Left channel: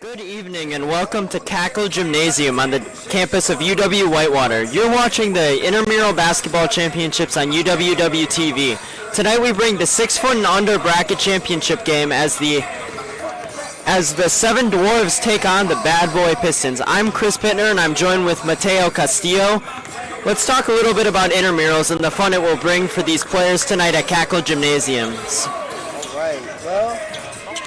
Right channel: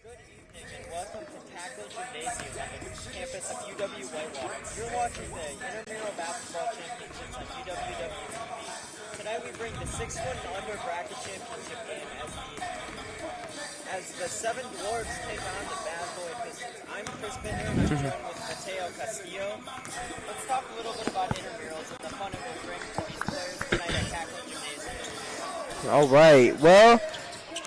Good evening and welcome to Cackle Gymnasium on the campus of UW Whitewater. You're watching the Intramural Basketball Championships on UWW-TV. Tonight we bring the 6 foot and under bracket championship game as the Seven Dwarves take on the Bad Boy Pistons. I'm Chris Pittner and I'm joined with Mateo Castillo. Let's talk a little bit about intramurals and the fun it will bring for these players tonight at Cackle Gymnasiums. All right, well,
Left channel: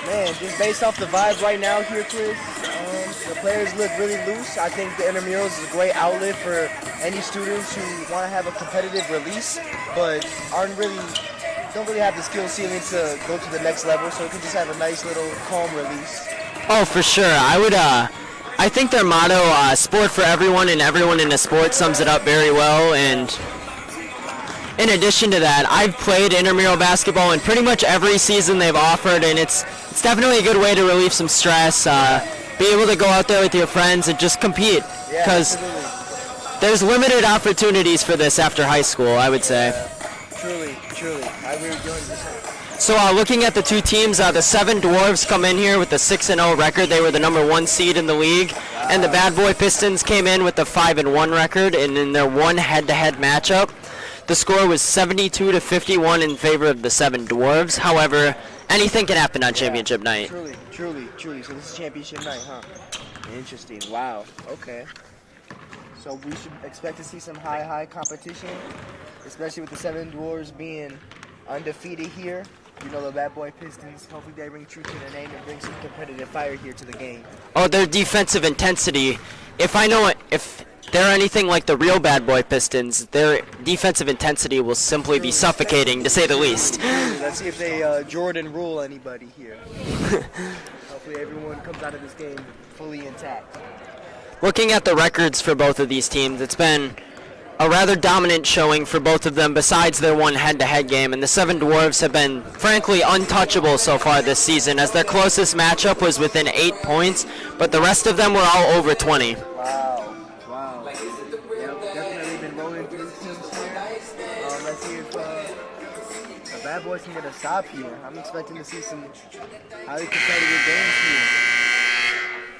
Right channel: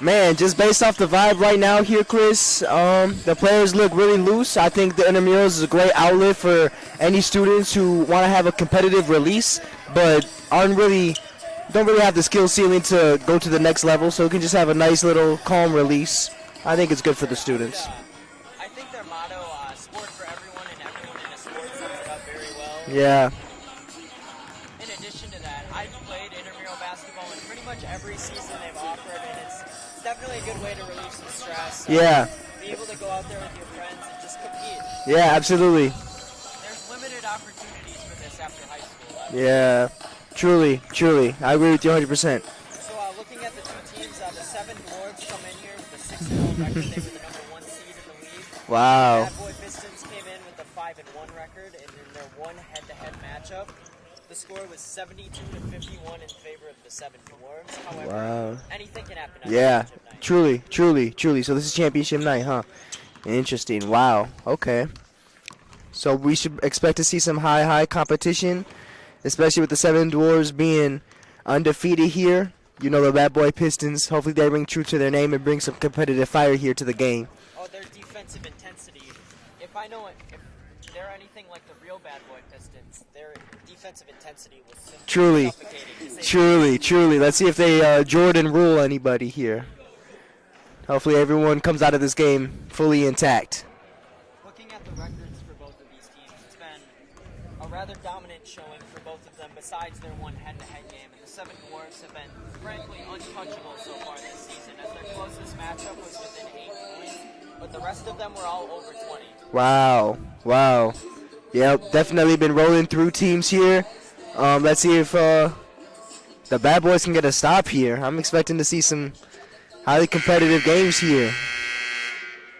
man, just based off the vibe right now here, Chris, the players look really loose. I think the intramurals is a great outlet for any students who want to have a competitive release, but don't really have the skill ceiling to go to the next level, so we can just have a nice little calm release. Oh, for sure. I think their motto, sport for everyone and everyone in a sport, sums it up very well. Yeah. And in addition to that, I've played intramural basketball in pretty much every season they've offered, and it's definitely a good way to relieve some stress. Be able to go out there with your friends and just compete. Yeah, absolutely. There's limited opportunities for this after high school, I would say. Truly. I agree with you 100%. So looking at the two teams, the Seven Dwarves come in here with a 6-0 record. They were the #1 seed in the league. Wow. And the Bad Boy Pistons came in with a 5-1 record, and in their one head-to-head matchup, the score was 72-51 in favor of the Seven Dwarves. However, anything can happen on championship night. Truly. So this is championship night, huh? Interesting. Wow. Okay. So we should expect to see some high competition, especially with the Seven Dwarves being undefeated here. You know, the Bad Boy Pistons, hopefully they ring true to their name and bring some competitive fire here to the game. Oh, their defensive intensity. If they're anything like the real Bad Boy Pistons, their defensive intensity will simply be suffocating, to say the least. Truly. Let's see if they Jordan rule anybody here. Hopefully everyone comes out of this game fully intact. Looking at the records for both of these teams, it's been a rather dominant showing for both of them besides their one head-to-head game, and the Seven Dwarves have been frankly untouchable so far this season, as their closest matchup was within 8 points, but the rest of them were all over 20. Wow. Yep, definitely been rolling through teams here. Let's see if the Bad Boys can get a stop here. I'm expecting to see some highly competitive games here.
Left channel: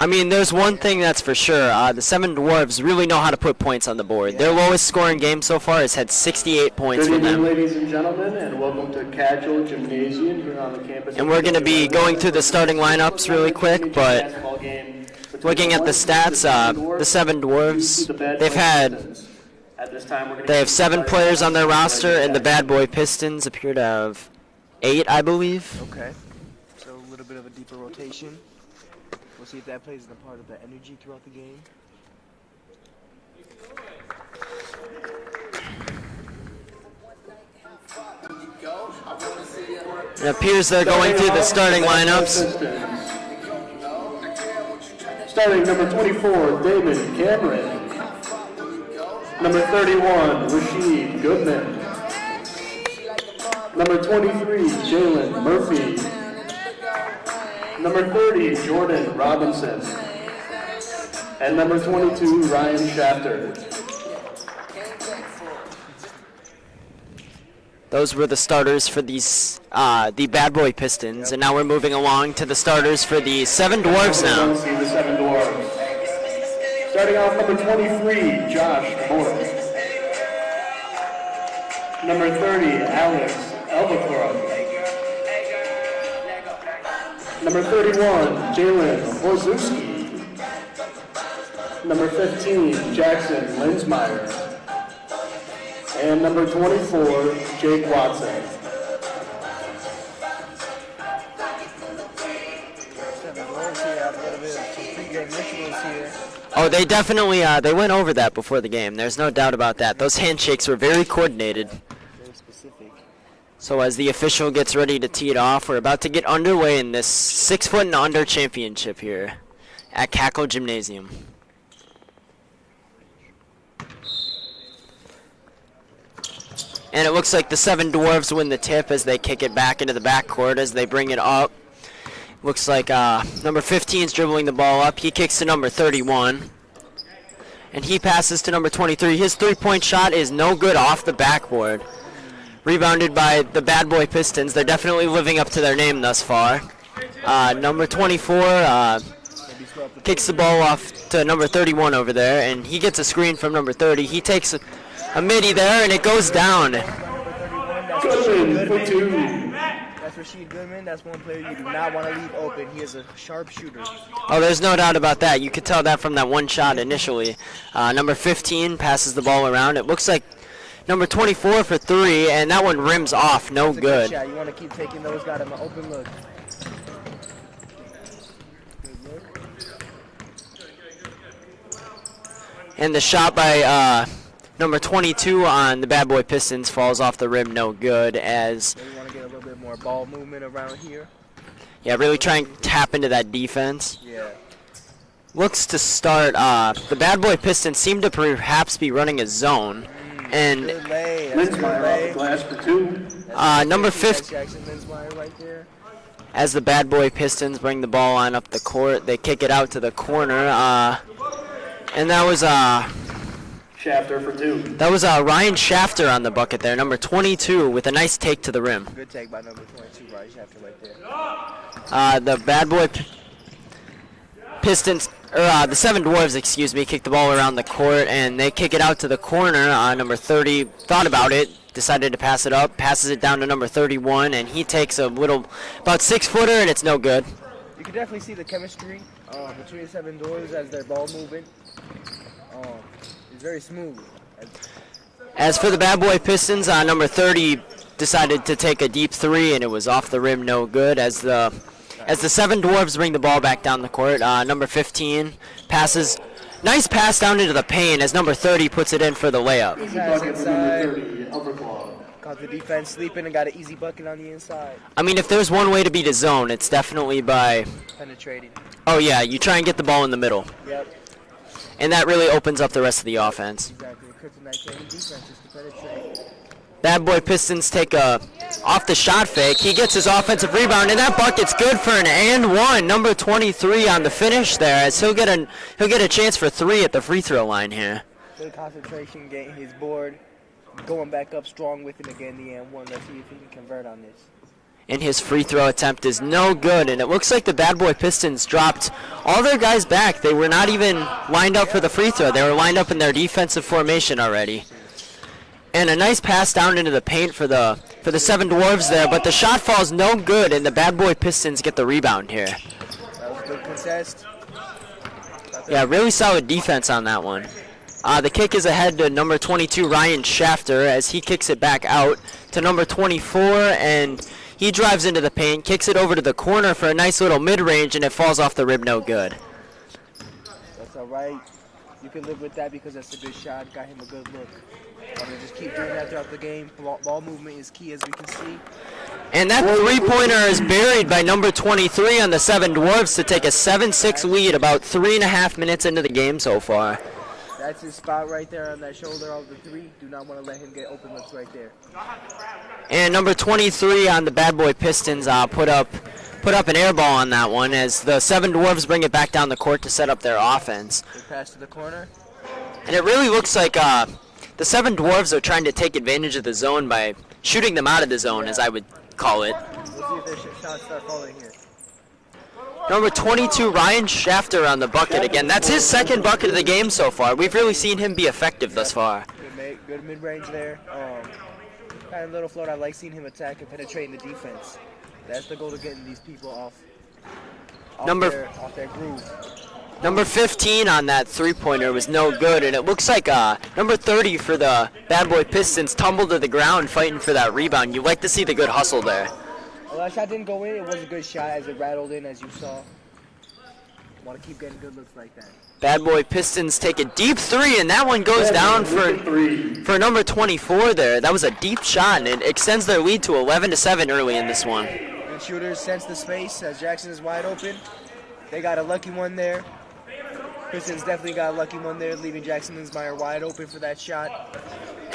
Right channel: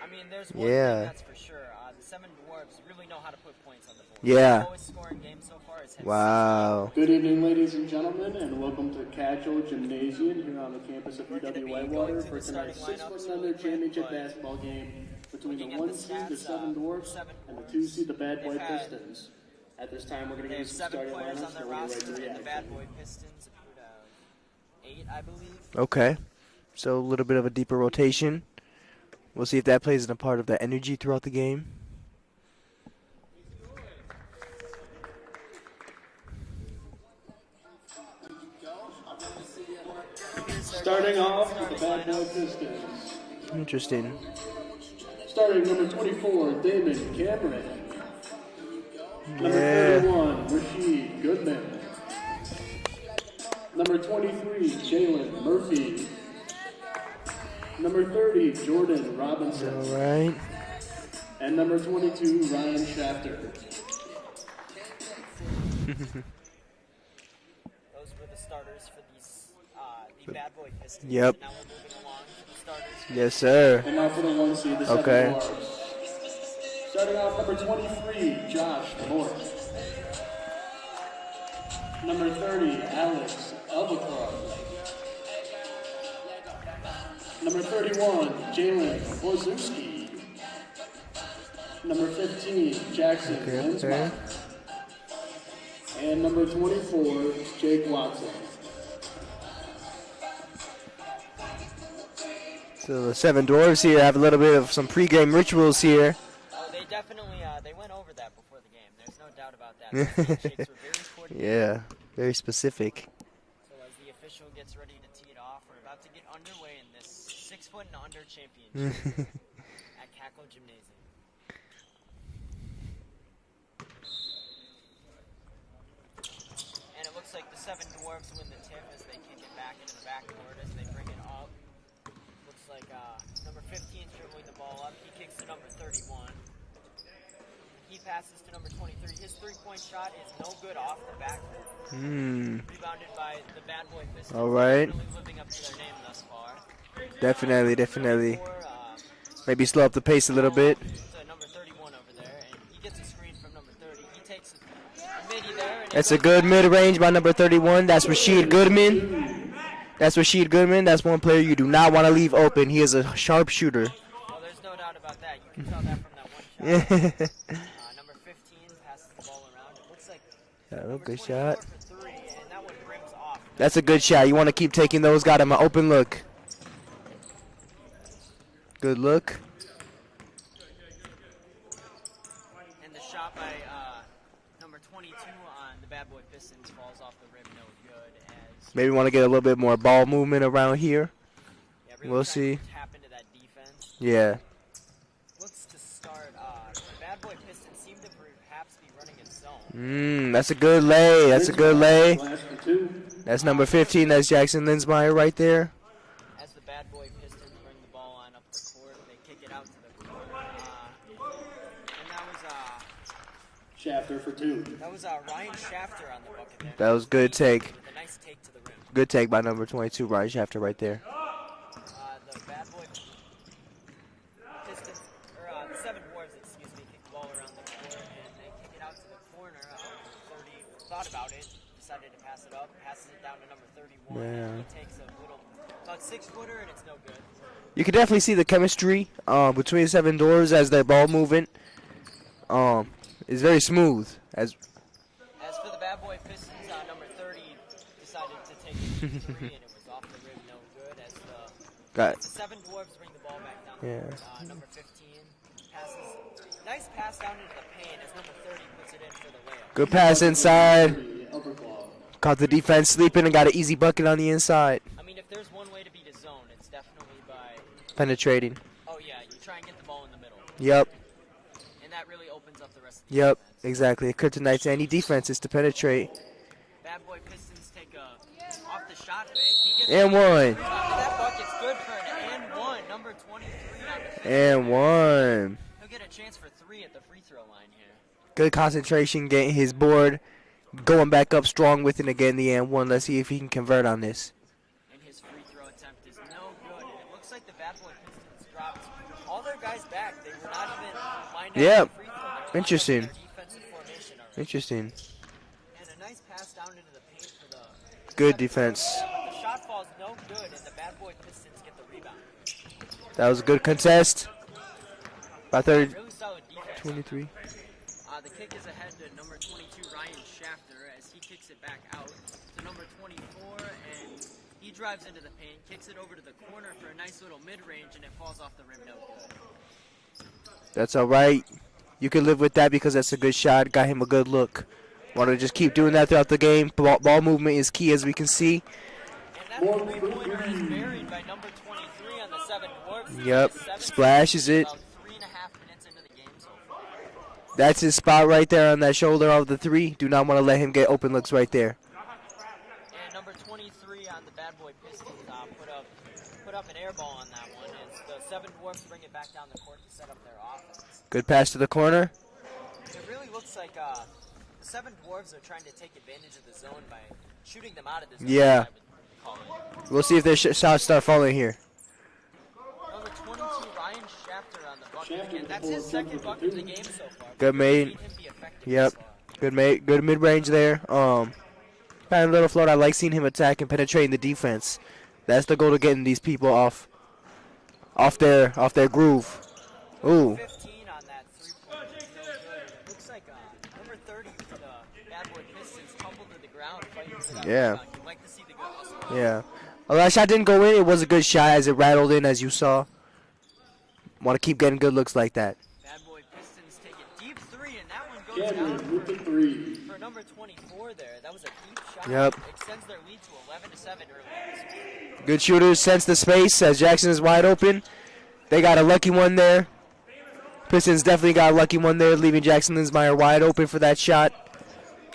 I mean, there's one thing that's for sure. The Seven Dwarves really know how to put points on the board. Yeah. Their lowest scoring game so far has had 68 points Good for them. evening, ladies and gentlemen, and welcome to Cackle Gymnasium here on the campus. And we're going to be going through the starting lineups really quick, but looking at the stats, the Seven Dwarves, they have 7 players on their roster, and the Bad Boy Pistons appear to have 8, I believe. Okay, so a little bit of a deeper rotation. We'll see if that plays a part of the energy throughout the game. It appears they're going through the starting lineups. Interesting. Starting number 24, David Cameron. Number 31, Rashid Goodman. Number 23, Jalen Murphy. Number 30, Jordan Robinson. Right. And number 22, Ryan Shafter. Those were the starters for these the Bad Boy Pistons, Yep. and now we're moving along to the starters for the sir. Seven Dwarves now. See the Seven Dwarves. Starting off, number 23, Josh Morris. Number 30, Alex Elbacroft. Number 31, Jalen Wozowski. Number 15, Jackson Linsmeyer. And number 24, Jake Watson. So the Seven Dwarves here have a little bit of some pregame rituals here. Oh, they definitely they went over that before the game. There's no doubt about that. Those handshakes were very coordinated. Yeah, very specific. So as the official gets ready to tee it off, we're about to get underway in this 6 foot and under championship here at Cackle Gymnasium. And it looks like the Seven Dwarves win the tip as they kick it back into the backcourt as they bring it up. Looks like number 15 is dribbling the ball up. He kicks to number 31. And he passes to number 23. His three-point shot is no good off the backboard. Rebounded by the Bad Boy Pistons. All They're right. definitely living up to their name thus far. Definitely, Number 24, Maybe slow up the Kicks pace the a little ball bit. off to number 31 over there, and he gets a screen from number 30. He takes a midi there, and it That's goes a good down. mid-range by number 31. That's Rashid Goodman. That's Rashid Goodman. That's one player you do not want to leave open. He is a sharp shooter. Oh, there's no doubt about that. You could tell that from that one shot initially. Number 15 passes the ball around. It looks like number 24 for 3, and that one rims off. No That's a good. good shot. You want to keep taking those. Got him an open look. Good look. And the shot by number 22 on the Bad Boy Pistons falls off the rim. No good. As Maybe want to get a little bit more ball movement around here. yeah, really We'll try see. and tap into that defense. Yeah. Looks to start. The Bad Boy Pistons seem to perhaps be running a zone. That's a and good lay. That's a good lay. Class for 2. That's number number 15. 15. That's Jackson Linsmeyer right there. as the Bad Boy Pistons bring the ball on up the court, they kick it out to the corner. And that was Shafter for 2. Ryan Shafter on the bucket there, number was a good 22, take. with a nice take to the rim. Good take by number 22, Ryan Shafter right there. The Bad Boy Pistons, or the Seven Dwarves, excuse me, kick the ball around the court, and they kick it out to the corner. Number 30 thought about it, decided to pass it up, passes it down to number 31, and he takes a little, about 6-footer, and it's no good. You can definitely see the chemistry between Seven Doors as their ball movement is very smooth. As for the Bad Boy Pistons, number 30 decided to take a deep 3, and it was off the rim, no good. As the Seven Dwarves bring the ball back down the court, number 15 passes, nice pass down into the paint as number 30 puts it in for the layup. Good pass inside. Overclaw. Caught the defense sleeping and got an easy bucket on the inside. I mean, if there's one way to beat a zone, it's definitely by, Penetrating. oh yeah, you try and get the ball in the middle, Yep. and that really opens up the rest of the Yep, offense. Exactly. Kryptonite to any defense is to penetrate. Bad Boy Pistons take a off the shot fake. He gets his And offensive one. rebound, and that bucket's good for an and one. Number 23 on the finish And there, as he'll one. get a chance for 3 at the free throw line here. Good concentration, getting his board, going back up strong with it again. The and one. Let's see if he can convert on this. And his free throw attempt is no good, and it looks like the Bad Boy Pistons dropped all their guys back. They were not even lined up for Yeah. the free throw. They were lined up in Interesting. their defensive formation already. Interesting. And a nice pass down into the paint for the Seven defense. Dwarves there, but the shot falls no good, and the Bad Boy Pistons get the rebound here. That was a good contest. Yeah, really solid defense on that one. The kick is ahead to number 22, Ryan Shafter, as he kicks it back out to number 24, and he drives into the paint, kicks it over to the corner for a nice little mid-range, and it falls off the rib, no good. That's all right. You can live with that because that's a good shot. Got him a good look. Want to just keep doing that throughout the game. Ball movement is key, as we can see. And that three-pointer is buried by number 23 on the Seven Dwarves to take a Yep. 7-6 Splashes lead it. about 3.5 minutes into the game so far. That's his spot right there on that shoulder of the 3. Do not want to let him get open looks right there. And number 23 on the Bad Boy Pistons put up an air ball on that one as the Seven Dwarves bring it back down the court to set up their offense. Good pass to the corner. And it really looks like the Seven Dwarves are trying to take advantage of the zone by shooting them out of the zone, as Yeah. I would call it. We'll see if their shots start falling here. Number 22, Ryan Shafter on the bucket again. That's his second bucket of the game so far. We've Good really bait. seen him be effective thus Yep. far. Good mid-range there. Kind of little float. I like seeing him attack and penetrating the defense. That's the goal to getting these people off their groove. Number Ooh. 15 on that three-pointer was no good, and it looks like number 30 for the Bad Boy Pistons tumbled to the ground fighting for that Yeah. rebound. You like to see the good hustle there. Yeah. Well, that shot didn't go in. It was a good shot as it rattled in, as you saw. Want to keep getting good looks like that. Bad Boy Pistons take a deep 3, and that one goes down for number 24 there. That was a deep shot, Yep. and it extends their lead to 11-7 early in this one. Good shooters sense the space as Jackson is wide open. They got a lucky one there. Pistons definitely got a lucky one there, leaving Jackson Linsmeyer wide open for that shot.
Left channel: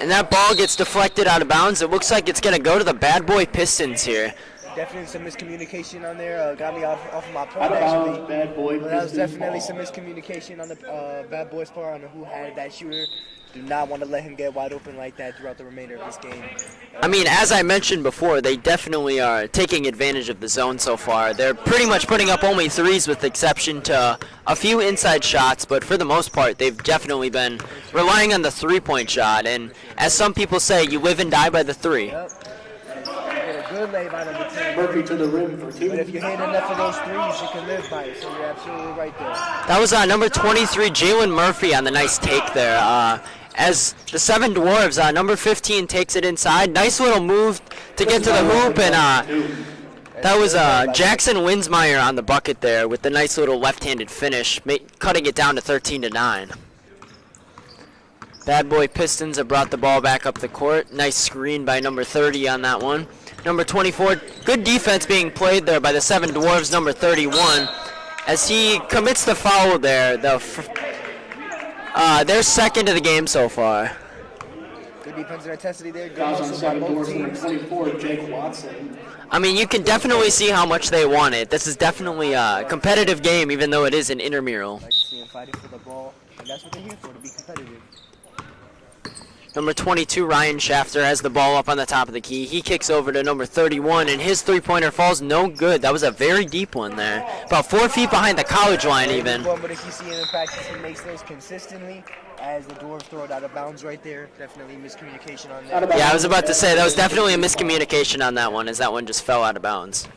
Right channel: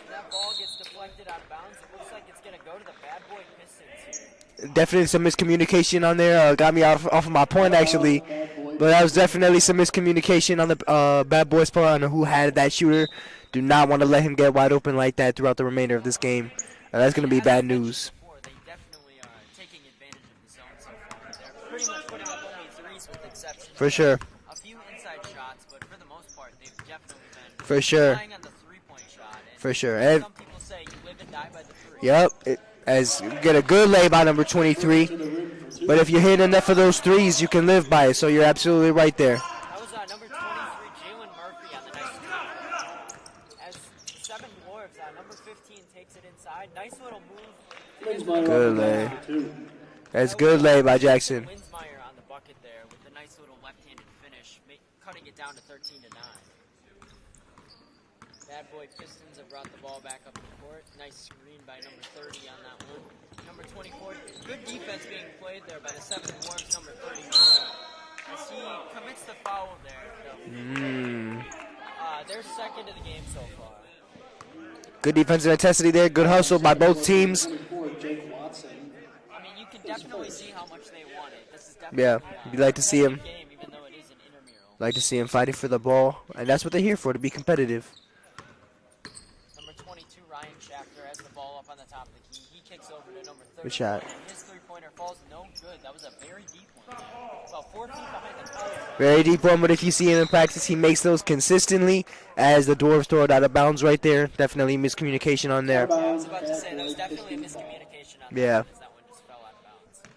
And that ball gets deflected out of bounds. It looks like it's going to go to the Bad Boy Pistons here. Definitely some miscommunication on there. Got me off of my point, actually. But that was definitely some miscommunication on the Bad Boys part on who had that shooter. Do not want to let him get wide open like that throughout the remainder of this game. I mean, as I mentioned before, they definitely are taking advantage of the zone so far. They're pretty much putting up only threes with exception to a few inside shots, but for the most part, they've definitely been relying on the three-point shot. And as some people say, you live and die by the three. Yep. As you get a good lay by number 23, but if you hit enough of those threes, you can live by it, so you're absolutely right there. That was number 23, Jalen Murphy, on the nice take there. As the Seven Dwarves, number 15 takes it inside. Nice little move to get to the hoop, and that was Jackson Winsmeyer on the bucket there with the nice little left-handed finish, cutting it down to 13-9. Bad Boy Pistons have brought the ball back up the court. Nice screen by number 30 on that one. Number 24, good defense being played there by the Seven Dwarves, number 31. As he commits the foul there, they're second of the game so far. Good defensive intensity there, good hustle by both teams. I mean, you can definitely see how much they want it. This is definitely a competitive game, even though it is an intramural. Like to see them fighting for the ball, and that's what they're here for, to be competitive. Number 22, Ryan Shafter, has the ball up on the top of the key. He kicks over to number 31, and his three-pointer falls no good. That was a very deep one there. About 4 feet behind the college line very even. Deep one, but if you see him in practice, he makes those consistently. As the Dwarves throw it out of bounds right there. Definitely miscommunication on there. Yeah, I was about to say, that was definitely a miscommunication on that one, as that one just fell out of bounds.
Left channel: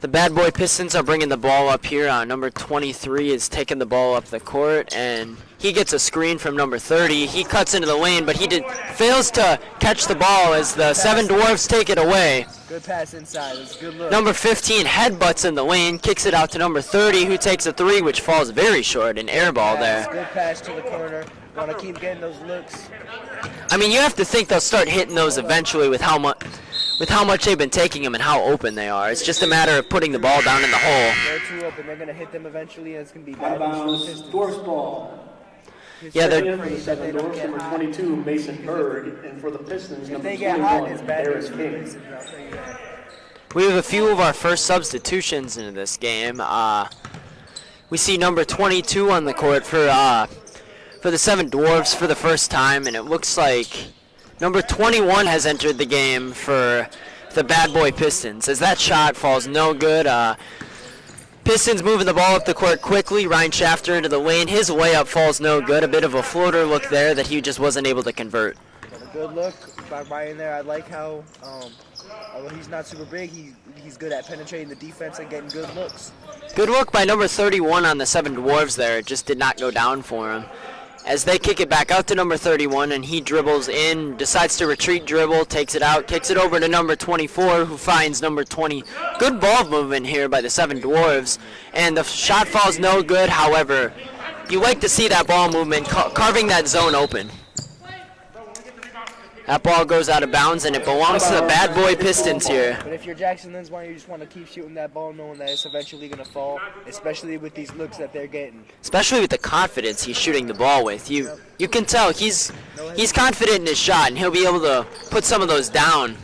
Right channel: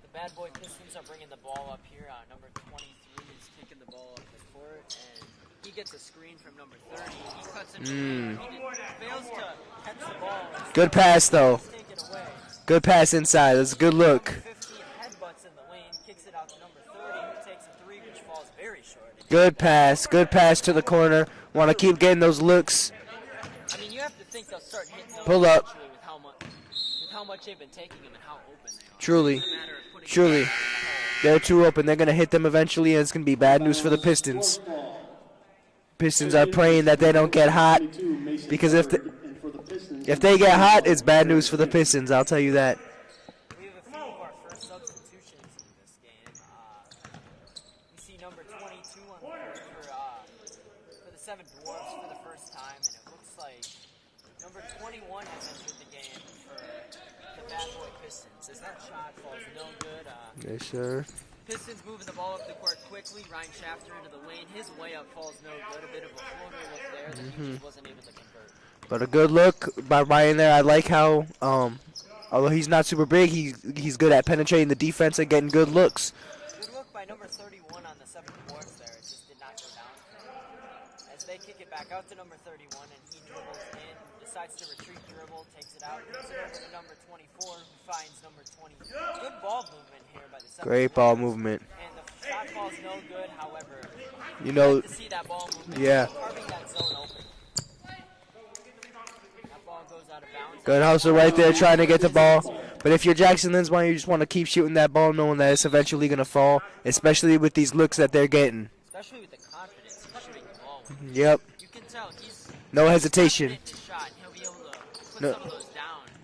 The Bad Boy Pistons are bringing the ball up here. Number 23 is taking the ball up the court, and he gets a screen from number 30. He cuts into the lane, but he fails to catch the ball as the Seven Dwarves take it away. Good pass inside. That's a good look. Number 15 headbutts in the lane, kicks it out to number 30, who takes a three, which falls very short. An air ball there. Good pass to the corner. Want to keep getting those looks. I mean, you have to think they'll start hitting those eventually with how much they've been taking them and how open they are. It's just a matter of putting the ball down in the hole. They're too open. They're going to hit them eventually, and it's going to be bad news for the Pistons. Pistons are praying that they don't get hot, because if they get hot, it's bad news for the Pistons, I'll tell you that. We have a few of our first substitutions into this game. We see number 22 on the court for the Seven Dwarves for the first time, and it looks like number 21 has entered the game for the Bad Boy Pistons, as that shot falls no good. Pistons moving the ball up the court quickly. Ryan Shafter into the lane. His layup falls no good. A bit of a floater look there that he just wasn't able to convert. But a good look by Ryan there. I like how, although he's not super big, he's good at penetrating the defense and getting good looks. Good look by number 31 on the Seven Dwarves there. It just did not go down for him. As they kick it back out to number 31, and he dribbles in, decides to retreat dribble, takes it out, kicks it over to number 24, who finds number 20. Good ball movement here by the Seven Dwarves. And the shot falls no good. However, you like to see that ball movement, carving that zone open. That ball goes out of bounds, and it belongs to the Bad Boy Pistons here. But if you're Jackson Linsmeyer, you just want to keep shooting that ball, knowing that it's eventually going to fall, especially with these looks that they're getting. Especially with the confidence he's shooting the ball with. You can tell he's confident in his shot, and he'll be able to put some of those down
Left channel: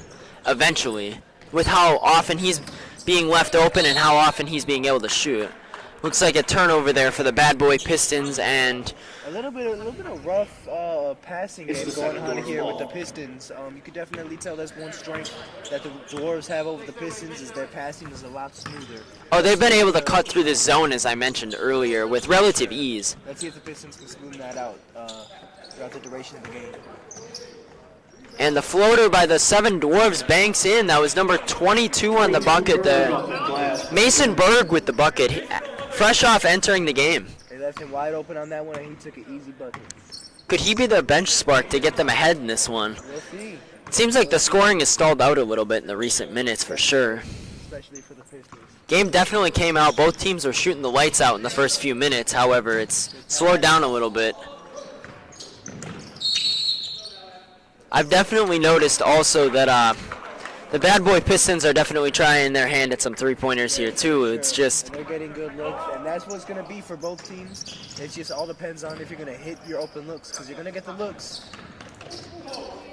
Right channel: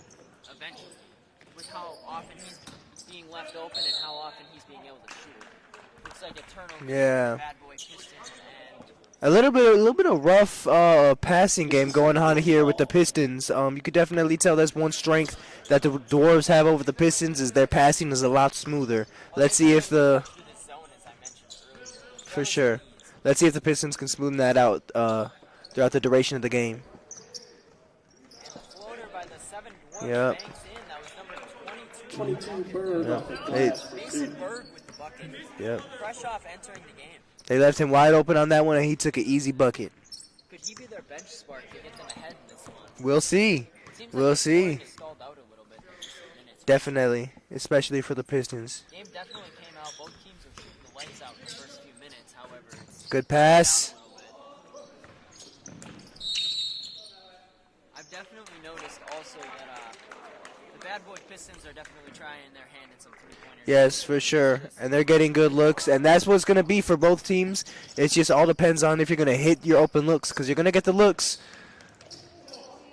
eventually with how often he's being left open and how often he's being able to shoot. Looks like a turnover there for the Bad Boy Pistons, and a little bit of rough passing game going on here with the Pistons. You could definitely tell that's one strength that the Dwarves have over the Pistons, is their passing is a lot smoother. Oh, they've been able to cut through the zone, as I mentioned earlier, with relative ease. Let's see if the Pistons can smoothen that out throughout the duration of the game. And the floater by the Seven Dwarves banks in. That was number 22 on the bucket there. Mason Berg with the bucket, fresh off entering the game. They left him wide open on that one, and he took an easy bucket. Could he be the bench spark to get them ahead in this one? We'll see. It seems like the scoring has stalled out a little bit in the recent minutes, for sure. Especially for the Pistons. Game definitely came out. Both teams were shooting the lights out in the first few minutes. However, it's slowed down a little bit. I've definitely noticed also that the Bad Boy Pistons are definitely trying their hand at some three-pointers here too. For sure. It's just, and they're getting good looks, and that's what's going to be for both teams. It just all depends on if you're going to hit your open looks, because you're going to get the looks.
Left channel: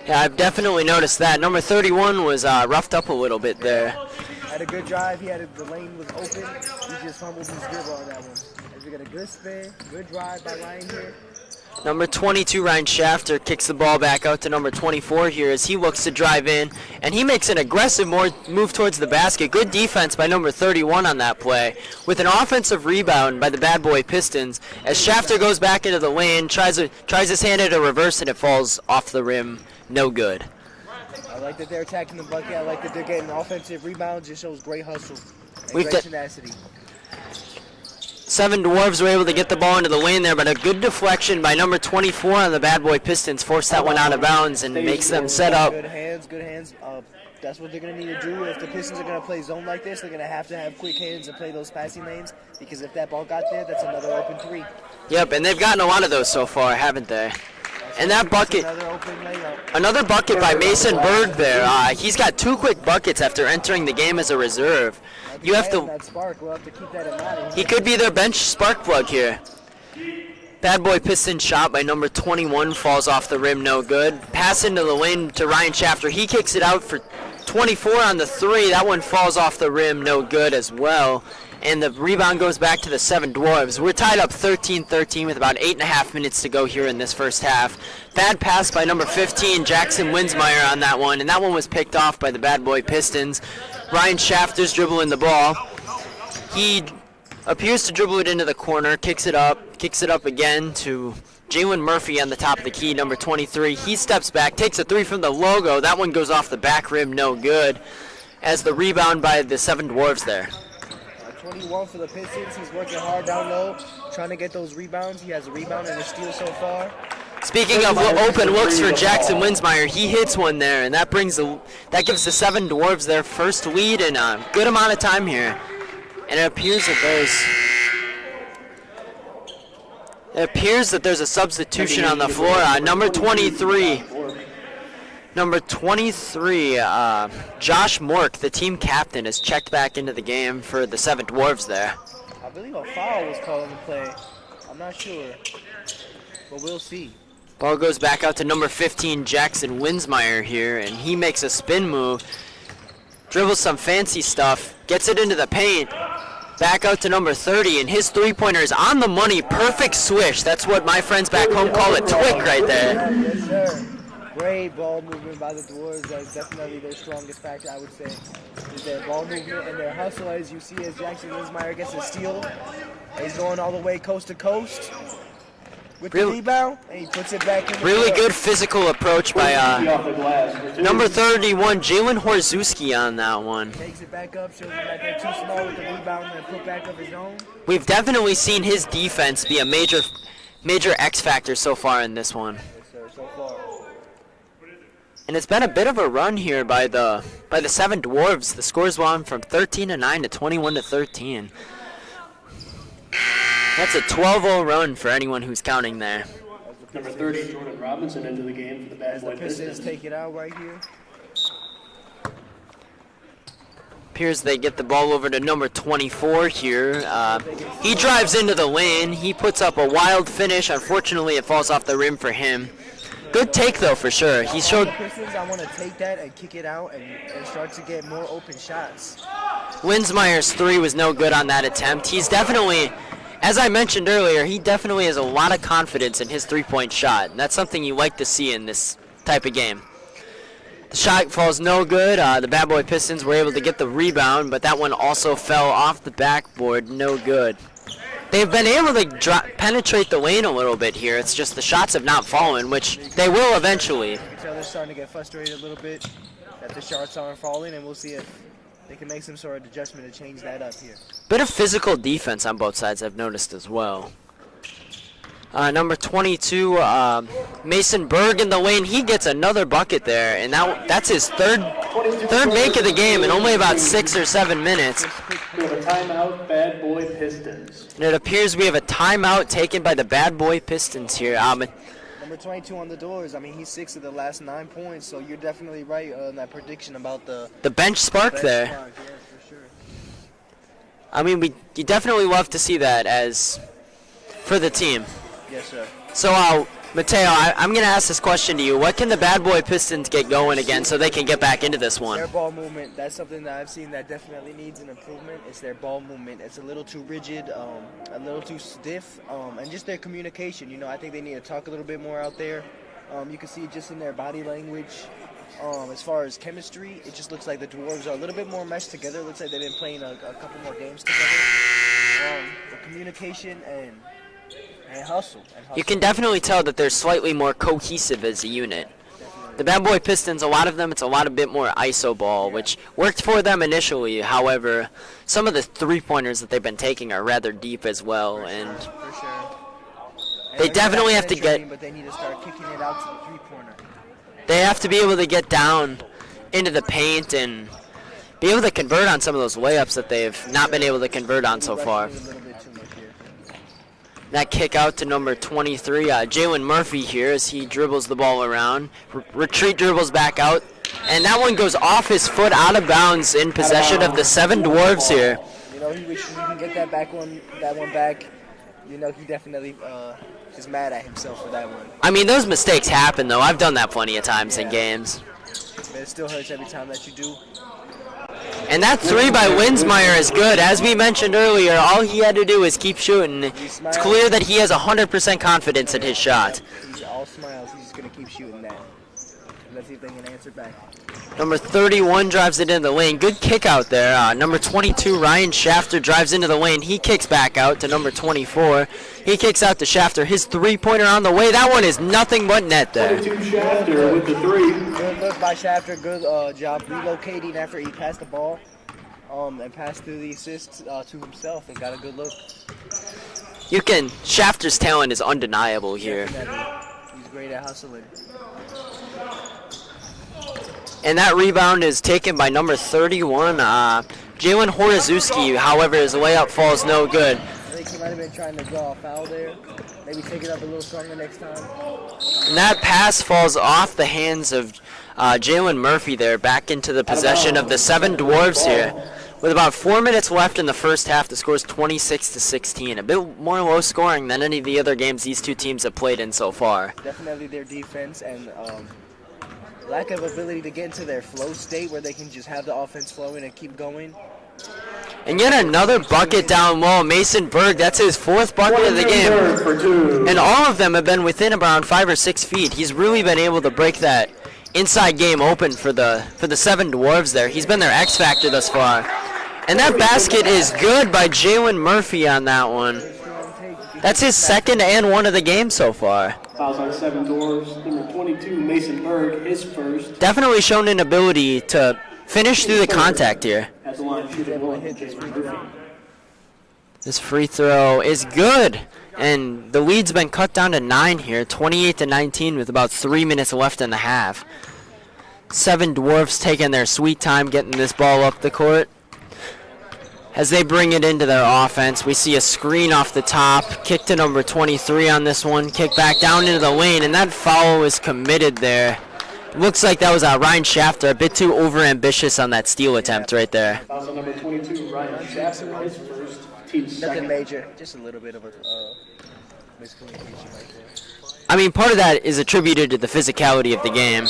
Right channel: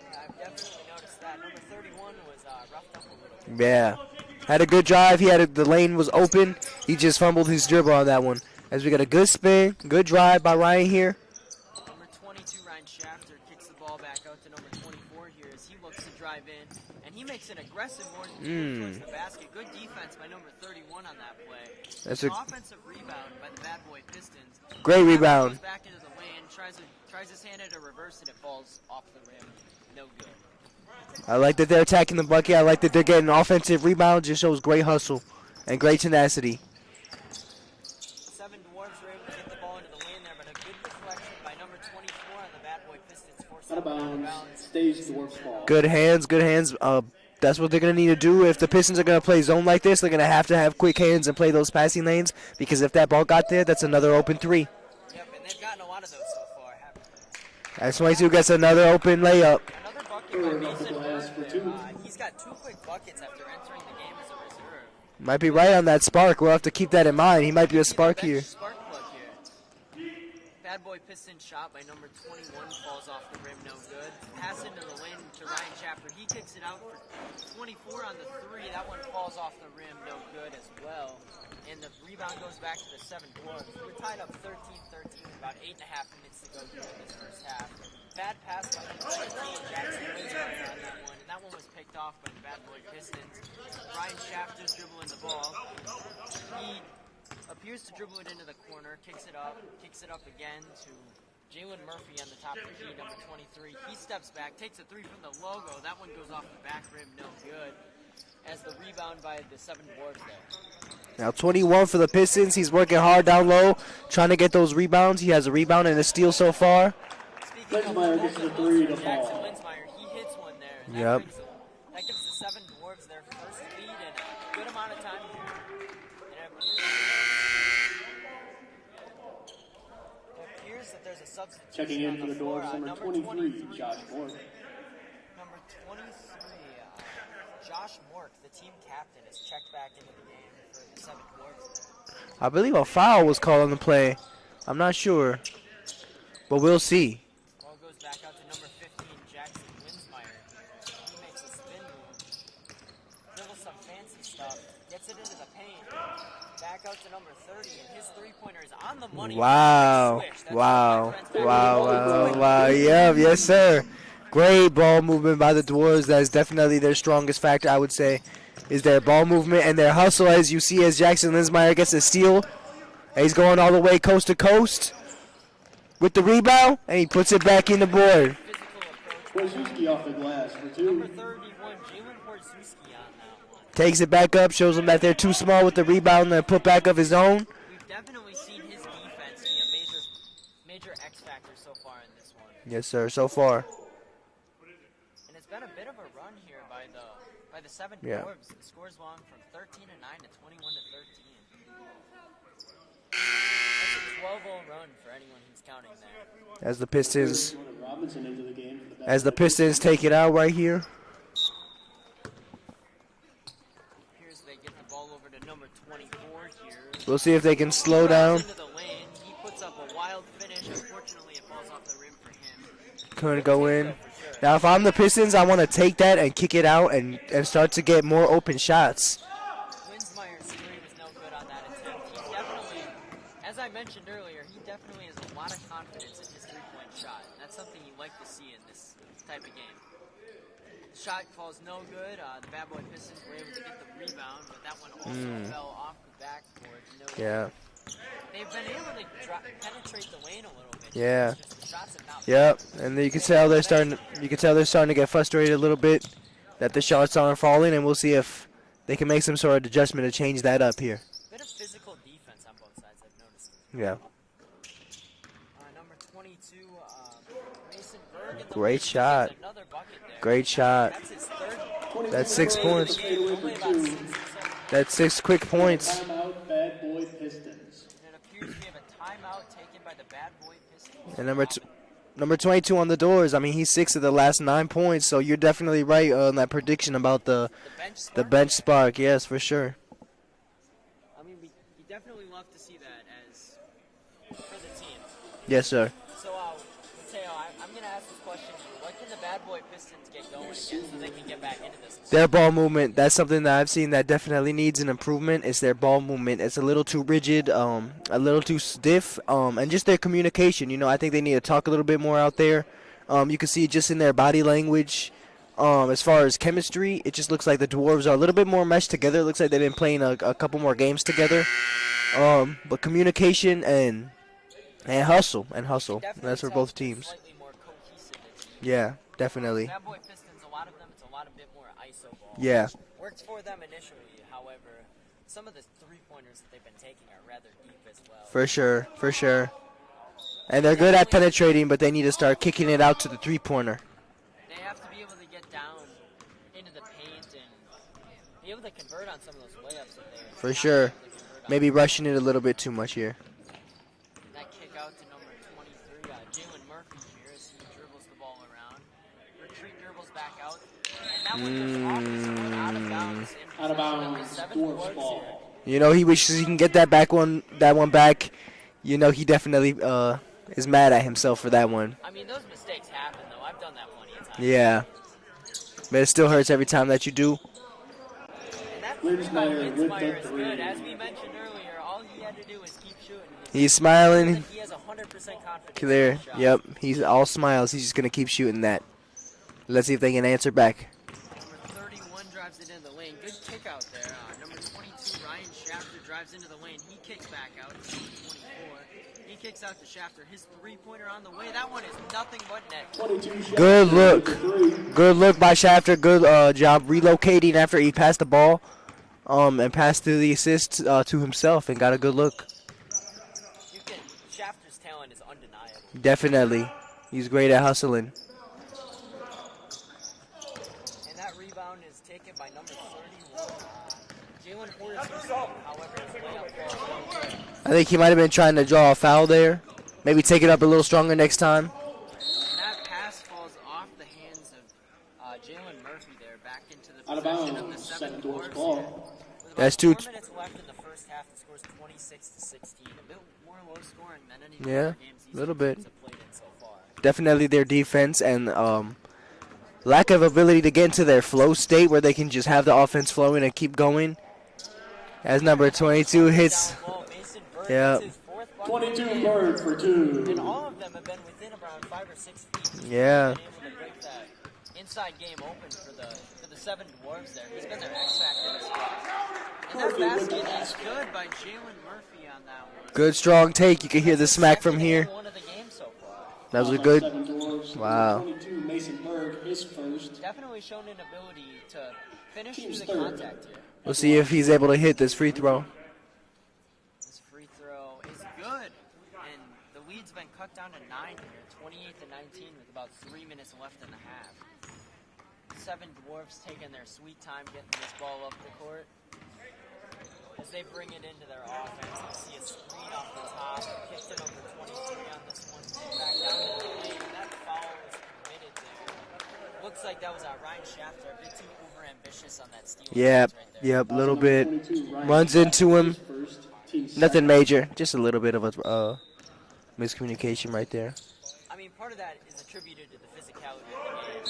Yeah, I've definitely noticed that. Number 31 was roughed up a little bit there. Had a good drive. The lane was open. He just fumbled his dribble on that one. As we got a good spin, good drive by Ryan here. Number 22, Ryan Shafter, kicks the ball back out to number 24 here as he looks to drive in, and he makes an aggressive move towards the basket. Good defense by number 31 on that play, with an offensive rebound by the Bad Boy Pistons. As Great Shafter rebound. goes back into the lane, tries his hand at a reverse, and it falls off the rim. No good. I like that they're attacking the bucket. I like that they're getting offensive rebounds. Just shows great hustle and We've great got- tenacity. 7 Dwarves were able to get the ball into the lane there, but a good deflection by number 24 on the Bad Boy Pistons forced that one out of bounds and makes them set up. Good hands, good hands. That's what they're going to need to do. If the Pistons are going to play zone like this, they're going to have quick hands and play those passing lanes, because if that ball got there, that's another open three. Yep, and they've gotten a lot of those so far, haven't they? That's And that that's bucket- another open layup. Another bucket by Mason Berg there. He's got 2 quick buckets after entering the game as a reserve. Might be You have right to- on that spark. We'll have to keep that in mind. He He might could be a their spark bench here. spark plug here. Bad Boy Piston shot by number 21 falls off the rim, no good. Pass into the lane to Ryan Shafter. He kicks it out for 24 on the 3. That one falls off the rim, no good as well. And the rebound goes back to the 7 Dwarves. We're tied up 13-13 with about 8.5 minutes to go here in this first half. Bad pass by number 15, Jackson Winsmeyer on that one, and that one was picked off by the Bad Boy Pistons. Ryan Shafter's dribbling the ball. He appears to dribble it into the corner, kicks it up again to Jalen Murphy on the top of the key, number 23. He steps back, takes a 3 from the logo. That one goes off the back rim, no good, as the rebound by the 7 Dwarves there. Now 21 for the Pistons. He's working hard down low, trying to get those rebounds. He has a rebound and a steal so far. Speaking of open looks for Jackson Winsmeyer, he hits one there, and that gives the 7 Dwarves their first lead in a good amount of time here. And it appears that there's a substitution on the floor. Number 23, Josh Mork, the team captain, is checked back into the game for the 7 Dwarves there. I believe a foul was called on the play. I'm not sure, but we'll see. Ball goes back out to number 15, Jackson Winsmeyer here, and he makes a spin move, dribbles some fancy stuff, gets it into the paint, back out to number 30, and his 3-pointer is on the money. Wow. Perfect swish. That's what my friends back home call a twig right there. Yeah, yes, sir. Great ball movement by the Dwarves. That is definitely their strongest factor, I would say, is their ball movement and their hustle, as you see as Jackson Winsmeyer gets a steal. And he's going all the way coast to coast with the rebound, and he puts it back in the Really play. good physical approach by Off the glass for 2. number 31, Jalen Horzewski on that one. Takes it back up, shows him that they're too small with the rebound and put back of his own. We've definitely seen his defense be a major X factor so far in this one. Yes, sir, so far. And it's been a bit of a run here by the 7 Dwarves. The score's gone from 13-9 to 21-13. That's a 12-0 run for anyone who's counting there. As the 30, Pistons, Jordan Robinson into the game for the Bad as the Boy Pistons take it out right here. Appears they get the ball over to number 24 here. We'll see if they can He slow drives down. into the lane. He puts up a wild finish. Unfortunately, it falls off the rim for him. Couldn't Good go take, in. though, for sure. Now, He if I'm showed the Pistons, I want to take that and kick it out and start to get more open shots. Winsmeyer's 3 was no good on that attempt. He's definitely, as I mentioned earlier, he definitely has a lot of confidence in his 3-point shot. And that's something you like to see in this type of game. The shot falls no good. The Bad Boy Pistons were able to get the rebound, but that one also fell off the backboard. No good. They've been able to penetrate the lane a little bit here. Yeah. It's just the shots have not Yeah, fallen, which and you can they tell will they're starting- eventually. You can tell they're starting to get frustrated a little bit that the shots aren't falling, and we'll see if they can make some sort of adjustment to change that up here. Bit of physical defense on both sides I've noticed as well. Number 22, Mason Berg in the lane. He shot. gets another bucket there, Great and shot. that's his third six make of the game in only about 6 or 7 minutes. 6 quick points. Timeout, Bad Boy Pistons. And it appears we have a timeout taken by the Bad Boy Pistons here. Number 22 on the doors. I mean, he's 6 of the last 9 points, so you're definitely right on that prediction about the bench spark bench there. spark. Yes, for sure. I mean, you definitely love to see that as for the team. Yes, sir. So Mateo, I'm going to ask this question to you. What can the Bad Boy Pistons get going again so they can get back into this one? Their ball movement, that's something that I've seen that definitely needs an improvement. It's their ball movement. It's a little too rigid, a little too stiff, and just their communication. You know, I think they need to talk a little bit more out there. You can see it just in their body language. As far as chemistry, it just looks like the Dwarves are a little bit more meshed together. It looks like they've been playing a couple more games together. But communication and hustle. You can definitely tell that they're slightly more cohesive as a unit. Yeah, definitely. The Bad Boy Pistons, a lot of them, it's a lot a bit more iso ball, Yeah. which worked for them initially. However, some of the three-pointers that they've been taking are rather deep as well. For sure, for sure. And They they're definitely good at have to penetrating, get- but they need to start kicking it out to the three-pointer. They have to be able to get down into the paint and be able to convert on some of those layups that they've For not been sure. able to convert on Maybe so rushing far. it a little bit too much here. That kick out to number 23, Jalen Murphy here as he dribbles the ball around. Retreat dribbles back out. And that one goes off his foot out of bounds in possession of the 7 Dwarves here. You know, he wishes he can get that one back. You know, he definitely is mad at himself for that one. I mean, those mistakes happen, though. I've done that plenty of times Yeah. in games. But it still hurts every time that you do. And that 3 by Winsmeyer is good. As we mentioned earlier, all he had to do is keep shooting. He's It's smiling. clear that he has 100% confidence in his shot. Yep. He's all smiles. He's just going to keep shooting that. Let's see if they can answer back. Number 31 drives it into the lane. Good kick out there. Number 22, Ryan Shafter, drives into the lane. He kicks back out to number 24. He kicks out to Shafter. His three-pointer on the way. That one is nothing but net there. 22 Good Shafter look. with the 3. Good look by Shafter. Good job relocating after he passed the ball. And passed the assist to himself and got a good look. Shafter's talent is undeniable here. Definitely. He's great at hustling. And that rebound is taken by number 31, Jalen Horozewski. However, his layup falls no good. I think he might have been trying to draw a foul there. Maybe take it up a little stronger next time. And that pass falls off the hands of Jalen Murphy there, back into the possession of the 7 Dwarves here. With about 4 minutes left in the first half, the score is 26-16. A bit more low scoring than any of the Yeah, other games these two little bit. teams have played in so far. Definitely their defense and lack of ability to get into their flow state where they can just have the offense flowing and keep going. And As yet number another 22 bucket hits- down low. Mason Berg, Yeah. that's his 4th bucket of the 22 game. Berg for 2. And all of them have been within around 5 or 6 feet. He's really Yeah. been able to break that inside game open for the 7 Dwarves there. He's been their X factor thus far. And that basket is good by Jalen Murphy on that one. Good strong take. You can hear That's the his smack from second here. and one of the game so far. That was a Fouls on good. 7 Dwarves. Wow. Number 22 Mason Berg, his first. Definitely shown an ability to finish through the contact here. We'll see if he's able to hit this free throw. This free throw is good. And the lead's been cut down to 9 here, 28-19 with about 3 minutes left in the half. 7 Dwarfs taking their sweet time getting this ball up the court. As they bring it into their offense, we see a screen off the top, kick to number 23 on this one, kick back down into the lane, and that foul is committed there. Looks like that was Ryan Shafter, a bit too overambitious on that steal attempt right there. Yep, a little Number bit. 22, Ryan Runs Shafter, into him. his first, team's Nothing second. major. Just a little bit of a miscommunication right there. I mean, part of that is attributed to the physicality of the game.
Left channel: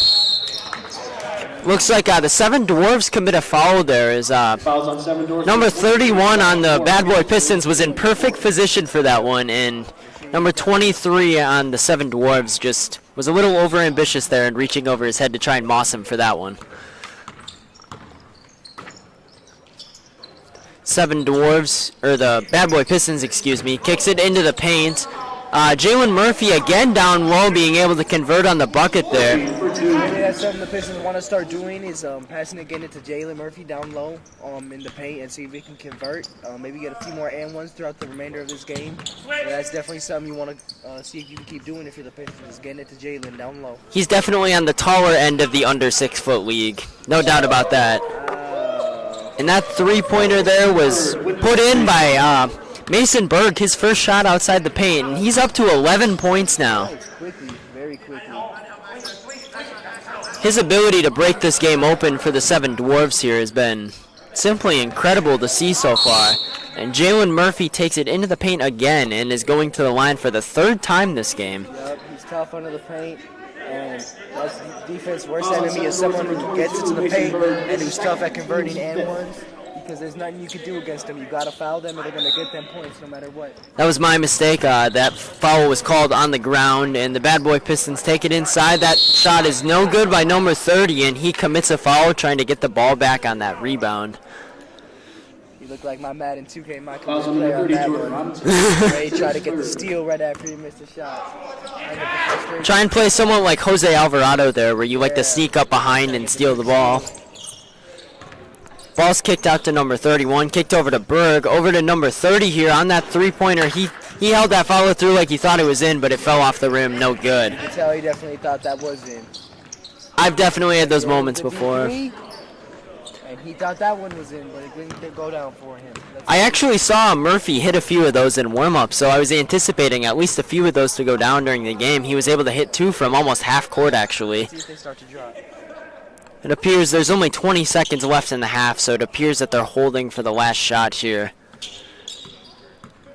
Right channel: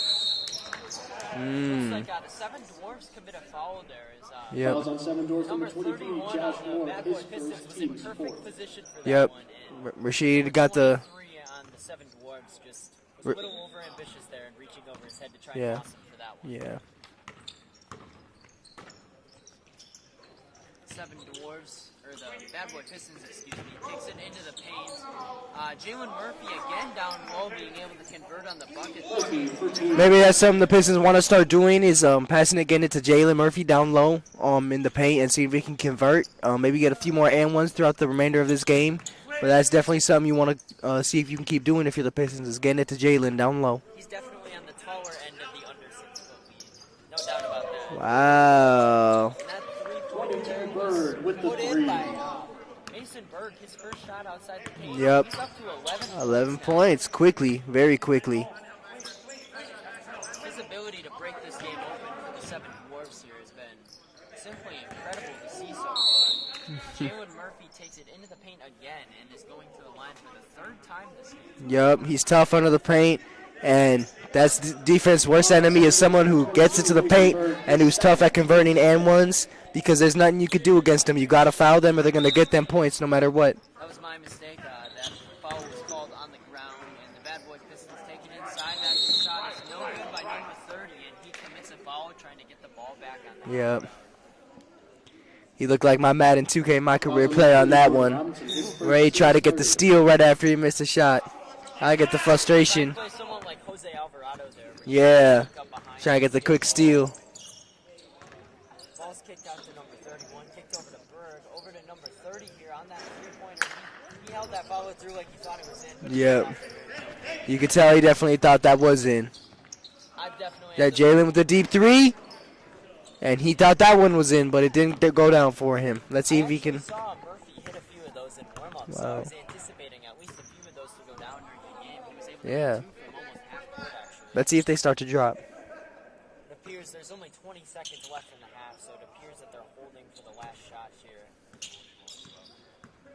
Looks like the 7 Dwarves commit a foul there as Fouls on 7 Dwarves. number 31 on the Bad Boy Pistons was in perfect position for that one, and Rashid number got the- 23 on the 7 Dwarves just was a little overambitious there and reaching over his head to try and moss him for that one. 7 Dwarves, or the Bad Boy Pistons, excuse me, kicks it into the paint. Jalen Murphy again down low, being able to convert on the bucket there. Maybe that's something the Pistons want to start doing is passing it, getting it to Jalen Murphy down low in the paint and see if he can convert. Maybe get a few more and ones throughout the remainder of this game. But that's definitely something you want to see if you can keep doing if you're the Pistons, is getting it to Jalen down low. He's definitely on the taller end of the under 6 foot league. No doubt about that. Wow. And that three-pointer there was put in by Mason Berg, his first shot outside the paint. Yep. He's up to 11 points now. Points quickly, very quickly. His ability to break this game open for the 7 Dwarves here has been simply incredible to see so far. And Jalen Murphy takes it into the paint again and is going to the line for the 3rd time this game. Yep, he's tough under the paint, and that's defense's worst enemy is someone who gets into the paint and who's tough at converting and ones, because there's nothing you could do against them. You got to foul them or they're going to get them points no matter what. That was my mistake. That foul was called on the ground, and the Bad Boy Pistons take it inside. That shot is no good by number 30, and he commits a foul trying to get the ball back on that rebound. He looked like my Madden 2K, my career player on that one. Where he tried to get the steal right after he missed a shot. I get the frustration. Try and play someone like Jose Alvarado there, where you like to sneak up behind and steal the ball. Ball's kicked out to number 31, kicked over to Berg, over to number 30 here on that three-pointer. He held that follow through like he thought it was in, but it fell off the rim, no good. You can tell he definitely thought that was in. I've definitely had those moments before. The deep three, and he thought that one was in, but it didn't go down for him. I actually saw Murphy hit a few of those in warm-up, so I was anticipating at least a few of those to go down during the game. He was able to hit 2 from almost half court, actually. Let's see if they start to drop. It appears there's only 20 seconds left in the half, so it appears that they're holding for the last shot here.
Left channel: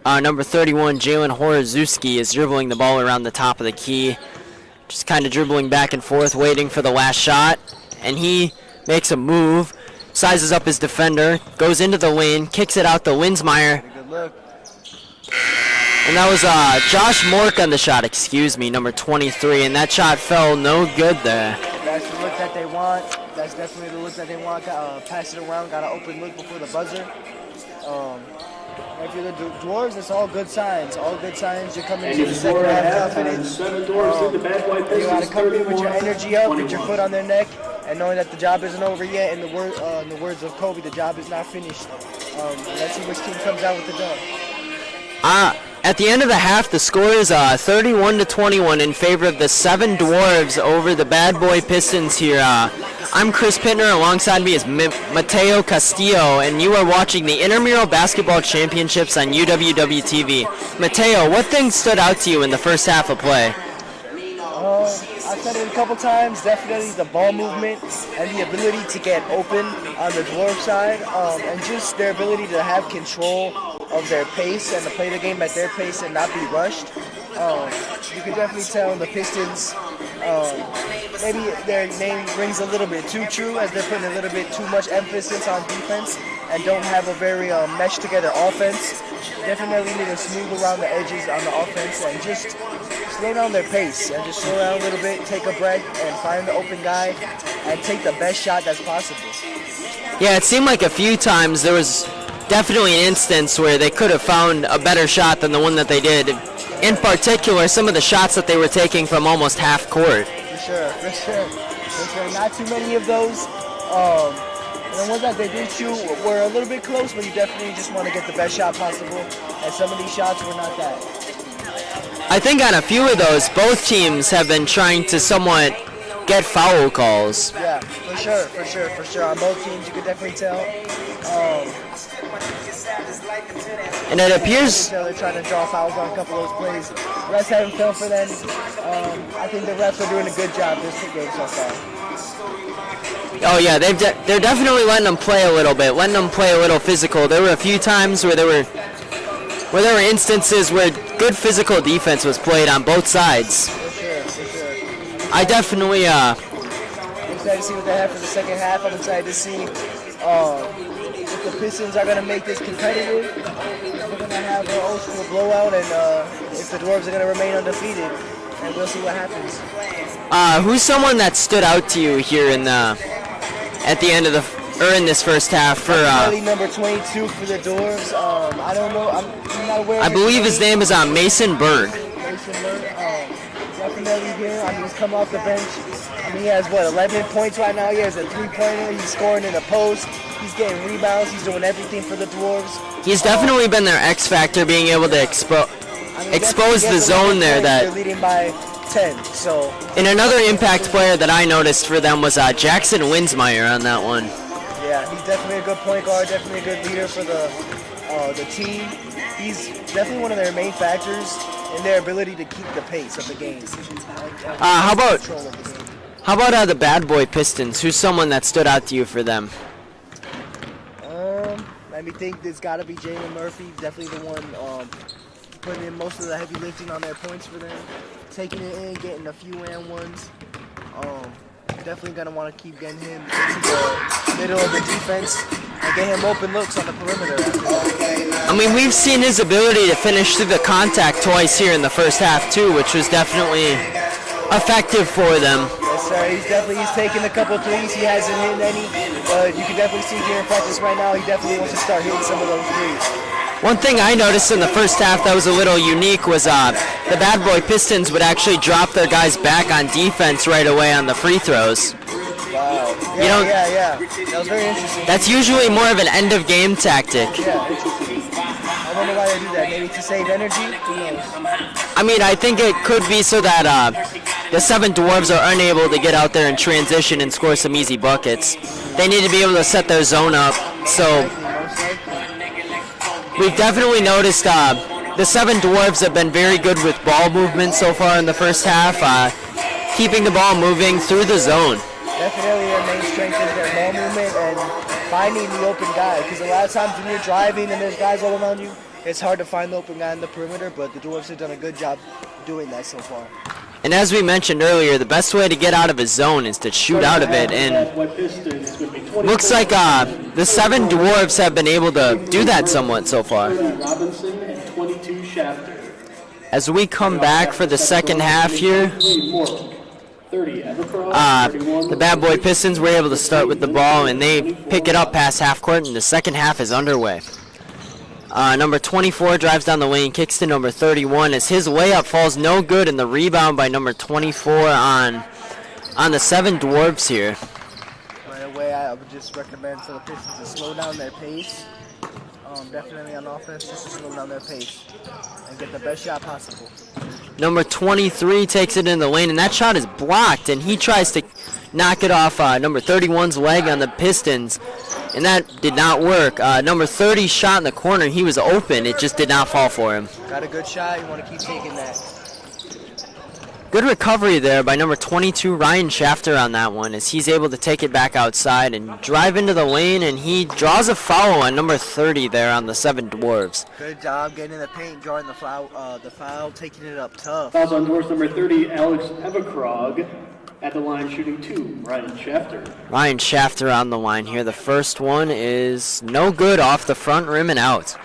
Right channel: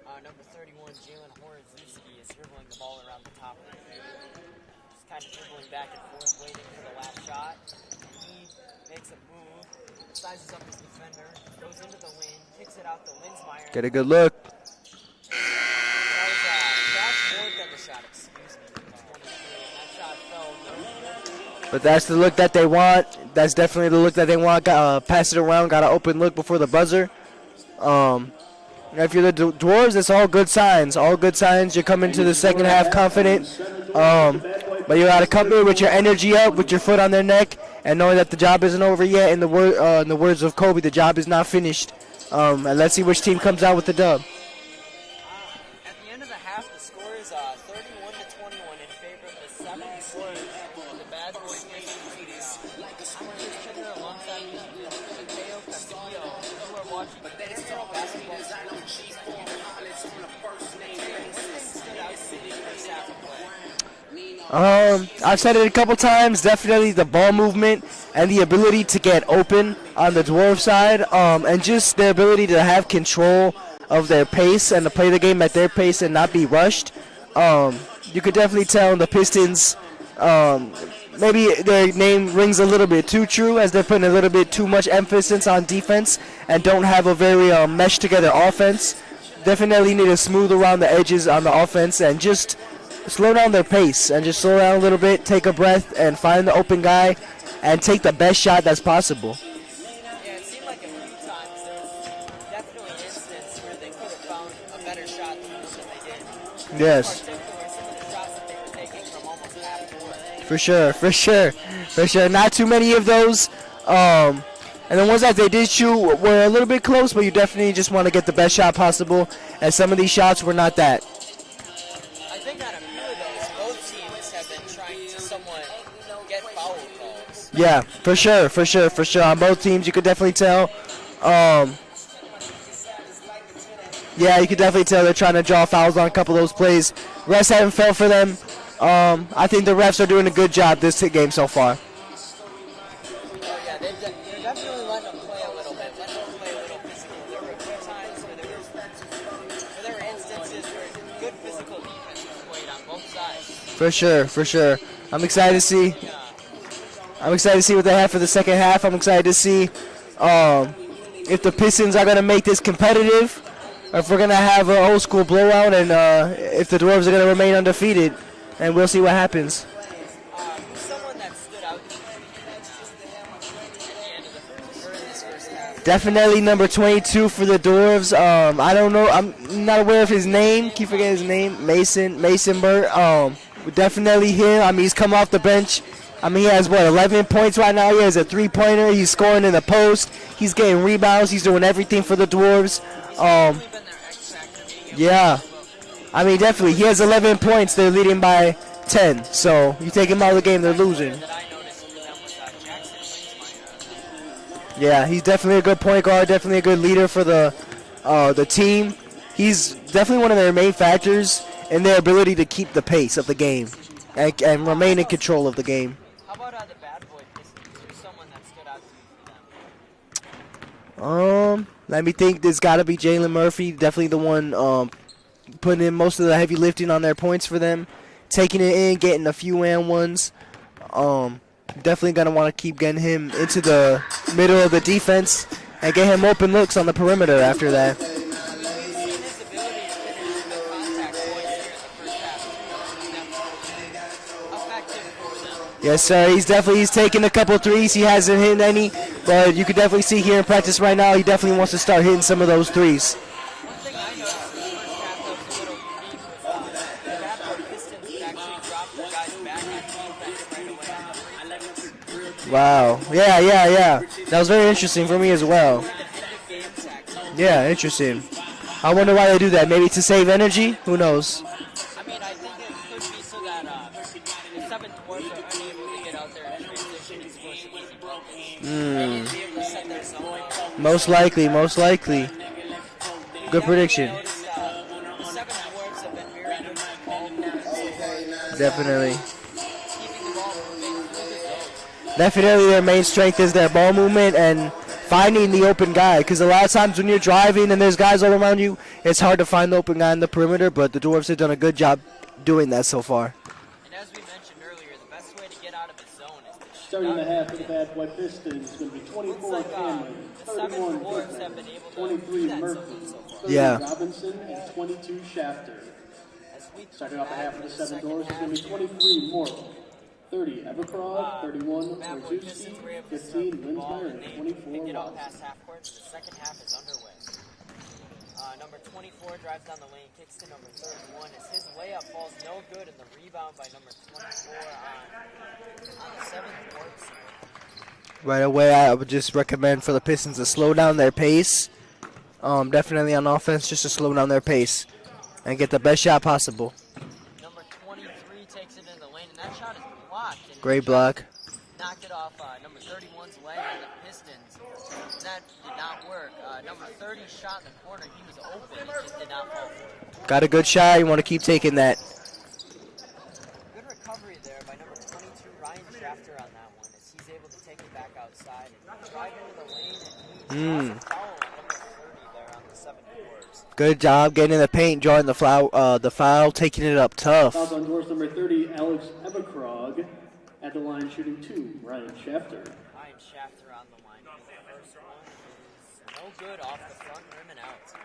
Number 31, Jalen Horoszewski, is dribbling the ball around the top of the key. Just kind of dribbling back and forth, waiting for the last shot. And he makes a move, sizes up his defender, goes into the lane, kicks it out to Linsmeyer. Get a good look. And that was Josh Mork on the shot, number 23, and that shot fell no good there. But that's the look that they want. That's definitely the look that they want. Pass it around, got an open look before the buzzer. If you're the Dwarves, it's all good signs. All good signs. You're coming to the second half confident. But you got to come in with your energy up, with your foot on their neck, and knowing that the job isn't over yet. In the words of Kobe, the job is not finished. And let's see which team comes out with the dub. At the end of the half, the score is 31-21 in favor of the 7 Dwarves over the Bad Boy Pistons here. I'm Chris Pittner. Alongside me is Mateo Castillo, and you are watching the Intramural Basketball Championships on UWW-TV. Mateo, what things stood out to you in the first half of play? I've said it a couple times, definitely the ball movement and the ability to get open on the Dwarf side, and just the ability to have control of their pace and to play the game at their pace and not be rushed. You could definitely tell the Pistons, maybe their name rings a little bit too true, as they're putting a little bit too much emphasis on defense and don't have a very meshed together offense. Definitely need to smooth around the edges on the offense and just slow down their pace and just slow down a little bit, take a breath and find the open guy and take the best shot that's possible. Yeah, it seemed like a few times there was definitely an instance where they could have found a better shot than the one that they did. Yes. In particular, some of the shots that they were taking from almost half court. For sure. Not too many of those. And the ones that they did shoot were a little bit close, but you definitely just want to get the best shot possible. And some of these shots were not that. I think on a few of those, both teams have been trying to somewhat get foul calls. Yeah, for sure. On both teams, you could definitely tell. And it appears, you can definitely tell they're trying to draw fouls on a couple of those plays. Refs haven't fell for them. I think the refs are doing a good job this game so far. Oh yeah, they're definitely letting them play a little bit, letting them play a little physical. There were a few times where there were instances where good physical defense was played on both sides. For sure. I'm excited to see what they have for the second half. I'm excited to see if the Pistons are going to make this competitive, or if we're going to have an old school blowout, and if the Dwarves are going to remain undefeated, and we'll see what happens. Who's someone that stood out to you here in this first half? Definitely number 22 for the Dwarves. I don't know. I'm not aware of his name. I believe his name is Mason Burt. Mason Burt. Definitely him. I mean, he's come off the bench. I mean, he has, 11 points right now. He has a three-pointer. He's scoring in the post. He's getting rebounds. He's doing everything for the Dwarves. He's definitely been their X factor, being able to expose the zone there. They're leading by 10. So. And another impact player that I noticed for them was Jackson Linsmeyer on that one. Yeah, he's definitely a good point guard. Definitely a good leader for the team. He's definitely one of their main factors in their ability to keep the pace of the game and remain in control of the game. How about the Bad Boy Pistons? Who's someone that stood out to you for them? Let me think. There's got to be Jalen Murphy. Definitely the one putting in most of the heavy lifting on their points for them. Taking it in, getting a few and ones. Definitely going to want to keep getting him into the middle of the defense and get him open looks on the perimeter after that. I mean, we've seen his ability to finish through the contact twice here in the first half, too, which was definitely effective for them. Yes, sir. He's taking a couple threes. He hasn't hit any, but you can definitely see here in practice right now, he definitely wants to start hitting some of those threes. One thing I noticed in the first half that was a little unique was the Bad Boy Pistons would actually drop their guys back on defense right away on the free throws. Wow. Yeah. That was very interesting. That's usually more of an end-of-game tactic. Yeah, interesting. I wonder why they do that. Maybe to save energy? Who knows? I mean, I think it could be so that the 7 Dwarves are unable to get out there and transition and score some easy buckets. They need to be able to set their zone up. Most likely. We've definitely noticed the 7 Dwarves have been very good with ball movement so far in the first half, keeping the ball moving through the zone. Definitely their main strength is their ball movement and finding the open guy, because a lot of times when you're driving and there's guys all around you, it's hard to find the open guy in the perimeter, but the Dwarves have done a good job doing that so far. And as we mentioned earlier, the best way to get out of a zone is to shoot out of it, and looks like the 7 Dwarves have been able to do that somewhat so far. Yeah. As we come back for the second half here, the Bad Boy Pistons were able to start with the ball, and they pick it up past half court, and the second half is underway. Number 24 drives down the lane, kicks to number 31 as his layup falls no good, and the rebound by number 24 on the 7 Dwarves here. Right away, I would just recommend for the Pistons to slow down their pace. Definitely on offense, just to slow down their pace and get the best shot possible. Number 23 takes it in the lane, and that shot is blocked, and he tries to knock it off number 31's leg on the Pistons, and that did not work. Number 30 shot in the corner. He was open. It just did not fall for him. Got a good shot. You want to keep taking that. Good recovery there by number 22, Ryan Shafter, on that one, as he's able to take it back outside and drive into the lane, and he draws a foul on number 30 there on the 7 Dwarves. Good job getting in the paint, drawing the foul, taking it up tough. Fouls on Dwarves number 30, Alex Everkrog. At the line, shooting 2, Ryan Shafter. Ryan Shafter on the line here. The first one is no good, off the front rim and out.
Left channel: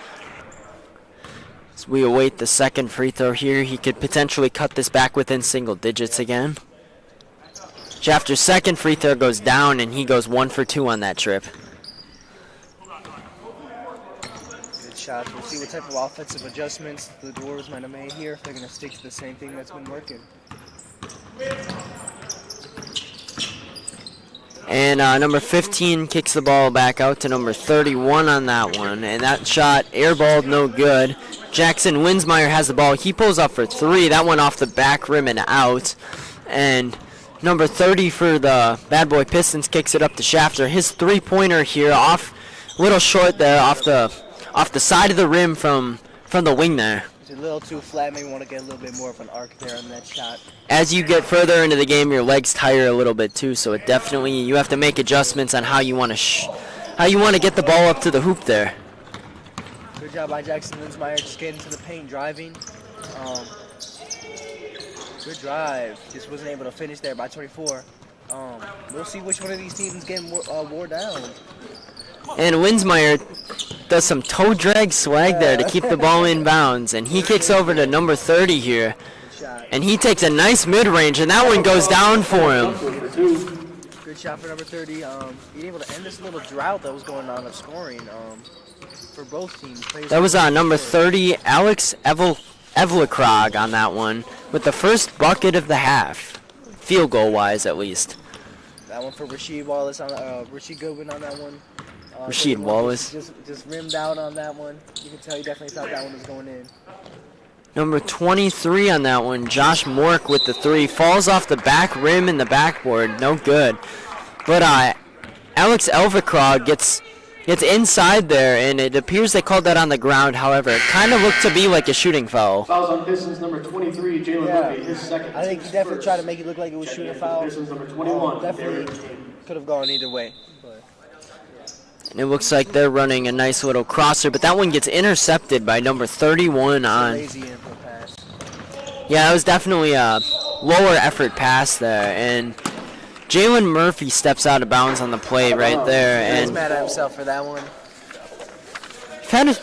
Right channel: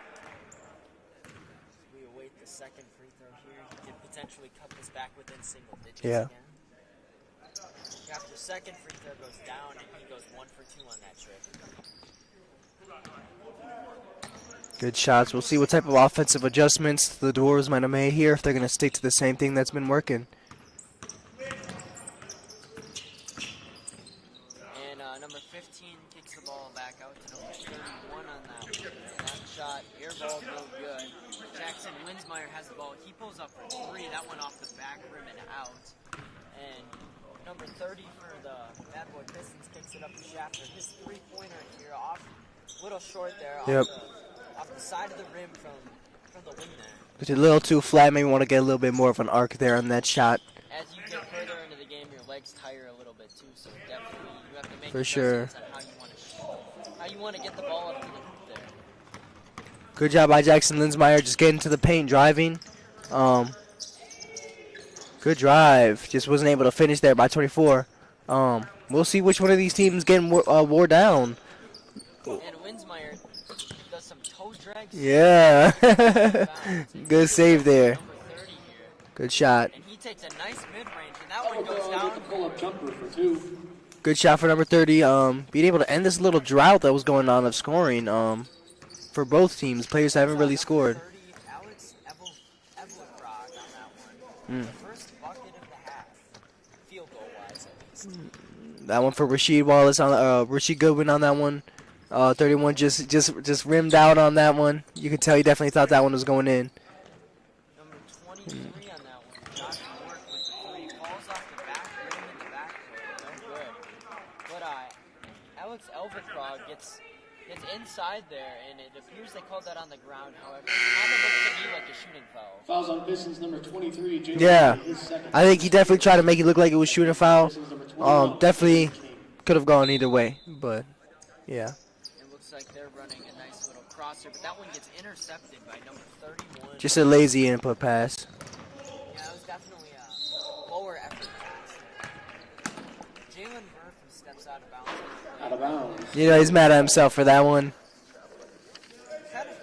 As we await the second free throw here, he could potentially cut this back within single digits again. Shafter's second free throw goes down, and he goes 1 for 2 on that trip. Good shots. We'll see what type of offensive adjustments the Dwarves might have made here, if they're going to stick to the same thing that's been working. And number 15 kicks the ball back out to number 31 on that one. And that shot airballed, no good. Jackson Winsmeyer has the ball. He pulls up for 3. That one off the back rim and out. And number 30 for the Bad Boy Pistons kicks it up to Shafter. His three-pointer here off, a little short there, off the side of the rim from the wing there. It's a little too flat. Maybe want to get a little bit more of an arc there on that shot. As you get further into the game, your legs tire a little bit too, so it definitely, you have to make adjustments on how you want to get the ball up to the hoop there. Good job by Jackson Linsmeyer, just getting to the paint, driving. Good drive, just wasn't able to finish there by 24. We'll see which one of these teams getting wore down. And Winsmeyer does some toe drag swag there to keep the ball in bounds, and he kicks over to number 30 here. Good shot. And he takes a nice mid-range, and that one goes down for him. Good shot for number 30. Being able to end this little drought that was going on of scoring for both teams. That was on number 30, Alex Evlikrog on that one, with the first bucket of the half, field goal-wise at least. That one for Rasheed Wallace on Rasheed Goodwin on that one. 31 just rimmed out on that one. You can tell he definitely thought that one was going in. Number 23 on that one, Josh Mork with the 3. Falls off the back rim and the backboard. No good. But Alex Elvikrog gets inside there, and it appears they called that on the ground. However, it kind of looked to be like a shooting foul. Fouls on Pistons number 23, Jalen Yeah, his second. I think he definitely tried to make it look like it was shooting foul. Definitely could have gone either way, but yeah. And it looks like they're running a nice little crosser, but that one gets intercepted by number 31. It's a lazy input pass. Yeah, it was definitely a lower effort pass there, and Jalen Murphy steps out of bounds on the play right there. Yeah, he's mad at himself for that one.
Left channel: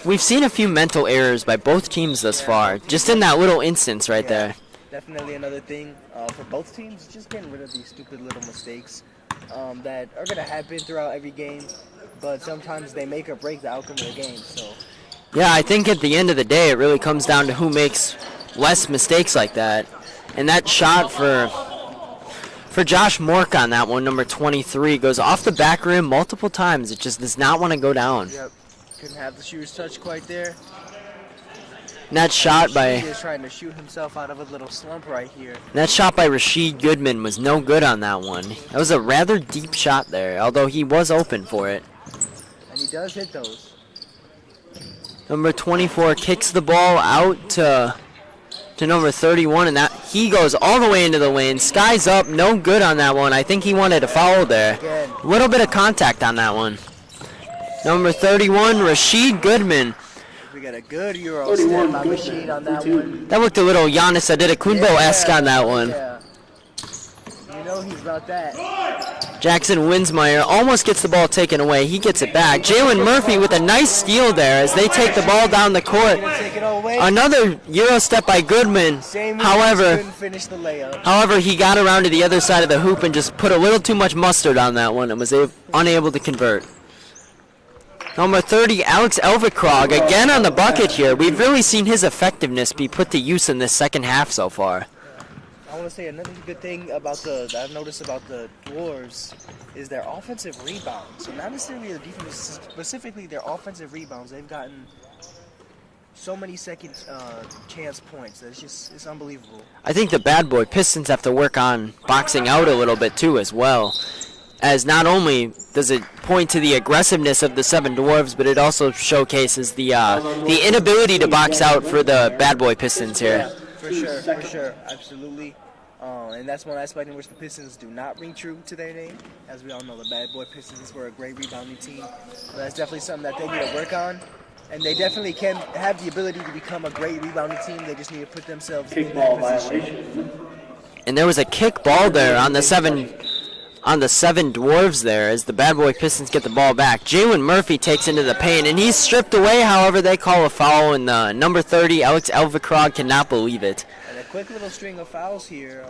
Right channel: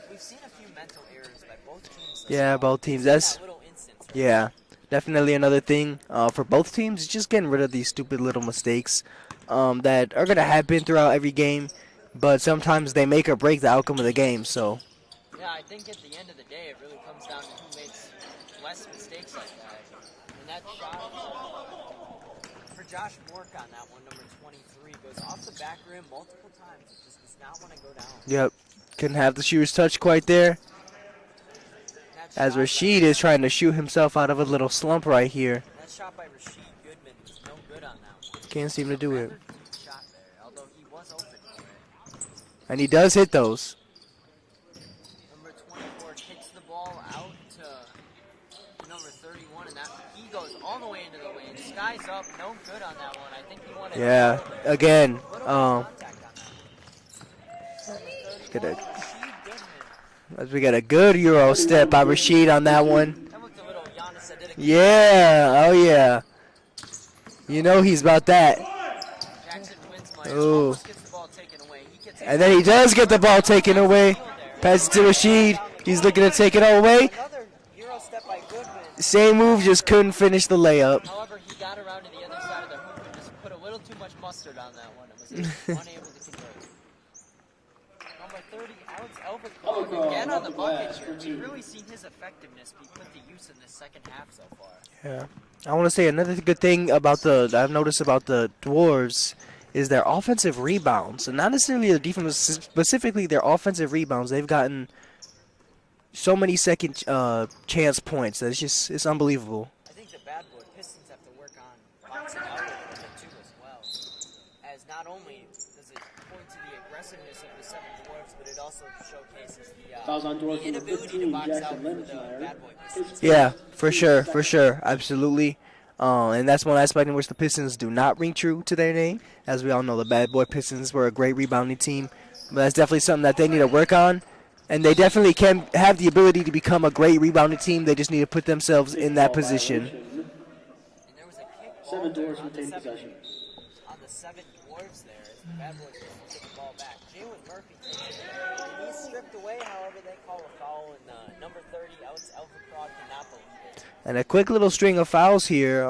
We've seen a few mental errors by both teams thus far, both teams. just in that little instance right there. Definitely another thing for both teams is just getting rid of these stupid little mistakes that are going to happen throughout every game, but sometimes they make or break the outcome of the game. So, yeah, I think at the end of the day, it really comes down to who makes less mistakes like that. And that shot for Josh Mork on that one, number 23, goes off the back rim multiple times. It just does not want to go down. Yep. Couldn't have the shooter's touch quite there. And that shot by Rashid is trying to shoot himself out of a little slump right here. That shot by Rashid Goodman was no good on that one. That was a rather deep shot there, although he was open for it. And he does hit those. Number 24 kicks the ball out to number 31, and that he goes all the way into the lane. Sky's up, no good on that one. I think he wanted a foul there. Again. A little bit of contact on that one. Number 31, Rashid Goodman. We got a good Euro step by Rashid on that one. That looked a little Giannis Antetokounmpo-esque on that one. Yeah. You know he's about that. Jackson Winsmeyer almost gets the ball taken away. He gets it And then back. he does Jalen get the Murphy ball with a taken nice away. steal there as they That's take the ball Rashid. down the He's court. looking to take it all away. Another Euro step by Goodman. Same move, just couldn't finish the layup. However, he got around to the other side of the hoop and just put a little too much mustard on that one and was unable to convert. Number 30, Alex Elvikrog, again on the bucket here. We've really seen his effectiveness be put to use in this second half so far. Yeah. I want to say another good thing about I've noticed about the Dwarves is their offensive rebounds. And not necessarily the defense, specifically their offensive rebounds. They've gotten so many second chance points that it's unbelievable. I think the bad boy Pistons have to work on boxing out a little bit too as well. As not only does it point to the aggressiveness of the Seven Dwarves, but it also showcases the inability to box out for the bad boy Pistons here. Yeah, for sure, absolutely. And that's one aspect in which the Pistons do not ring true to their name. As we all know, the bad boy Pistons were a great rebounding team. But that's definitely something that they need to work on. And they definitely can have the ability to become a great rebounding team. They just need to put themselves in that position. And there was a kick ball there on the seven Dwarves there as the bad boy Pistons get the ball back. Jalen Murphy takes into the paint, and he's stripped away. However, they call a foul, and number 30, Alex Elvikrog, cannot believe it. And a quick little string of fouls here.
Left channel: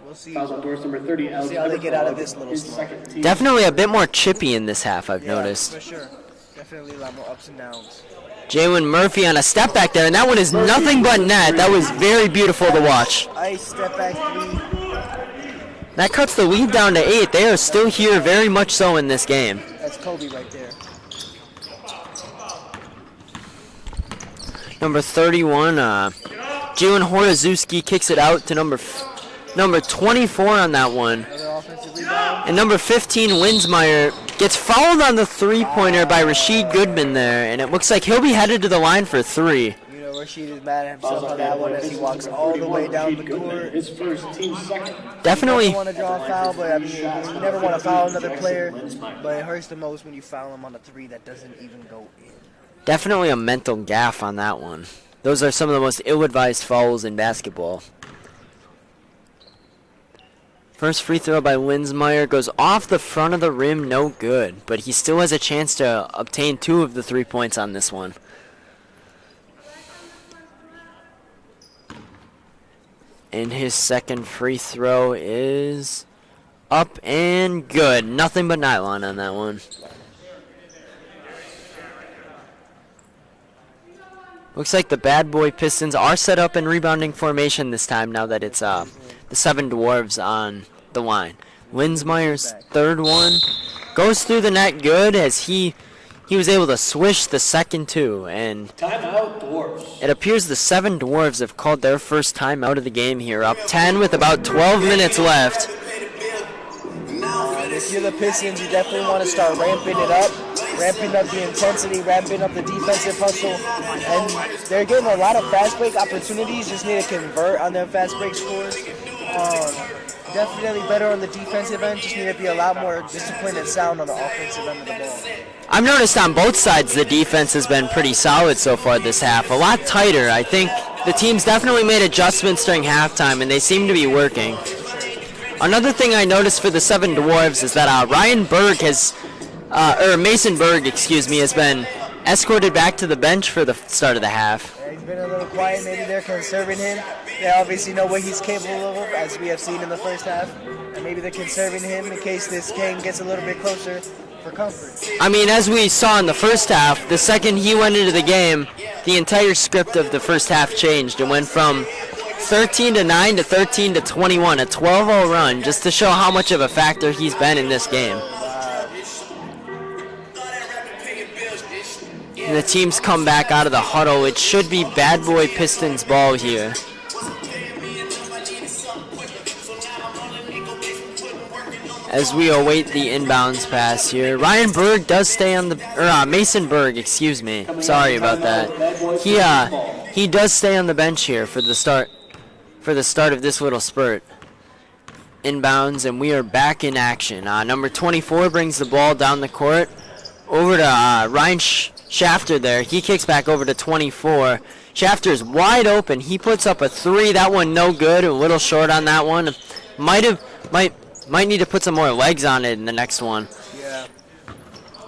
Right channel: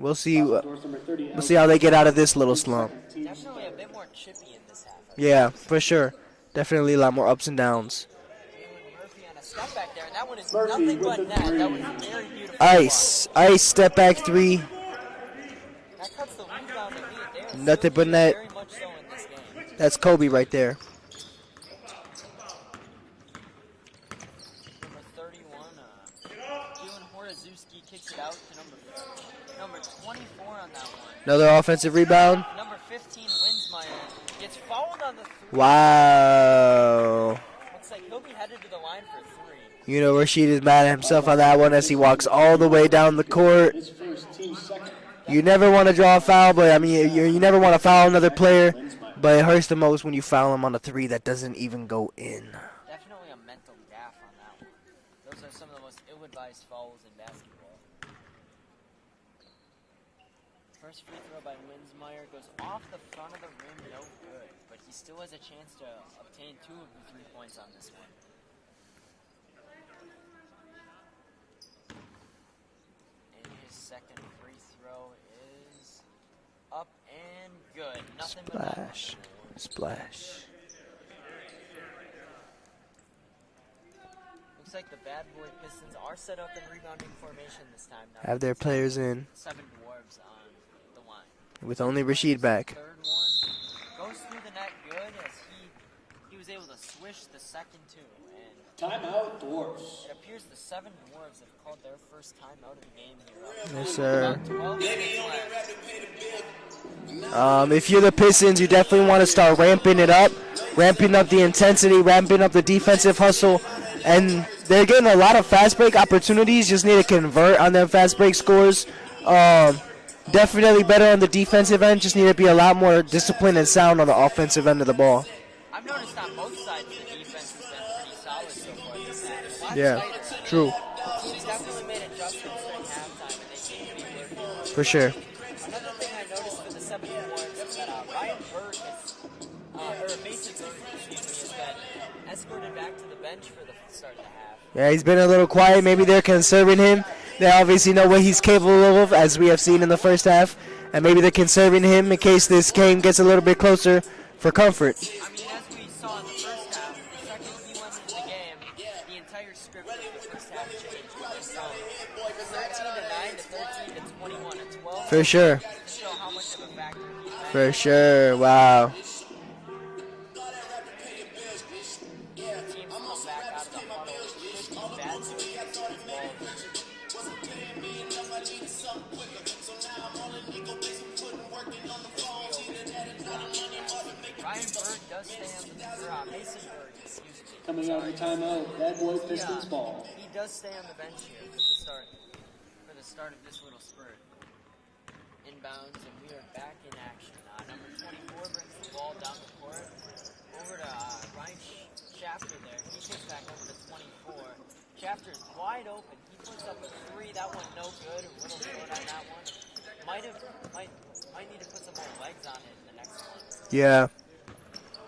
We'll see. We'll see how they get out of this little slump. Definitely a bit more chippy in this half, I've noticed. Yeah, for sure. Definitely a lot more ups and downs. Jalen Murphy on a step back there, and that one is nothing but net. That was very beautiful to watch. Ice step back three. That cuts the lead down to 8. They are still Nothing but here net. very much so in this game. That's Kobe right there. Number 31, Jalen Horazewski kicks it out to number 24 on that one. Another offensive rebound. And number 15, Winsmeyer, gets fouled on the three-pointer by Rashid Goodman there, and it looks like he'll be headed to the line for 3. You know, Rashid is mad at himself on that one as he walks all the way down the court. Definitely. You never want to draw a foul, but I mean, you never want to foul another player, but it hurts the most when you foul him on a 3 that doesn't even go in. Definitely a mental gaffe on that one. Those are some of the most ill-advised fouls in basketball. First free throw by Winsmeyer goes off the front of the rim, no good. But he still has a chance to obtain 2 of the 3 points on this one. And his second free throw is up and good. Nothing but nylon on that one. Splash. Looks like the bad boy Pistons are set up in rebounding formation this time now that it's the Seven Dwarves on the line. Winsmeyer's third one goes through the net good as he was able to swish the second 2. And Timeout, Dwarves. it appears the Seven Dwarves have called their first timeout of the game here, up 10 with about 12 minutes left. If you're the Pistons, you definitely want to start ramping it up, ramping up the intensity, ramping up the defensive hustle. And they're getting a lot of fast break opportunities, just need to convert on them fast break scores. definitely better on the defensive end. Just need to be a lot more disciplined and sound on the offensive end of the ball. I've noticed on both sides the defense has been pretty solid so far this half. A lot tighter. I think the teams definitely made adjustments during halftime, and they seem to be working. For sure. Another thing I noticed for the Seven Dwarves is that Ryan Berg has, or Mason Berg, excuse me, has been escorted back to the bench for the start of the half. Yeah, he's been a little quiet. Maybe they're conserving him. They obviously know what he's capable of, as we have seen in the first half, and maybe they're conserving him in case this game gets a little bit closer for comfort. I mean, as we saw in the first half, the second he went into the game, the entire script of the first half changed. It went from 13-9 to 13-21, a 12-0 run, just to show how much of a factor he's been in this game. Wow. And the teams come back out of the huddle. It should be Bad Boy Pistons ball here. As we await the inbounds pass here, Ryan Berg does stay on the, or Mason Berg, excuse me. Sorry about that. He does stay on the bench here for the start of this little spurt. Inbounds, and we are back in action. Number 24 brings the ball down the court over to Ryan Shafter there. He kicks back over to 24. Shafter's wide open. He puts up a three. That one no good. A little short on that one. Might need to put some more legs on it in the next one. Yeah.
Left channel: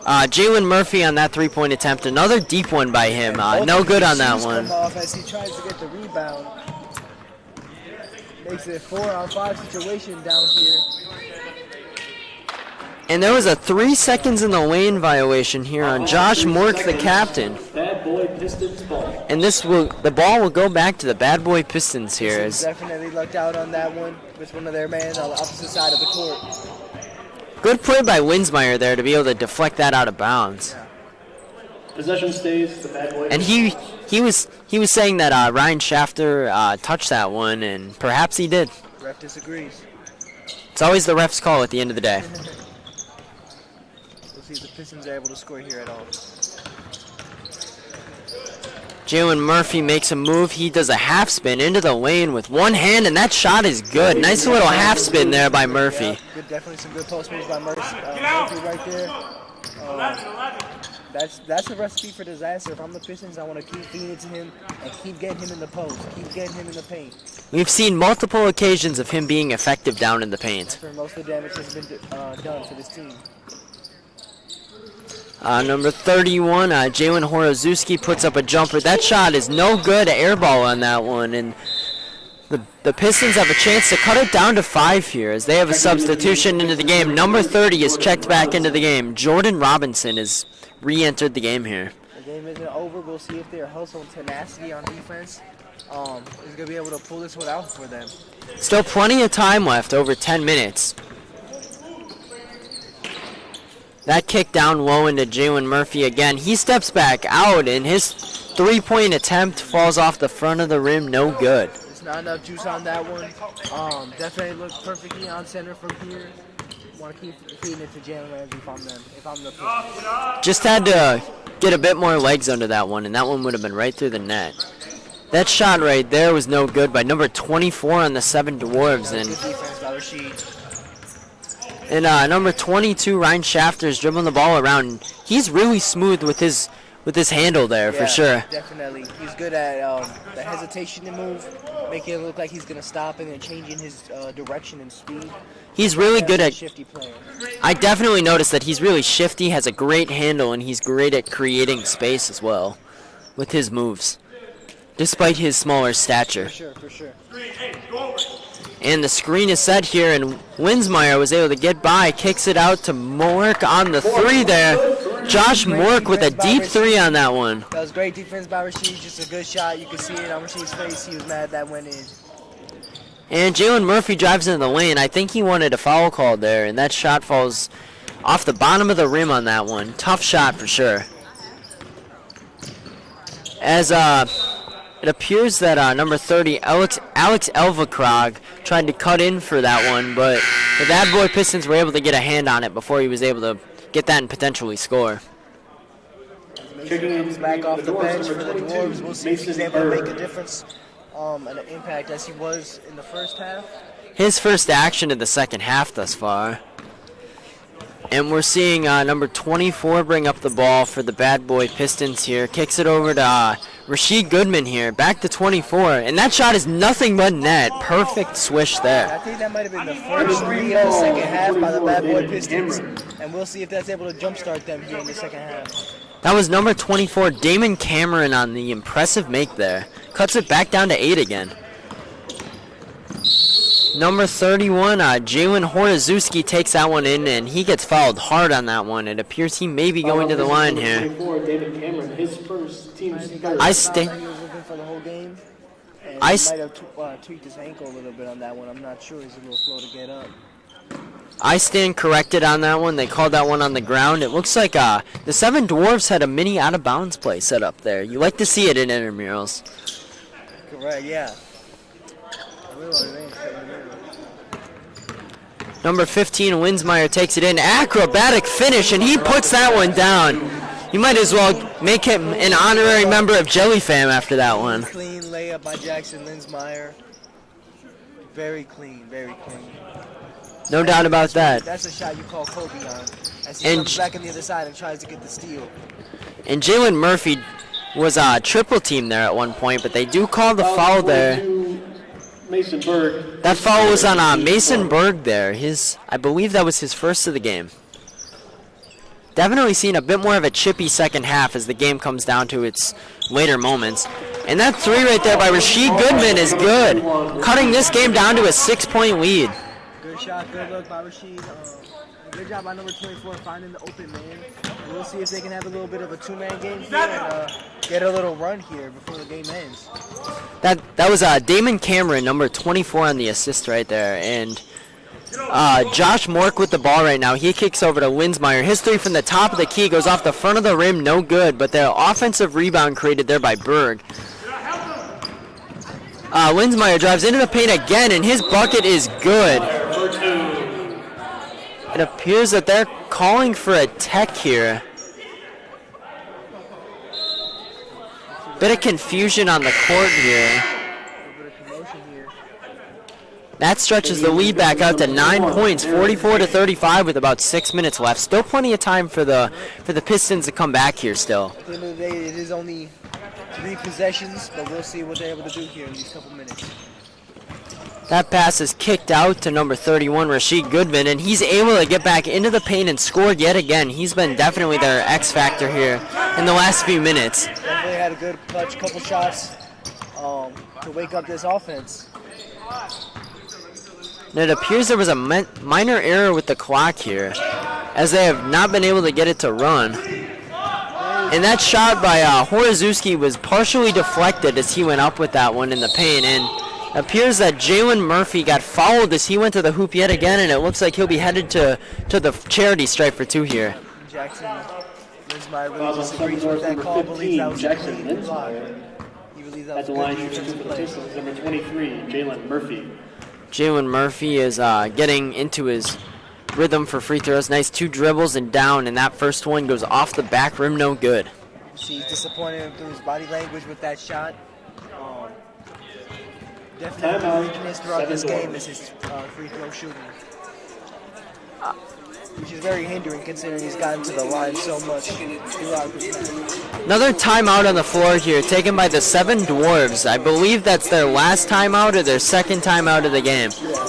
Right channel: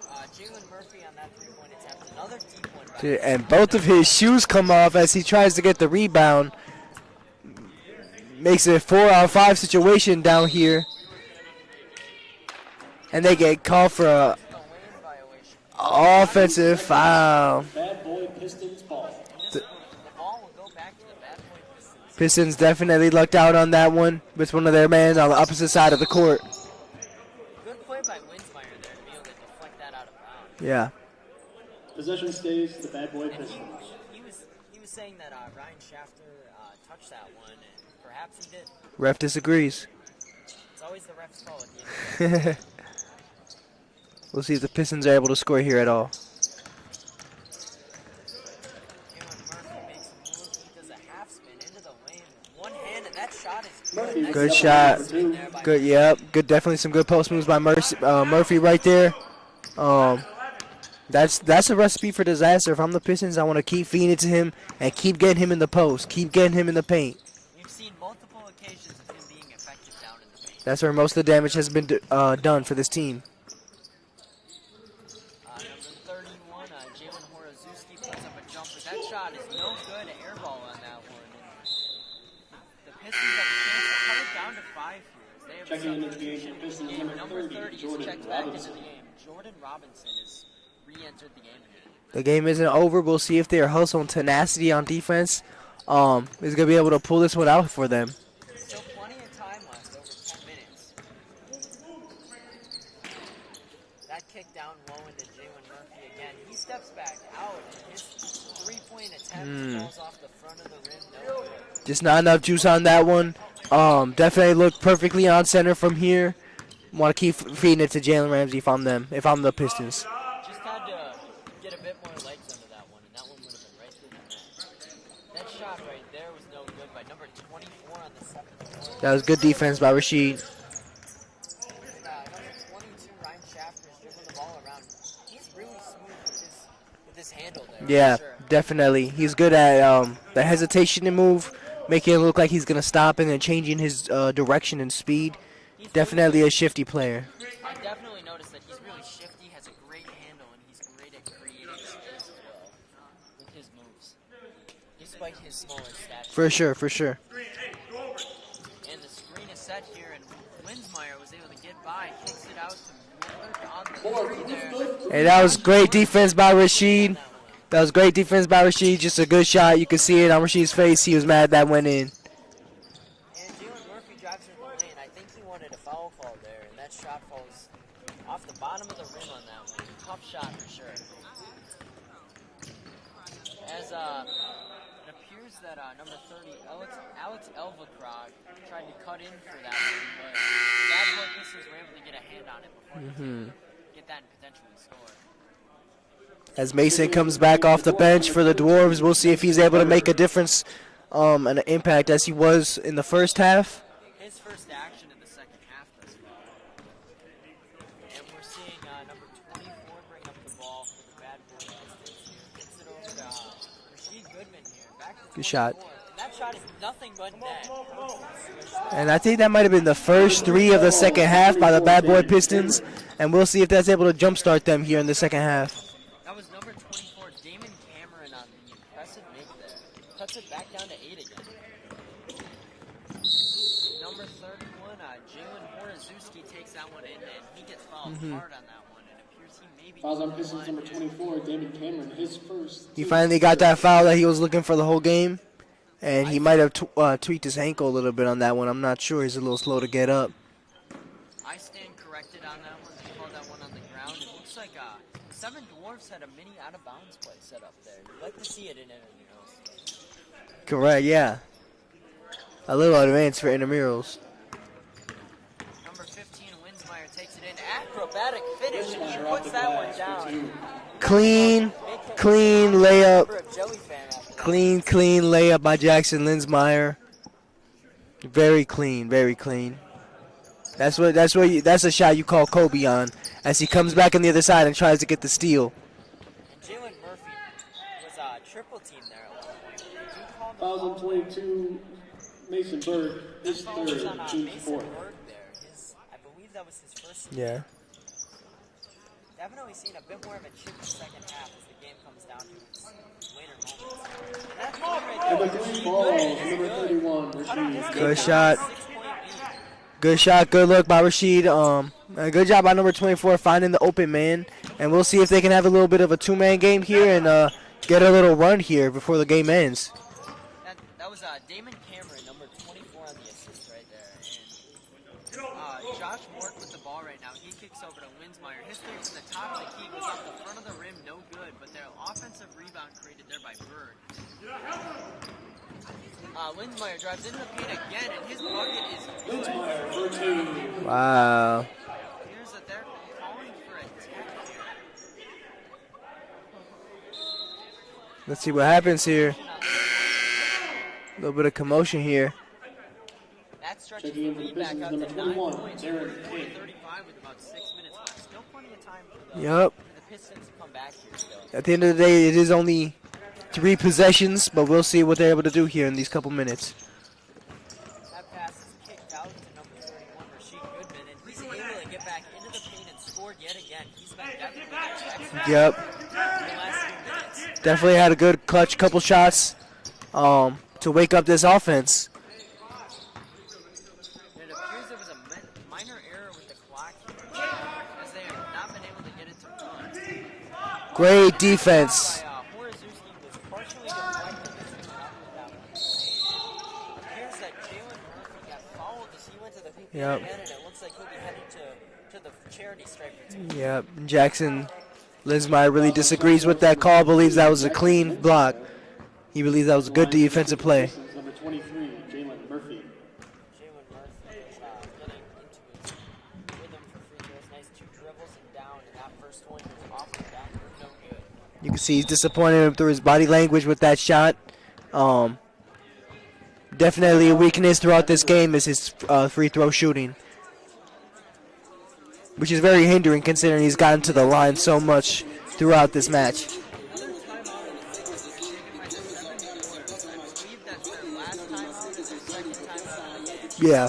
Jalen Murphy on that three-point attempt. Another deep one by him. No good on that one. Shoes come off as he tries to get the rebound. Makes it a 4-on-5 situation down here. And there was a 3 seconds in the lane violation here on Josh Mork, the captain. Bad Boy Pistons ball. And the ball will go back to the Bad Boy Pistons here. Pistons definitely lucked out on that one with one of their men on the opposite side of the court. Good play by Winsmeyer there to be able to deflect that out of bounds. Yeah. Possession stays the Bad Boy. And he was saying that Ryan Shafter touched that one, and perhaps he did. Ref disagrees. It's always the ref's call at the end of the day. We'll see if the Pistons are able to score here at all. Jalen Murphy makes a move. He does a half spin into the lane with one hand, and that shot is good. Nice little half spin there by Murphy. Yep, good, definitely some good post moves by Murphy right there. That's a recipe for disaster. If I'm the Pistons, I want to keep feeding it to him and keep getting him in the post, keep getting him in the paint. We've seen multiple occasions of him being effective down in the paint. That's where most of the damage has been done for this team. Number 31, Jalen Horozewski puts up a jumper. That shot is no good, air ball on that one. And the Pistons have a chance to cut it down to 5 here as they have a substitution into the game. Number 30 is checked back into the game. Jordan Robinson has re-entered the game here. The game isn't over. We'll see if their hustle and tenacity on defense is going to be able to pull this one out for them. Still plenty of time left, over 10 minutes. That kick down low into Jalen Murphy again. He steps back out, and his three-point attempt falls off the front of the rim. No good. Just not enough juice on that one. Definitely look perfectly on center from here. Want to keep feeding it to Jalen Ramsey if I'm the Pistons. Just had to get a bit more legs under that one, and that one would have been right through the net. That shot right there was no good by number 24 on the Seven Dwarves. That was good defense by Rashid. And number 22, Ryan Shafter, is dribbling the ball around. He's really smooth with his handle there, for sure. Definitely. He's good at the hesitation to move, making it look like he's going to stop and then changing his direction and speed. He's definitely really good at shifty player. I definitely noticed that he's really shifty, has a great handle, and he's great at creating space as well with his moves, despite his smaller stature. For sure. And the screen is set here, and Winsmeyer was able to get by, kicks it out to Mork on the three there. Josh Mork with a deep three on that one. That was great defense by Rashid, just a good shot. You could see it on Rashid's face. He was mad that went in. And Jalen Murphy drives into the lane. I think he wanted a foul call there, and that shot falls off the bottom of the rim on that one. Tough shot for sure. As it appears that number 30, Alex Elvakrog, tried to cut in for that one, but the Bad Boy Pistons were able to get a hand on it before he was able to get that and potentially score. As Mason comes back off the bench for the Dwarves, we'll see if he's able to make a difference and an impact as he was in the first half. his first action of the second half thus far. And we're seeing number 24 bring up the ball for the Bad Boy Pistons here. Kicks it over to Rasheed Goodman here. Back to 24. And that shot is nothing but net. Perfect swish there. And I think that might have been the first three of the second half by the Bad Boy Pistons. And we'll see if that's able to jumpstart them here in the second half. That was number 24, Damon Cameron, on the impressive make there. Cuts it back down to 8 again. Number 31, Jalen Horazuski takes that one in, and he gets fouled hard on that one. It appears he may be going to the line here. He finally got that foul that he was looking for the whole game. And he might have tweaked his ankle a little bit on that one. I'm not sure. He's a little slow to get up. I stand corrected on that one. They called that one on the ground. It looks like the Seven Dwarfs had a mini out-of-bounds play set up there. You like to see it in intramurals. Correct, yeah. A little advanced for intramurals. Number 15, Linsmeyer takes it in. Acrobatic finish, and he puts that one down. You might as well make him an honorary member of Jelly Fam after that one. Clean layup by Jackson Linsmeyer. Very clean, very clean. No doubt about that. That's a shot you call Kobe on as he comes back on the other side and tries to get the steal. And Jalen Murphy was triple team there at one point, but they do call the foul there. Mason Berg. That foul was on Mason Berg there. I believe that was his first of the game. Definitely seen a bit more of a chippy second half as the game comes down to its later moments. And that three right there by Rasheed Goodman is good, cutting this game down to a 6-point lead. Good shot, good look by Rasheed. Good job by number 24 finding the open man. And we'll see if they can have a little bit of a two-man game here and get a little run here before the game ends. That was Damon Cameron, number 24 on the assist right there. And Josh Mork with the ball right now. He kicks over to Linsmeyer. His three from the top of the key goes off the front of the rim, no good. But the offensive rebound created there by Berg. Linsmeyer drives into the paint again, and his bucket is good. Wow. It appears that they're calling for a tech here. Let's see what Bit of happens confusion on the court here. A little bit of commotion here. That stretches the lead back out to 9 points, 44-35 with about 6 minutes left. Still plenty of time for the Pistons to come back here still. At the end of the day, it is only 3 possessions, but we'll see what they're able to do here in these couple minutes. That pass is kicked out to number 31, Rasheed Goodman, and he's able to get back into the paint and score yet again. He's been definitely their X factor here in the last few minutes. Definitely had a good clutch couple shots to wake up this offense. And it appears there was a minor error with the clock here, as they have not been able to get it to run. Great and that shot by Horazuski was partially deflected as he went up with that one in the paint. And it appears that Jalen Murphy got fouled as he went to the hoop yet again, and it looks like he'll be headed to the charity stripe for 2 here. Yep. Jackson Linsmeyer really disagrees with that call, believes that was a clean block. He believes that was a good defensive play. Number 23, Jalen Murphy. Jalen Murphy is getting into his rhythm for free throws. Nice 2 dribbles and down, and that first one goes off the back rim, no good. You can see he's disappointed through his body language with that shot. Definitely a weakness throughout this game is his free throw shooting, which is very hindering considering he's gotten to the line so much throughout this match. Another timeout on the floor here, taken by the Seven Dwarves. I believe that's their last timeout or their second timeout of the game. Yeah.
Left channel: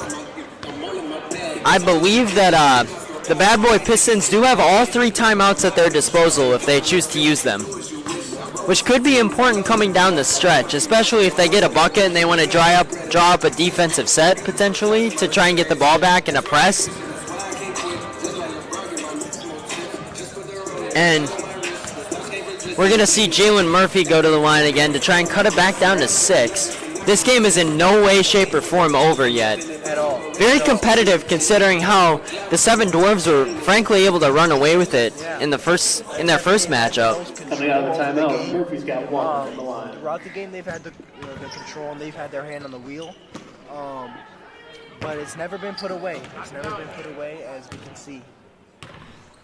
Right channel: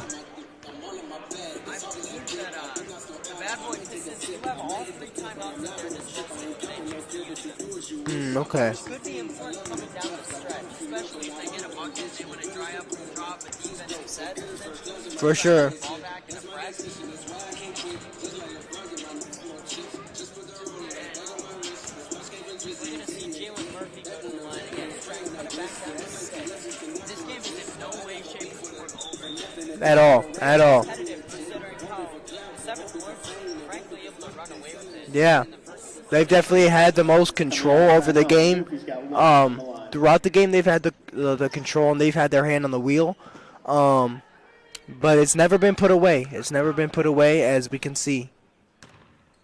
I believe that the Bad Boy Pistons do have all 3 timeouts at their disposal if they choose to use them. Okay. Which could be important coming down the stretch, especially if they get a bucket and they want to draw up a defensive set potentially to try and get the ball back in a press. And we're going to see Jalen Murphy go to the line again to try and cut it back down to 6. This game is in no way, shape, or form over yet. At all. Very competitive considering how the Seven Dwarves were frankly able to run away with it in their first matchup. They definitely had the most control over the game. Throughout the game, they've had the control and they've had their hand on the wheel. But it's never been put away. It's never been put away, as we can see.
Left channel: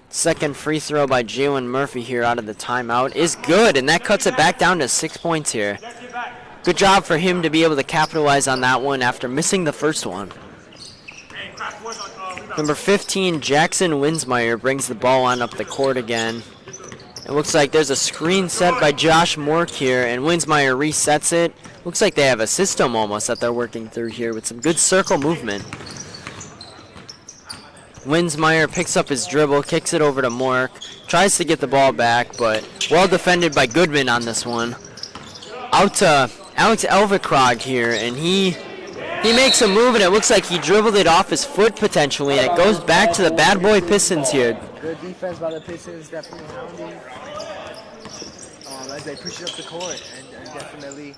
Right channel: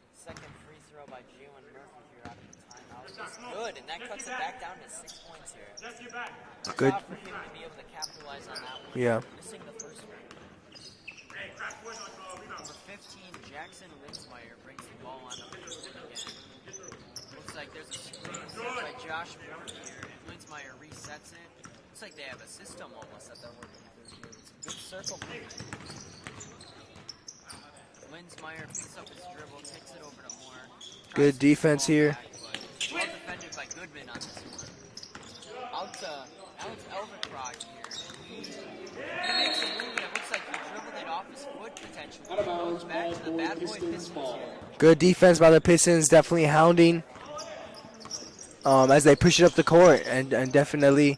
Second free throw by Jalen Murphy here out of the timeout is good, and that cuts it back down to 6 points here. Good job for him to be able to capitalize on that one after missing the first one. Number 15, Jackson Winsmeyer brings the ball on up the court again. It looks like there's a screen set by Josh Mork here, and Winsmeyer resets it. Looks like they have a system almost that they're working through here with some good circle movement. Winsmeyer picks up his dribble, kicks it over to Mork, tries to get the ball back, but well defended by Goodman on this one. Out to Alex Elvikrog here, and he makes a move, and it looks like he dribbled it off his foot potentially, and it goes back to the bad boy Pistons here. Good defense by the Pistons, definitely hounding as they push it up the court and definitely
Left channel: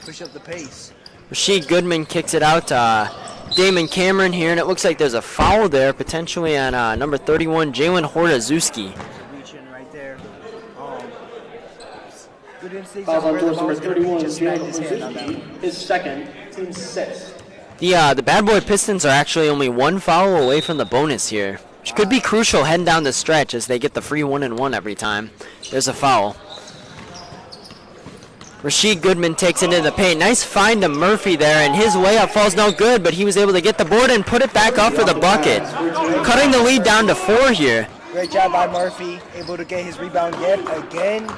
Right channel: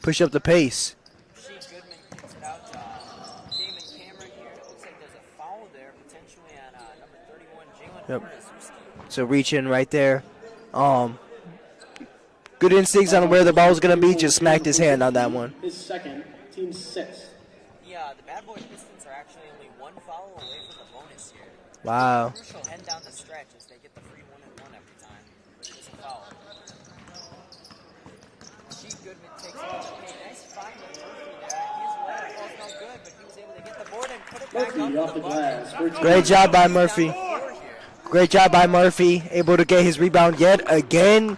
push up the pace. Rasheed Goodman kicks it out to Damon Cameron here, and it looks like there's a foul there potentially on number 31, Jalen Hortazewski. So reach in right there. Good instincts on where the ball is going to be, just smacked his hand on that one. His second, team 6. The bad boy Pistons are actually only one foul away from the bonus here, which could be crucial heading down the stretch as they get the free 1-and-1 every time there's a foul. Rasheed Goodman takes it into the paint. Nice find to Murphy there, and his layup falls no good, but he was able to get the board and put it back up for the bucket. Cutting the lead down to 4 here. Great job by Murphy, able to get his rebound yet again.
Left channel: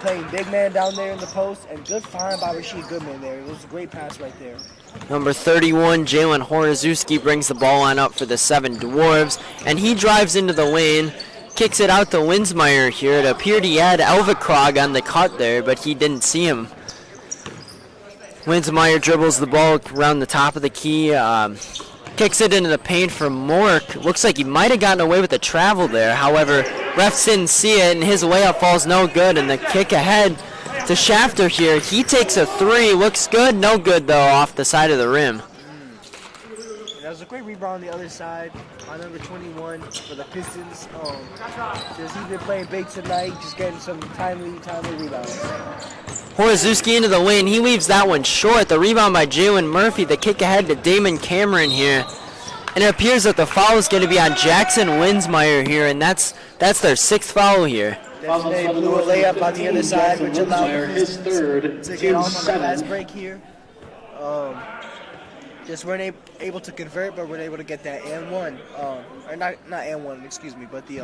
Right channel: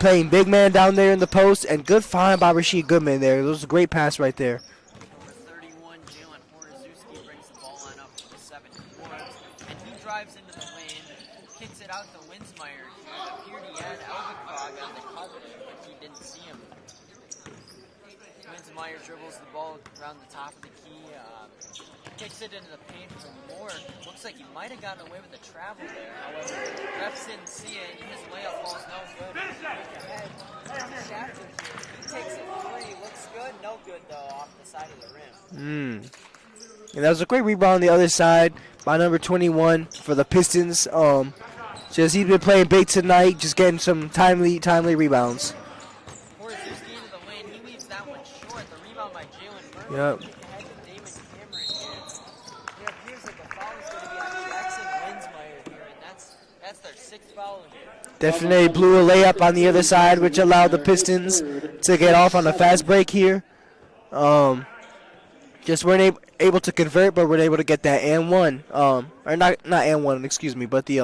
Playing big man down there in the post, and good find by Rasheed Goodman there. It was a great pass right there. Number 31, Jalen Hortazewski brings the ball on up for the 7 Dwarves, and he drives into the lane, kicks it out to Winsmeyer here. It appeared he had Elvikrog on the cut there, but he didn't see him. Winsmeyer dribbles the ball around the top of the key, kicks it into the paint for Mork. Looks like he might have gotten away with the travel there. However, refs didn't see it, and his layup falls no good, and the kick ahead to Shafter here. He takes a 3, looks good, no good though, off the side of the rim. And that was a great rebound on the other side by number 21 for the Pistons. Just he's been playing big tonight, just getting some timely rebounds. Hortazewski into the lane, he leaves that one short. The rebound by Jalen Murphy, the kick ahead to Damon Cameron here. And it appears that the foul is going to be on Jackson Winsmeyer here, and that's their 6th foul here. Definitely blew a layup on the other side, which allowed the Pistons to get off on the fast break here. Just weren't able to convert, but we're able to get that and one, or not and one, excuse me, but the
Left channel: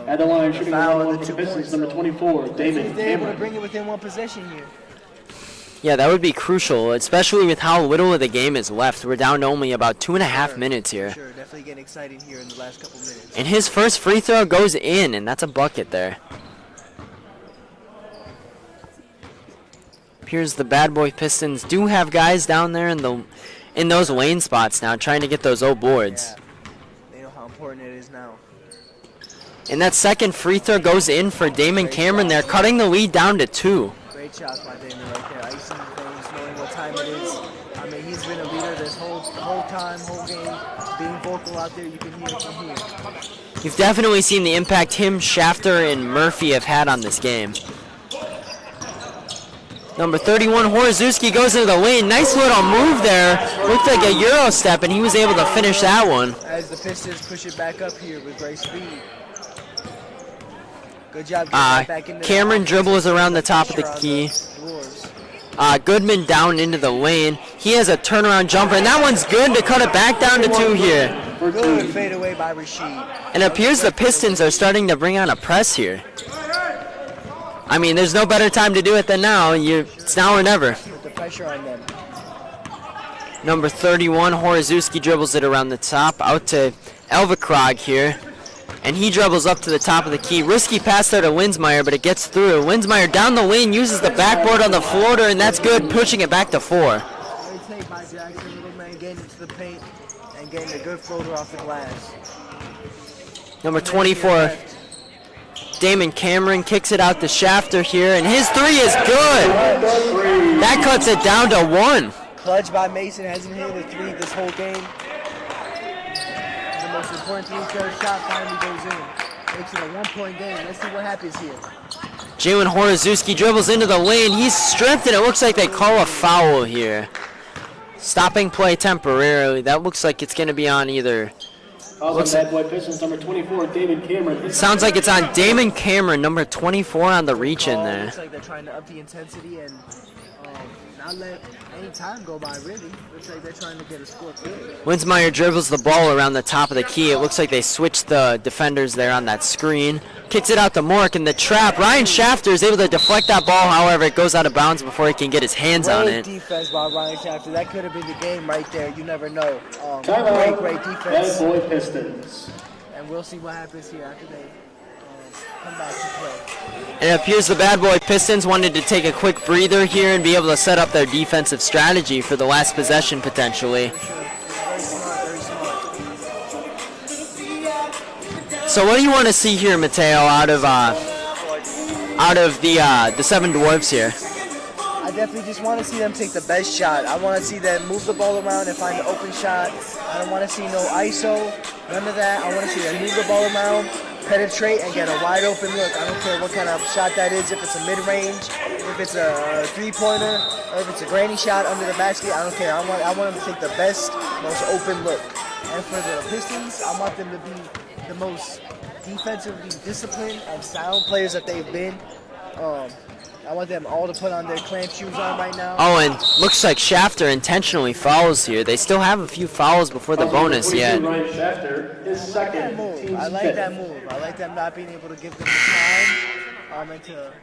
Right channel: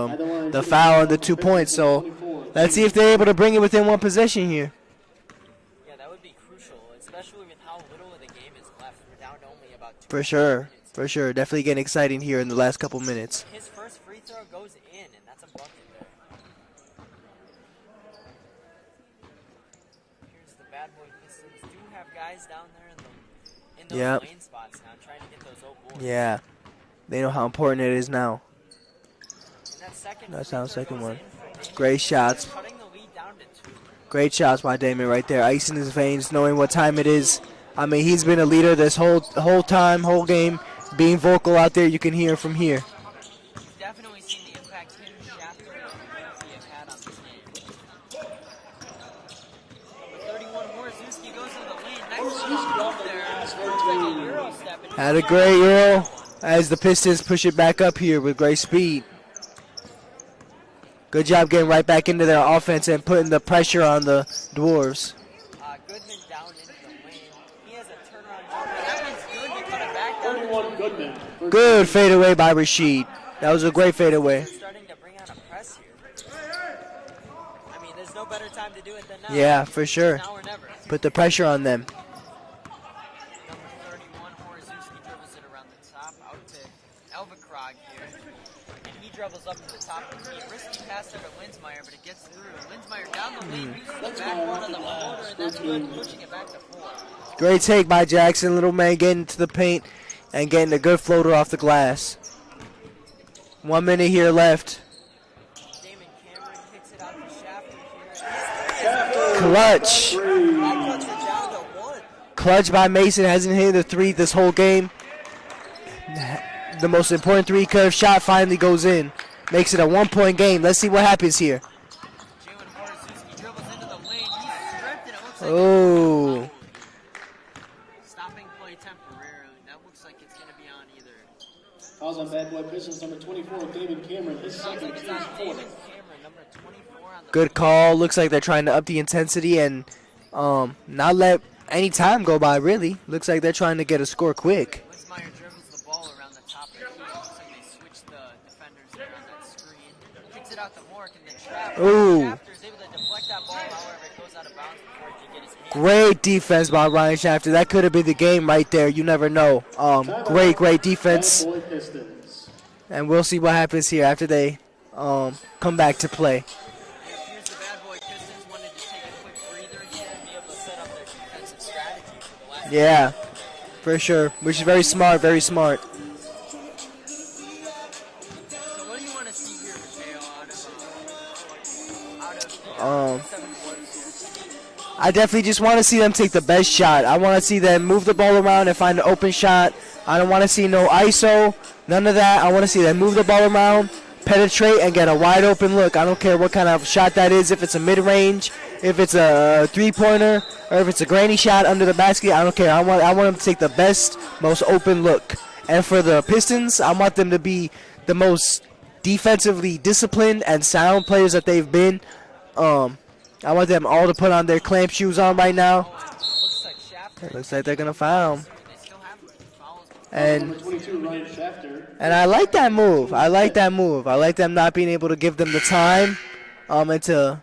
foul and the 2 points. So let's see if they're able to bring it within one possession here. Yeah, that would be crucial, especially with how little of the game is left. We're down to only about 2.5 minutes here. For sure, definitely getting exciting here in the last couple minutes. And his first free throw goes in, and that's a bucket there. Appears the bad boy Pistons do have guys down there in those lane spots now, trying to get those old boards. Yeah, they know how important it is now. And that second free throw goes in for Damon Cameron there, cutting the lead down to 2. Great shots by Damon right there, ice in his veins, knowing what time it is. I mean, he's been a leader this whole game, being vocal out there. You can hear from here. You've definitely seen the impact him, Shafter, and Murphy have had on this game. Number 31, Hortazewski goes into the lane. Nice little move there. Looked like a Euro step, and he was able to finish that one. As the Pistons push it back up here with great speed. Good job getting right back into that Cameron offense. dribbles around the top of the on key. the Dwarves. Goodman down into the lane. He has a turnaround jumper, and that one's good to cut it back down to 2 here. Good fadeaway by Rasheed. And it appears the Pistons are starting to bring on a press here. I mean, there's no better time to do it than now. Yeah, for sure. It's now or never. Put the pressure on them. Number 31, Hortazewski dribbles it around the top, out to Elvikrog here. And he dribbles up to the top of the key. Risky pass there to Winsmeyer, but it gets through. Winsmeyer down the lane, uses the backboard on the floater, and that's good, pushing it back to 4. Great take by Jackson. Little man getting to the paint and getting a good floater off the glass. Number 24 left. Damon Cameron kicks it out to Shafter here, and his 3 is good. Clutch. That cuts it down to 1. Clutch by Mason. Hasn't hit the 3 this whole game. The most important 3 curve shot finally goes in. Makes it a 1-point game. Let's see what happens here. Jalen Hortazewski dribbles into the lane. He's stripped, and it looks like they call a foul here. Stopping play temporarily. That looks like it's going to be on either. Bad boy Pistons, number 24, Damon Cameron. Sounds like it's on Damon Cameron, number 24 on the Good reach. call. Looks like they're trying to up the intensity and not let any time go by, really. Looks like they're trying to get a score quick. Winsmeyer dribbles the ball around the top of the key. It looks like they switched the defenders there on that screen. Kicks it out to Mork in the trap. Ryan Shafter is able to deflect that ball. However, it goes out of bounds before he can get his hands on Great it. defense by Ryan Shafter. That could have been the game right there. You never know. Great defense. Bad Boy Pistons. And we'll see what happens here after they come back to play. And it appears the Bad Boy Pistons wanted to take a quick breather here and be able to set up their defensive strategy for the last possession potentially. For sure, which is very smart, very smart. So what do you want to see here, Mateo, out of the Seven Dwarfs here? I definitely just want to see them take the best shot. I want to see them move the ball around and find an open shot. I don't want to see no ISO, none of that. I want to see them move the ball around, penetrate, and get a wide open look. I don't care what kind of shot that is, if it's a mid-range, if it's a three-pointer, or if it's a granny shot under the basket. I don't care. I want them to take the best, most open look. And for the Pistons, I want them to be the most defensively disciplined and sound players that they've been. I want them all to put on their clamp shoes on right now. Oh, and looks like Shafter intentionally fouls here. They still have a few fouls before the bonus yet. And I like that move. I like that move. I like them not being able to give them the time and to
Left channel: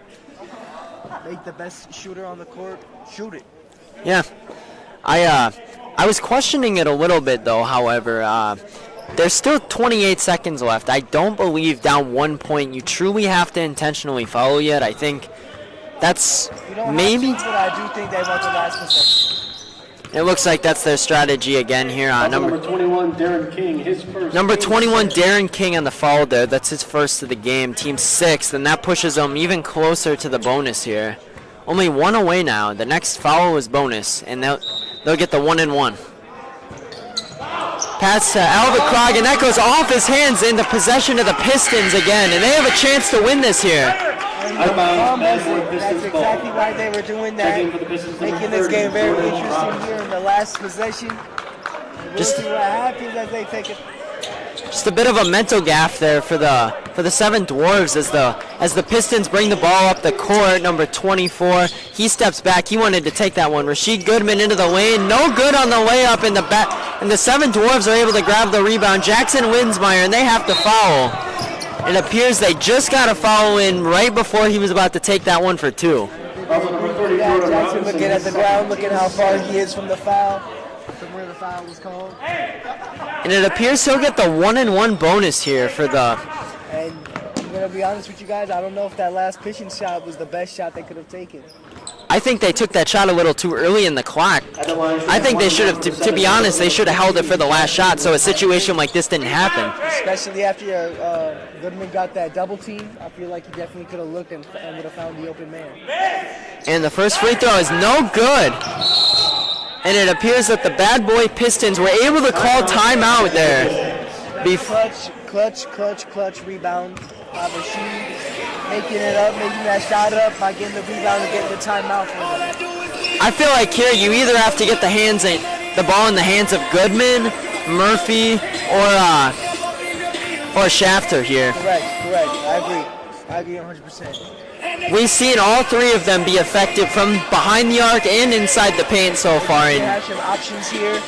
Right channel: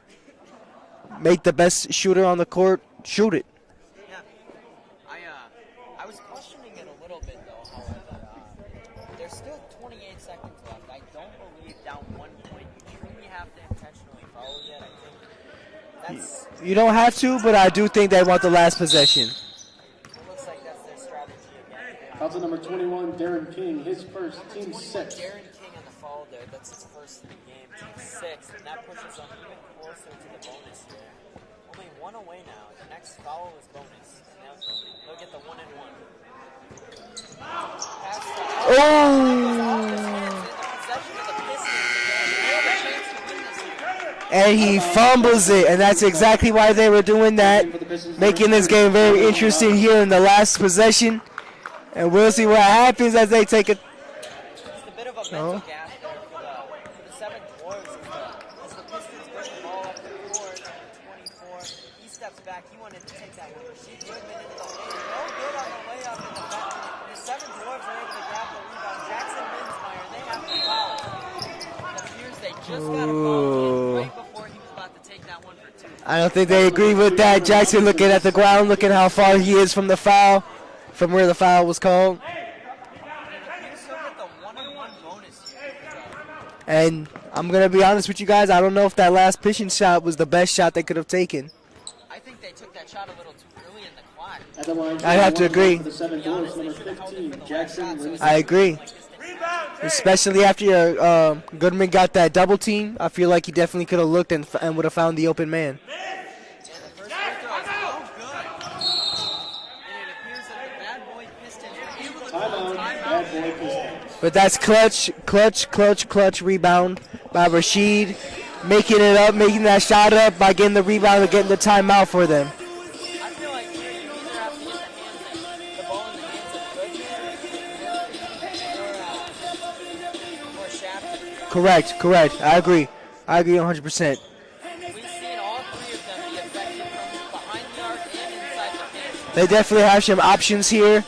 make the best shooter on the court shoot it. Yeah. I was questioning it a little bit, though, however. There's still 28 seconds left. I don't believe down 1 point you truly have to intentionally foul yet. I think that's you don't have to, but I do think they want the last possession. It looks like that's their strategy again here. Number 21, Darren King, his first. Number 21, Darren King on the foul there. That's his first of the game. Team 6th, and that pushes them even closer to the bonus here. Only one away now. The next foul is bonus, and they'll get the 1-and-1. Pass to Alderkrog, and that goes off his hands into possession of the Pistons again, and they have a chance to win this here. And he fumbles it, and that's exactly why they were doing that, making this game very interesting here in the last possession. And we'll see what happens as they take it. Just a bit of a mental gaffe there for the Seven Dwarves as the Pistons bring the ball up the court. Number 24, he steps back. He wanted to take that one. Rashid Goodman into the lane, no good on the layup in the back, and the Seven Dwarves are able to grab the rebound. Jackson Winsmeyer, and they have to foul. It appears they just got a foul in right before he was about to take that one for 2. I don't think they agree with that. Jackson looking at the ground, looking how far he is from the foul, from where the foul was called. And it appears he'll get the 1-and-1 bonus here for the... And I'm going to be honest with you guys, I don't know if that last pitching shot was the best shot they could have taken. I think they took that shot a little too early in the clock. I think they should have, to be honest, they should have held it for the last shot so a situation like this didn't happen. Especially after Goodman got that double team, I feel like he definitely could have looked and would have found the open man. And the first free throw is no good. And it appears that the Bad Boy Pistons were able to call timeout there. But that's clutch rebound by Rashid. Making it up, making that shot up by getting the rebound and getting the timeout for them. I feel like here you either have to get the ball in the hands of Goodman, Murphy, or Shafter here. Correct. I agree 100%. We've seen all three of them be effective from behind the arc and inside the paint so they far. They definitely have some options here.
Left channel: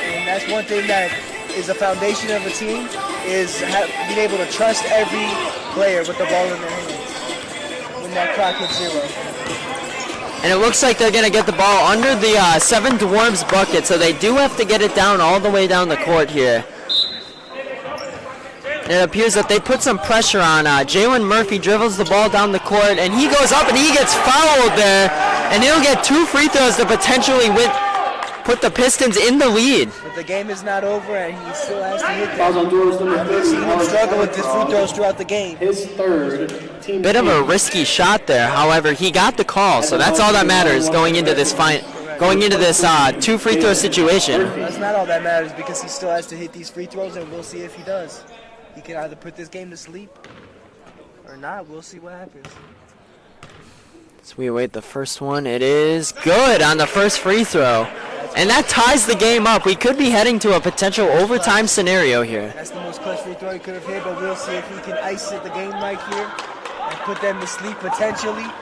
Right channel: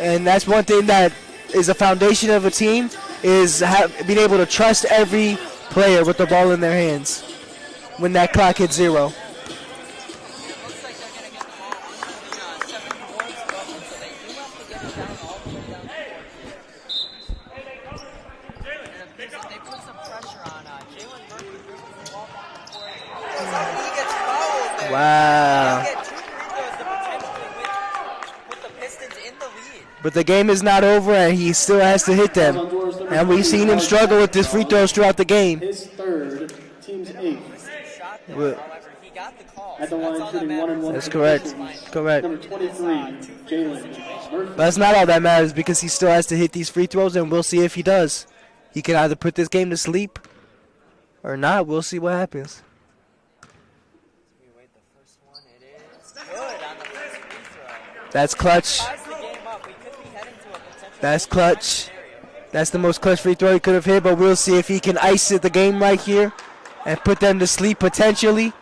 And that's one thing that is a foundation of a team, is being able to trust every player with the ball in their hands when that clock hits 0. And it looks like they're going to get the ball under the Seven Dwarves bucket, so they do have to get it down all the way down the court here. And it appears that they put some pressure on. Jalen Murphy dribbles the ball down the court, and he goes up and he gets fouled there. And he'll get 2 free throws to potentially put the Pistons in the lead. But the game is not over, and he still has to hit them. And we've seen him struggle with his free throws throughout the game. His third. Bit of a risky shot there. However, he got the call, so that's all that matters going into this two free throw situation. That's not all that matters, because he still has to hit these free throws, and we'll see if he does. He can either put this game to sleep or not. We'll see what happens. So we await the first one. It is good on the first free throw. That's clutch. And that ties the game up. We could be heading to a potential overtime scenario here. That's the most clutch free throw he could have hit, but we'll see if he can ice it the game right here and put them to sleep potentially.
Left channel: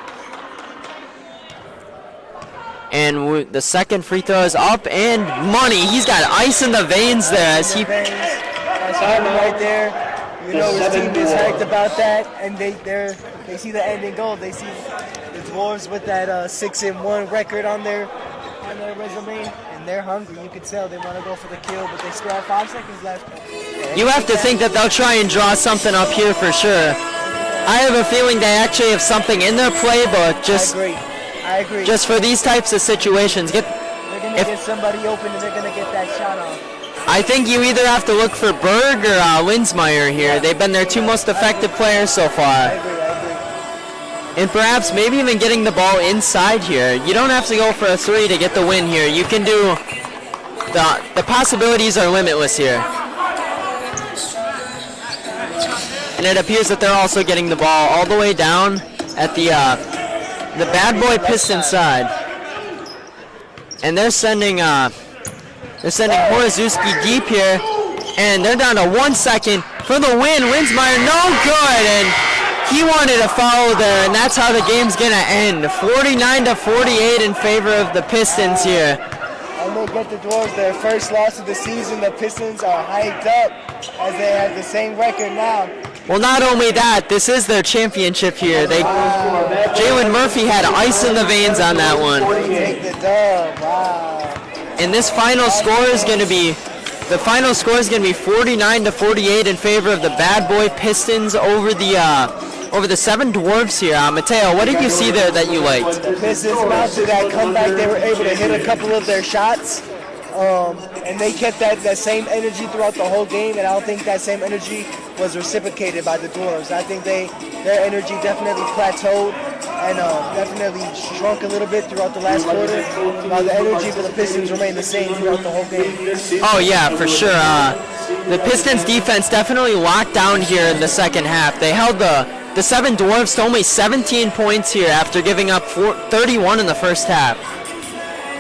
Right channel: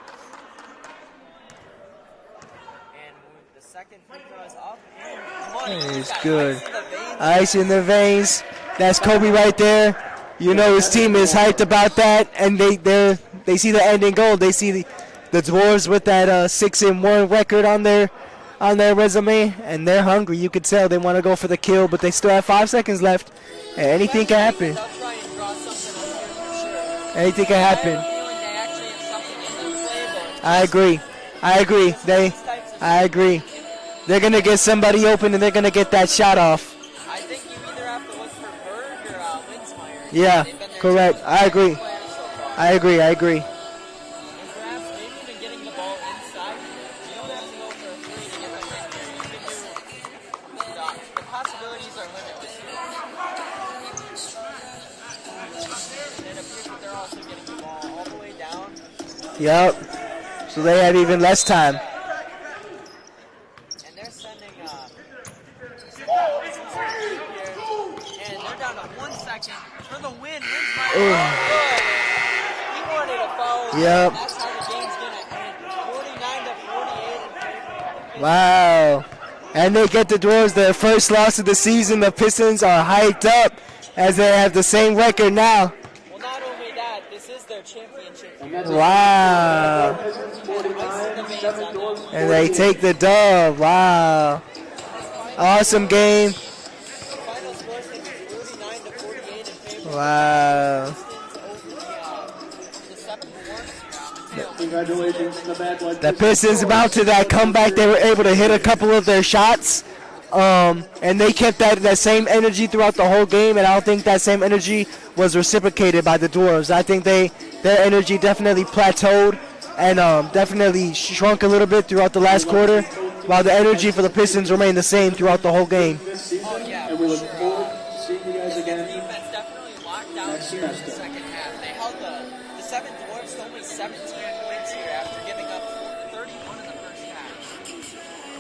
And the second free throw is up and money. He's got ice in the veins there. Ice in the veins. That's Kobe right there. You know his team is hyped about that, and they see the ending goal. They see the Dwarves with that 6-1 record on their resume, and they're hungry. You could tell they want to go for the kill, but they still have 5 seconds left. You have to think that they'll try and draw something up here for sure. Anything can I happen. have a feeling they actually have something in their playbook. I agree. Just for these types of situations. They're going to get somebody open, and they're going to get that shot off. I think you either have to look for Berg or Linsmeyer here. Yeah, They've been their two correct. most effective players so far. I agree. And perhaps maybe even getting the ball inside here. You don't have to go for a three to get the win here. You can do, the possibilities are limitless here. And it appears that they're also getting the ball all the way down at the bad boy Pistons side. And they're sending Morozuski deep here, and they're down to 1 second for the win. Linsmeyer, no good, and he wanted to foul there, and that's how the game's gonna end. 49-48 in favor of the Pistons here. And they get the Dwarves their first loss of the season. The Pistons are hyped up as they have the same record now. Well, not only that, this is their championship here. Jalen Murphy had ice in the veins on that one. They take the dub. Wow. And this final score is going to be, the final score is going to be 49-48 in favor of the Bad Boy Pistons over the Seven Dwarfs here. Mateo, what did you see there that you liked? The Pistons about to that comeback. They were able to hit a couple of their shots. And they kept that same energy throughout the whole game, and I don't think that same energy was reciprocated by the Dwarves. I think their energy definitely plateaued and definitely shrunk a little bit throughout the last quarter, while the energy for the Pistons remained the same throughout the whole game. Oh yeah, for sure. The Pistons defense definitely locked down here in the second half. They held the Seven Dwarfs to only 17 points here after giving up 31 in the first half.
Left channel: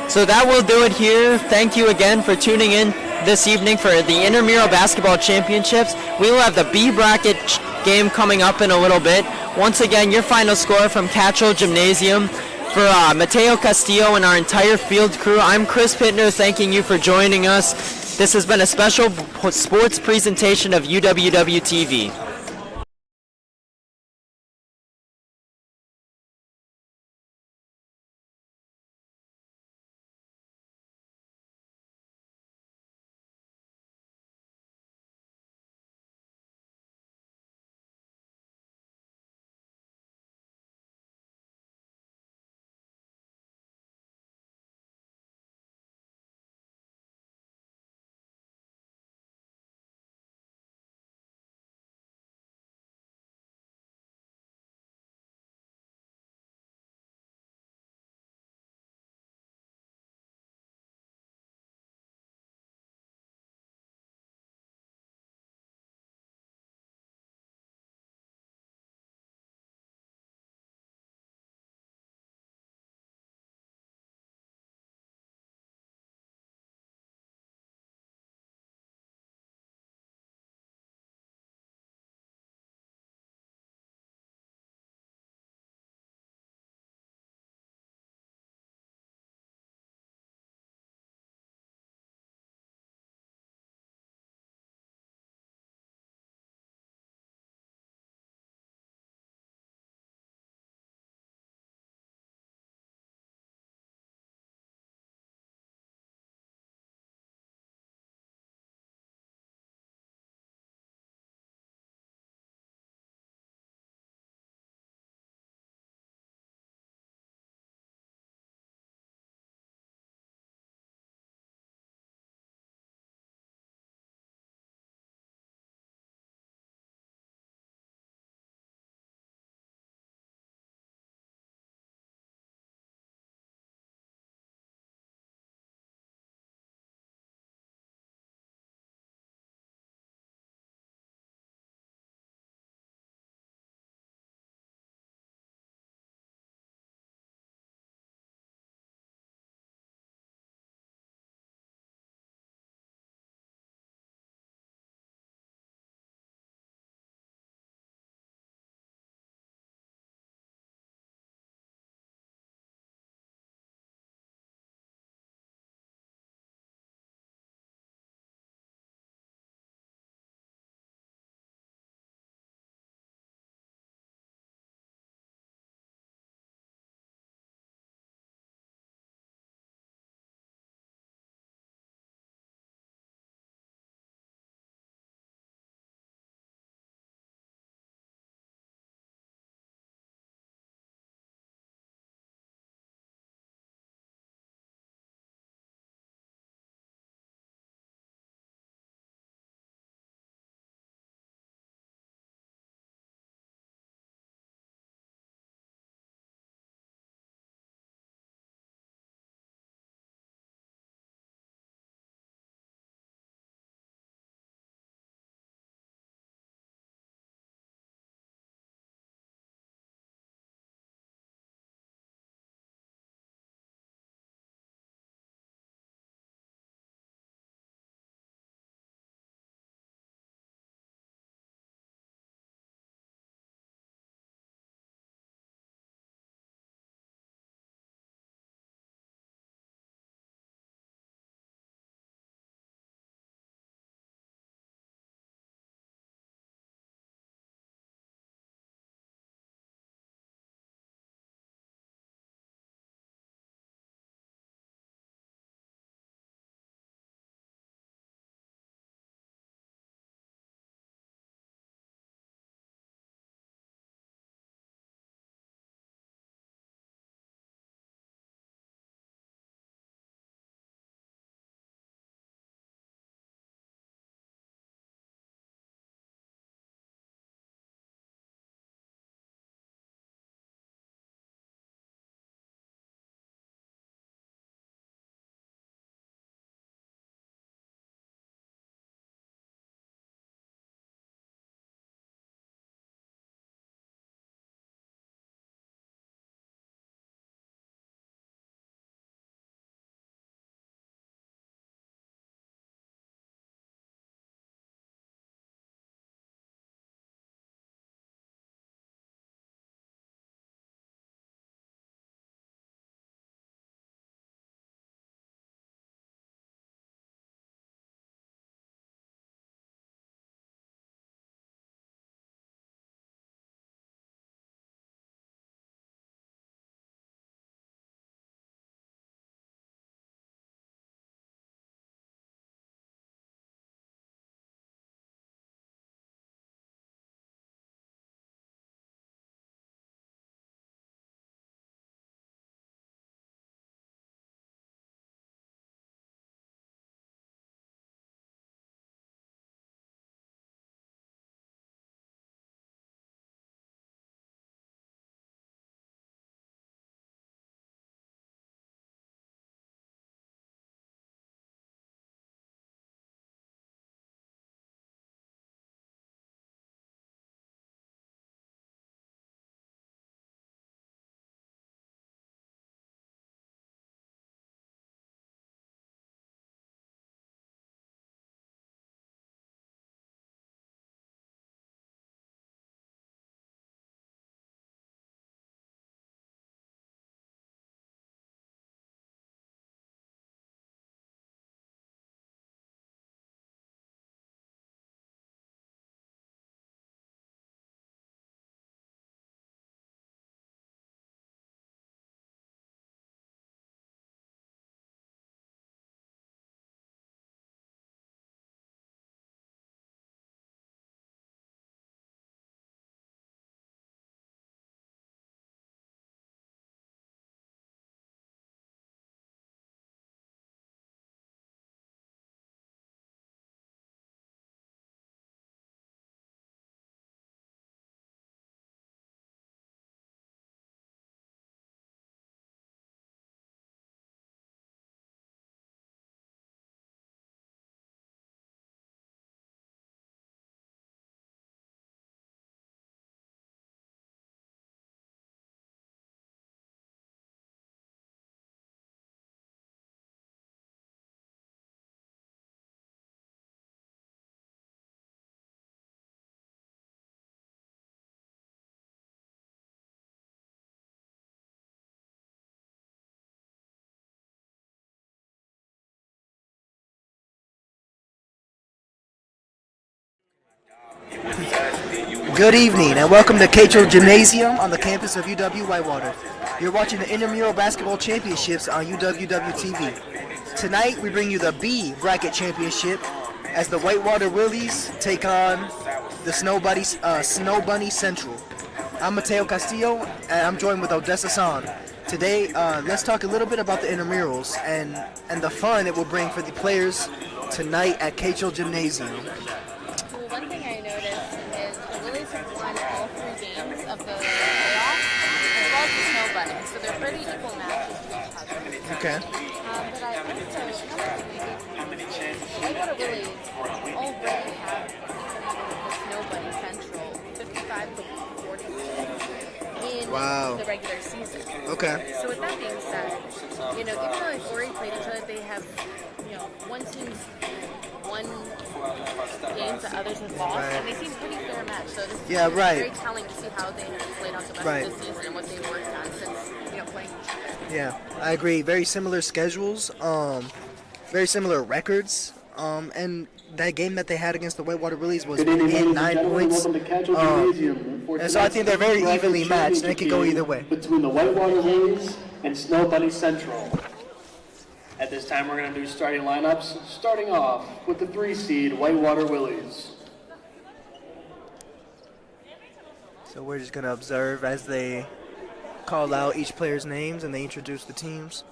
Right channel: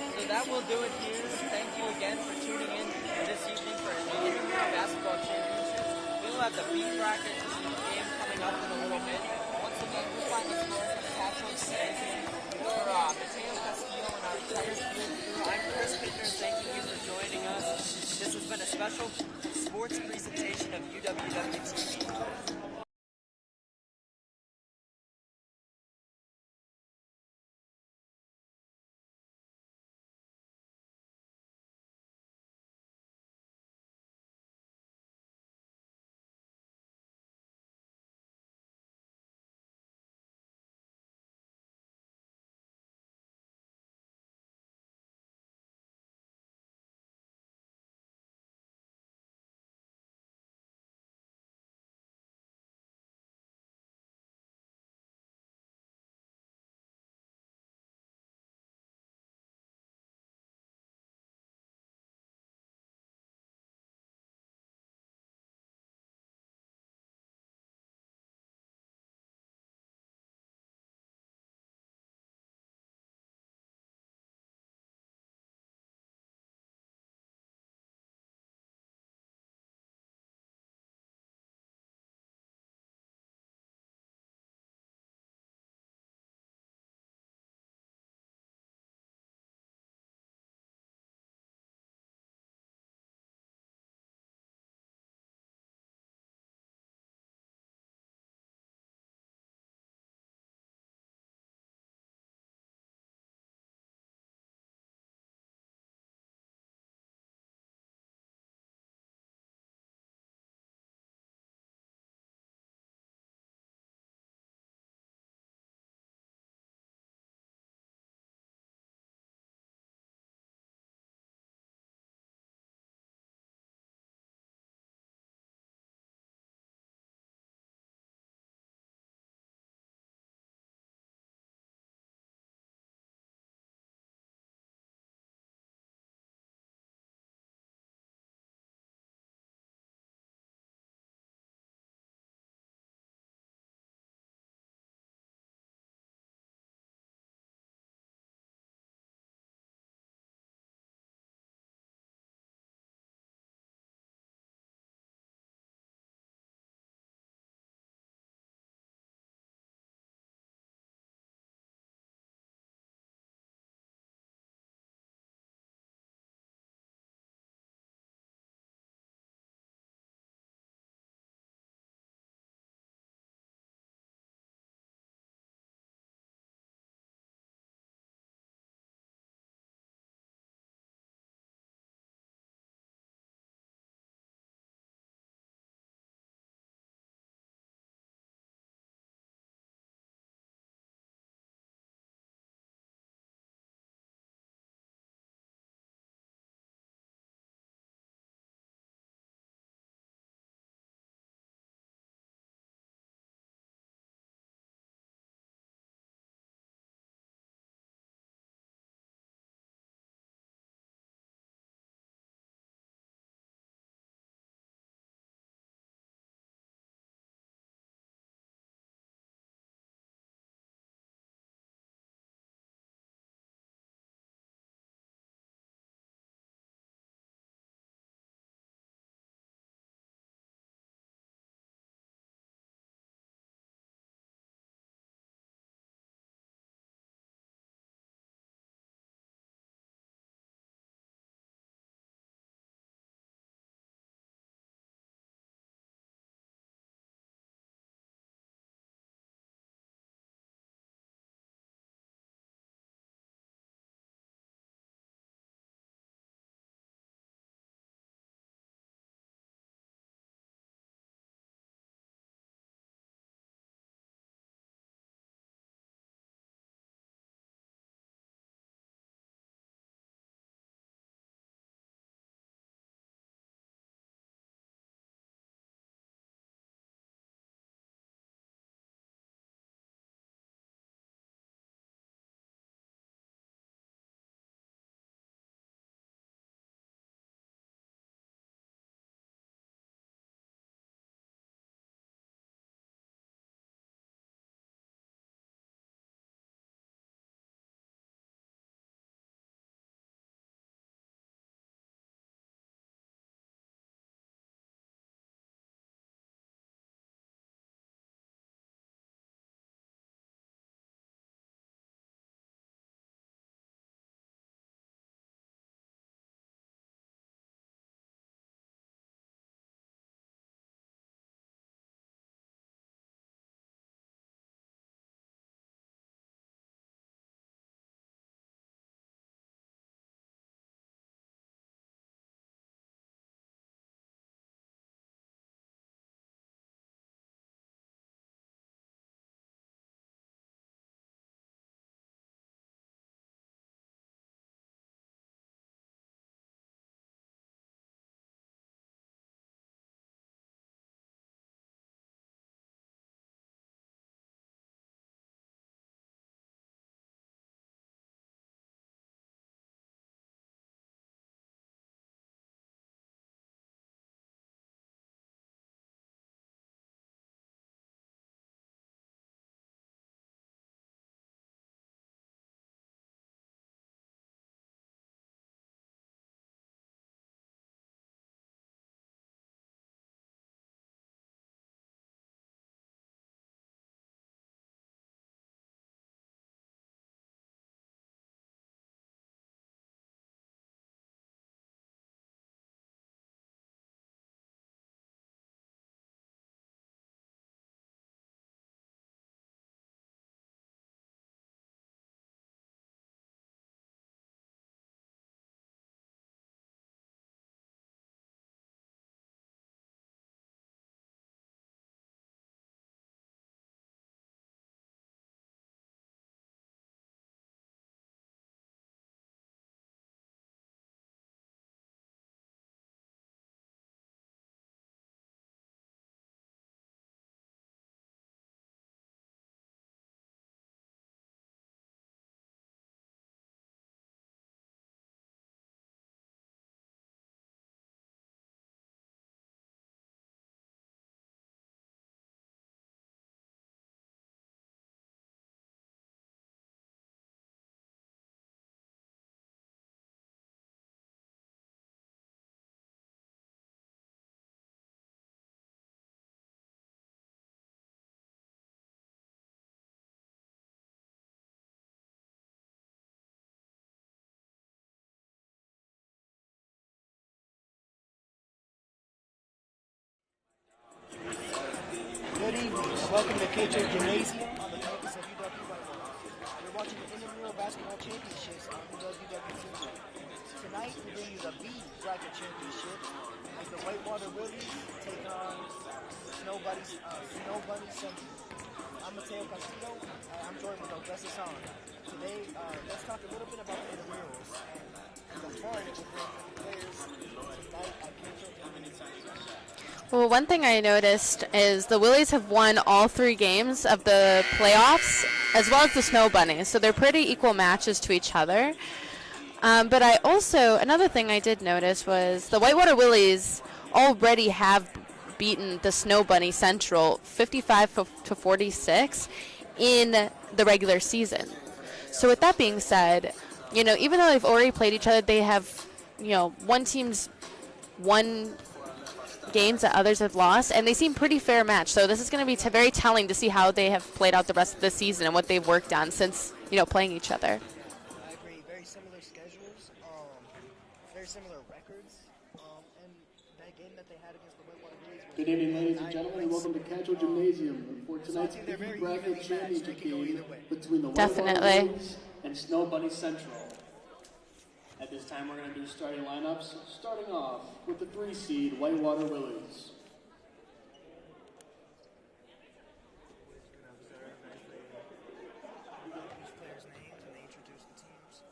So that will do it here. Thank you again for tuning in this evening for the Intramural Basketball Championships. We will have the B bracket game coming up in a little bit. Once again, your final score from Cattrall Gymnasium. For Mateo Castillo and our entire field crew, I'm Chris Pittner, thanking you for joining us. This has been a special sports presentation of UWW TV. Good evening and welcome to Cato Gymnasium on the campus of UW-Whitewater. You're watching the Intramural Basketball Championships on UWW-TV. Tonight we bring you the B Bracket Championship as the Whitewater Willies take on the Snow Bunny Central. I'm Mateo Castillo and I'm joined with Odessa San. Today, let's talk a little bit about the intramurals and the fun it will bring for the players tonight at Cato Gymnasium. Well, one thing I noticed is the Willies have won all 3 games of the playoffs, as well as the Snow Bunnies, so they're pretty equal matches to each other. Okay. But another thing I did notice was the Whitewater Willies already have beaten the Snow Bunny Central 55-46 in the regular season. Okay. So with that being said, even though they've already played each other, they have, one team's won games that others have lost, and they seem pretty fair match. So this is going to be very telling to see how they have played out the rest of the season and what they've worked on since playing each other. Yeah, I agree. Very similar schedules, very similar records, and that game that they had against the Whitewater Willies was in 9 points. And so I think they're very evenly matched, and it could go either way. Between the Whitewater Willies and Snow Bunny Central. At this time, we're going to do starting lineups, starting off with the 3 seed Whitewater Willies. So we're just going to observe as they call out each player's names and they introduce the teams.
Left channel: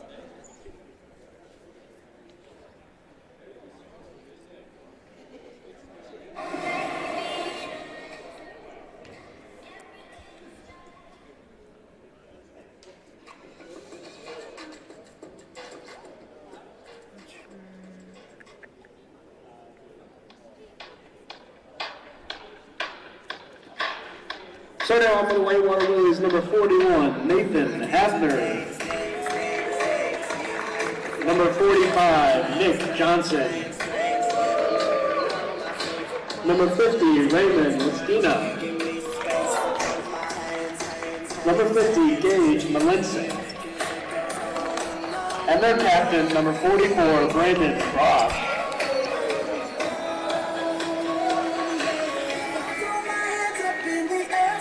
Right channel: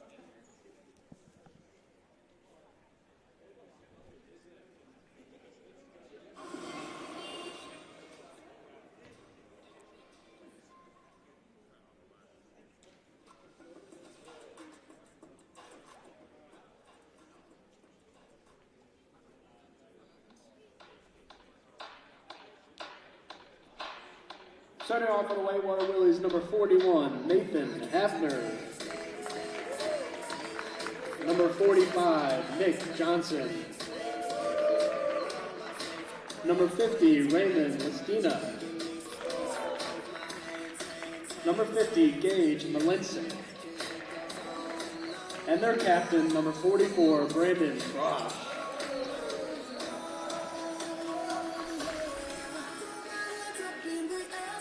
Starting off for the Whitewater Willies, number 41, Nathan Hafner. Number 45, Nick Johnson. Number 50, Raymond Listina. Number 50, Gage Malinsik. And their captain, number 44, Brandon Frost.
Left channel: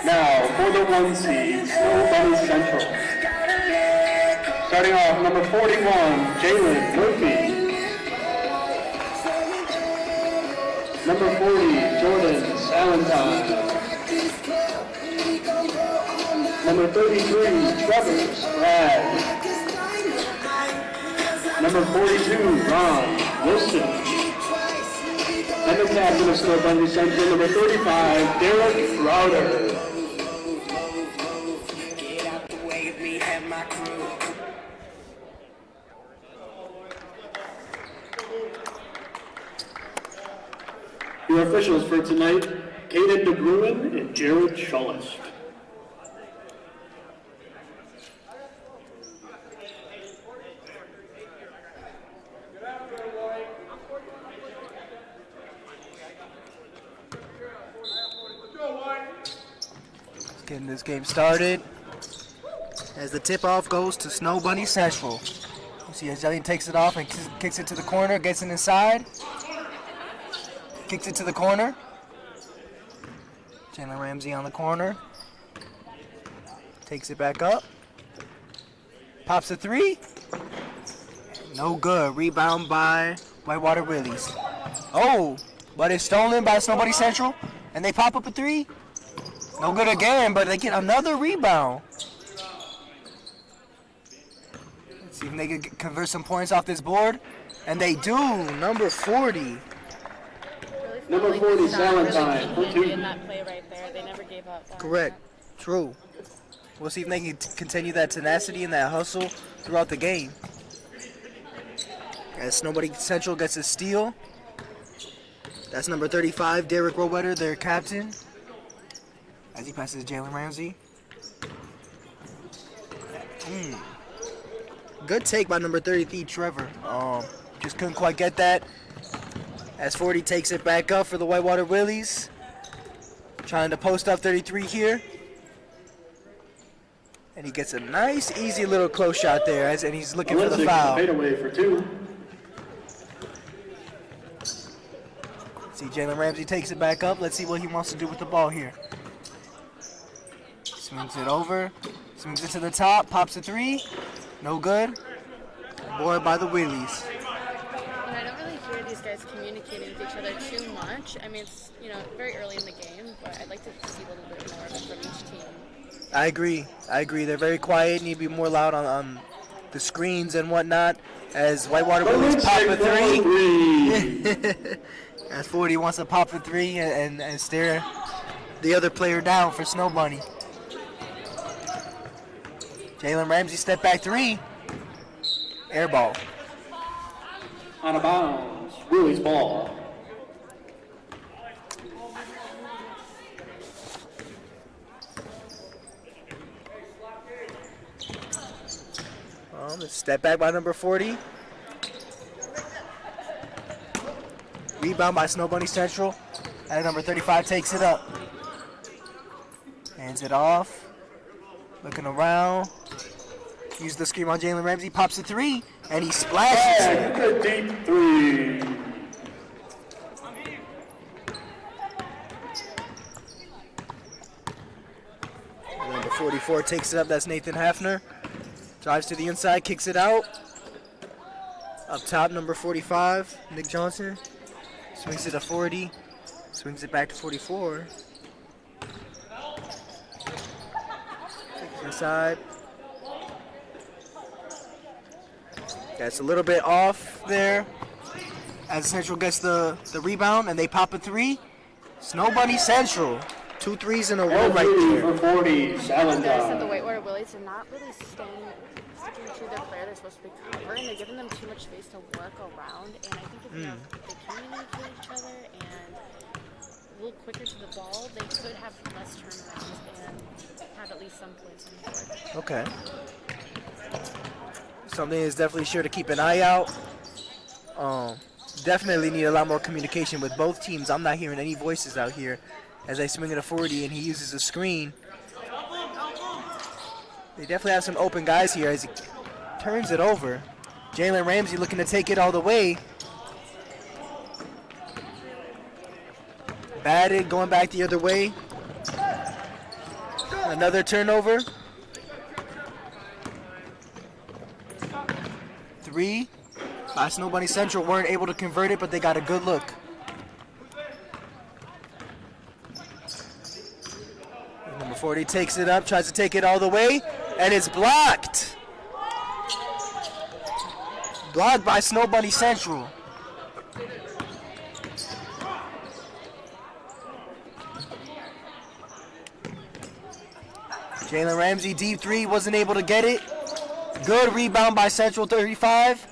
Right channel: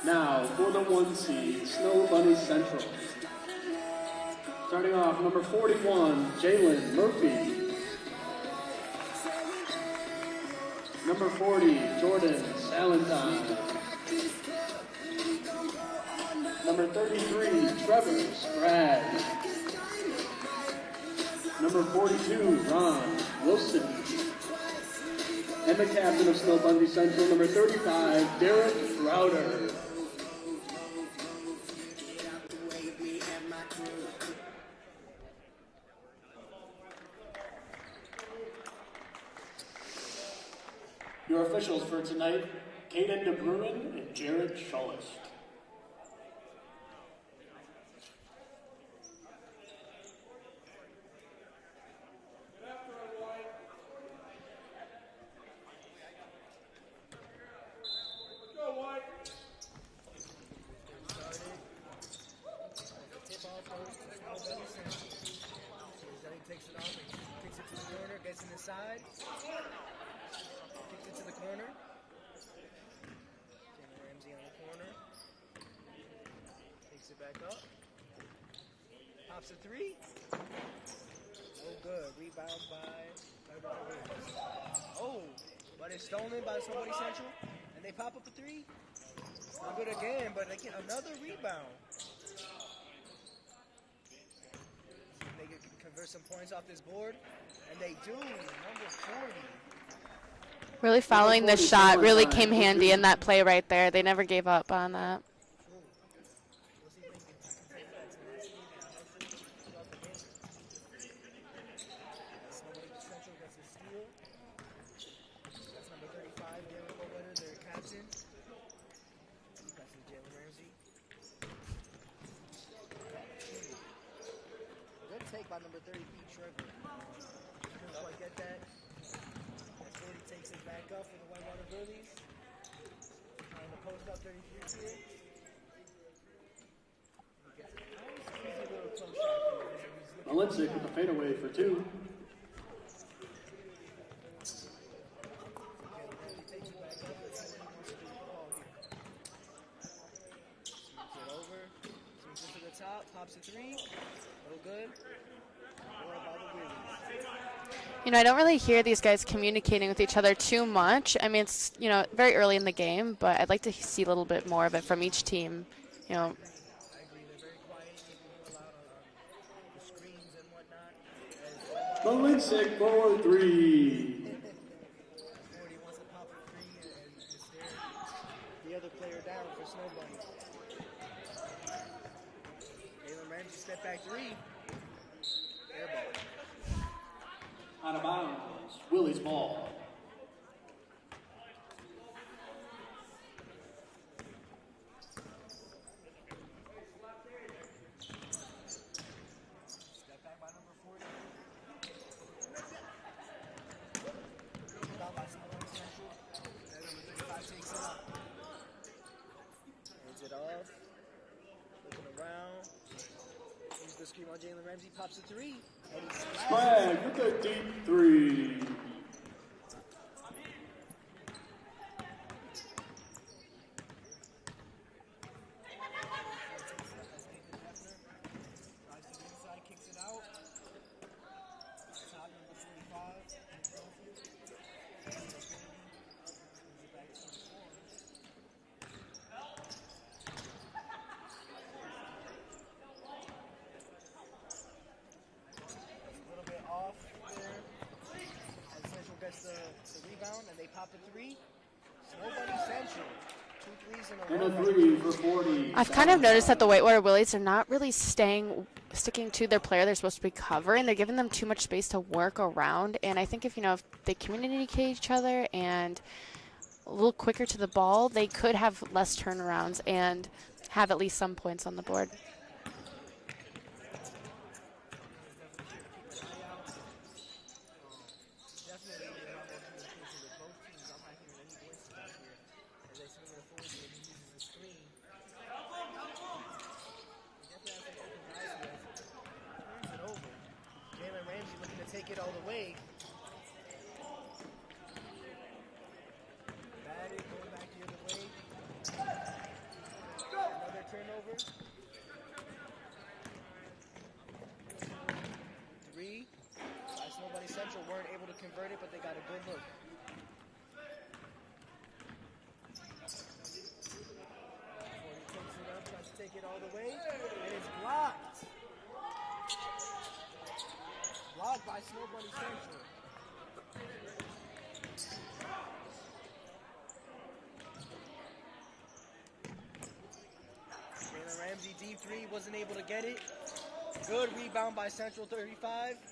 Now, for the 1 seed, Snow Bunny Central. Starting off, number 41, Jalen Murphy. Number 40, Jordan Salentine. Number 33, Trevor Sprague. Number 42, Ron Wilson. And the captain of Snow Bunny Central, number 35, Derek Crowder. Your officials for tonight, Caden DeBruin and Jared Schullis. Getting this game started as the tip-off goes to Snow Bunny Central. You see as Jelly takes it off and kicks it to the corner, gets it inside. Kicks it to the corner. Jalen Ramsey on the corner. Takes it back up. Pops a 3. No good. Rebound by Whitewater Willies. Oh, but it's stolen by Snow Bunny Central. And they pop up a 3. No good again, but they get another rebound. Let's see if they can convert some points off this board. And they do. Number 40. Really following this shot really came handy in that play right there. They never gave up on that. True. We'll see if they can continue that tenacity and that hustle throughout the game. As Snow Bunny Central gets a steal. That's number 35, Derek Rowetter, their captain. As he passes Jalen Ramsey. Good take by number 33, Trevor. Just couldn't quite get that. As 40 takes it back up for the Whitewater Willies. Trying to post up 33 here. And he gets a nice, easy little close shot there, and he's looking for the foul. Fadeaway for 2. See, Jalen Ramsey takes it back up. Let's see what he wants to do with the ball here. Swings it over. Swings it to the top. Pops a three. No good. Boy by the Willies. You know, I don't really hear these guys communicating with each other too much. I mean, it's, you know, very early in the game, but I'd like to see a little bit more of it from each team. You know? I agree. They're very quiet. Need to be more loud on the screens and whatnot. As Whitewater Willies pop a three. As 40 wants to pop a three and stare the other player down for Snow Bunny. Jalen Ramsey step back three. Air ball. Out of bounds, Willie's ball. Step back by number 40. Rebound by Snow Bunny Central. And number 35 takes it up. Hands it off. Looking around. Uses the screen on Jalen Ramsey. Pops a three. And he splashes. A deep three. Number 44 takes it up. That's Nathan Hafner. Drives to the inside, kicks it out. Up top, number 45, Nick Johnson. Swings it to 40. Swings it back to 44. Takes it inside. That's a little bit off there. As Central gets the rebound and they pop a three. Snow Bunny Central. 2 threes in a row right there. I've kind of noticed that the Whitewater Willies are not really sticking to their player they're supposed to be covering. They're giving them too much space to work around, and I think if if they communicate each other and a little quicker to the ball, they could have less turnarounds and have at least some points on the board. Okay. Something is definitely sure to keep an eye out. Definitely need a lot more communication with both teams. I'm not hearing any voices out here as they swing it a 40 and he uses a screen. They definitely have some open guys here as he turns it over. Jalen Ramsey looking to take it all the way. Batted, going back the other way. Another turnover. 3 by Snow Bunny Central. Weren't able to convert it, but they got a good look. And number 40 takes it up, tries to take it all the way, and it's blocked. Blocked by Snow Bunny Central. Jalen Ramsey, deep three, wasn't able to get it. Good rebound by Central 35.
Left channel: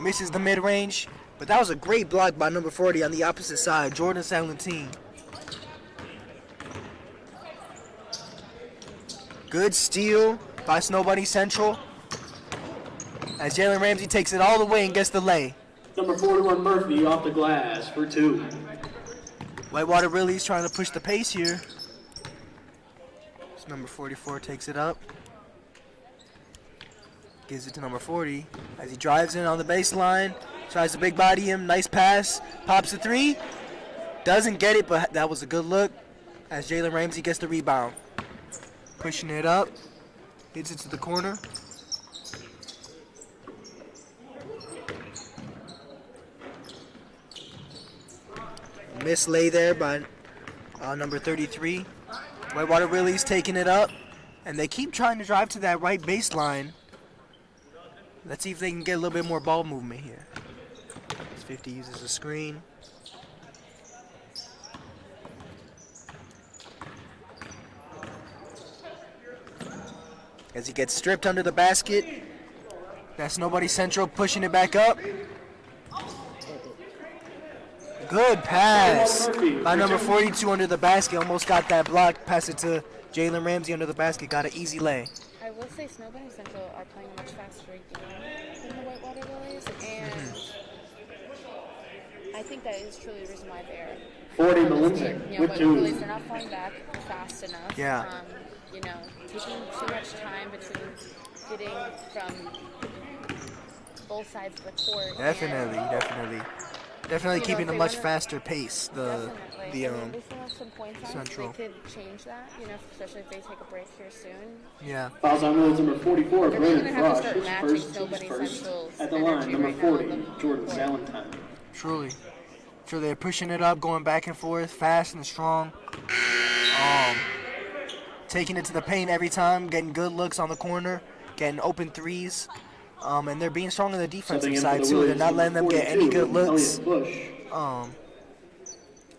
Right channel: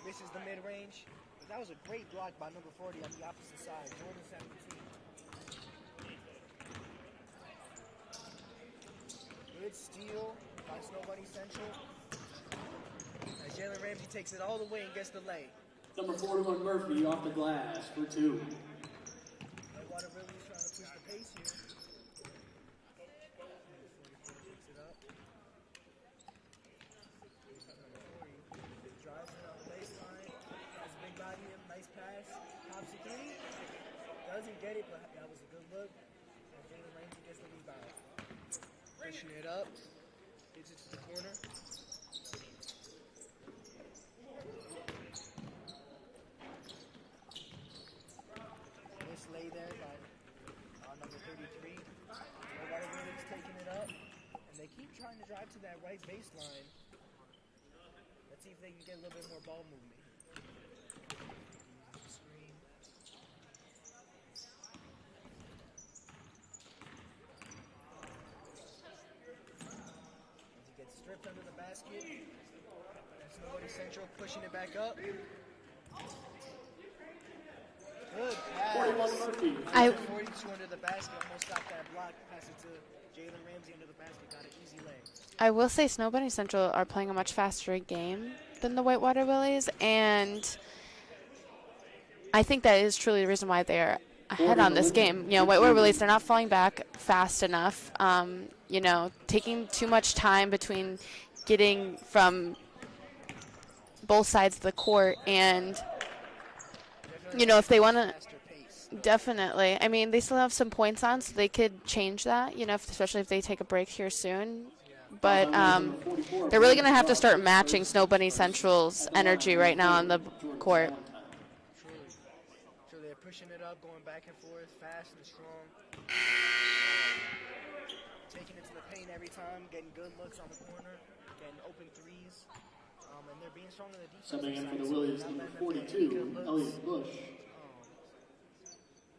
Misses the mid-range, but that was a great block by number 40 on the opposite side, Jordan Salentine. Good steal by Snow Bunny Central as Jalen Ramsey takes it all the way and gets the lay. Number 41 Murphy off the glass for 2. Whitewater really is trying to push the pace here. So number 44 takes it up. Gives it to number 40 as he drives in on the baseline. Tries to big body him. Nice pass. Pops a three. Doesn't get it, but that was a good look as Jalen Ramsey gets the rebound. Pushing it up. Hits it to the corner. Miss lay there by number 33. Whitewater Willie's taking it up, and they keep trying to drive to that right baseline. Let's see if they can get a little bit more ball movement here. 50 uses a screen. As he gets stripped under the basket. That's Snow Bunny Central pushing it back up. Good pass by number 42 under the basket. Almost got that block. Pass it to Jalen Ramsey under the basket. Got an easy lay. I will say Snow Bunny Central are playing a much faster game than the Whitewater Willies, and I think that is truly the reason why they're ahead on this game. You know, Whitewater Willies, they're not falling back fast enough. Yeah. You know, taking too much time between getting from both sides of the court. Definitely. Definitely you know, keeping if they a much want to. faster pace. Definitely. I mean, they still have some points on, so they Central. could change that, you know, especially if they take a break here soon. Yeah. But Fouls on rules number 44, they're really going to Brandon have to Rush, start his matching first, Snow team's Bunny first. Central's At the line, energy number right now on 40, the Jordan court. Valentine. Truly. Sure, they're pushing it up, going back and forth, fast and strong. Taking it to the paint every time, getting good looks on the corner, getting open threes. And they're being strong on the defensive Subbing in for side the too. They're Willies, not letting them get any 42, good looks. Elliot Bush.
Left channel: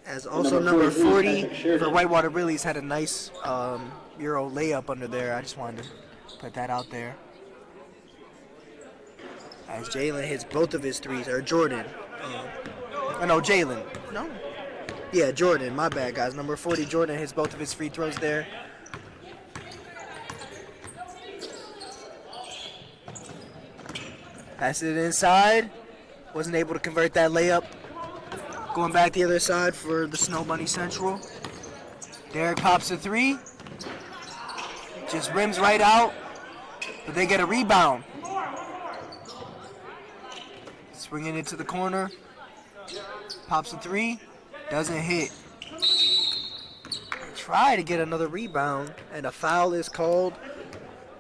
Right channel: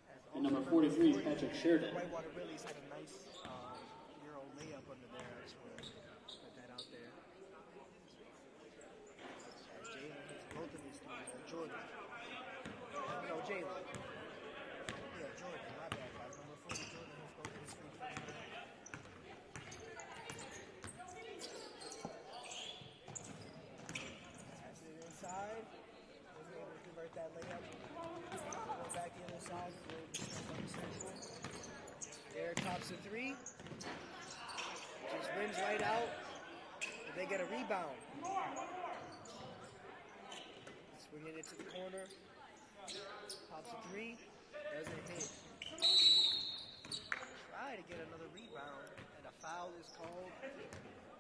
As And also number number 43, 40 Patrick Sheridan. for Whitewater Willys had a nice Euro layup under there. I just wanted to put that out there. As Jalen hits both of his threes, or Jordan. No, Jalen. No. Yeah, Jordan. My bad, guys. Number 40, Jordan hits both of his free throws there. Passed it inside. Wasn't able to convert that layup. Going back the other side for the Snow Bunny Central. Derek pops a three. Just rims right out. But they get a rebound. Swinging it to the corner. Pops a three. Doesn't hit. Try to get another rebound. And a foul is called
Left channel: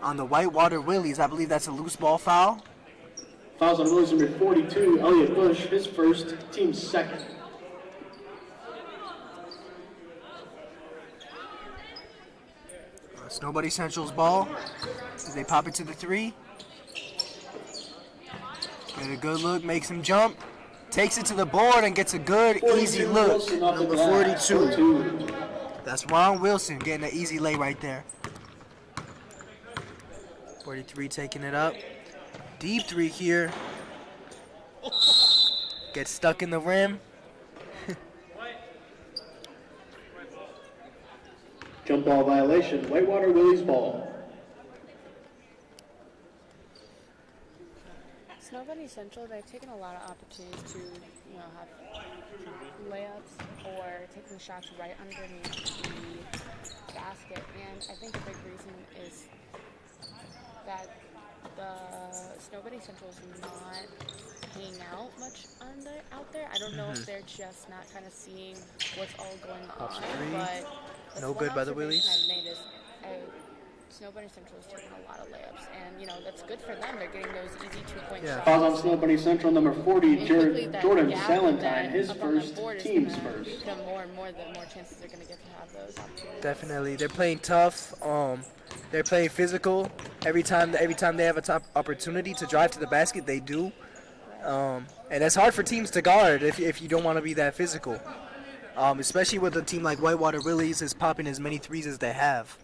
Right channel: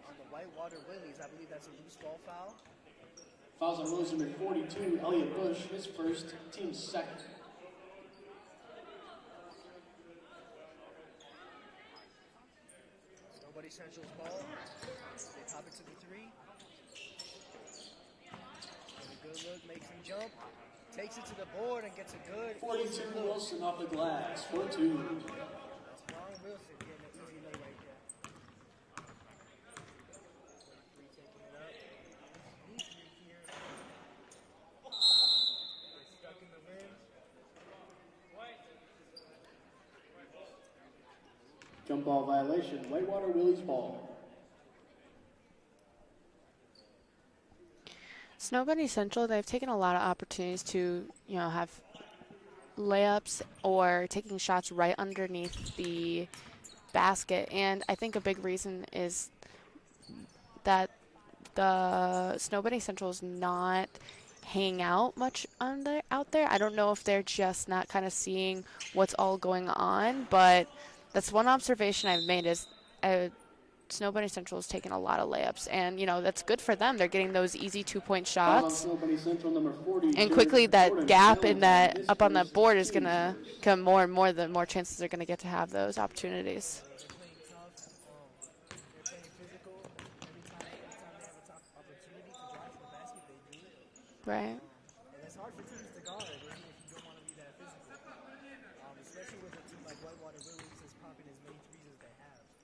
on the Whitewater Willys. I believe that's a loose ball foul. Fouls on rules number 42, Elliot Bush, his first, team's second. It's Nobody Central's ball as they pop it to the three. Get a good look, makes him jump. Takes it to the board and gets a good, easy 42, look. Wilson off the Number glass, 42. That's Ron Wilson getting an easy lay right there. 43 taking it up. Deep three here. Gets stuck in the rim. Jump ball violation, Whitewater Willys ball. Snow Bunny Central, they've taken a lot of opportunities to, you know, have layups or taking shots right underneath the basket. And I think a big reason is that the Snow Bunny Central is not hanging out much out there. I don't know if they're just not kind of seeing what's all going on, but that's No one good by the observation Willies. I've made is Snow Bunny Central is taking a lot of layups, and you know that's good for them. They're getting those easy 2-point Fouls on shots, Snow Bunny Central, number 40, and quickly that Jordan gap in Valentine, that his up on that first, board is team's gonna first. become more and more. The more chances they're gonna get to have those opportunities. Definitely, they're playing tough. They're playing physical. Every time they have a top opportunity to drive to the basket, they do. Right. And it's hard for teams to guard if you don't want to be that physical. Especially with a team like Whitewater Willys is popping as many threes as they have.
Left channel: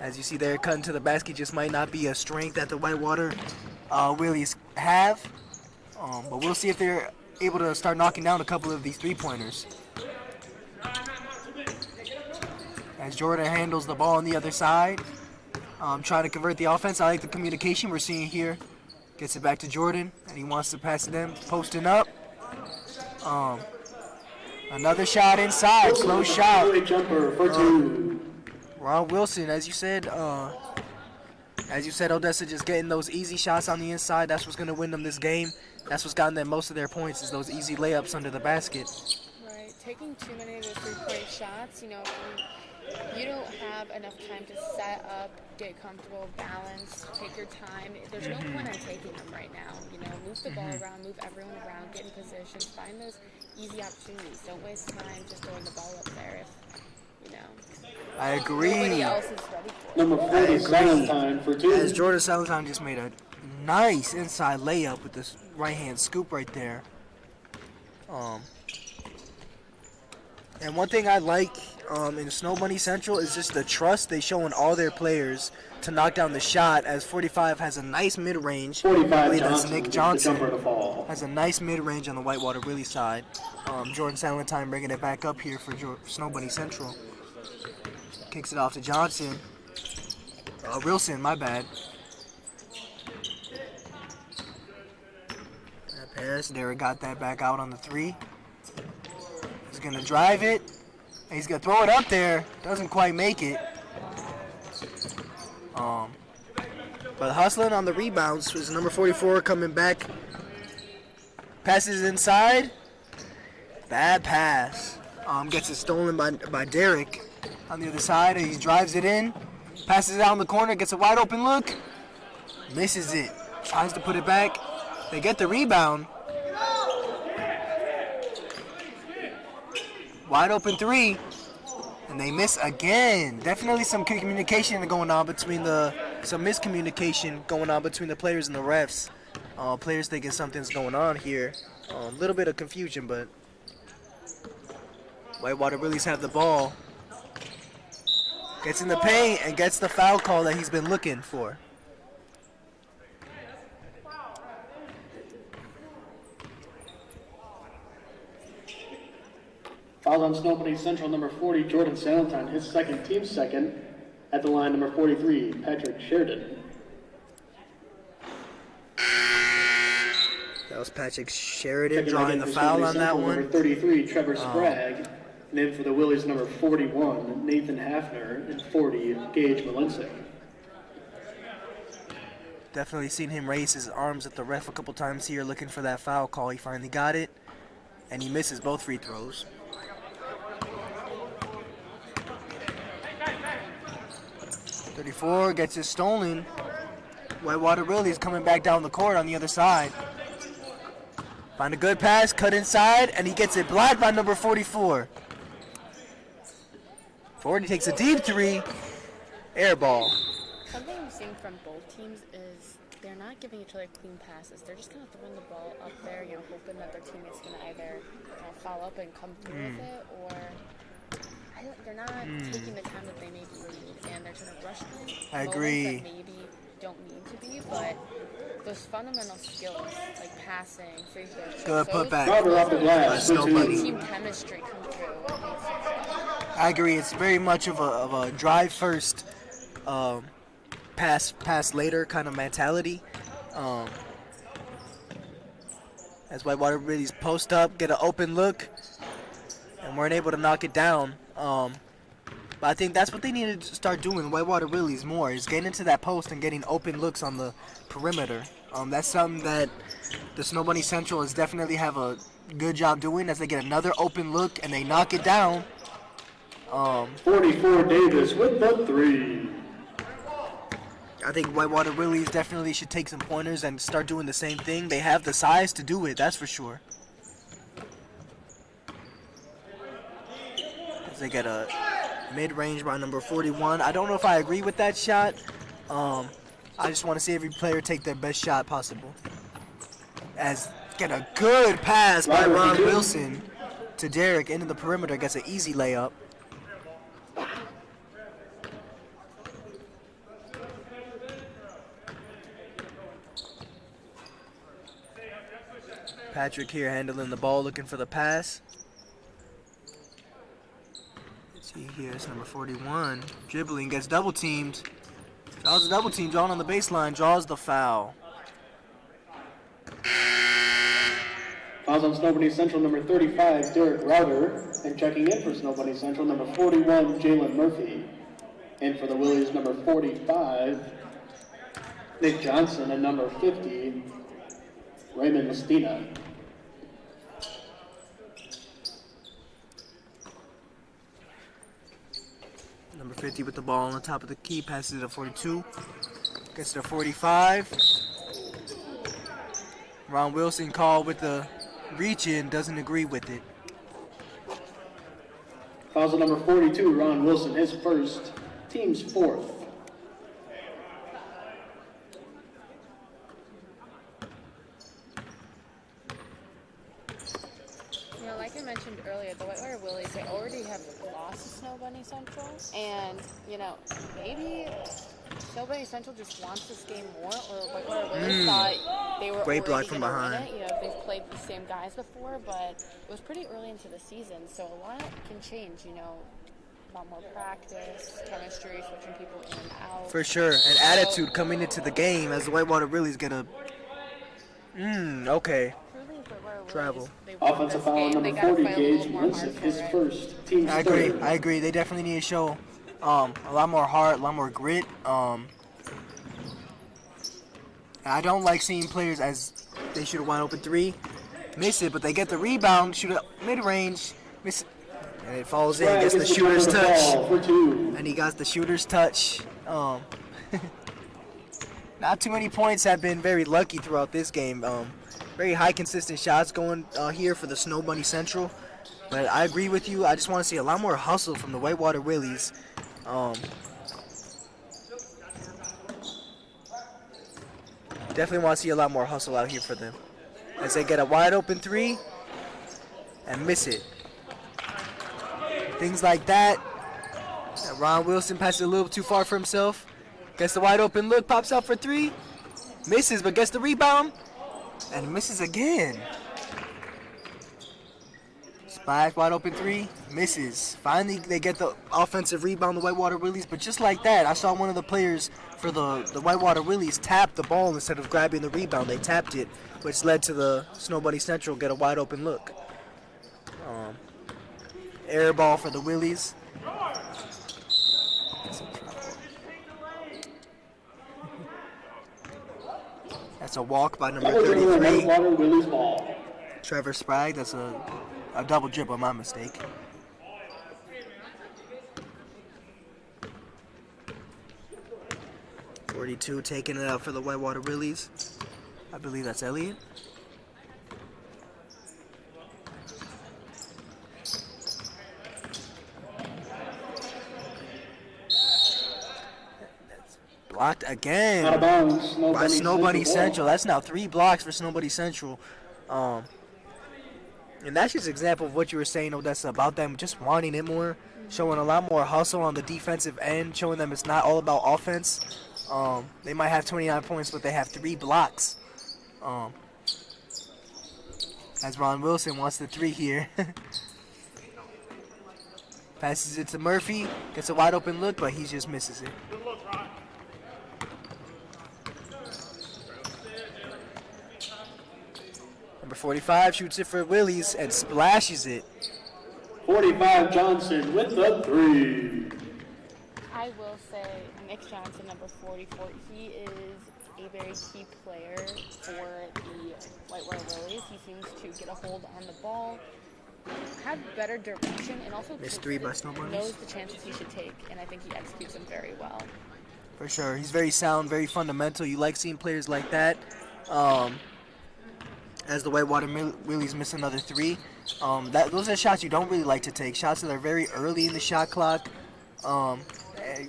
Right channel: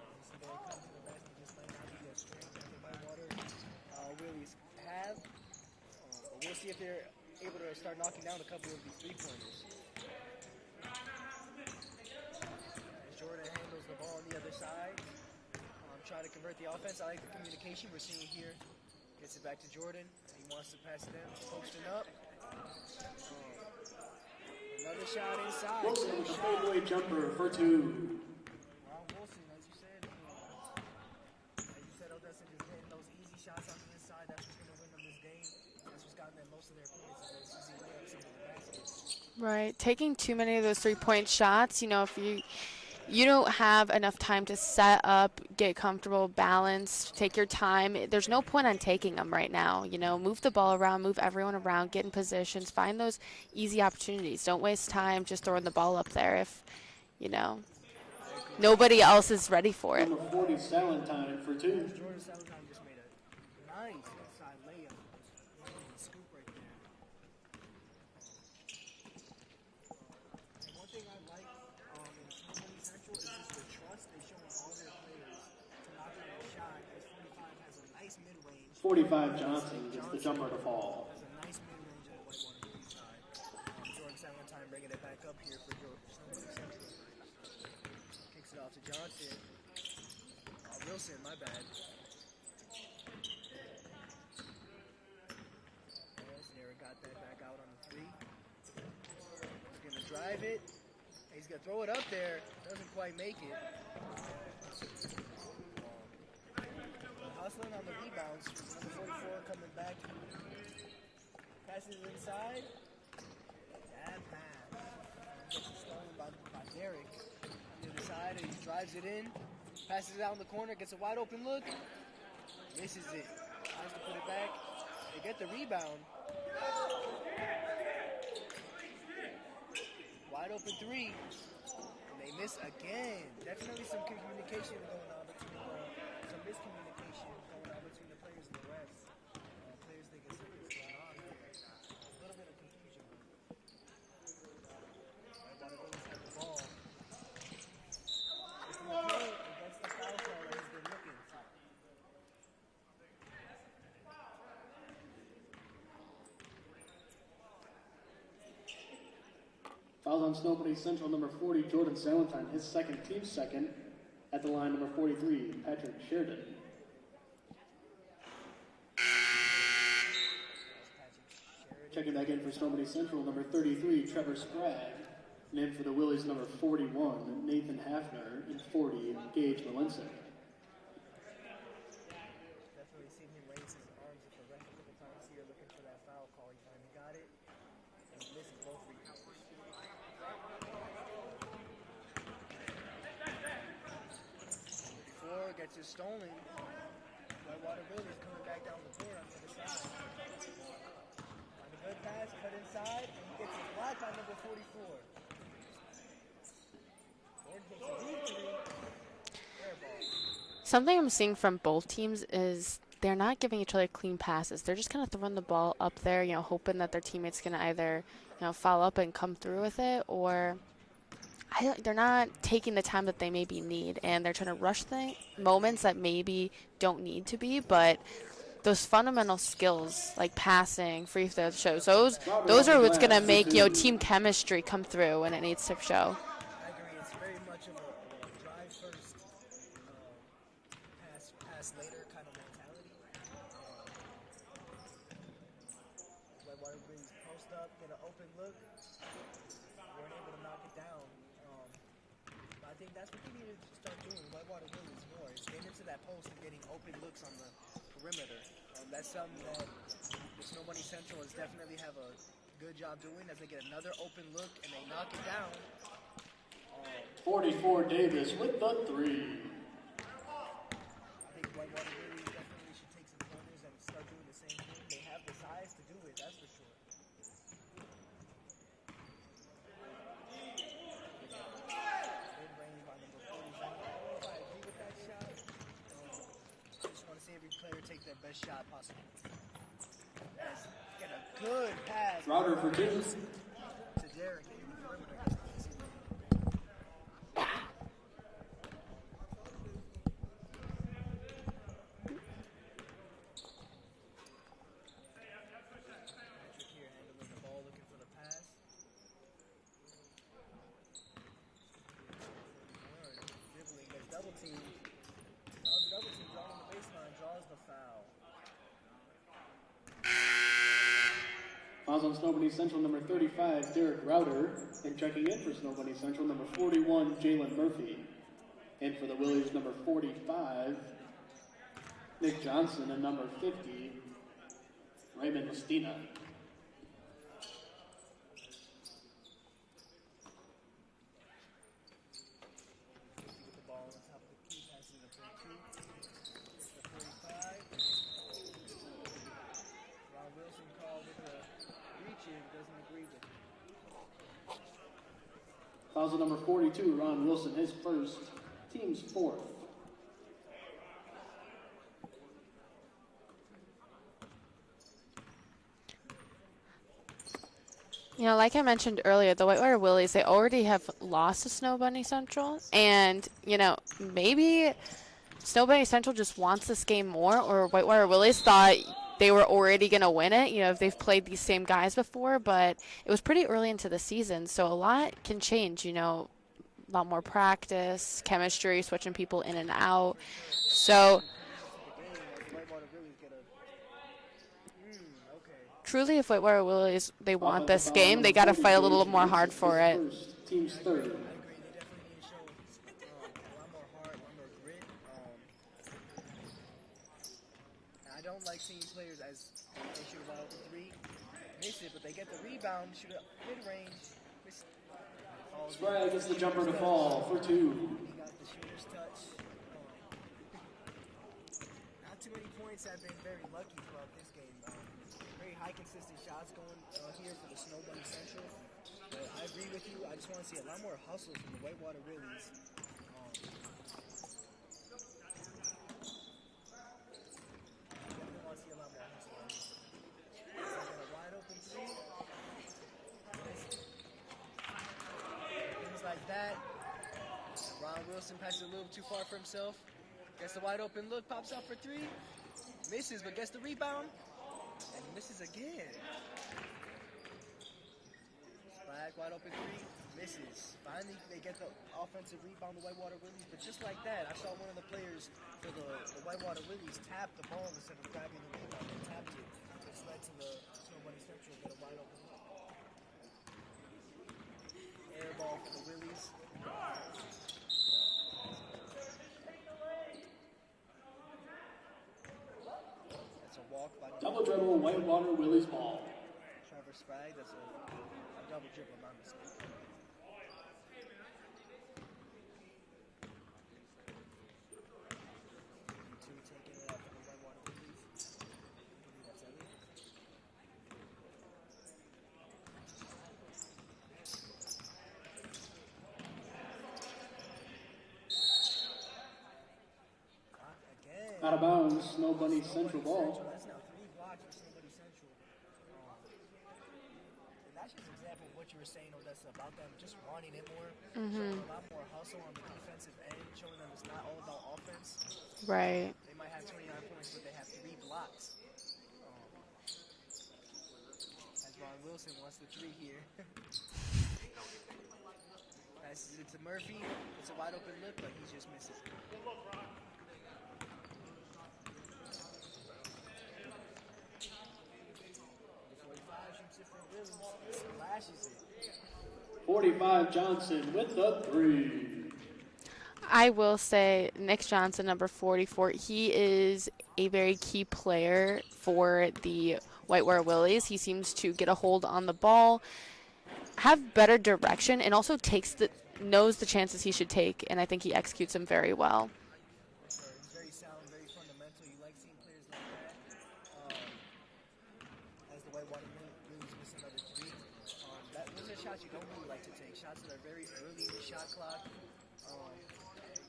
As you see there, cutting to the basket just might not be a strength that the Whitewater Willys have. But we'll see if they're able to start knocking down a couple of these three-pointers. As Jordan handles the ball on the other side, trying to convert the offense. I like the communication we're seeing here. Gets it back to Jordan, and he wants to pass it in, posting up. Another shot inside, Wilson close with a shot. fadeaway jumper for two. Ron Wilson, as you said, Odessa just getting those easy shots on the inside. That's what's going to win them this game. That's what's gotten them most of their points is those easy layups under the basket. Right. Taking too many of those 3-point shots, you know, if you don't have enough time to set up, get comfortable, balance, take your time. There's no point on taking them right now. You know, move the ball around, move everyone around, get in positions, find those easy opportunities. Don't waste time just throwing the ball up there if, you know, I agree. nobody else is ready for it. Number 40, Valentine for two. As Jordan Salatine just made a nice inside layup with this right-hand scoop right there. And one thing I like in Snow Bunny Central is just the trust they show in all their players to knock down the shot, as 45 has a nice mid-range. 45 I believe that's Johnson Nick gets the Johnson. jumper to fall. Has a nice mid-range on the Whitewater Willie side. Jordan Salentine bringing it back up here for Snow Bunny Central. Kicks it off to Johnson. Wilson, my bad. That pass, Derek got that back out on the three. He's gonna drive it. And he's gonna throw it up there. Doesn't quite make it. But hustling on the rebounds is number 44 coming back. Passes inside. Bad pass. Gets it stolen by Derek on the other side. He drives it in. Passes it out in the corner. Gets a wide open look. Misses it. Tries to put it back. They get the rebound. Wide open three. And they miss again. Definitely some communication going on between some miscommunication going on between the players and the refs. Players thinking something's going on here. A little bit of confusion, but Whitewater Willies have the ball. Gets in the paint and gets the foul call that he's been looking for. Fouls on Snow Bunny Central, number 40, Jordan Salentine, his second, team second. At the line, number 43, Patrick Sheridan. That was Patrick Sheridan Checking drawing in the for foul Snow on Bunny that Central, one. Number 33, Trevor Sprague. And in for the Willies, number 41, Nathan Hafner. And 40, Gage Malinsik. Definitely seen him raise his arms at the ref a couple times here looking for that foul call. He finally got it, and he misses both free throws. .34 gets it stolen. Whitewater Willies coming back down the court on the other side. Find a good pass, cut inside, and he gets it blocked by number 44. 40 takes a deep three, air ball. Something I'm seeing from both teams is they're not giving each other clean passes. They're just kind of throwing the ball up there, you know, hoping that their teammate's going to either, you know, follow up and come through with it, or they're not taking the time that they maybe need, and they're trying to rush moments that maybe don't need to be, but those fundamental skills like passing, free throw shows, those are what's going to make, you know, team chemistry come through when it needs to show. I agree. It's very much of a drive first, pass later kind of mentality. As Whitewater Willies post up, get an open look, and weren't able to knock it down. But I think that's what they need to start doing, Whitewater Willies, more, is getting into that post and getting open looks on the perimeter. That's something that the Snow Bunny Central is definitely have a good job doing as they get another open look and they knock it down. 44 Davis with the three. I think Whitewater Willies definitely should take some pointers and start doing the same thing. They have the size to do it, that's for sure. As they get a mid-range by number 41. I don't know if I agree with that shot. I just want to see every player take their best shot possible. As get a good pass by Ron Wilson to Derek into the perimeter, gets an easy layup. Patrick here handling the ball, looking for the pass. Let's see here, it's number 41. Dribbling, gets double teamed. Draws a double team, drawn on the baseline, draws the foul. Fouls on Snow Bunny Central, number 35, Derek Router. And checking in for Snow Bunny Central, number 41, Jalen Murphy. And for the Willies, number 45, Nick Johnson. And number 50, Raymond Mestina. Number 50 with the ball on the top of the key, passes it to 42. Gets to 45. Ron Wilson called with the reach in, doesn't agree with it. Fouls on number 42, Ron Wilson, his first, team's fourth. You know, like I mentioned earlier, the Whitewater Willies, they already have lost to Snow Bunny Central. And, you know, maybe Snow Bunny Central just wants this game more, or Whitewater Willies thought they were Great already block going from to win behind. it. You know, if they've played these same guys before, but it was pretty early into the season, so a lot can change, you know. A lot more practice, chemistry, switching people in and out. For sure, and So- attitude coming into the game as the Whitewater Willies get a. Okay. Truly, if Whitewater Willies, Travel. they want Offensive this foul game, on they number got to 40, fight a little Gage more hard Malinsik, for his it. first, team's I agree. third. I agree. They definitely need to show a lot more heart, a lot more grit. I don't like seeing players as they shoot a wide open three, miss it, but they get the rebound, shoot it mid-range, miss it, and it falls in, gets the shooter's touch, and he got the shooter's touch. Not too many points, have been very lucky throughout this game. Very high consistent shots going here for the Snow Bunny Central. But I agree with you. I just want to see a lot more hustle from the Whitewater Willies. Definitely want to see a lot more hustle out here for them. As they get a wide open three and miss it. Things like that. Ron Wilson passes a little too far for himself. Gets the wide open look, pops out for three. Misses, but gets the rebound. And misses again. Splash, wide open three, misses. Finally, they get the offensive rebound, the Whitewater Willies. But just like that, I saw one of the players for the Whitewater Willies tap the ball instead of grabbing the rebound. They tapped it, which led to the Snow Bunny Central get a wide open look. Air ball for the Willies. That's a walk by number 33. Willie's ball. Trevor Sprague, that's a double dribble, my mistake. .42 taking it out for the Whitewater Willies. I believe that's Elliott. Blocked again. Out of bounds. By Snow Bunny Central. That's now 3 blocks for Snow Bunny Central. And that's just an example of what you were saying, Odessa, about them just wanting it more, showing a lot more hustle on the defensive end, showing them it's not all about offense. Right. They might have 29 points, but they have 3 blocks. As Ron Wilson wants the 3 here. Passes it to Murphy, gets a wide open look, but he just misses it. Number 45 shoots it for Willies and splashes it. 45 Johnson with the 3. I will say Nick Johnson, number 44, he is a very key player for the Whitewater Willies. He seems to get a hold on the ball, have better direction, and also knows the chances he should take, and I think he executes them very well. For sure. He's very sound, very fundamental. You like seeing players like that. As the Whitewater Willies miss another 3. Those are shots you don't really like to take. Shots that are very early in the shot clock.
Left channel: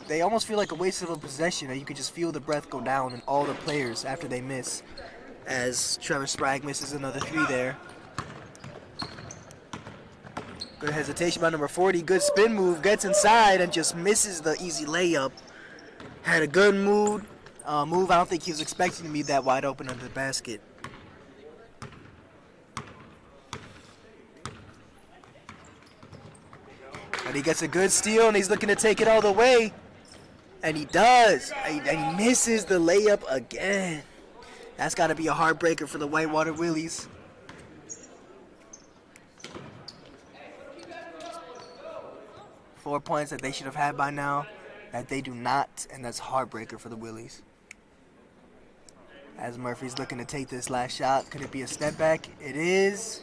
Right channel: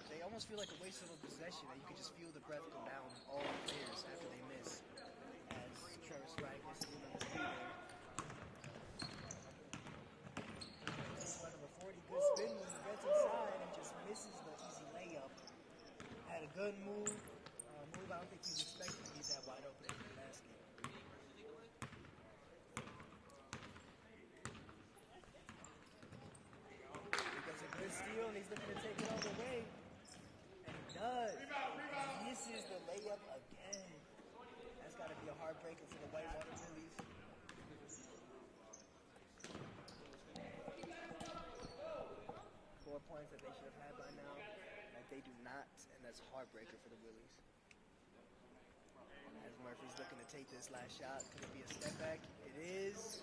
They almost feel like a waste of a possession. You could just feel the breath go down in all the players after they miss. As Trevor Sprague misses another 3 there. Good hesitation by number 40. Good spin move. Gets inside and just misses the easy layup. Had a good move. I don't think he was expecting to be that wide open under the basket. But he gets a good steal, and he's looking to take it all the way. And he does. And he misses the layup again. That's got to be a heartbreaker for the Whitewater Willies. Four points that they should have had by now, that they do not, and that's a heartbreaker for the Willies. As Murphy's looking to take this last shot, could it be a step back? It is.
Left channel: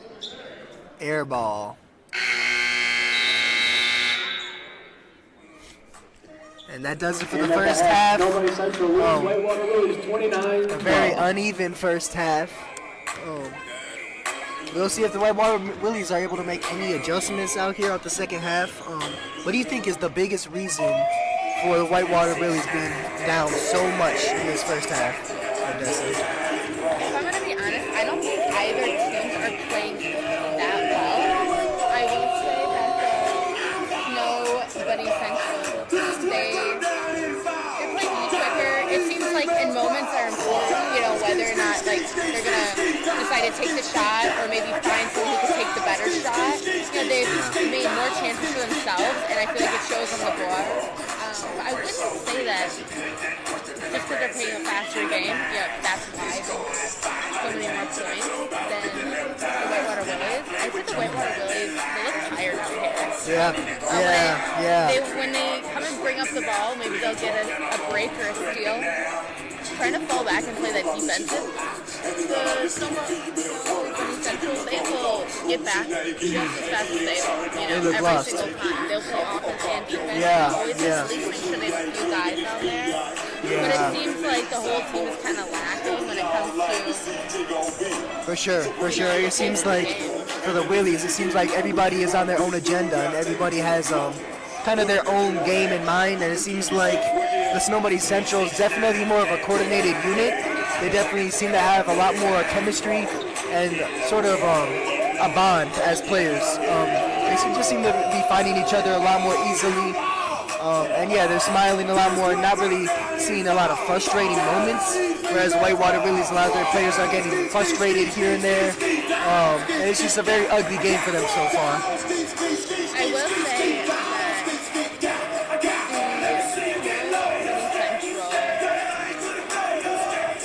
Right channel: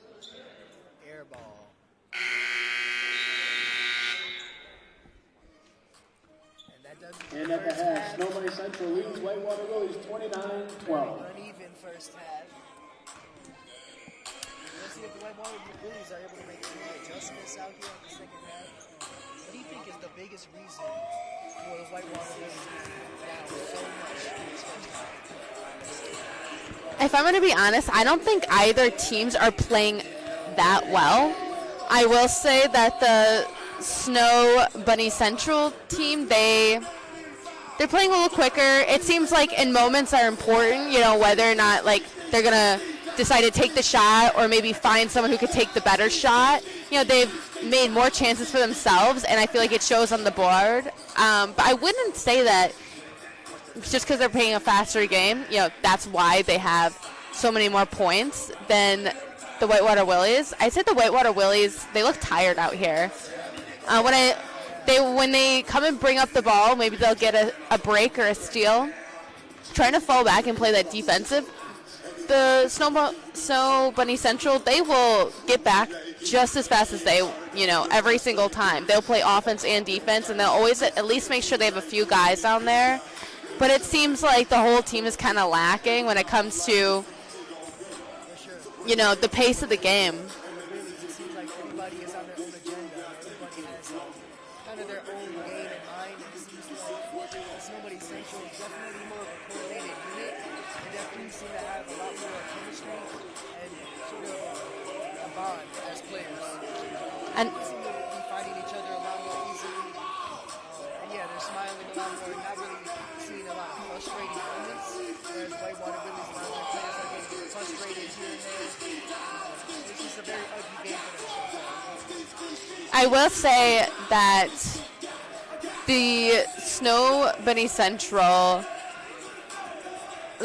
Air ball. And that does it for the first half. Whitewater Willies 29. A very uneven first half. We'll see if the Whitewater Willies are able to make any adjustments out here at the second half. What do you think is the biggest reason for the Whitewater Willies being down so much in this first half? If I'm going to be honest, I don't think either teams are playing that well. I will say that the Snow Bunny Central team, they're playing a little quicker. It seems like in moments are important, whether or not like they're gonna decide to take the shot or maybe find someone who could take the better shot. They've made more chances for themselves, and I feel like it shows on the board. But I wouldn't say that just because they're playing a faster game, that's why they have so many more points than the Whitewater Willies. I'd say the Whitewater Willies, they look tired out here. Yeah. When they come and bring up the ball, maybe they'll get a break or a steal. trying to fall back and play that defensive, the Snow Bunny Central, they will get back just as fast as they, every single time. They'll play offense and defense, and they'll always at least make sure they have a few guys down there. But it seems like the whole team is kind of lacking when it comes to, For sure. the pace of the game. For the Willies, it seems like everybody is on their own agenda and everybody has kind of their own game in mind. And it seems like the Snow Bunny Central is definitely more of a coordinated unit. They definitely seem to have a lot more chemistry and sort of a bond as players. They just seem to be finding each other a lot more easily. And yeah, they're smiling a lot more, not really seeing a lot of frustrating moments, whereas Whitewater Willies, a lot of their players are getting frustrated here and there. And it's just a very ugly game for them so far. I will say that the Snow Bunny Central,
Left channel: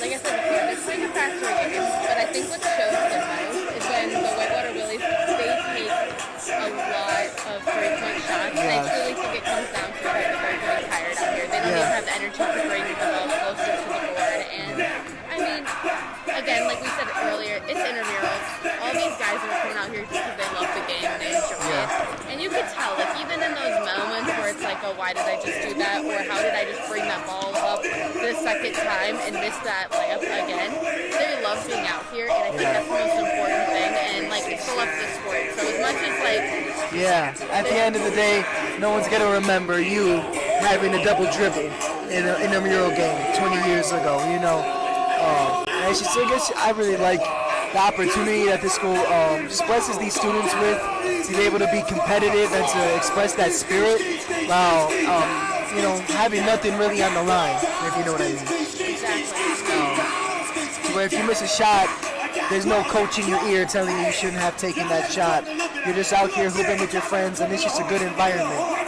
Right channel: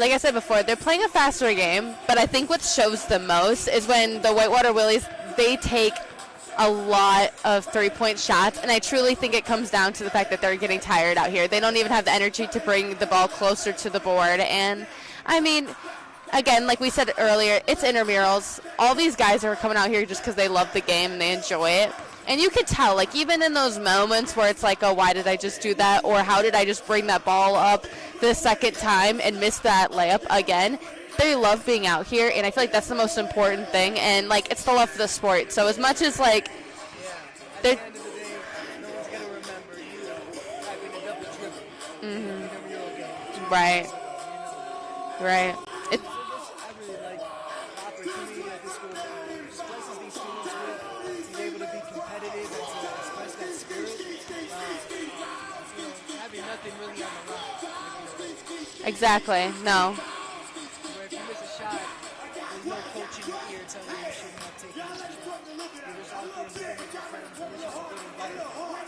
like I said before, they're playing a faster game, but I think what shows the most is when the Whitewater Willies, they take a lot of three-point shots, and I truly think it comes down to the fact that they're getting tired out here. They don't even have the energy to bring the ball closer to the board, and I mean, again, like we said earlier, it's intramurals. All these guys are coming out here just because they love the game and they enjoy it. And you could tell, like, even in those moments where it's like, oh, why did I just do that? Or how did I just bring that ball up the second time and miss that layup again? They love being out here, and I feel like that's the most important thing. And, like, it's the love for the sport. So as much as, like... Yeah, at the end of the day, no one's going to remember you having a double dribble in a intramural game 20 years ago, you know. Right. I guess I really like the opportunity that this school just blesses these students with, to be able to be competitive and to express that spirit while, having nothing really on the line, if you know what I mean. Exactly, no. Where if you miss a shot, there's no coach in your ear telling you shouldn't have taken that shot. You're just out here hooping with your friends, and it's just a good environment.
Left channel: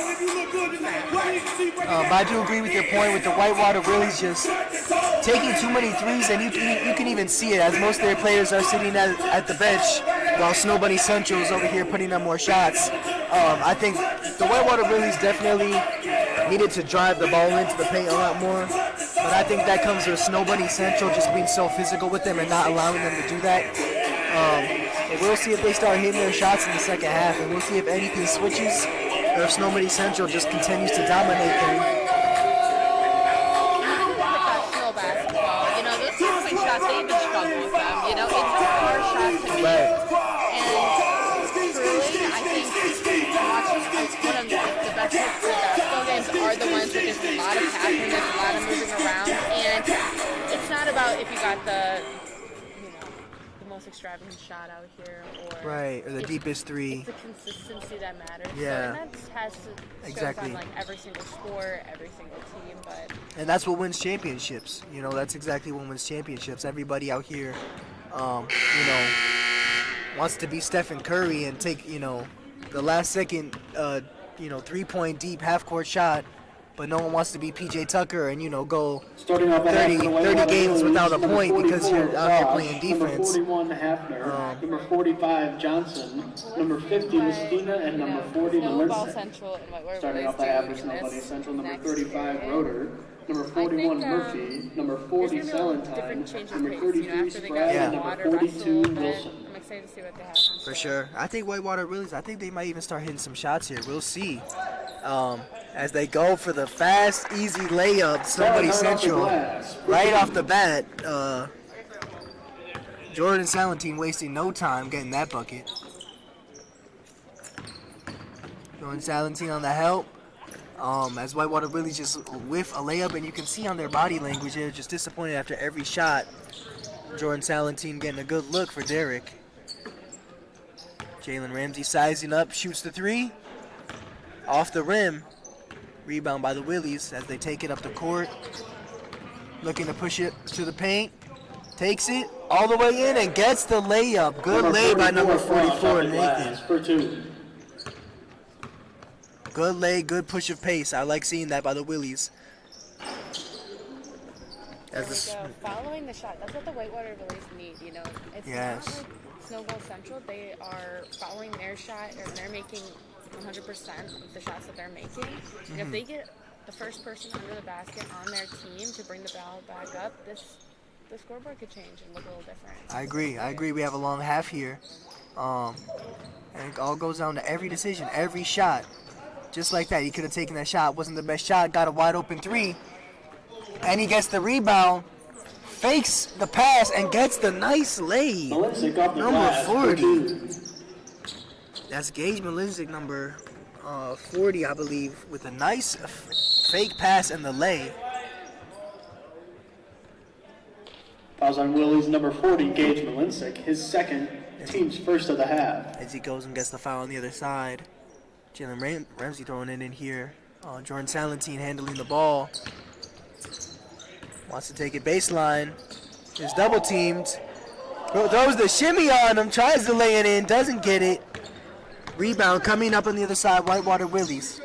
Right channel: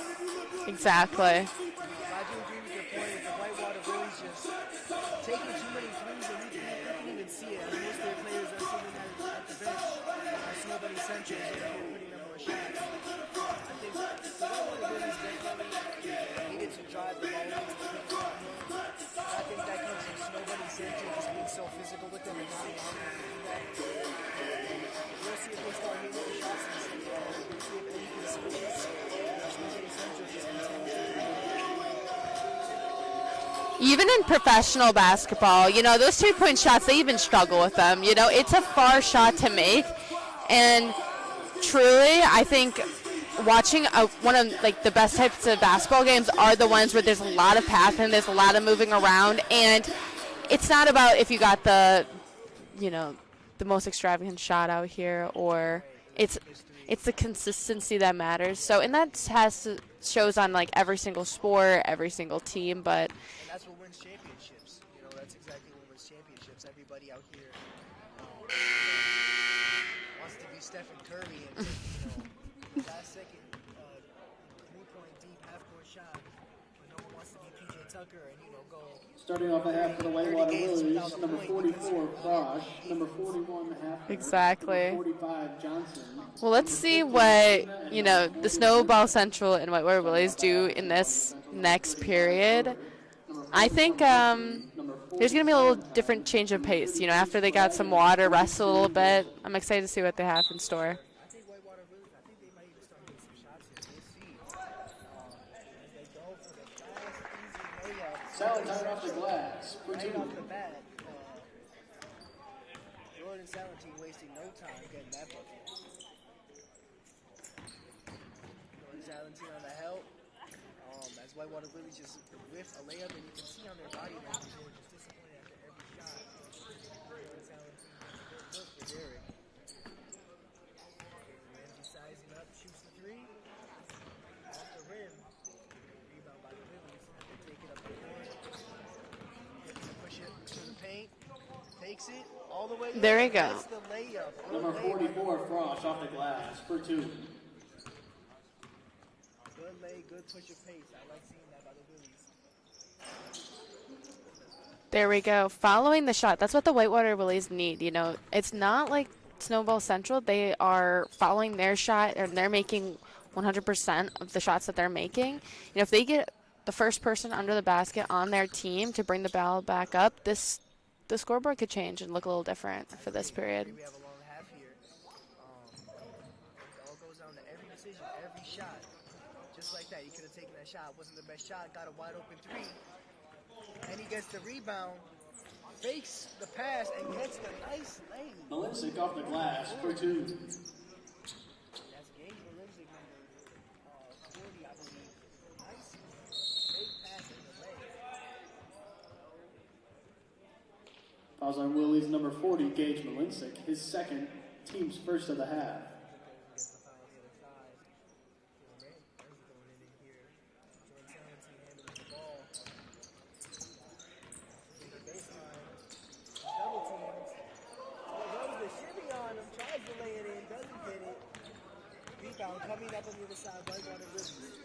Exactly. But I do agree with your point with the Whitewater Willies just taking too many threes, and you can even see it as most of their players are sitting at the bench while Snow Bunny Central is over here putting up more shots. I think the Whitewater Willies definitely needed to drive the ball into the paint a lot more, but I think that comes with Snow Bunny Central just being so physical with them and not allowing them to do that. But we'll see if they start hitting their shots in the second half, and we'll see if anything switches or if Snow Bunny Central just continues to dominate them. Even in professional basketball, those three-point shots, they even struggle with them. It's a hard shot to make. And truly, I think watching one of the best types of basketball games are the ones where there's a lot of passing, there's a lot of moving around, and it's not about if you got the most extravagant shot out here or the deepest three. It's the consistency that matters. Yeah. So, and that shows on every single sport, every single team, but and that's what wins championships. That's exactly what wins championships. Everybody out here, wants to be Stephen Curry and take, the last second, 3-point deep half-court shot, but no one wants to be PJ Tucker and, go 30 games without a point because you're out here playing defense. Exactly. Number 45, Johnson. Well, let's see what, the Snowball Central and Whitewater Willies do in this next period. I think there's going to be a little different change of pace. After they got some water, rest a little bit. I'm excited to see what they have in store. For sure. I think Whitewater Willies, I think they might even start hitting some shots here. We'll see. As they go for the fast, easy layup, Snow Bunny Central, right off the bat. Jordan Salentine wasting no time getting that bucket. Jordan Salentine on the help. As Whitewater Willies just whiff a layup, and you can see on their body language they're just disappointed after every shot. Jordan Salentine getting a good look for Derek. Jalen Ramsey sizing up, shoots the three. Off the rim. Rebound by the Willies as they take it up the court. Looking to push it to the paint. Takes it all the way in and gets the layup. Good lay by number 44, Nathan. Good lay, good push of pace. I like seeing that by the Willies. There we go. Following the shot. That's what the Whitewater Willies need. It's not like Snowball Central. They are following their shot, and they're making 100% of the shots that they're making. If they get the first person under the basket on their team to bring the ball back up, the scoreboard could change and look a little different. I agree. We have a long half here. And it all goes down to every decision, every shot. Just like that, he could have taken that shot. Wasn't the best shot, got a wide open three. And he gets the rebound, fakes the pass, and gets the nice lay. Number 40. That's Gage Malinzik, number 40, I believe, with a nice fake pass and the lay. Fouls on Willie's number 40, Gage Malinzik, his second, team's first of the half. As he goes and gets the foul on the other side. Jalen Ramsey throwing it in here. Jordan Salentine handling the ball. Wants to take it baseline. Is double teamed. Throws the shimmy on him. Tries to lay it in. Doesn't get it. Rebound coming up on the other side. Whitewater Willies.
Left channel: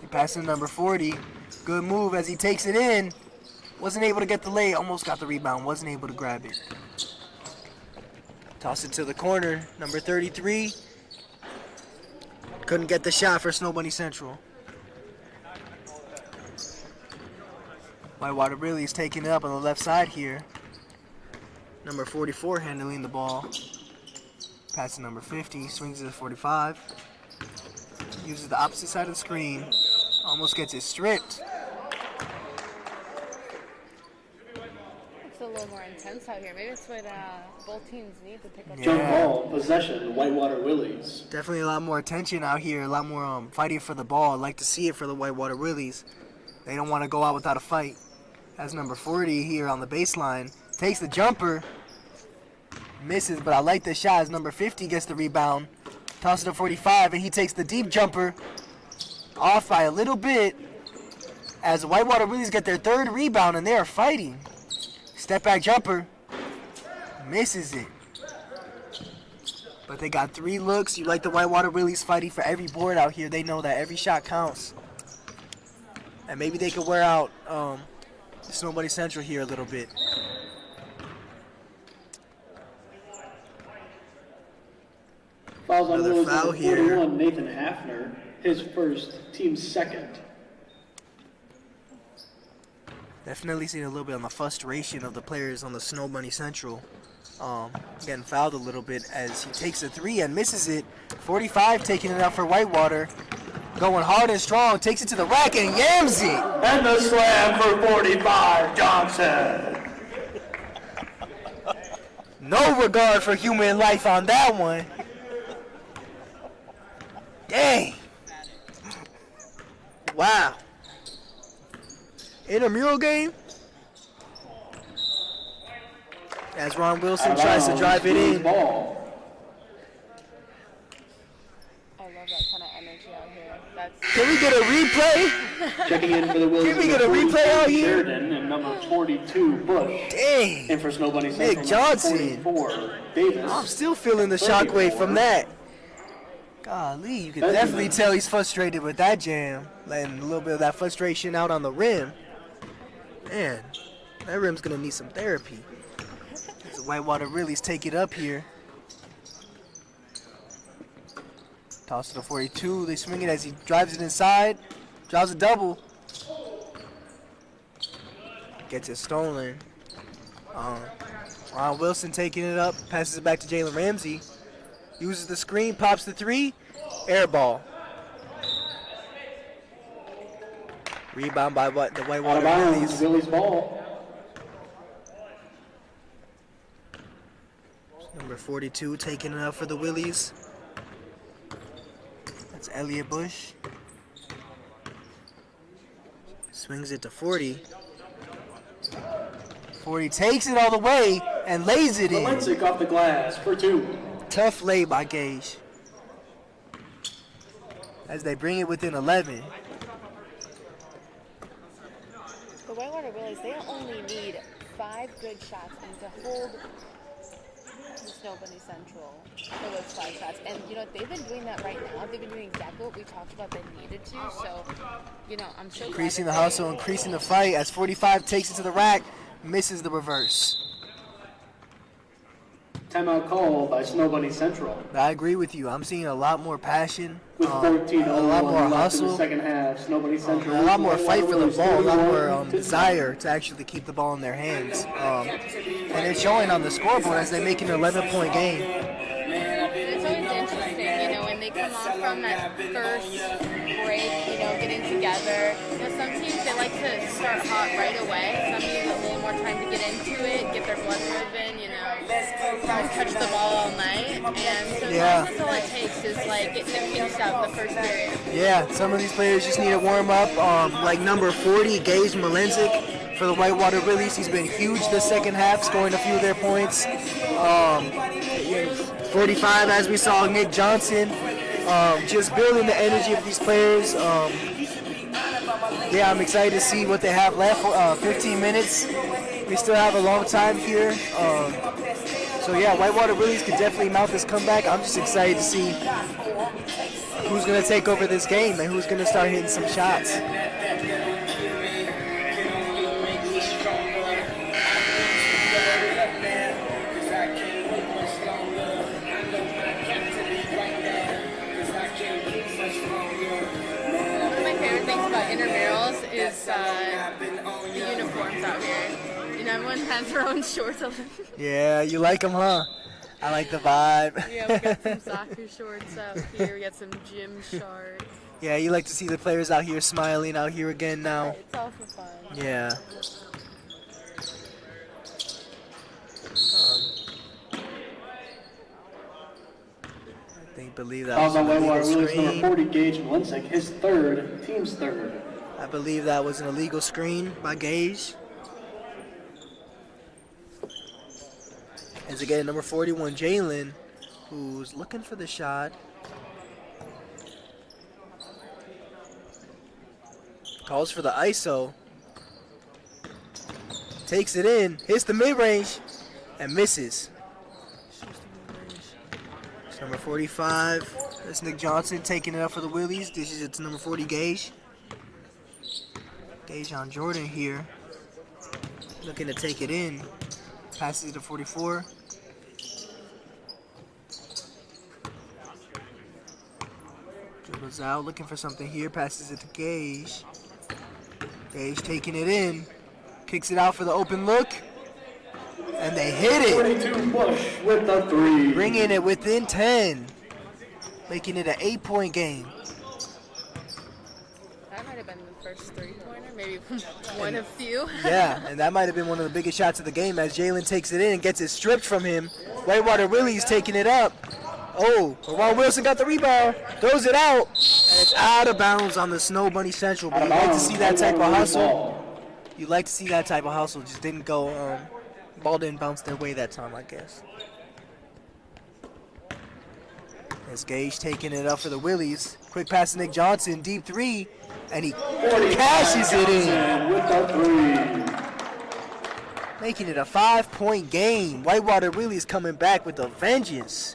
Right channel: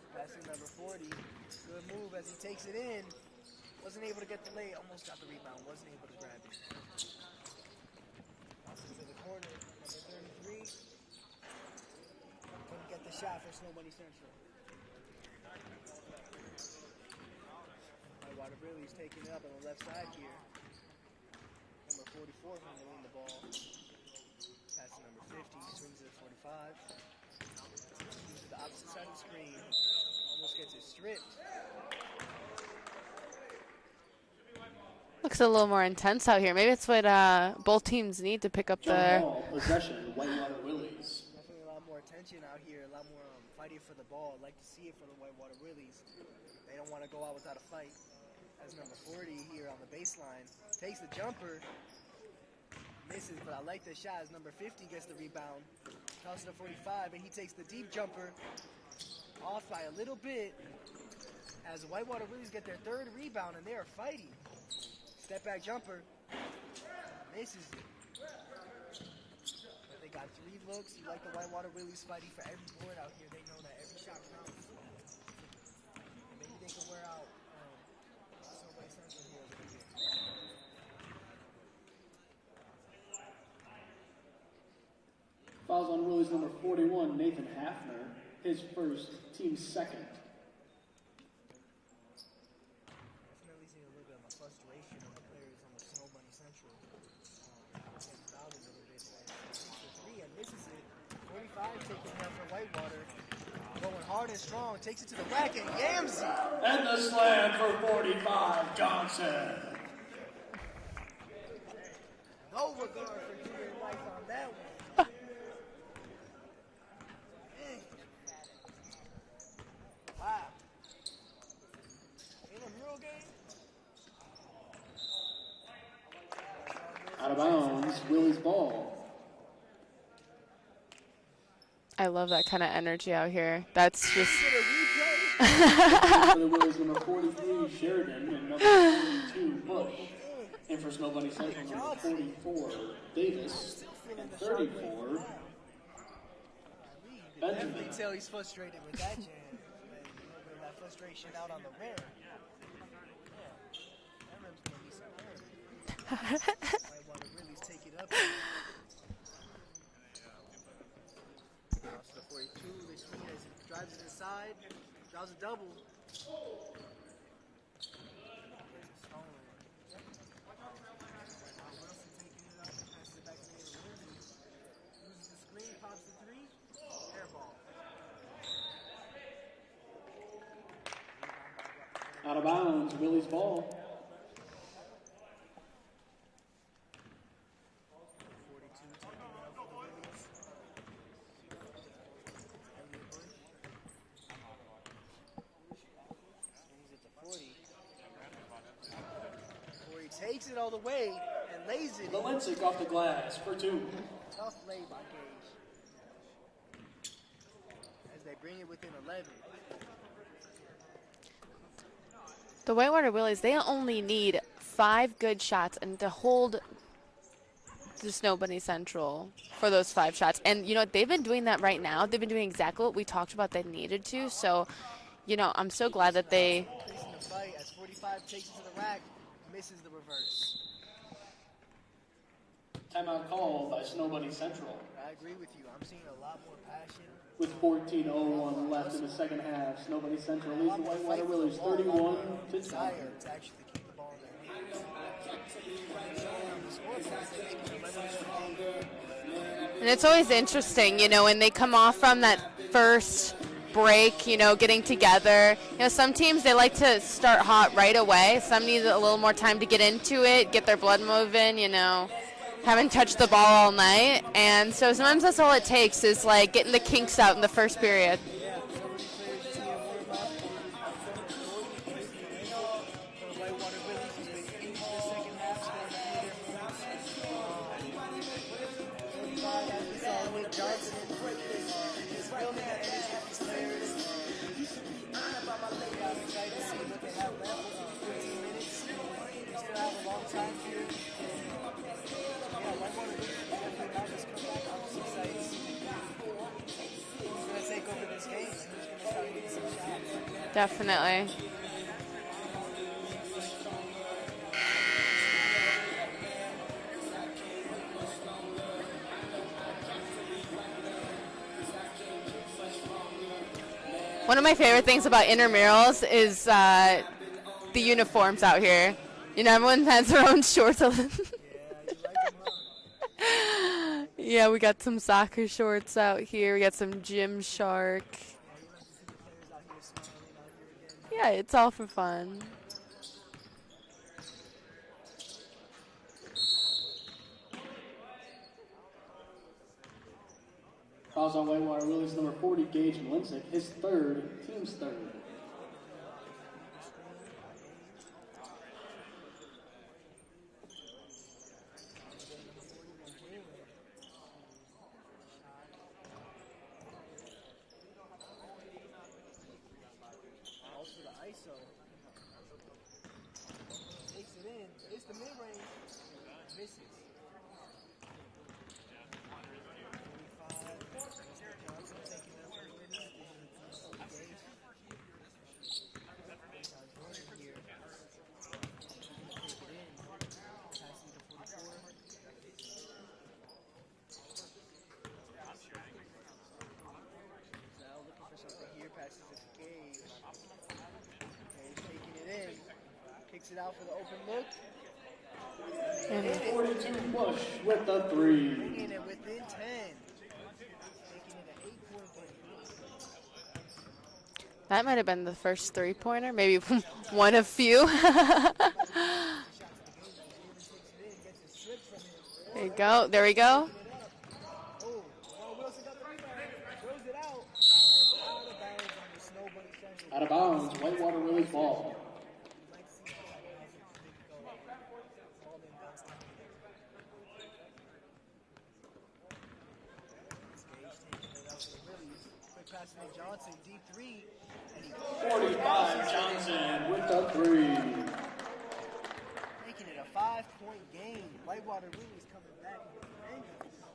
He passes to number 40. Good move as he takes it in. Wasn't able to get the lay. Almost got the rebound. Wasn't able to grab it. Toss it to the corner. Number 33. Couldn't get the shot for Snow Bunny Central. Whitewater Willies taking it up on the left side here. Number 44 handling the ball. Pass to number 50. Swings it to 45. Uses the opposite side of the screen. Almost gets it stripped. Looks a little more intense out here. Maybe that's what both teams need to pick up Jump their... ball, possession, Whitewater Willies. Definitely a lot more attention out here. A lot more fighting for the ball. I'd like to see it for the Whitewater Willies. They don't want to go out without a fight. That's number 40 here on the baseline. Takes the jumper. Misses, but I like the shot as number 50 gets the rebound. Tosses it to 45, and he takes the deep jumper. Off by a little bit as the Whitewater Willies get their third rebound, and they are fighting. Step back jumper. Misses it. But they got 3 looks. You like the Whitewater Willies fighting for every board out here. They know that every shot counts. And maybe they could wear out Snow Bunny Central here a little bit. Fouls on Another Willie's foul number here. 41, Nathan Hafner, his first, team's second. Definitely seen a little bit on the frustration of the players on the Snow Bunny Central. Getting fouled a little bit as he takes a 3 and misses it. 45 taking it out for Whitewater. Going hard and strong, takes it to the rack and yams it. And the slam for 45, Johnson. No regard for human life on that one. Dang. Wow. Intramural game. As Ron Wilson tries to drive it in. Ball. I love that kind of energy out here. That's... Can we get a replay? Can we get a replay out here? Sheridan and number 42, Bush. Dang. And for Snow Bunny Central, Nick Johnson. 44, Davis. I'm still feeling the shockwave from that. Golly, you can definitely tell he's frustrated with that jam. Letting a little bit of that frustration out on the rim. Man, that rim's going to need some therapy. The Whitewater Willies take it up here. Toss to the 42. They swing it as he drives it inside. Drives a double. Gets it stolen. Ron Wilson taking it up. Passes it back to Jalen Ramsey. Uses the screen. Pops the 3. Air ball. Rebound by the Out Whitewater of bounds, Willies. Willie's ball. Number 42 taking it up for the Willies. That's Elliot Bush. Swings it to 40. 40 takes it all the way and lays it in. Malinzik off the glass for 2. Tough lay by Gage. As they bring it within 11. The Whitewater Willies, they only need 5 good shots and to hold the Snow Bunny Central for those 5 shots. And, you know, they've been doing that right now. They've been doing exactly what we talked about they needed to. So, you know, I'm so glad Increasing that the they... hustle, increasing the fight as 45 takes it to the rack, misses the reverse. Timeout call by Snow Bunny Central. I agree with you. I'm seeing a lot more passion, With a lot more 14:01 left in the hustle, second half, Snow Bunny Central. a lot more fight for the Willie's ball, a lot more 31 to desire to actually keep the ball in their hands. And it's showing on the scoreboard as they make an 11-point game. And it's always interesting, you know, when they come off from that first break, you know, getting together. You know, some teams, they like to start hot right away. Some need a little more time to get into it, get their blood moving, you know, haven't touched the ball all night. And so sometimes that's all it takes is, like, getting the kinks out in the first period. Yeah, some of these players just need to warm up. Like number 40, Gage Malenzik for the Whitewater Willies. He's been huge this second half, scoring a few of their points. 45, as we saw, Nick Johnson. Just building the energy of these players. Yeah, I'm excited to see what they have left. 15 minutes. We still have a long time here. So yeah, Whitewater Willies could definitely mount this comeback. I'm just excited to see who's going to take over this game and who's going to start hitting some shots. Definitely. One of my favorite things about intramurals is the uniforms out here. You know, everyone has their own shorts. Yeah, you like them, huh? I like the vibe. Yeah, we got some soccer shorts out here. We got some Gymshark. Yeah, you like to see the players out here smiling out here again now. Yeah, it's all for fun. Yeah. Believe that Foul was by an Whitewater illegal Willies number screen. 40, Gage Malenzik, his third, team's third. I believe that was an illegal screen by Gage. As again, number 41, Jalen, who's looking for the shot. Calls for the ISO. Takes it in, hits the mid-range, and misses. It's number 45. That's Nick Johnson taking it up for the Willies. This is it's number 40, Gage. Gage on Jordan here. Looking to take it in. Passes it to 44. Dribbles out, looking for something here. Passes it to Gage. Gage taking it in. Kicks it out for the open look. And they hit it. 42 Bush with the three. Bringing it within 10. Making it an 8-point game. That might have been the first three-pointer, maybe one of few. Yeah, and that might have been one of the biggest shots of the game as Jalen takes it in and gets it stripped from him. Whitewater There we Willies go. taking it up. Oh, Ron Wilson got the rebound, throws it out, and it's out of bounds on the Snow Bunny Central. But Out you of like to bounds. see that type of Whitewater hustle. ball. You like to see that type of hustle. Just didn't go, ball didn't bounce their way that time, I guess. As Gage taking it up for the Willies. Quick pass to Nick Johnson, deep three, and he 45 cashes it in. Johnson with the three. Making it a 5-point game. Whitewater Willies coming back with a vengeance.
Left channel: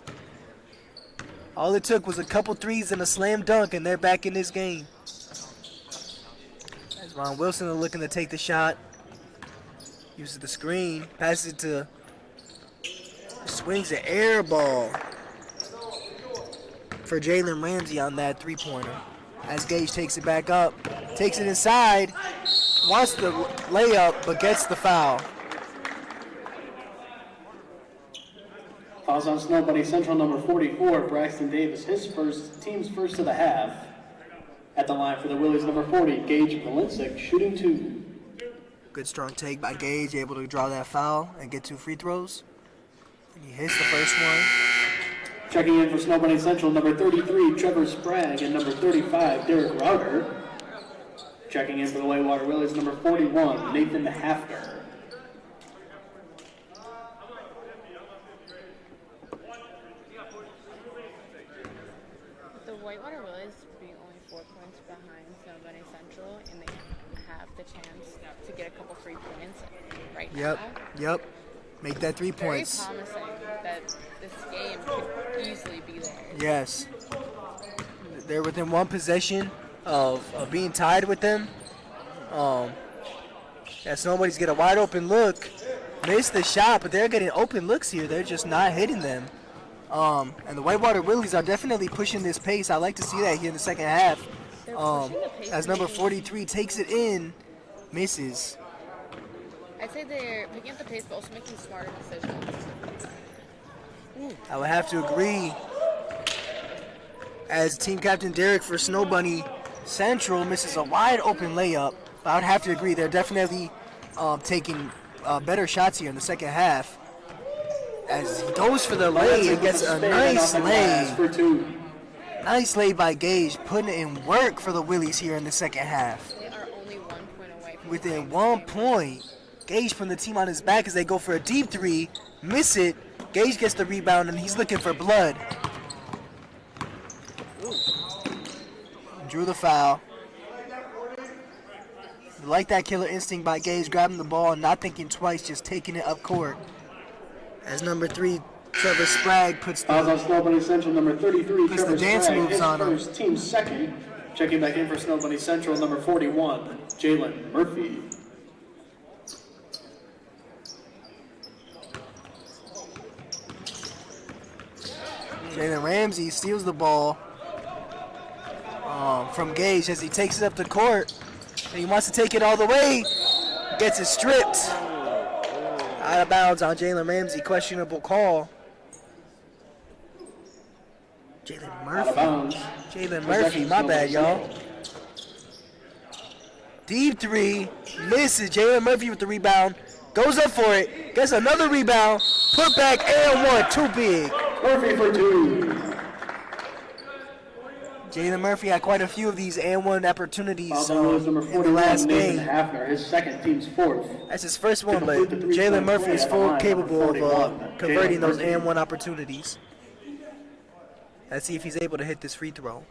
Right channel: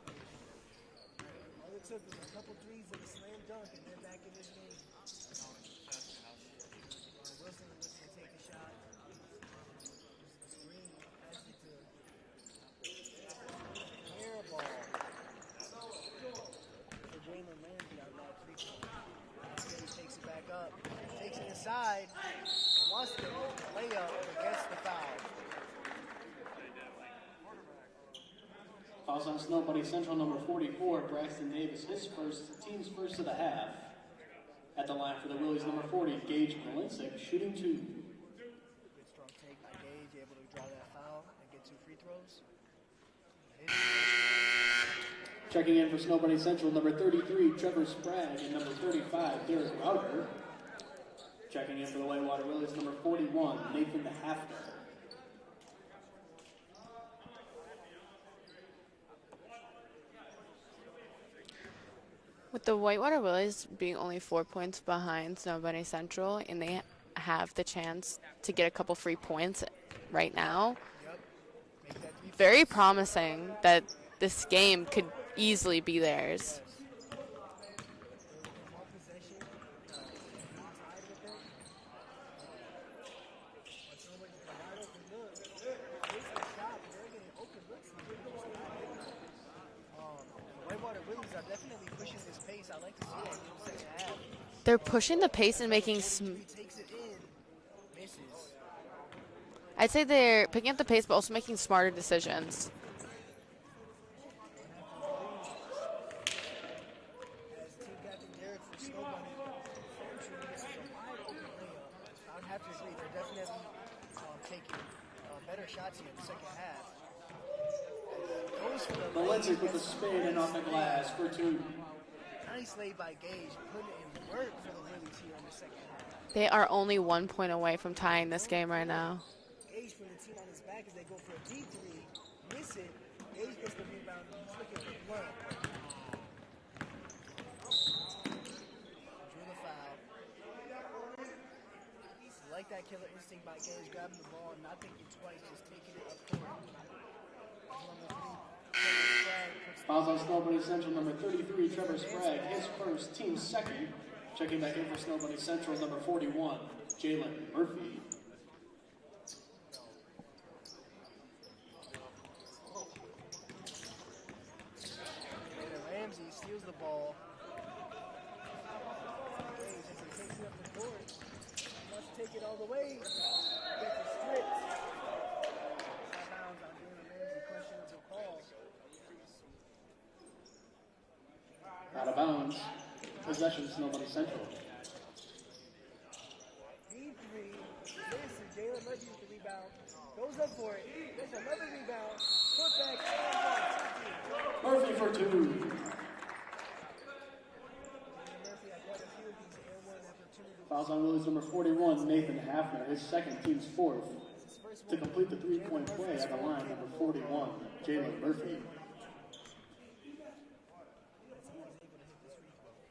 All it took was a couple threes and a slam dunk, and they're back in this game. As Ron Wilson is looking to take the shot. Uses the screen. Passes it to... Swings an air ball for Jalen Ramsey on that three-pointer. As Gage takes it back up. Takes it inside. Wants the layup, but gets the foul. Fouls on Snow Bunny Central number 44, Braxton Davis, his first, team's first of the half. At the line for the Willies number 40, Gage Malenzik, shooting two. Good strong take by Gage, able to draw that foul and get 2 free throws. And he hits the first one. Checking in for Snow Bunny Central number 33, Trevor Sprague, and number 35, Derek Router. Checking in for the Whitewater Willies number 41, Nathan Hafner. With the Whitewater Willies being only 4 points behind Snow Bunny Central, and they have the chance to get a couple free points right now, Yep. Make that 3 very points. promising that this game could easily be theirs. Yes. They're within one possession of being tied with them. Yeah, so nobody's get a wide open look. missed the shot, but they're getting open looks here. They're just not hitting them. And the Whitewater Willies are definitely pushing this pace. I like to see that here in the second half. They're pushing the pace As and number making 43 takes it in, misses. I'd say they're picking up the pace, but also making smarter decisions. I would have to agree. As team captain Derek for Snow Bunny Central misses a wide open layup. But I would have to agree, they're definitely taking better shots here in the second half. As he goes for the lay, he gets a nice lay. Nice lay by Gage, putting in work for the Willies here in the second half. They are only 1 point away from Within tying this 1 game point, right now. Gage putting the team on his back as they go for a deep three, miss it. Gage gets the rebound and he's looking for blood. Drew the foul. Like that killer instinct by Gage, grabbing the ball and not thinking twice, just taking it up court. As number 3, Trevor Sprague puts Fouls on the Snow Bunny Central, number 33, Puts the Trevor dance Sprague, moves his on him. first, team second. Checking back in for Snow Bunny Central, number 41, Jalen Murphy. Jalen Ramsey steals the ball from Gage as he takes it up the court. And he wants to take it all the way. Gets it stripped. Out of bounds on Jalen Ramsey. Questionable call. Jalen Out of Murphy. bounds. Jalen Murphy, Possession, my Snow bad, Bunny y'all. Central. Deep three. Misses. Jalen Murphy with the rebound. Goes up for it. Gets another rebound. Put back and one. Too big. Murphy for two. Jalen Murphy had quite a few of these and one opportunities Fouls on Willies, number in the 41, last Nathan game. Hafner, his second, team's fourth. That's his first one, To but complete the three-point Jalen Murphy play is at the full line, capable of number 41, converting Jalen those Murphy. and one opportunities. Let's see if he's able to hit this free throw.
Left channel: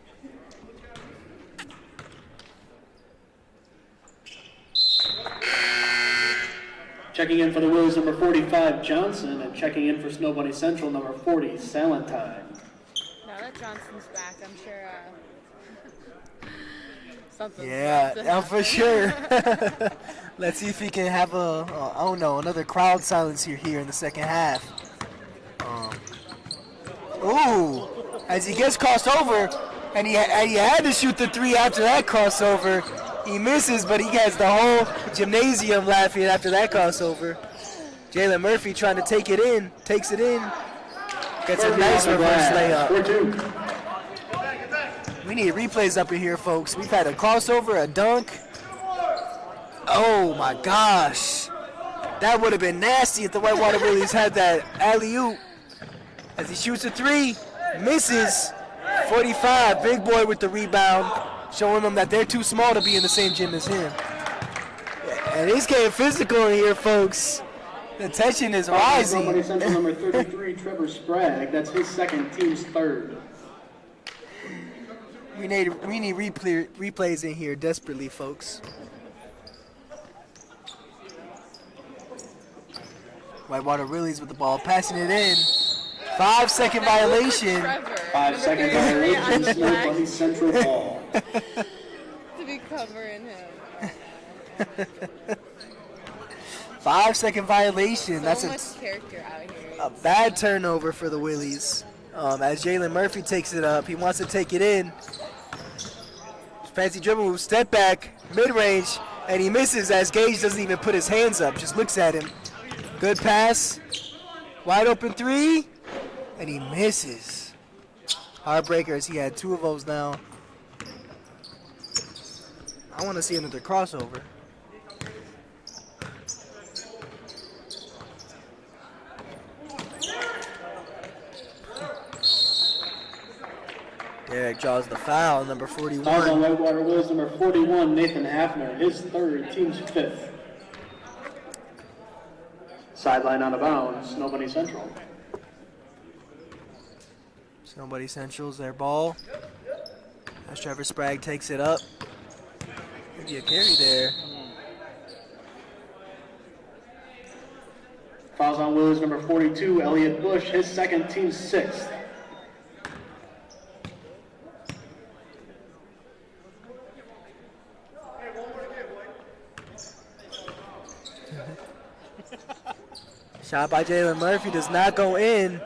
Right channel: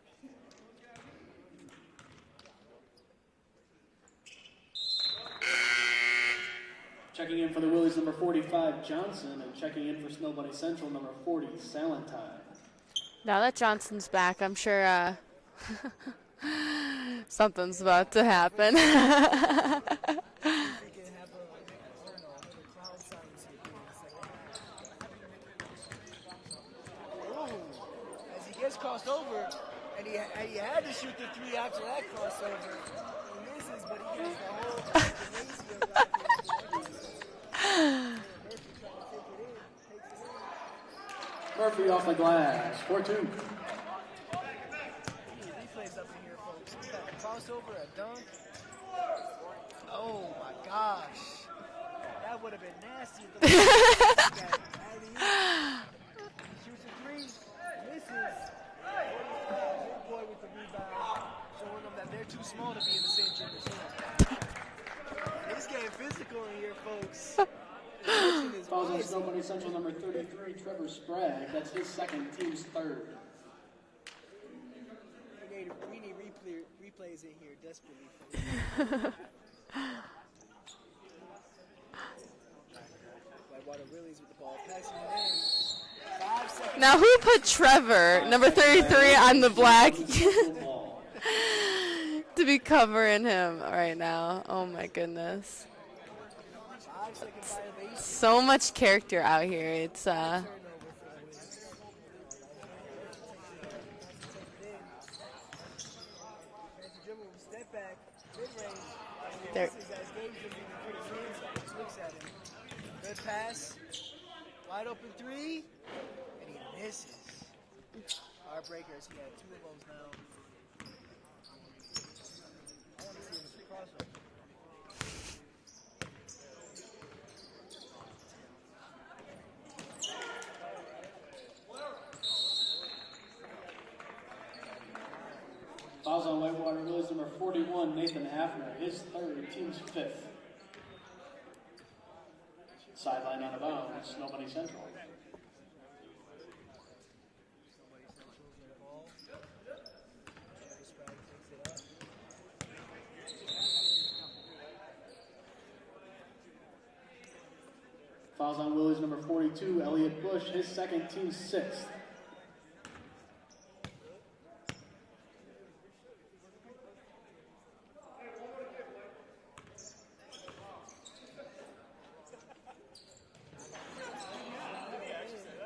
Checking in for the Willies, number 45, Johnson, and checking in for Snow Bunny Central, number 40, Salentine. Now that Johnson's back, I'm sure something's Yeah, about to yeah, happen. for sure. Let's see if he can have another crowd silence here in the second half. Ooh, as he gets crossed over, and he had to shoot the three after that crossover. He misses, but he has the whole gymnasium laughing after that crossover. Jalen Murphy trying to take it in, takes it in, gets a Murphy nice off the reverse glass, layup. for two. We need replays up in here, folks. We've had a crossover, a dunk. Oh my gosh. That would have been nasty if the Whitewater Willies had that alley-oop. As he shoots a three, misses. 45, big boy with the rebound, showing them that they're too small to be in the same gym as him. And it's getting physical in here, folks. The tension is Snow Bunny rising. Central, number 33, Trevor Sprague. That's his second, team's third. We need replays in here desperately, folks. Whitewater Willies with the ball, passing it in. 5-second Now who put violation. Trevor, 5 number seconds 33, on the Snow black Bunny Central ball. to be covering him right now? Oh my goodness. 5-second violation. So That's much character out here. a It's, bad turnover for the Willies. As Jalen Murphy takes it up, he wants to take it in. Fancy dribble move, step back, mid-range, and he misses as Gage doesn't even put his hands up, just looks at him. Good pass, wide open three, and he misses. Heartbreakers, he had two of those now. I want to see another crossover. Derek draws the foul, number Fouls on 41. Whitewater Willies, number 41, Nathan Hafner, his third, team's fifth. Sideline out of bounds, Snow Bunny Central. Somebody centrals their ball. As Trevor Sprague takes it up. Maybe a carry there. Fouls on Willies, number 42, Elliot Bush, his second, team's sixth. Shot by Jalen Murphy does not go in.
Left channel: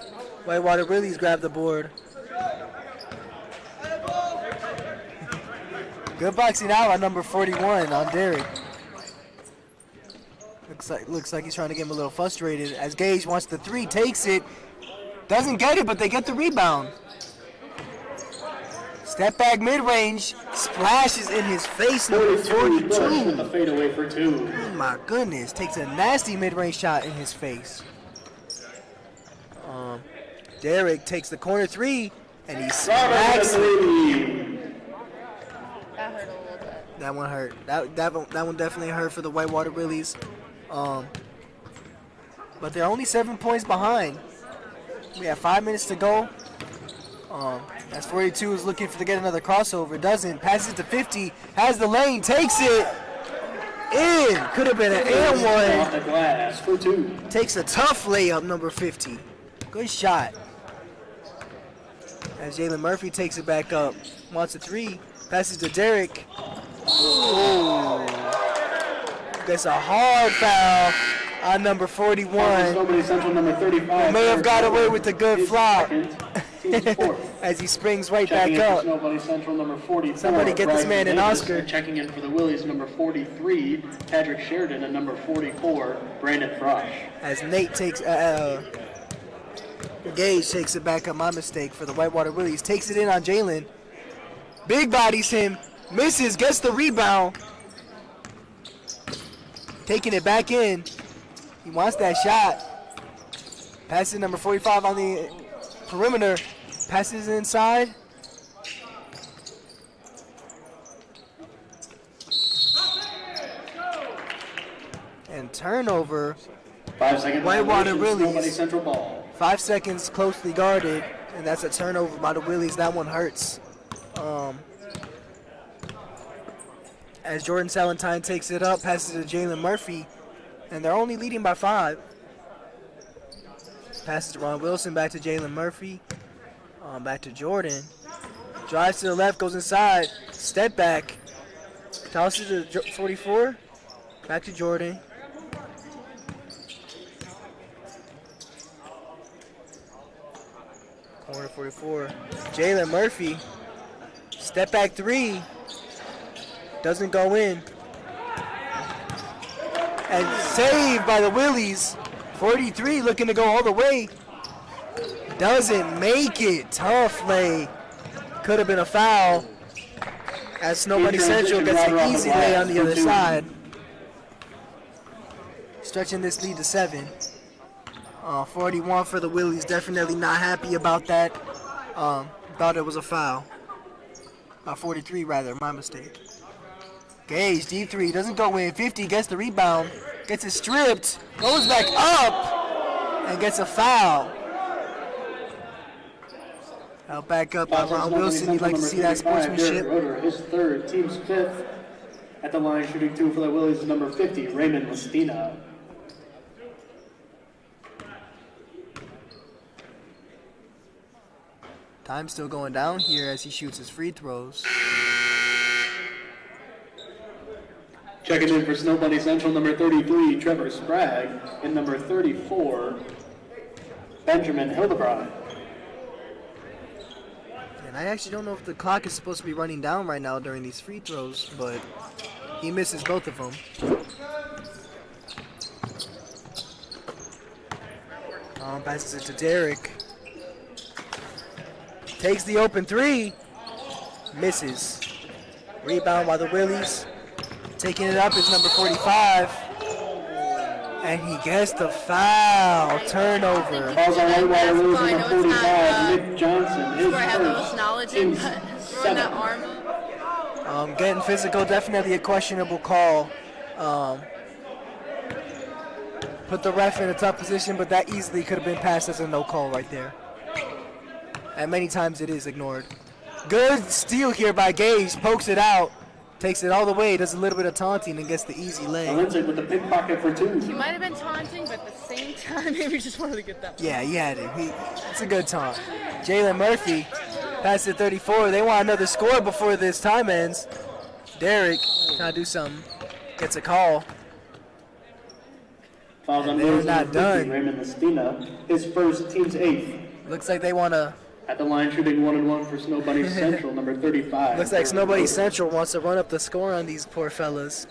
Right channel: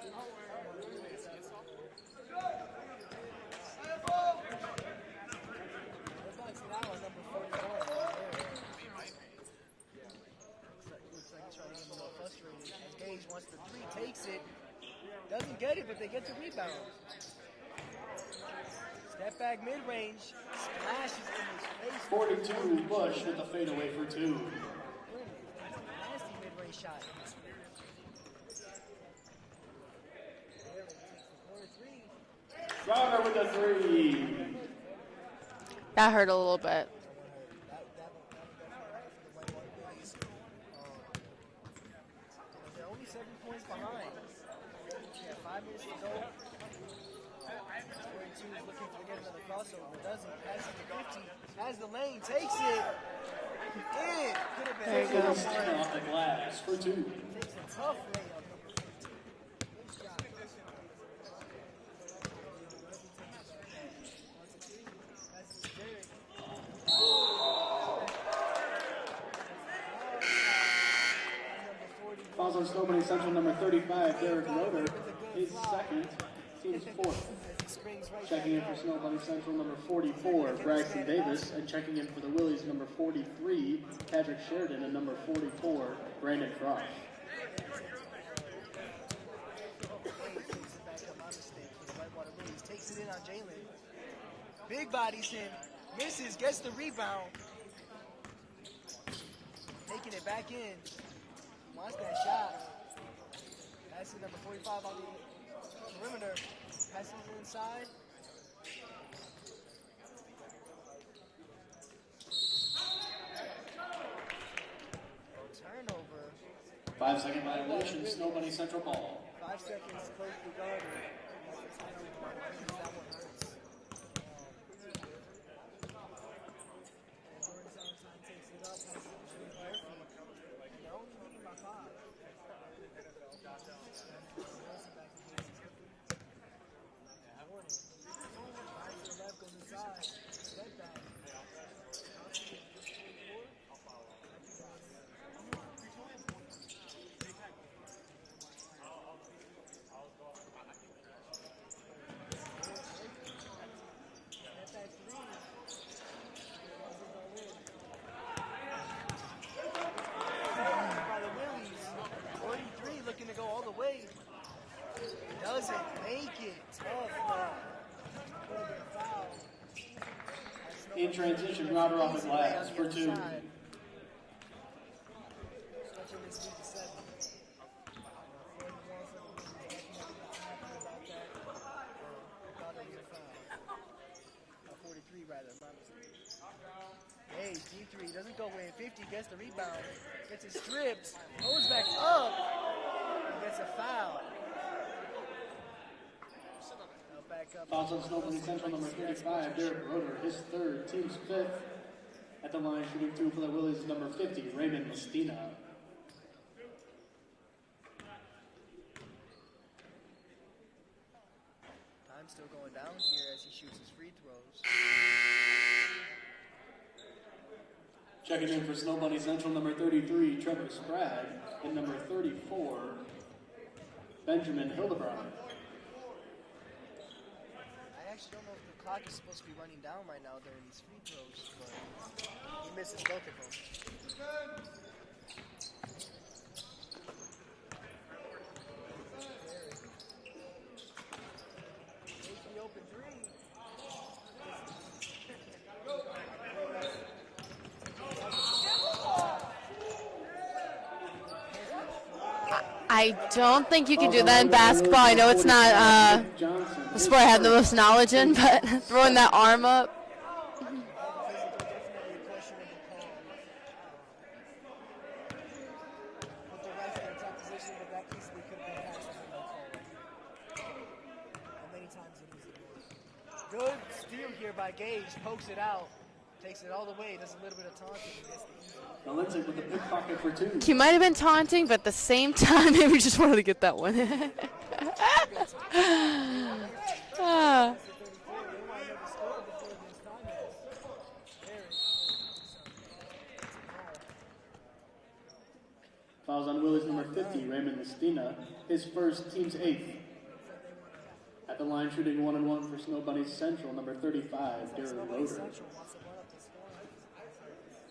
Whitewater Willies grab the board. Good boxing out on number 41 on Derek. Looks like he's trying to get him a little frustrated as Gage wants the three, takes it. Doesn't get it, but they get the rebound. Step back mid-range, splashes in his face, number 42 Bush with 42. a fadeaway for two. Oh my goodness, takes a nasty mid-range shot in his face. Derek takes the corner three, and he Robert smacks it. Anthony. That hurt a little bit. That one hurt. That one definitely hurt for the Whitewater Willies. But they're only 7 points behind. We have 5 minutes to go. As 42 is looking to get another crossover. Doesn't. Passes to 50. Has the lane. Takes it. In. Could have been an and Off one. the glass for two. Takes a tough layup, number 50. Good shot. As Jalen Murphy takes it back up. Wants a three. Passes to Derek. Ooh. That's a hard foul on number 41. Nobody Central number 35. May have got away with a good Is flop. second, team's fourth. As he springs right Checking back in for up. Snow Central number 44. Somebody get this Bryson man an Davis, Oscar. and checking in for the Willies number 43, Patrick Sheridan, and number 44, Brandon Frosch. As Nate takes, Gage takes it back up, my mistake, for the Whitewater Willies. Takes it in on Jalen. Big bodies him. Misses, gets the rebound. Taking it back in. He wants that shot. Passes number 45 on the perimeter. Passes inside. And turnover. 5 seconds. Whitewater violation, Snow Willies. Central ball. 5 seconds closely guarded, and that's a turnover by the Willies. That one hurts. As Jordan Salentine takes it up, passes to Jalen Murphy, and they're only leading by 5. Passes to Ron Wilson, back to Jalen Murphy, back to Jordan. Drives to the left, goes inside, step back, tosses to 44, back to Jordan. Corner 44. Jalen Murphy. Step back three. Doesn't go in. And saved by the Willies. 43 looking to go all the way. Doesn't make it. Tough lay. Could have been a foul. As Snow Bunny Central gets an easy lay on the other side. Stretching this lead to 7. 41 for the Willies. Definitely not happy about that. Thought it was a foul. 43 rather, my mistake. Gage, deep three, doesn't go in. 50 gets the rebound, gets it stripped, goes back up, and gets a foul. Out back up by Ron Wilson. You'd like to see that sportsmanship. Roder, his third, team's fifth. At the line, shooting two for the Willies is number 50, Raymond Mestina. Time still going down here as he shoots his free throws. Checking in for Snow Bunny Central, number 33, Trevor Sprague, and number 34, Benjamin Hildebrand. And I actually don't know if the clock is supposed to be running down right now during these free throws, but he misses both of them. Passes it to Derek. Takes the open three. Misses. Rebound by the Willies. Taking it up is number 45. And he gets the foul. I Turnover. don't think you can do that in basketball. I know it's not sport I have the most knowledge in, but throwing that arm up. Getting physical, definitely a questionable call. Put the ref in a tough position, but that easily could have been passed as a no call right there. And many times it is ignored. Good steal here by Gage, pokes it out, takes it all the way, does a little bit of taunting and gets the easy lay. Lindsay with the pickpocket for two. He might have been taunting, but at the same time, maybe just wanted to get that one. Yeah, he had it. It's a good taunt. Jalen Murphy, pass to 34. They want another score before this time ends. Derek, trying to do something, gets a call. Fouls on they're Willies not number 50, done. Raymond Lestina. His first, team's 8th. Looks like they want to. At the line, shooting 1-1 for Snow Bunny Central, number 35. Looks like Derek Snow Bunny Roeder. Central wants to run up the score on these poor fellas.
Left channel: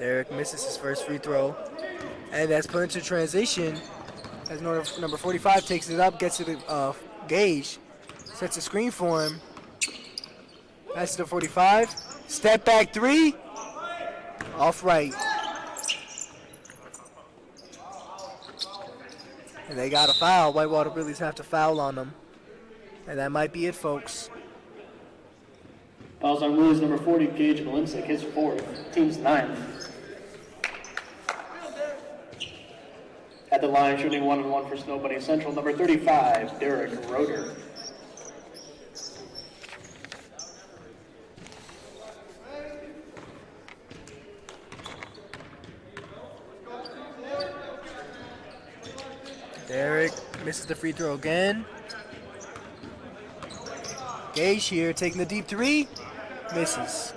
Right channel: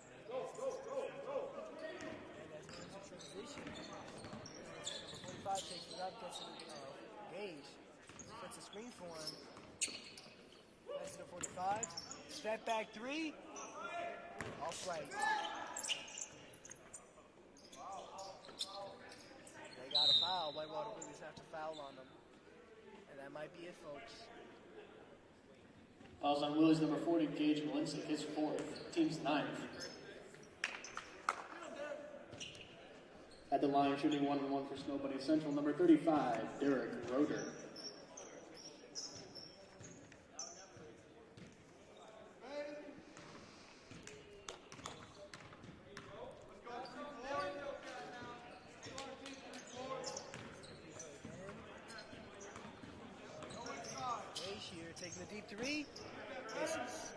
Derek misses his first free throw. And that's put into transition as number 45 takes it up, gets to the Gage, sets a screen for him. That's the 45. Step back three. Off right. And they got a foul. Whitewater Billies have to foul on them. And that might be it, folks. Fouls on Willies number 40, Gage Balinsick, his 4th, team's 9th. At the line, shooting 1-1 for Snow Bunny Central, number 35, Derek Roeder. Derek misses the free throw again. Gage here taking the deep three. Misses.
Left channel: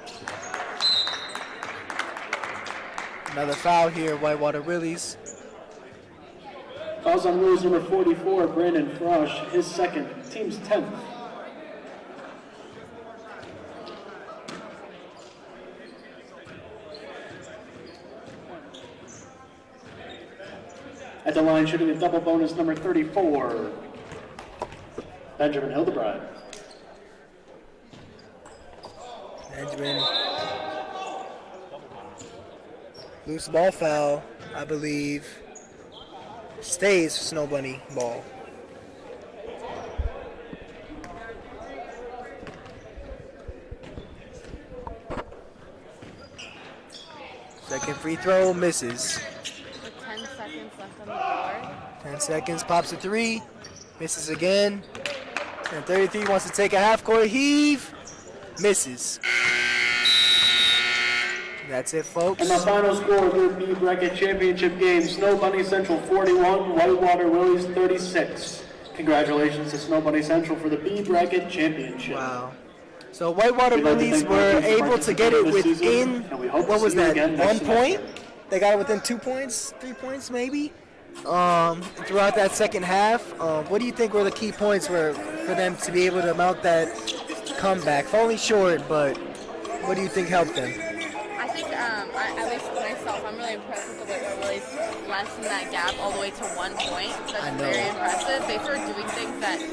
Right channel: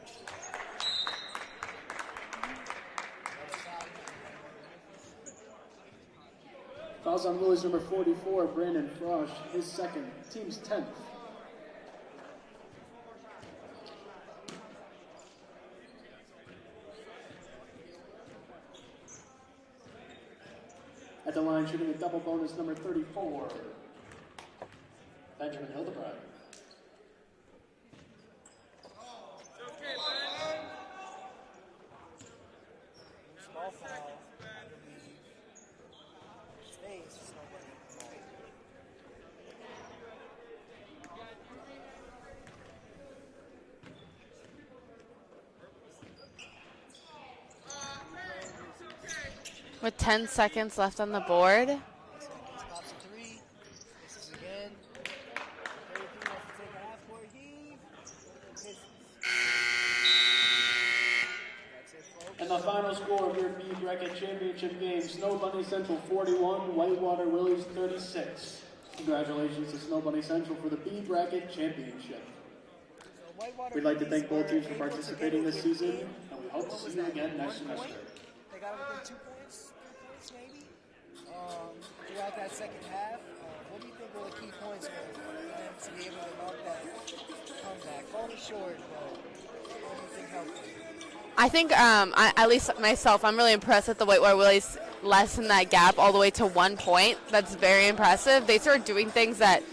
Another foul here, Whitewater Willies. Fouls on Willies number 44, Brandon Frosch, his 2nd, team's 10th. At the line, shooting a double bonus, number 34, Benjamin Hildebrand. Benjamin. Loose ball foul, I believe. Stays for Snow Bunny ball. Second free throw misses. With 10 seconds left on the board. 10 seconds, pops a three, misses again. And 33 wants to take a half-court heave, misses. That's it, folks. And the final score of your B bracket championship game, Snow Bunny Central 41, Whitewater Willies 36. Congratulations to Snow Bunny Central for the B bracket championship. Wow. So Whitewater We'd like to Willies thank were our teams for able to get it participating this within, season, and we hope to what was see you that, again next 1 point? semester. They got it within 2 points, 3 points maybe, throughout that second half. What do you think were the key points for them to be able to mount that comeback? Falling short, but what do you think helped them? I think, at least myself, I'm really impressed that the Whitewater Willies lessened that gap all the way to 1 point. That's very impressive. They started doing things that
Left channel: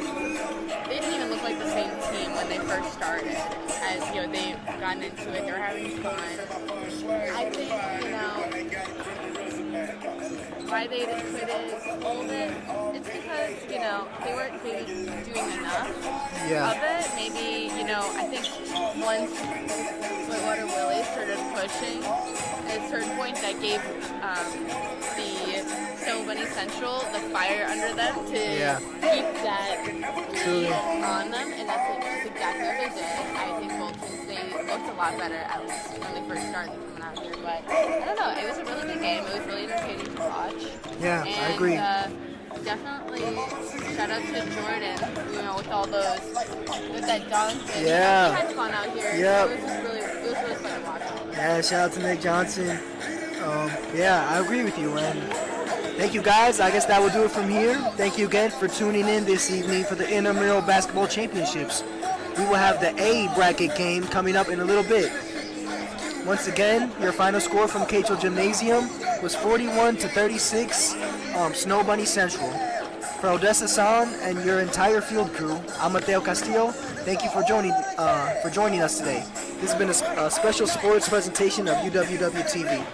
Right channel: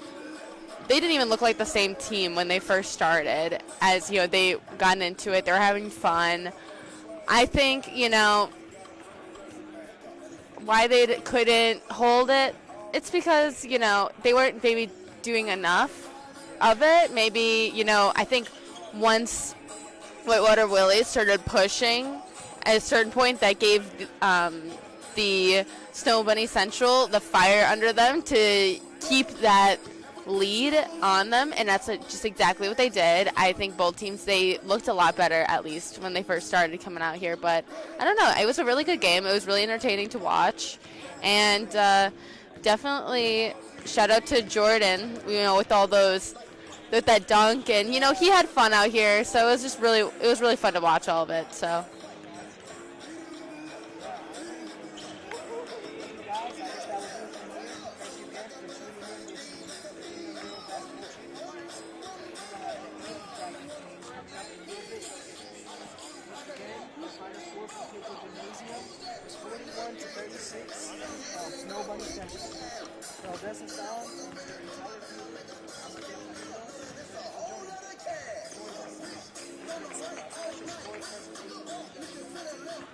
they didn't even look like the same team when they first started. As, you know, they gotten into it, they were having fun. I think, you know, why they couldn't hold it, it's because, you know, they weren't maybe doing enough of it. Maybe, you know, I think once Whitewater Willies started pushing at a certain point, that gave the Snow Bunny Central the fire under them to keep that lead on them, and that's just exactly what they did. I think both teams, they looked a lot better, at least when they first started coming out here, but I don't know, it was a really good game. It was really entertaining to watch. Yeah, And definitely shout out to Jordan, you know, with all those, with that dunk, and you know, he had fun out here, so it was just really, it was really fun to watch all of it. Yeah, so. shout out to Nick Johnson. Yeah, I agree with you, and thank you guys. I guess that will do it from here. Thank you again for tuning in this evening for the Intramural Basketball Championships. We will have the A bracket game coming up in a little bit. Once again, your final score from Cato Gymnasium was 41-36, Snow Bunny Central. For Odessa San and your entire field crew, I'm Mateo Castillo. Thank you for joining us today. This has been a special sports presentation of UWW TV.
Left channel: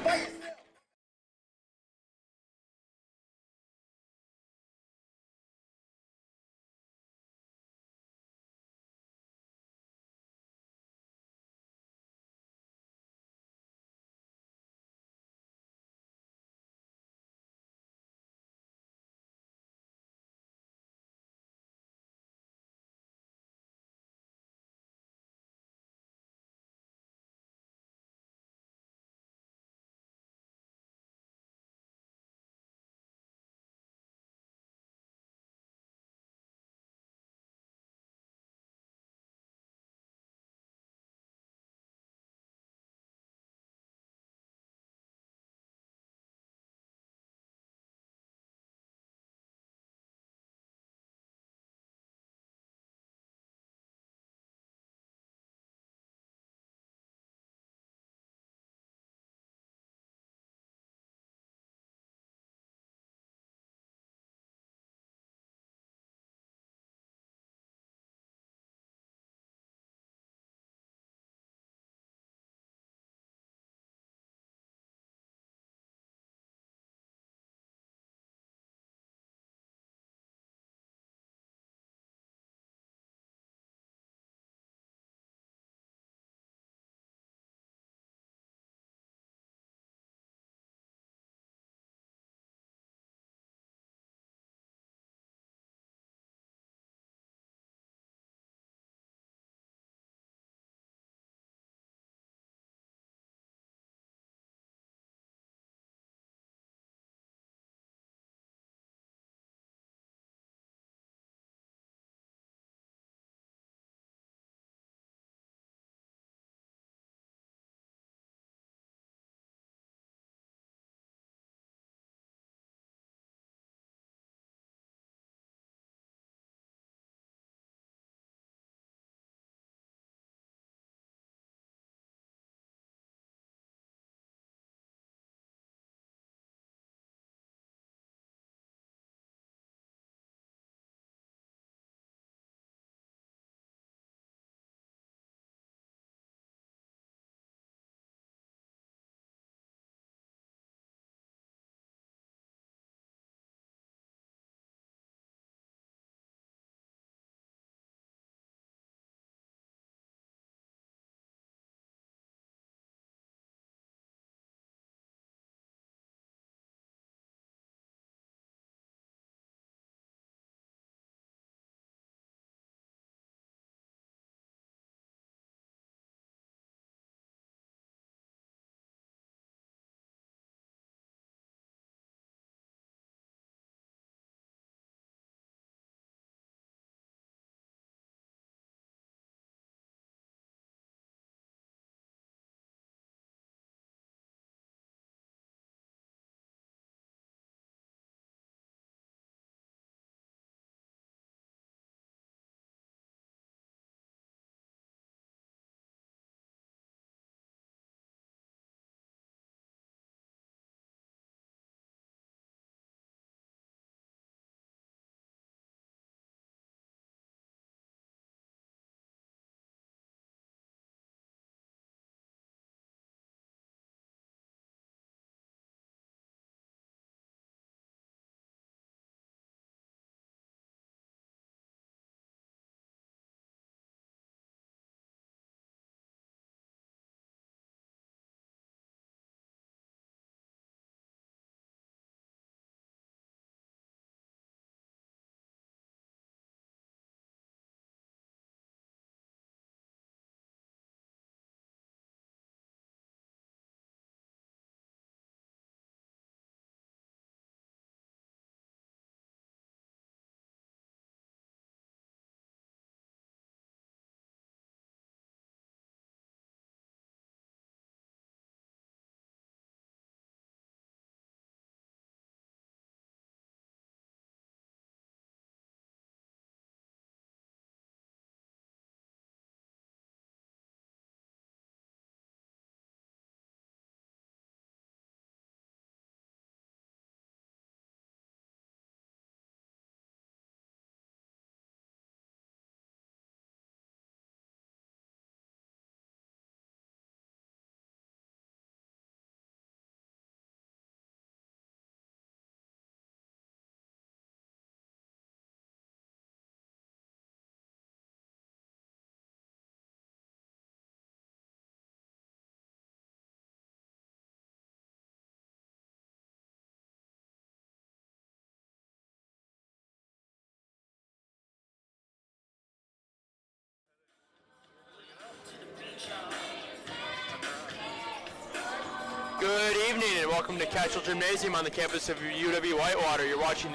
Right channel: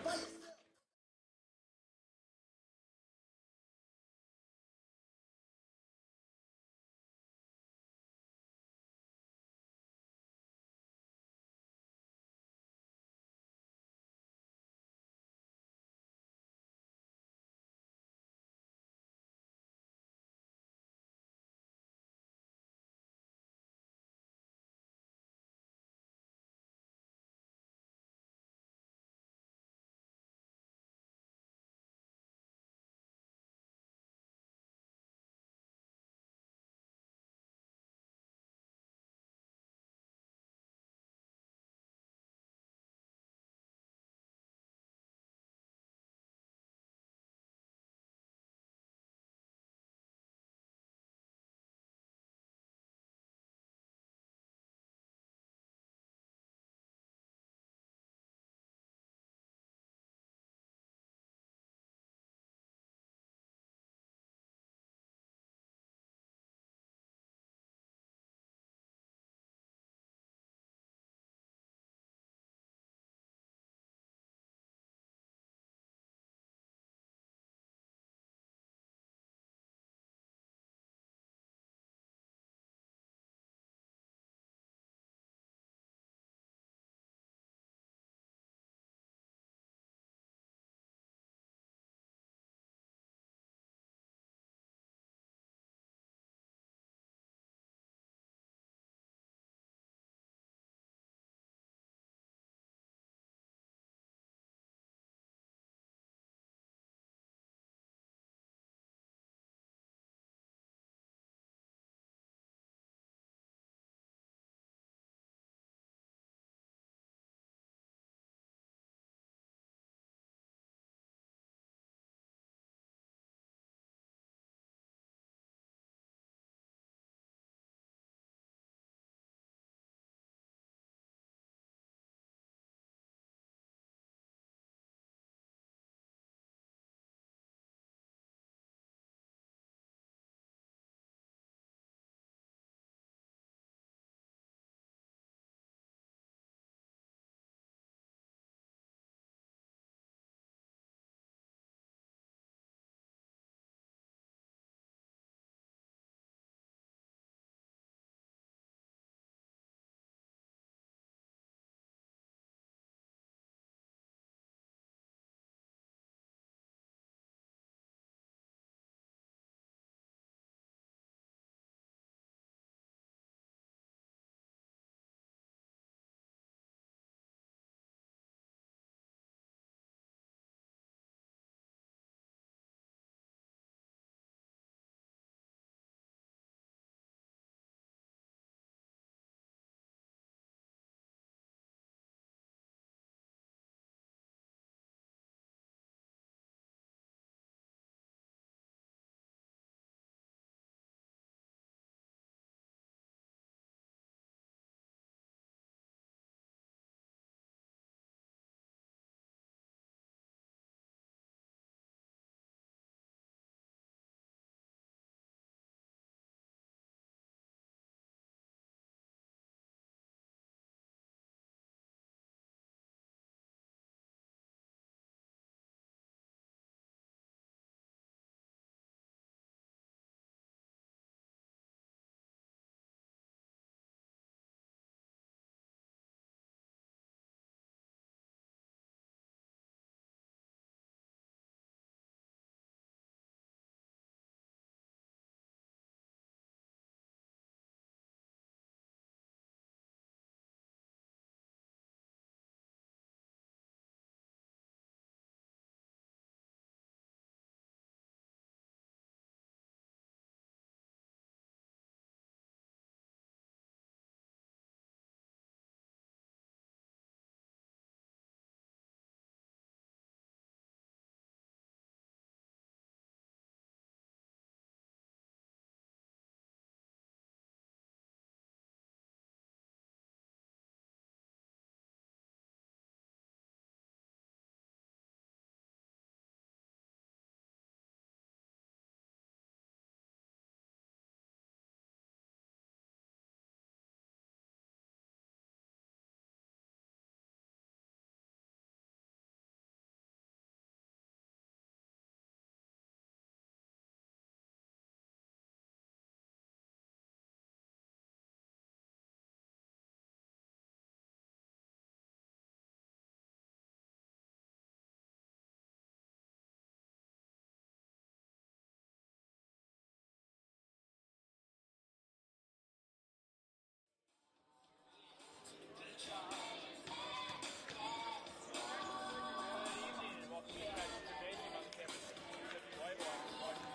welcome to Catchell Gymnasium on the campus of UW-Whitewater. You're watching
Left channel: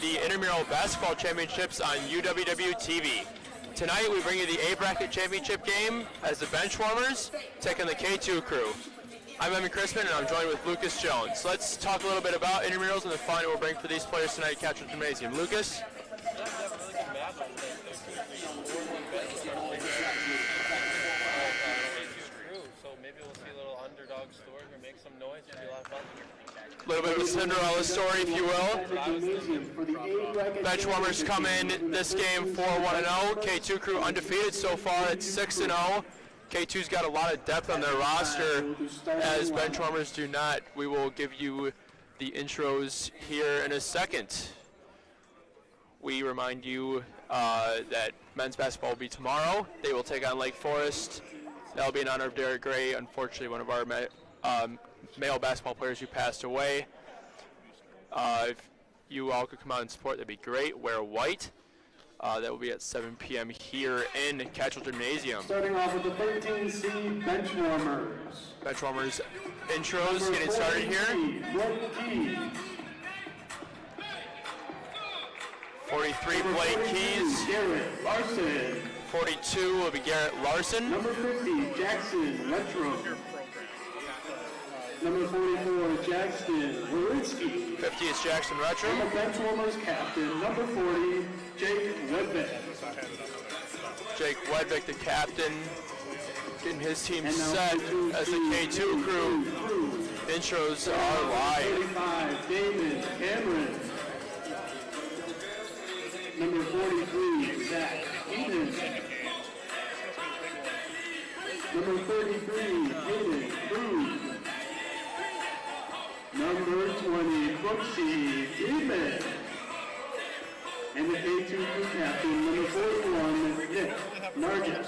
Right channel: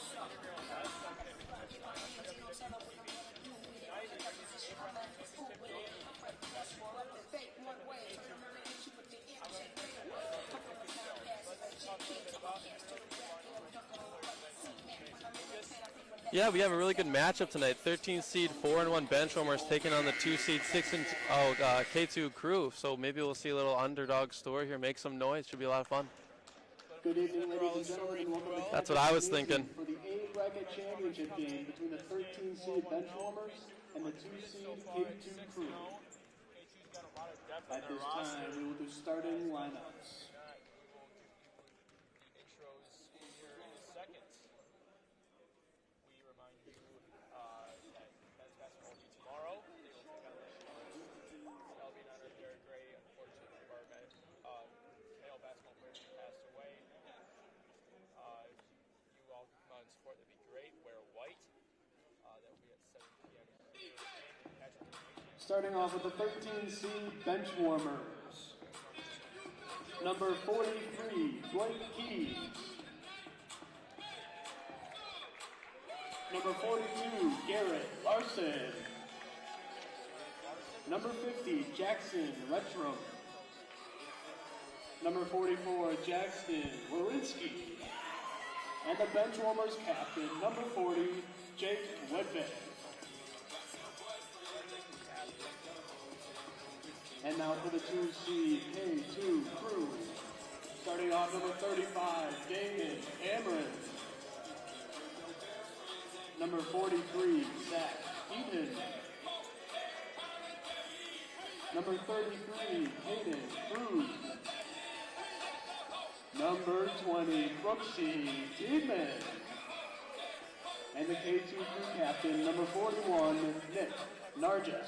the Intramural Basketball Championships on UWW-TV. Tonight we bring you the A-Bracket Championship game as the Benchwarmers take on the K2 crew. I'm Evan Crispin and I'm joined with Lucas Jones. Let's talk a little bit about intramurals and the fun it will bring for these players tonight at Catchell Gymnasium. Lucas? Yeah, we have a really good matchup tonight. 13 seed 4-1 Benchwarmers taking on the 2 seed 6 K2 crew. So maybe we'll see a little underdog story here, make some noise. Should be a lot of fun. A little bit of a Cinderella story, if you will. That's what I was thinking. Benchwarmers come in this game 4-1-0. K2 crew undefeated so far at 6-0. K2's got a lot of depth on their roster, as Benchwarmers do not. We will give you the intros here in a second. We remind you that men's basketball will be tomorrow. They will take on Lake Forest. That'll be in honor of Derek Gray, unfortunately one of our male basketball players who passed away. If you all could come out and support, that'd be great. Wear white. That will be at 7 p.m. here in Catchell Gymnasium. Starting off with the 13 seed Benchwarmers. Benchwarmers intros getting started here. 43, Blake Keys. Garrett Larson. 42 will be Garrett Larson. Number 50, Jackson Letram. Number 44, Jackson Warinsky. 50 is Jackson And Retro. the Benchwarmers captain, number 40, Jake Wedbeck. Jake Wedbeck, the captain, getting his team And now set K2 as the K2 crew. Intros are live. 35, David Cameron. Number 43, Zach Eaton. Number 33, Hayden Cruz. Number 20, Brooksy Freeman. And the K2 crew captain, number 41, Nick Nargis.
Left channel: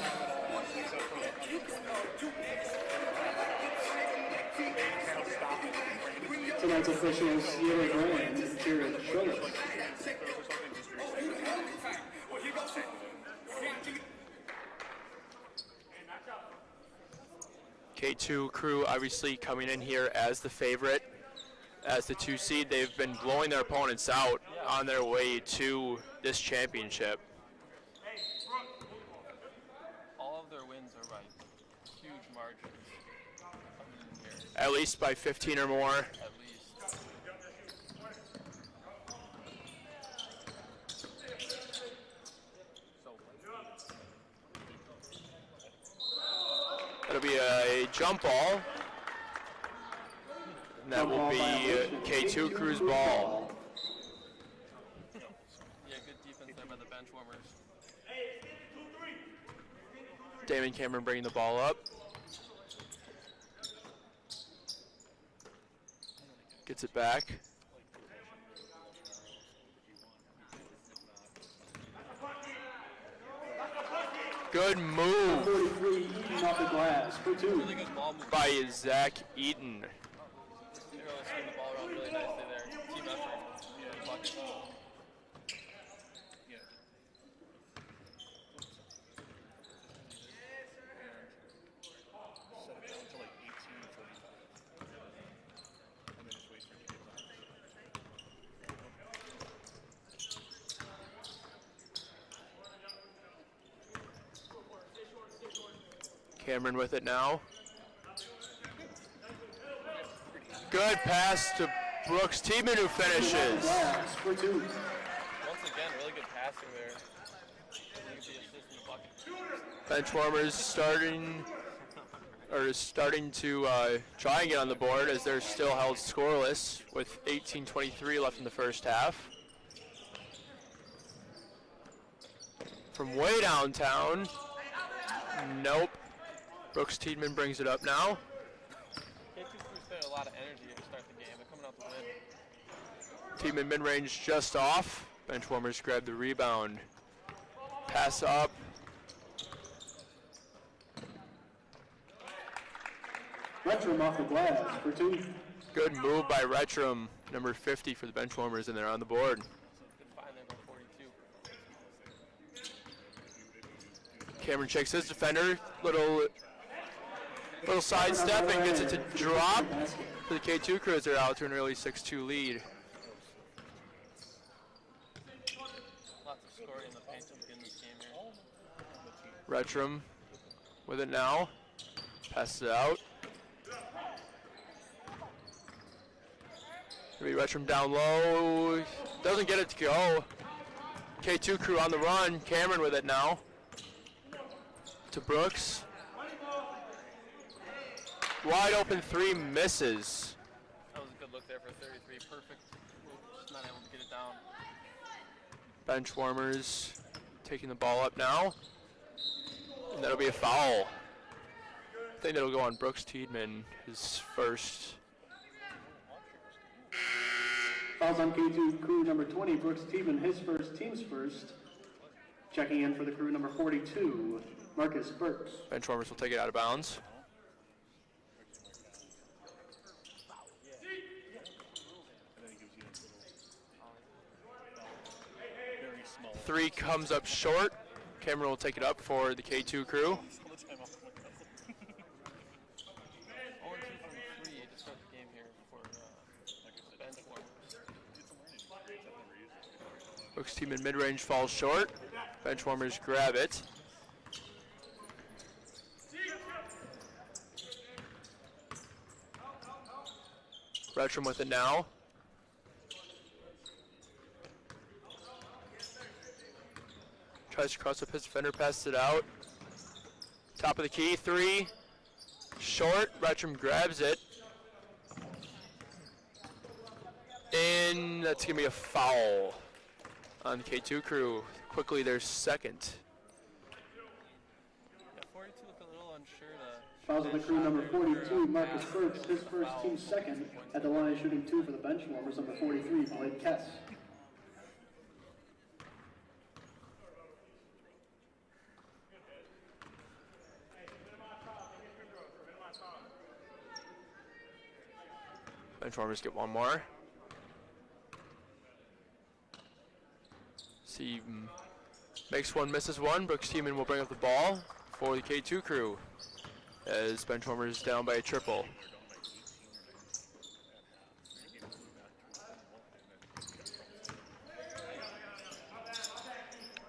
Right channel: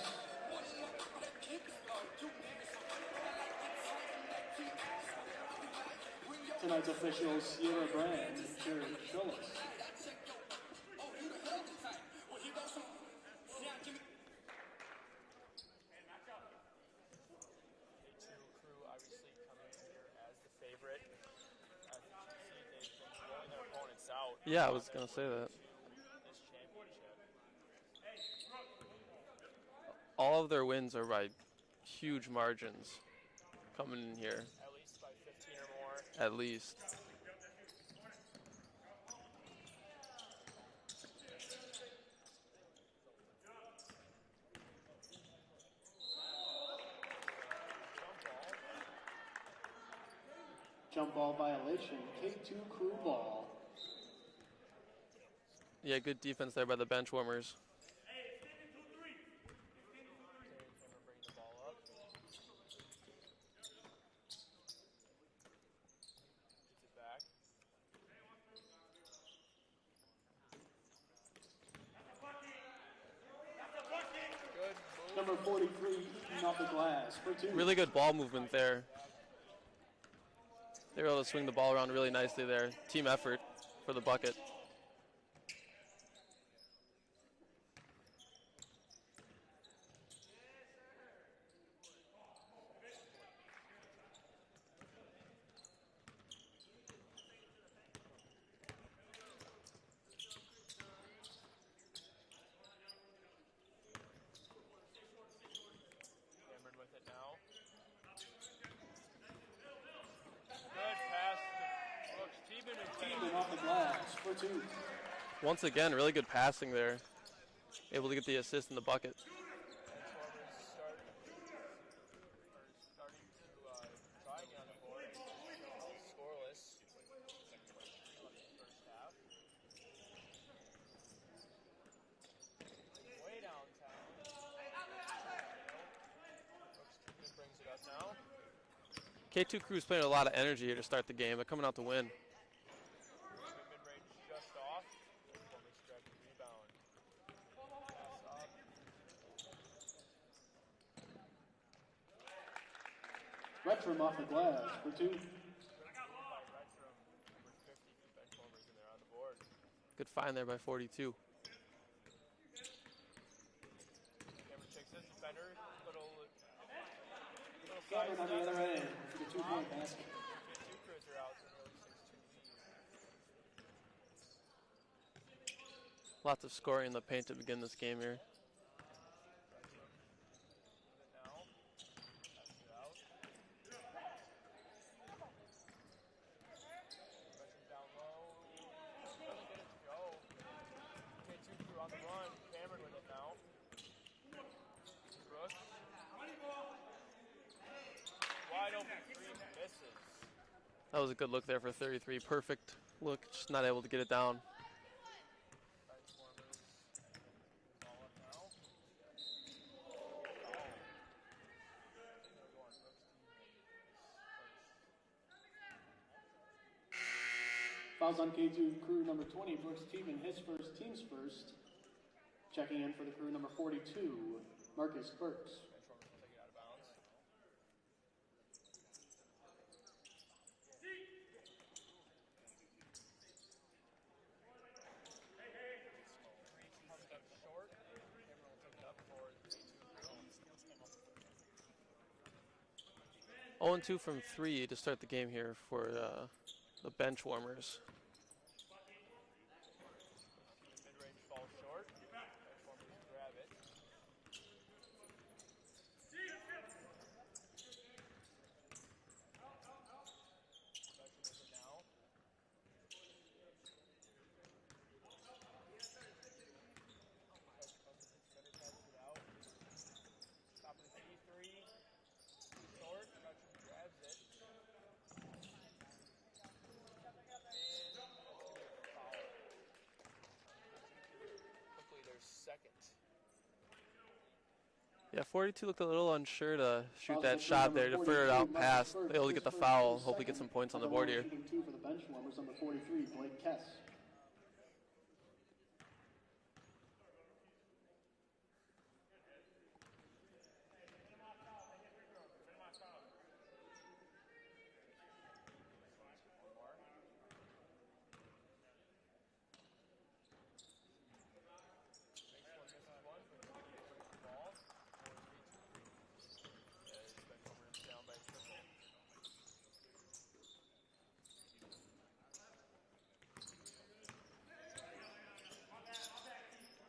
Tonight's officials, Sierra Graham and Jared Schultz. K2 crew obviously coming in here as the favorite, as the 2 seed. They've been blowing their opponents out on their way to this championship. All of their wins are by huge margins coming in here, At least by 15 or more. at least. That'll be a jump ball. And that will be K2 crew's ball. Yeah, good defense there by the Benchwarmers. Damon Cameron bringing the ball up. Gets it back. Good move 43, Eaton off the glass for 2. Really good ball movement by there. Zach Eaton. They were able to swing the ball around really nicely there. Team effort for the bucket. Cameron with it now. Good pass to Brooks Tiemann, who finishes. Glass for 2. Once again, really good passing there. Able to get the assist in the bucket. Benchwarmers starting to try and get on the board as they're still held scoreless with 18:23 left in the first half. From way downtown, nope. Brooks Tiedemann brings it up now. K2 crew's playing a lot of energy here to start the game. They're coming out to win. Tiedemann mid-range just off. Benchwarmers grab the rebound. Pass up. Retram off the glass for 2. Good move by Retram, number 50 for the Benchwarmers, and they're on the board. Good find there by 42. Cameron checks his defender. Little Little sidestep and gets it to drop for the K2 crew as they're out to an early 6-2 lead. Lots of scoring in the paint to begin this game here. Retrum with it now. Passes it out. Maybe Retrum down low. Doesn't get it to go. K2 crew on the run. Cameron with it now. To Brooks. Wide open three, misses. That was a good look there for 33. Perfect look, just not able to get it down. Bench warmers taking the ball up now. And that'll be a foul. I think that'll go on Brooks Tiedemann, his first. Fouls on K2 crew number 20, Brooks Tiedemann, his first, team's first. Checking in for the crew number 42, Marcus Burks. Bench warmers will take it out of bounds. Three comes up short. Cameron will take it up for the K2 crew. 0-2 from 3 to start the game here for the bench warmers. Brooks team in mid-range falls short. Bench warmers grab it. Retrum with it now. Tries to cross up his defender, passes it out. Top of the key, three. Short, Retrum grabs it. And that's gonna be a foul on the K2 crew. Quickly their second. Yeah, 42 looked a little unsure to shoot that shot there, to figure it out past, able to get the foul, hope to get some points on the board here. Shooting 2 for the bench warmers, number 43, Blake Kess. Bench warmers get one more. See, makes one, misses one. Brooks Tiedemann will bring up the ball for the K2 crew as bench warmers down by a triple.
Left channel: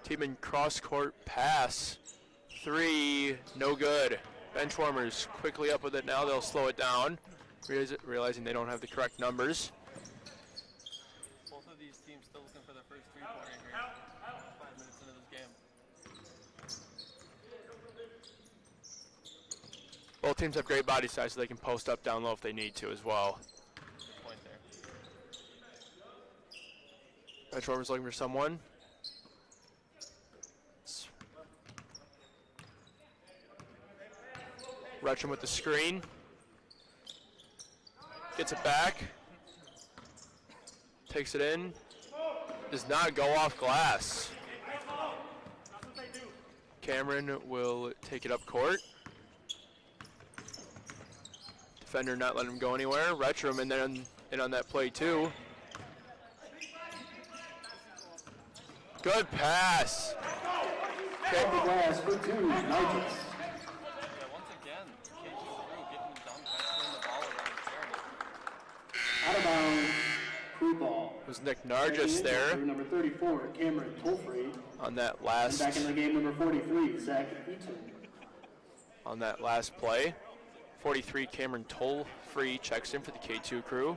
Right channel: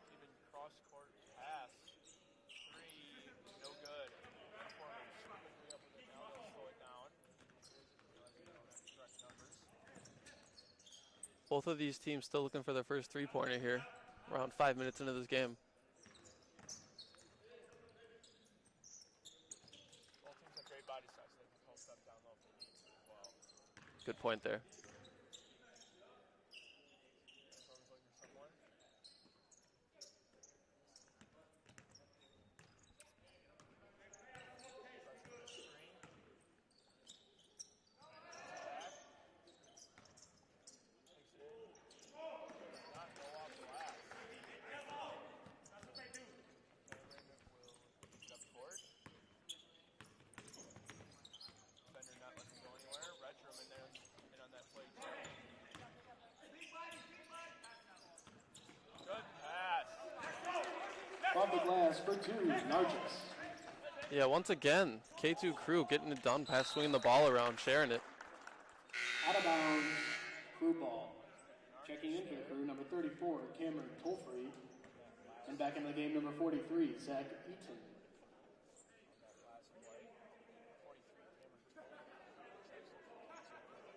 Tiedemann cross-court pass. Three, no good. Bench warmers quickly up with it now. They'll slow it down, realizing they don't have the correct numbers. Both of these teams still looking for their first three-pointer here, around 5 minutes into this game. Both teams have great body size, so they can post up down low if they need to as well. Good point there. Bench warmers looking for someone. Retrum with the screen. Gets it back. Takes it in. Does not go off glass. Cameron will take it up court. Defender not letting him go anywhere. Retrum and then in on that play too. Good pass. Off the glass for 2, Nigel. Yeah, once again, K2 crew getting it done, swinging the ball around, sharing it. Out of bounds, crew ball. Was Nick Nargis there Number 34, Cameron Tolfrey. on that And last back in the game, number 43, Zach Eaton. on that last play. 43 Cameron Toll-Free checks in for the K2 crew.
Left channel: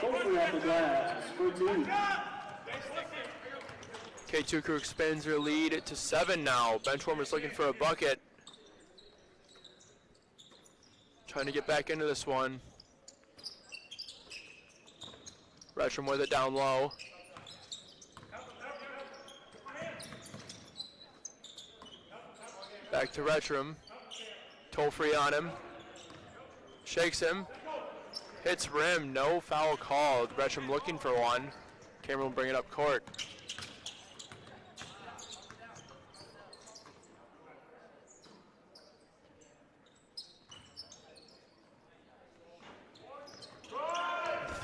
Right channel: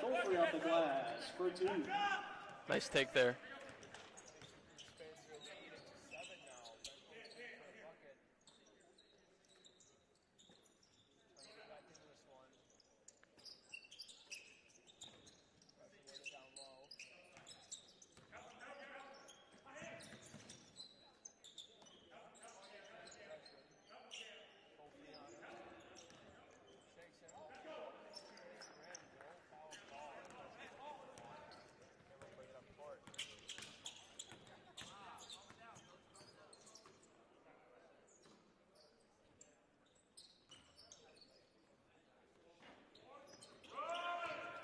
Tolfrey off the glass, 14. Nice take there. K2 crew expands their lead to 7 now. Benchwarmers looking for a bucket. Trying to get back into this one. Retrum with it down low. Back to Retrum. Toll-free on him. Shakes him. Hits rim. No foul called. Retrum looking for one. Cameron will bring it up court.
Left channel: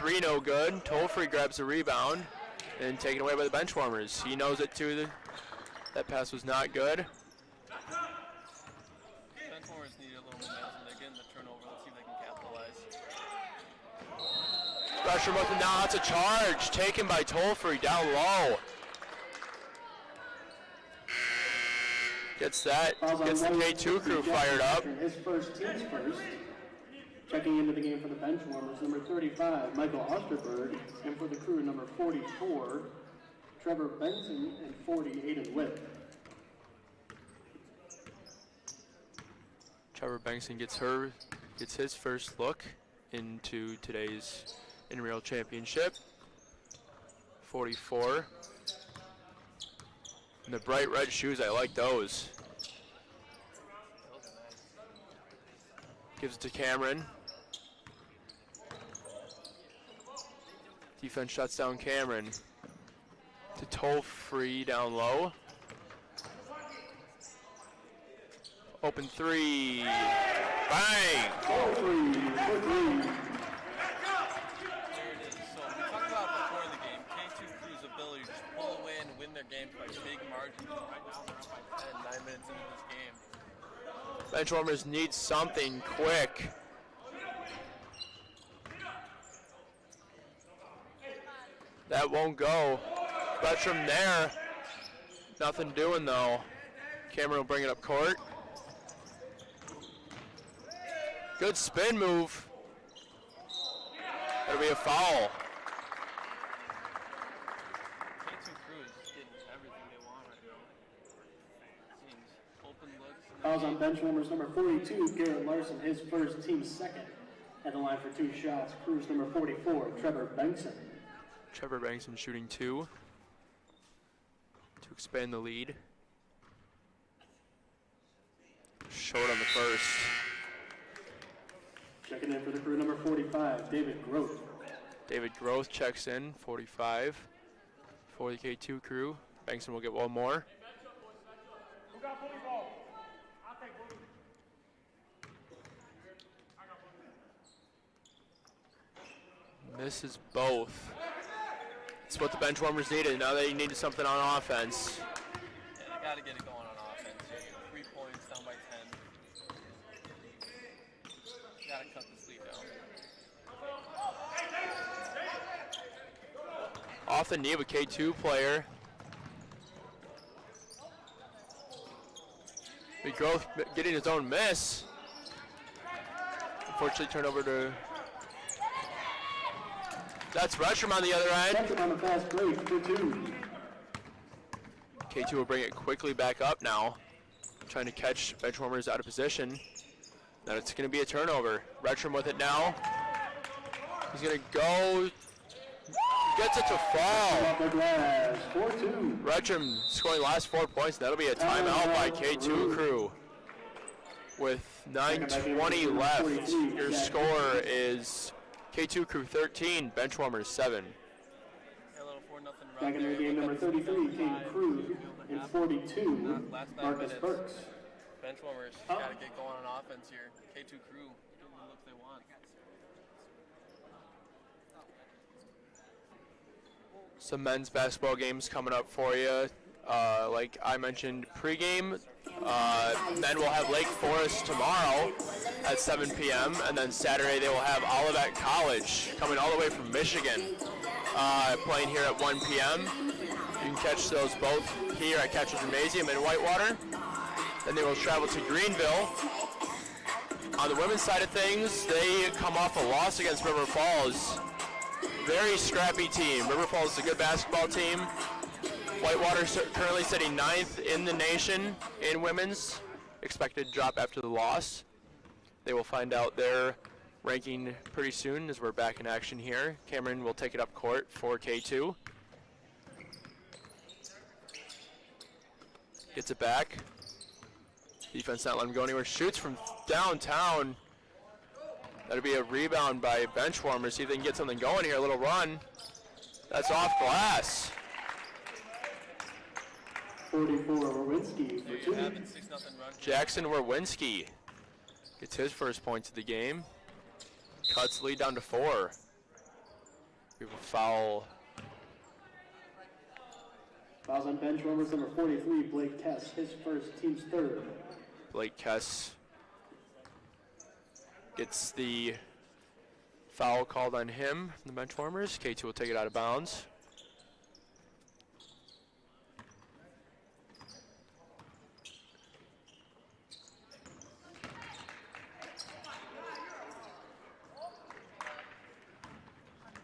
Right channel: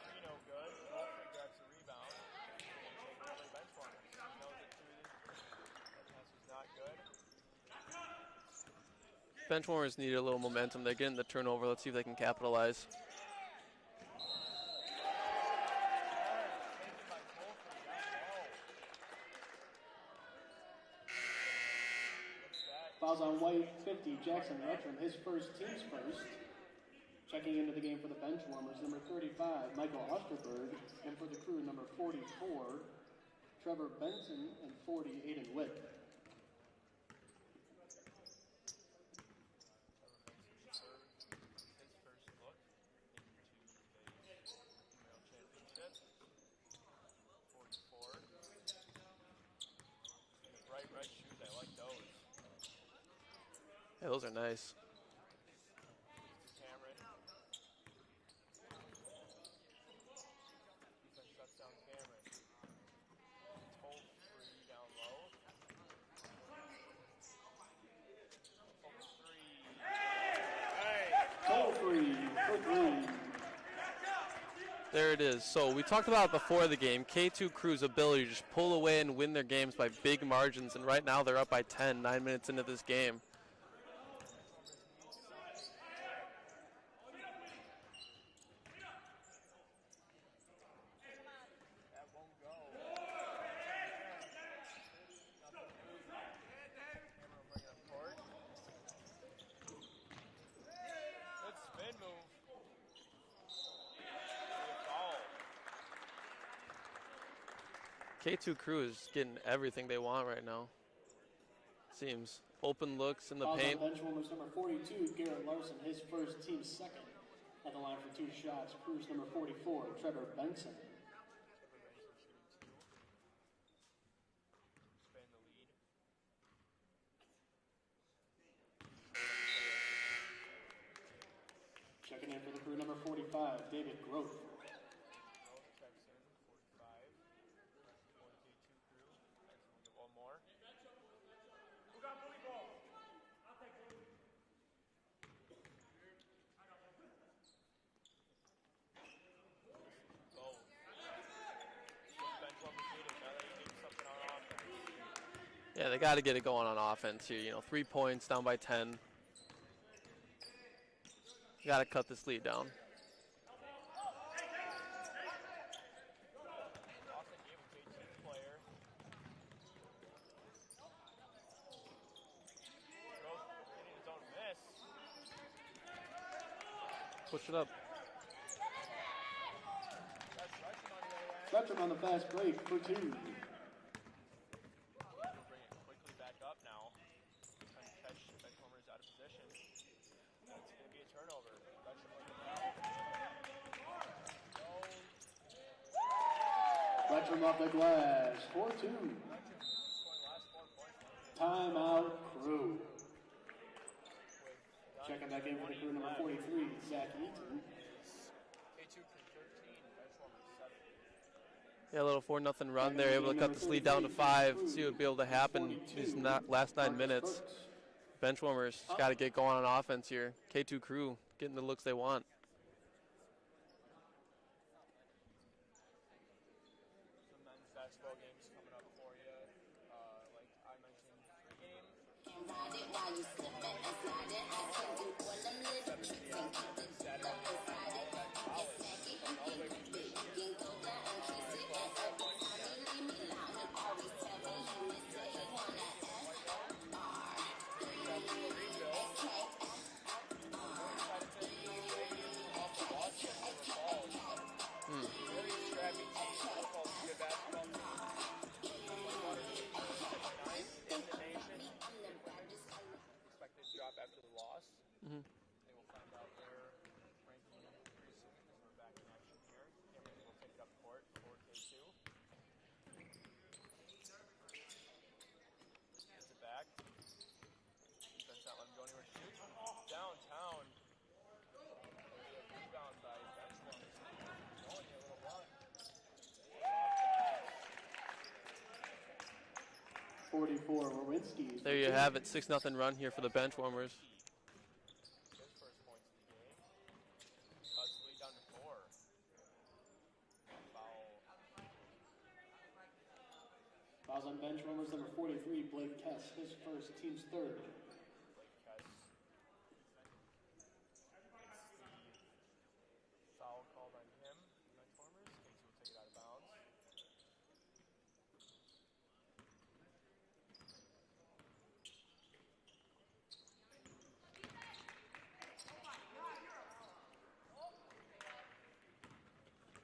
three no good. Tolfree grabs the rebound and taken away by the Benchwarmers. He knows it too. That pass was not good. Benchwarmers need a little momentum. They're getting the turnover. Let's see if they can capitalize. Pressure with him now. It's a charge taken by Tolfree down low. Gets the K2 crew fired up. His first team's first. Checking into the game for the Benchwarmers, number 35, Michael Osterberg, and for the crew, number 44, Trevor Benson, and 40, Aiden Whip. Trevor Benson gets his first look into today's Intramural Championship. 44. And the bright red shoes, I like those. Yeah, those are nice. Gives it to Cameron. Defense shuts down Cameron. To Tolfree down low. Open three. Bang! There it is. So we talked about it before the game, K2 Crew's ability to just pull away and win their games by big margins, and right now they're up by 10, 9 minutes into this game. Benchwarmers need something quick. That won't go. Bertram there. Nothing doing though. Cameron will bring it up court. Good spin move. That'll be a foul. K2 Crew is getting everything they want right now. Seems. Open looks in the Fouls on paint. Benchwarmers, number 42, Garrett Larson, his first, team second. At the line for 2 shots, Crew's number 44, Trevor Bengtson. Trevor Bengtson shooting 2 to expand the lead. Short on the first. Checking in for the Crew, number 45, David Groth. David Groth checks in, 45 for the K2 Crew. Bengtson will get one more. Misses both. It's what the Benchwarmers needed. Now they needed something on offense. Yeah, they got to get it going on offense here. 3 points, down by 10. Got to cut this lead down. Off the knee of a K2 player. Big Growth getting his own miss. Unfortunately, turned over to. That's Retcham on the other end. Retcham on the fast break, 2-2. K2 will bring it quickly back up now. Trying to catch Benchwarmers out of position. Now it's going to be a turnover. Retcham with it now. He's going to go. Gets it to fall. 4-2. Retcham scoring last 4 points. That'll be a timeout by K2 Crew. With 9:20 left, your score is K2 Crew 13, Benchwarmers 7. Yeah, a little 4-0 run there, able to cut this lead down to 5. See what would be able to happen in that last 9 minutes. Benchwarmers got to get going on offense here. K2 Crew getting the looks they want. Some men's basketball games coming up for you. Like I mentioned pregame, men will have Lake Forest tomorrow at 7 p.m. and then Saturday they will have Olivet College coming all the way from Michigan, playing here at 1 p.m. You can catch those both here at Catcher Gymnasium in Whitewater. Then they will travel to Greenville. On the women's side of things, they come off a loss against River Falls. Very scrappy team. River Falls is a good basketball team. Whitewater currently sitting 9th in the nation in women's. Expected to drop after the loss. They will find out their ranking pretty soon as we're back in action here. Cameron will take it up court for K2. Gets it back. Defense not letting him go anywhere. Shoots from downtown. That'll be a rebound by Benchwarmers. See if they can get something going here. A little run. That's off glass. 44, Werwinski. There you have it, 6-0 run here. Jackson Werwinski gets his first points of the game. Cuts lead down to 4. We have a foul. Fouls on Benchwarmers number 43, Blake Kess, his first, team's third. Blake Kess gets the foul called on him from the Benchwarmers. K2 will take it out of bounds.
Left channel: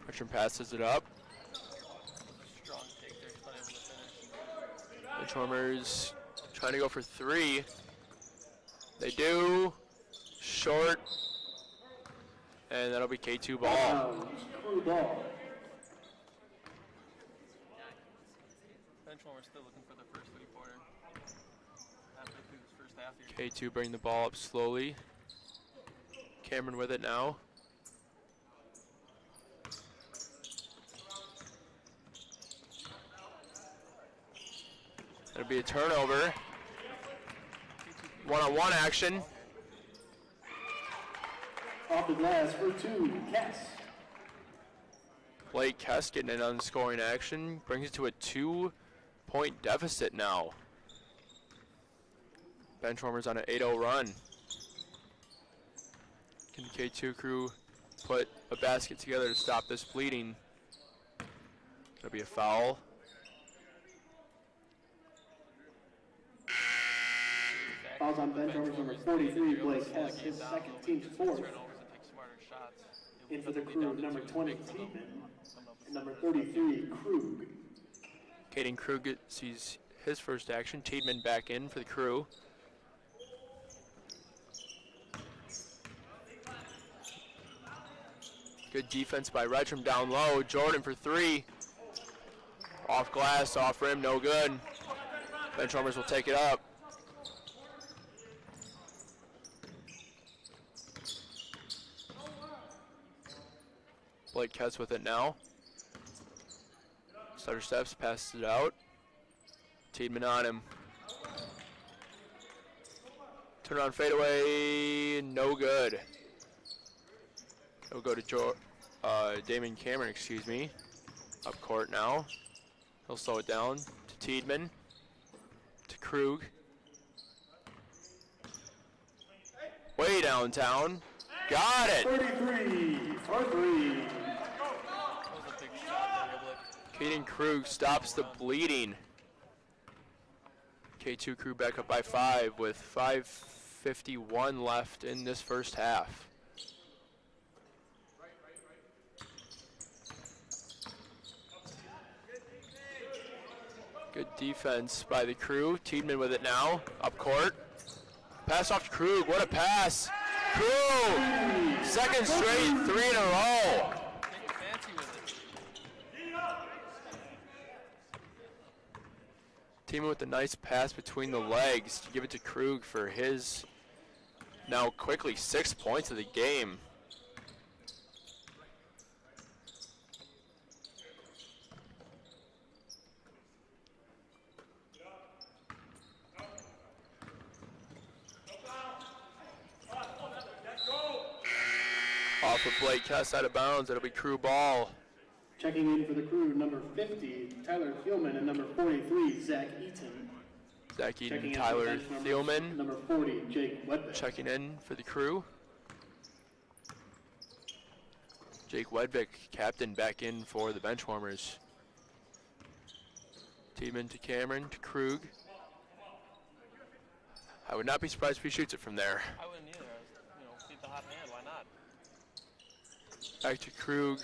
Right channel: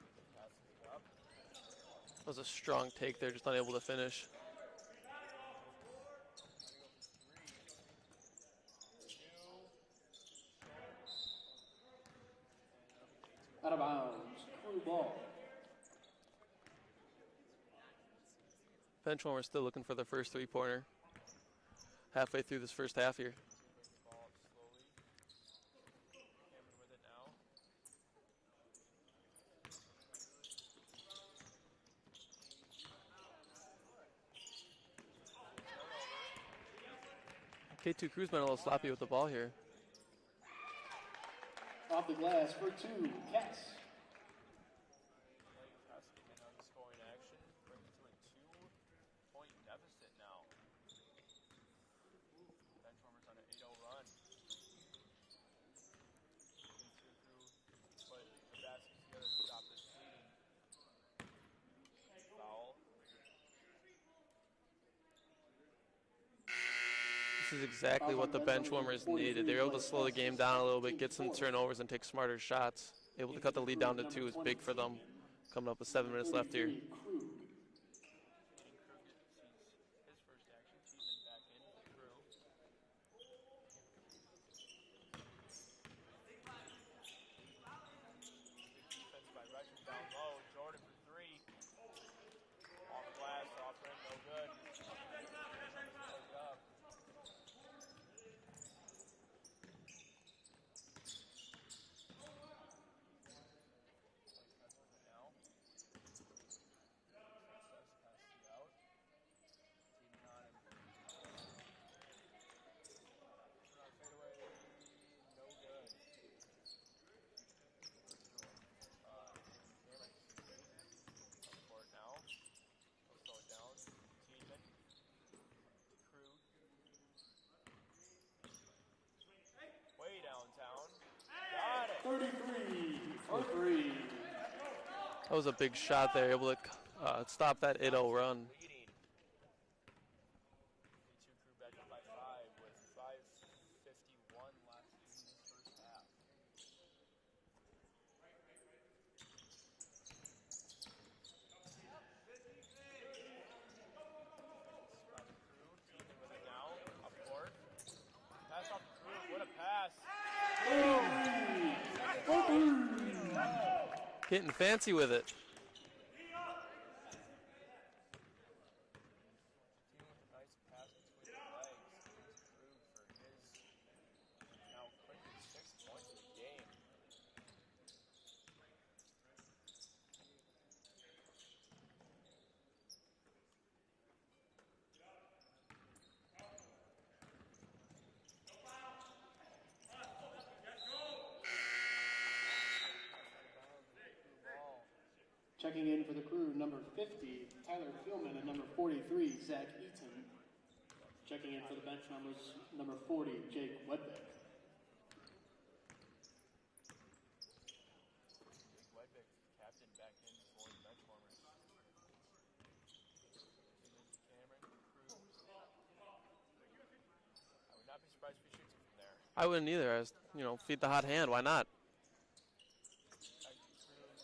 Richard passes it up. That was a strong take there, just unable to finish. Benchwarmers trying to go for three. They do. Short. And that'll be K2 ball. Crew ball. Benchwarmers still looking for their first three-pointer. Halfway through this first half here. K2 bring the ball up slowly. Cameron with it now. It'll be a turnover. K2 Cruz One-on-one action. Ball here. Off the glass for two, Kess. Blake Kess getting in on scoring action. Brings it to a 2-point deficit now. Benchwarmers on an 8-0 run. Can the K2 crew put a basket together to stop this bleeding? That'll be a foul. This is exactly what the Benchwarmers needed. They were able to slow the game down a little bit, get some turnovers, and take smarter shots. Able to cut the lead down to 2 is big for them. Coming up with 7 minutes left here. Caden Krug sees his first action. Tiedemann back in for the crew. Good defense by Retcham down low. Jordan for three. Off glass, off rim, no good. Benchwarmers will take it up. Blake Kess with it now. Stutter steps, passes it out. Tiedemann on him. Turn on fadeaway, no good. It'll go to Damon Cameron, excuse me. Up court now. He'll slow it down to Tiedemann. To Krug. Way downtown. Got it! 33 for 3. That was a big shot there. Able to Caden stop Krug that stops 8-0 the run. bleeding. K2 crew back up by 5 with 5:51 left in this first half. Good defense by the crew. Tiedemann with it now, up court. Pass off to Krug, what a pass! Krug! Second straight, 3 in a row. Getting fancy with it. Tiedemann with a nice pass between the legs to give it to Krug for his now quickly 6 points of the game. Off of Blake Kess out of bounds, it'll be crew ball. Checking in for the crew, number 50, Tyler Thielman, and number 43, Zach Eaton. Zach Checking Eden, in for Tyler bench members, Thielman number 40, Jake Wedbeck. checking in for the crew. Jake Wedvick, captain, back in for the Benchwarmers. Tiedemann to Cameron to Krug. I would not be surprised if he shoots it from there. I wouldn't either. I was, feed the hot hand. Why not? Back to Krug.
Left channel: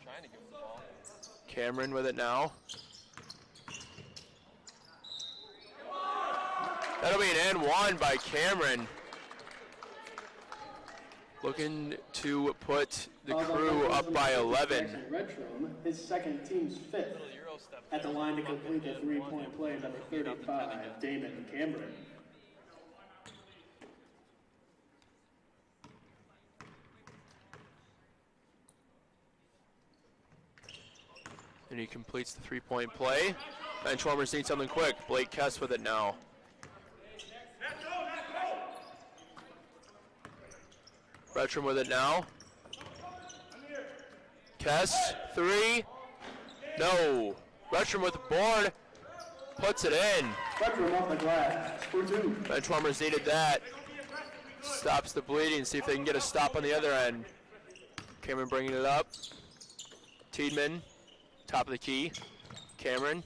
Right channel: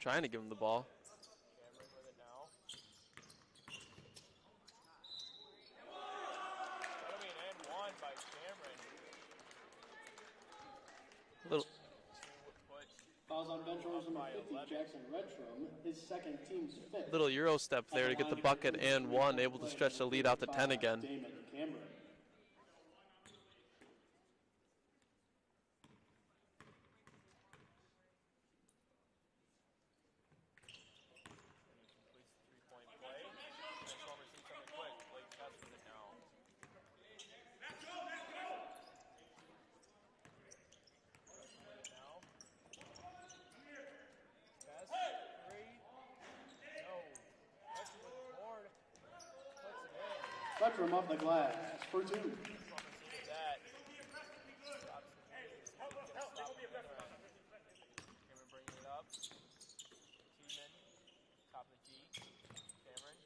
Trying to give him the ball. Cameron with it now. That'll be an and one by Cameron. Looking to put the crew up by 11. His second team's fifth. Little Euro step At there to get line the bucket complete the and three-point one, able play, to stretch the number lead out to 10 35, again. Damon Cameron. And he completes the three-point play. Benchwarmers need something quick. Blake Kess with it now. Retrum with it now. Kess, 3. No. Retrum with the board. Puts it in. Retrum off the glass for 2. Benchwarmers needed that. Stops the bleeding. See if they can get a stop on the other end. Cameron bringing it up. Tiedemann, top of the key. Cameron.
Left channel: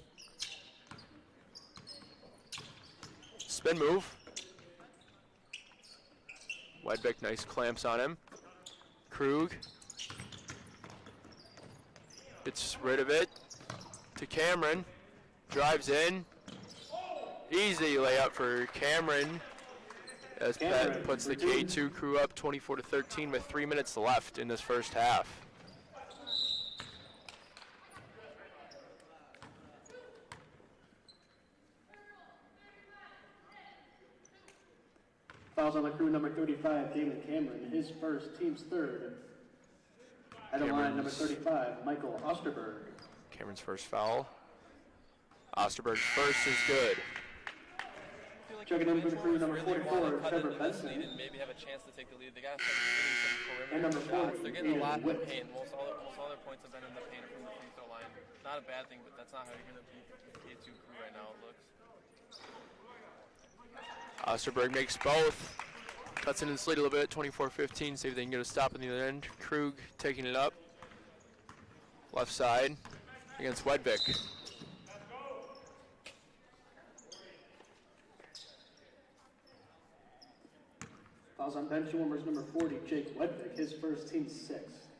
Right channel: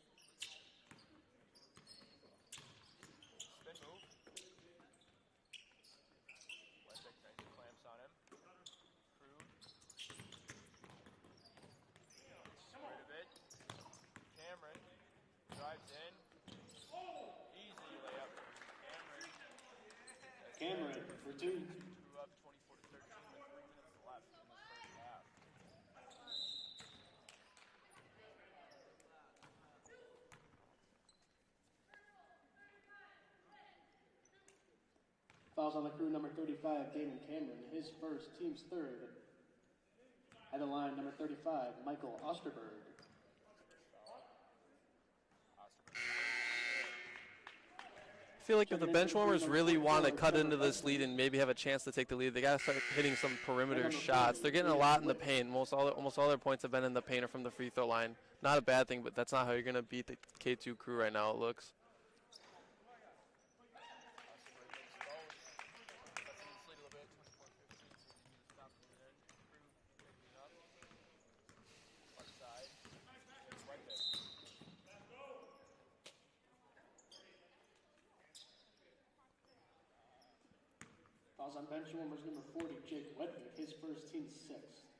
Spin move. Wedbeck, nice clamps on him. Krug. Gets rid of it to Cameron. Drives in. Easy layup for Cameron. As Pat puts the K2 crew up 24-13 with 3 minutes left in this first half. Fouls on the crew, number 35, David Cameron, his first, team's third. At the line, number 35, Michael Osterberg. Cameron's first foul. Osterberg's first is good. I feel like if the Benchwarmers really want to cut into this lead and maybe have a chance to take the lead, they got to start hitting some perimeter shots. They're getting a lot in the paint. Almost all their points have been in the paint or from the free throw line. Not a bad thing, but that's not how you're going to beat the K2 crew right now, it looks. Osterberg makes both. Cuts into the lead a little bit, 24-15. See if they can get a stop in the other end. Krug taking it up. Left side against Wedbeck. Fouls on Benchwarmers, number 40, Jake Wedbeck, his first, team's sixth.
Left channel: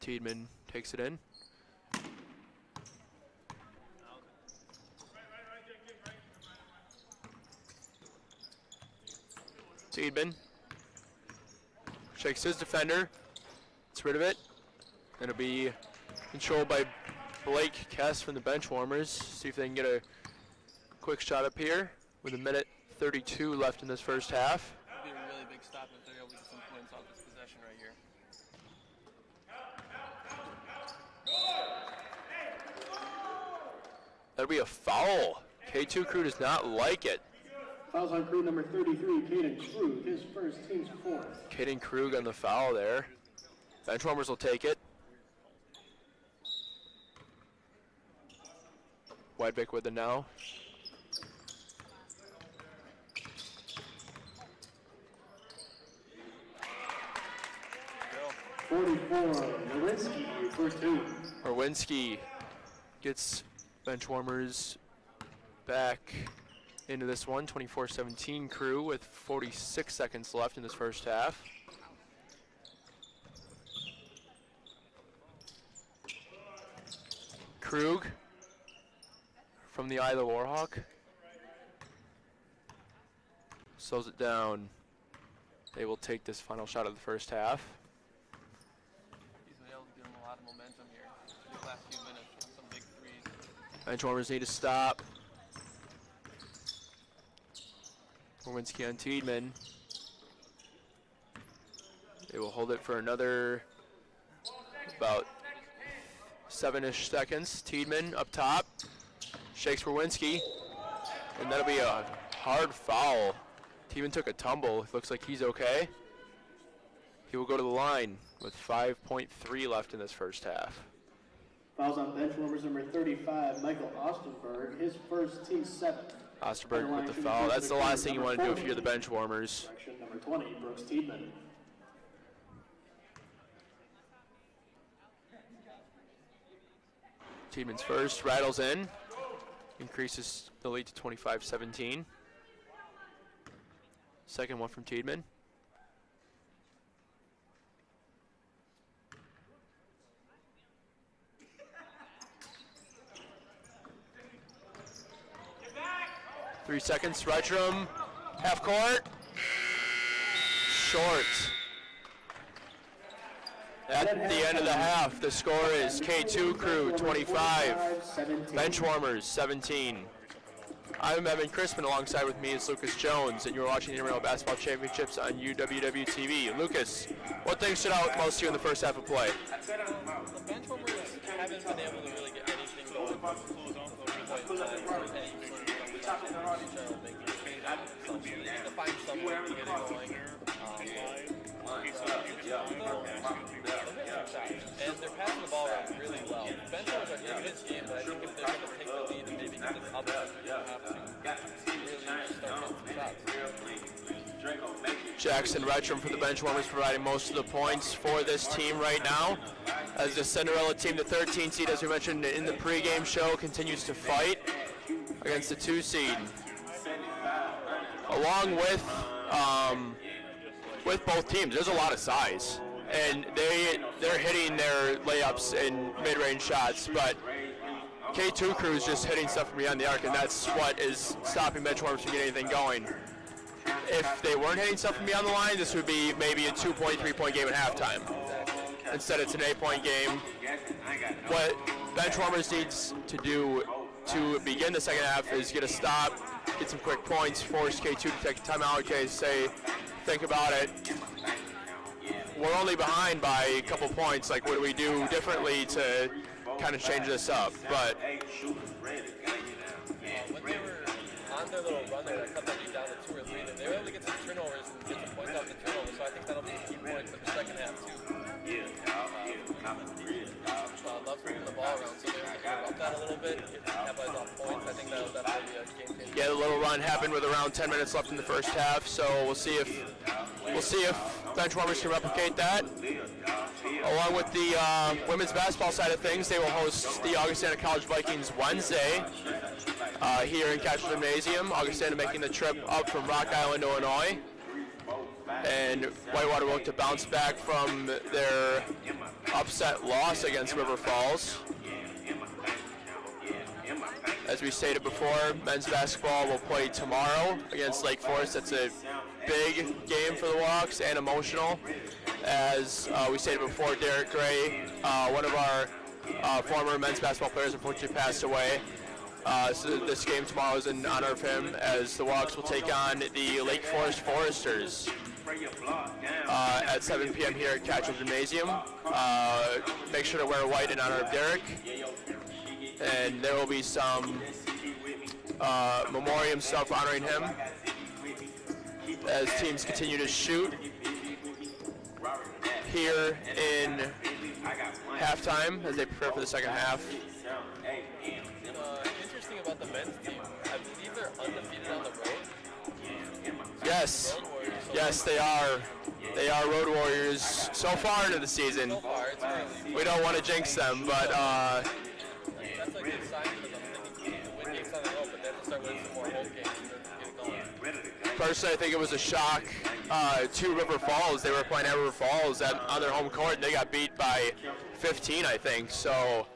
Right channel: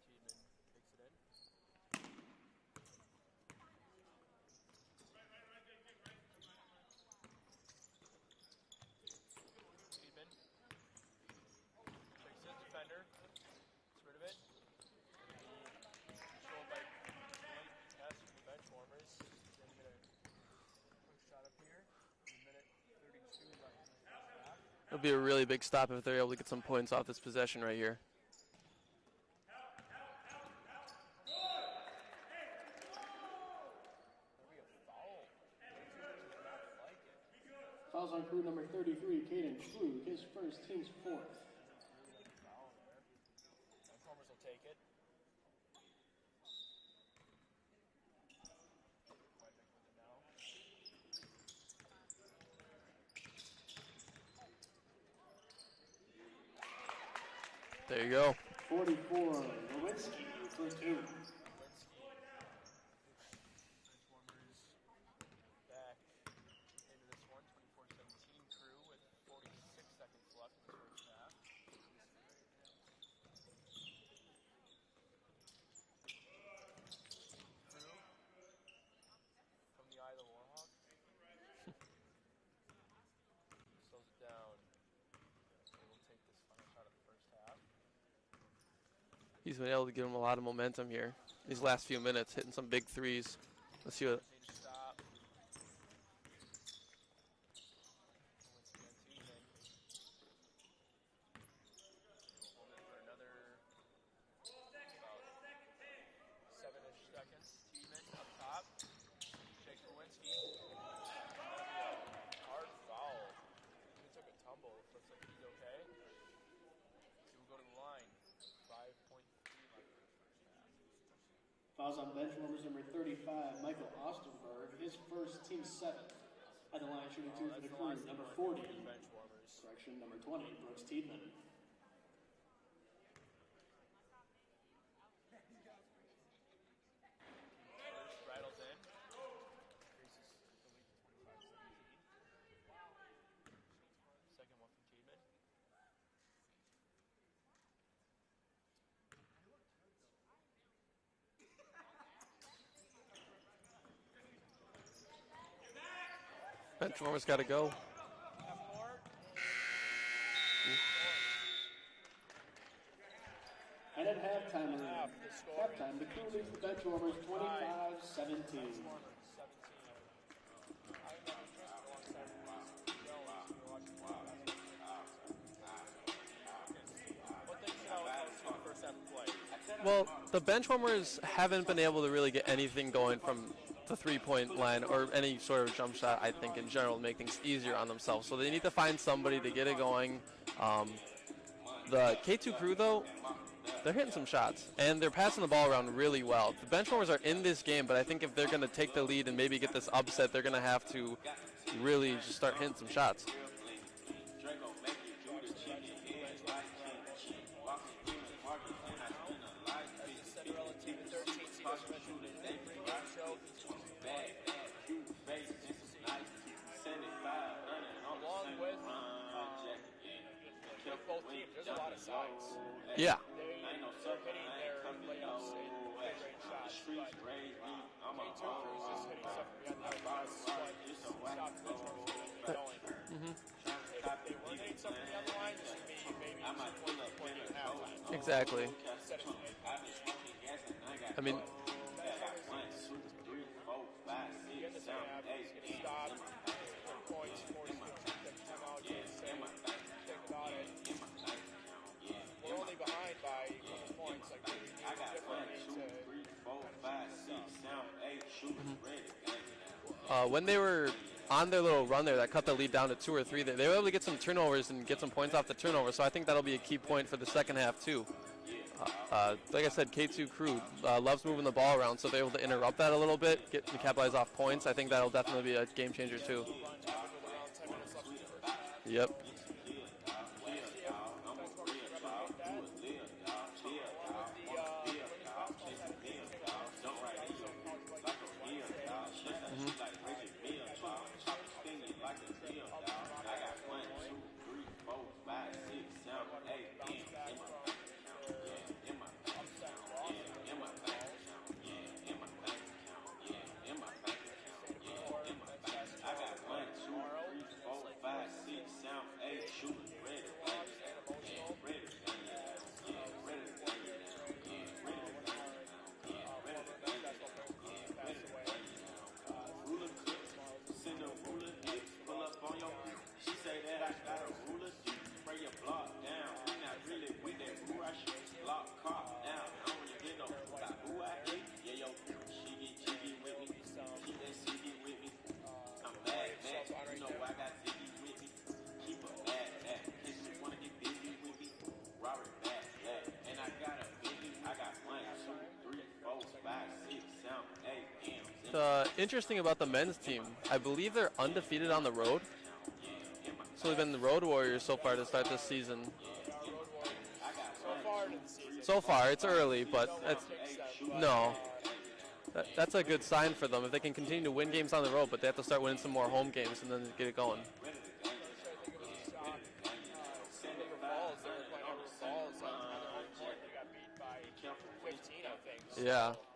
Tiedemann takes it in. Tiedemann shakes his defender, gets rid of it. It'll be controlled by Blake Kess from the Benchwarmers. See if they can get a quick shot up here with 1:32 left in this first half. It'll be a really big stop if they're able to get some points off this possession right here. That'll be a foul. K2 crew does not like it. Fouls on crew, number 33, Caden Krug, his first, team's fourth. Caden Krug on the foul there. Benchwarmers will take it. Wedbeck with it now. There you go. 44, Nowinski for 2. Orwinski gets Benchwarmers back into this one. 24-17 crew with 46 seconds left in this first half. Krug from the Isla Warhawk. Slows it down. They will take this final shot of the first half. He's been able to give him a lot of momentum here these last few minutes, hitting some big threes. Benchwarmers need to stop. Orwinski on Tiedemann. They will hold it for another about 7-ish seconds. Tiedemann up top. Shakes Orwinski. And that'll be a hard foul. Tiedemann took a tumble. It looks like he's okay. He will go to the line with 5.3 left in this first half. Fouls on Benchwarmers, number 35, Michael Osterberg, his first, team's seventh. Osterberg with the foul. That's the last thing you want to do if you're the Benchwarmers. Section number 20, Brooks Tiedemann. Tiedeman's first, rattles in. Increases the lead to 25-17. Second one from Tiedemann. Three seconds, Retrum, half court, short. At the end of the half, the score is K2 crew 25, Benchwarmers 17. I'm Evan Crispin. Alongside with me is Lucas Jones, and you're watching the Intramural Basketball Championships on UWW-TV. Lucas, what things stood out most to you in the first half of play? Well, the benchwarmers haven't been able to really get anything going from the three-point line or any sort of jump shot, I think, in general, make things easier on themselves. So they need to find some way to get it going. The K2 crew, though, they're hitting some shots, and they're passing the ball around really well. The benchwarmers are in this game, but I think if they're going to take the lead and maybe get this upset, they're going to have to really start hitting some shots. Jackson Retcham for the Benchwarmers providing most of the points for this team right now. As the Cinderella team, the 13 seed, as we mentioned in the pregame show, continues to fight against the 2 seed. Along with both teams, there's a lot of size. And they're hitting their layups and mid-range shots, but K2 crew is just hitting stuff from beyond the arc, and that's what is stopping Benchwarmers from getting anything going. If they weren't hitting stuff from beyond the line, this would be maybe a 2-point, 3-point game at halftime. Exactly. Instead, it's an 8-point game. What Benchwarmers needs to do to begin the second half is get a stop, get some quick points, force K2 to take a timeout, say, think about it. We're only behind by a couple points. Like, what do we do differently to kind of change this up? But when they were on their little run there that cut the lead down to 2 or 3, they were able to get some turnovers and get some points off the turnovers, so I think that'll be a key point for the second half too. Like I said, K2 crew loves moving the ball around, so they're able to interrupt that a little bit, get to capitalize off points. I think that'll definitely be a game changer. Yeah, the little run happened with around 10 minutes left in the first half, so we'll see if Benchwarmers can replicate that. Along with the women's basketball side of things, they will host the Augustana College Vikings Wednesday here in Castle Gymnasium. Augustana making the trip up from Rock Island, Illinois. And Whitewater will look to bounce back from their upset loss against River Falls. As we stated before, men's basketball will play tomorrow against Lake Forest. That's a big game for the Walks and emotional. As we stated before, Derek Gray, one of our former men's basketball players, unfortunately passed away. So this game tomorrow is in honor of him, as the Walks will take on the Lake Forest Foresters at 7 p.m. here at Catchell Gymnasium. Make sure to wear white in honor of Derek. And there will be some memoriam stuff honoring him as teams continue to shoot here in halftime as they prepare for the second half. Interesting about the men's team, I believe they're undefeated on the road. So Yes. the Road Warriors so Yes, far they in the are. season. They are Road Warriors so far into the season. So far, it's early. We But don't want to jinx them, but that's a good sign for them if they can continue to win games on the road, but they have to start winning some more home games and then get it going. personally, I think it was a shock to River Falls. They were playing at River Falls on their home court, and they got beat by 15, I think. So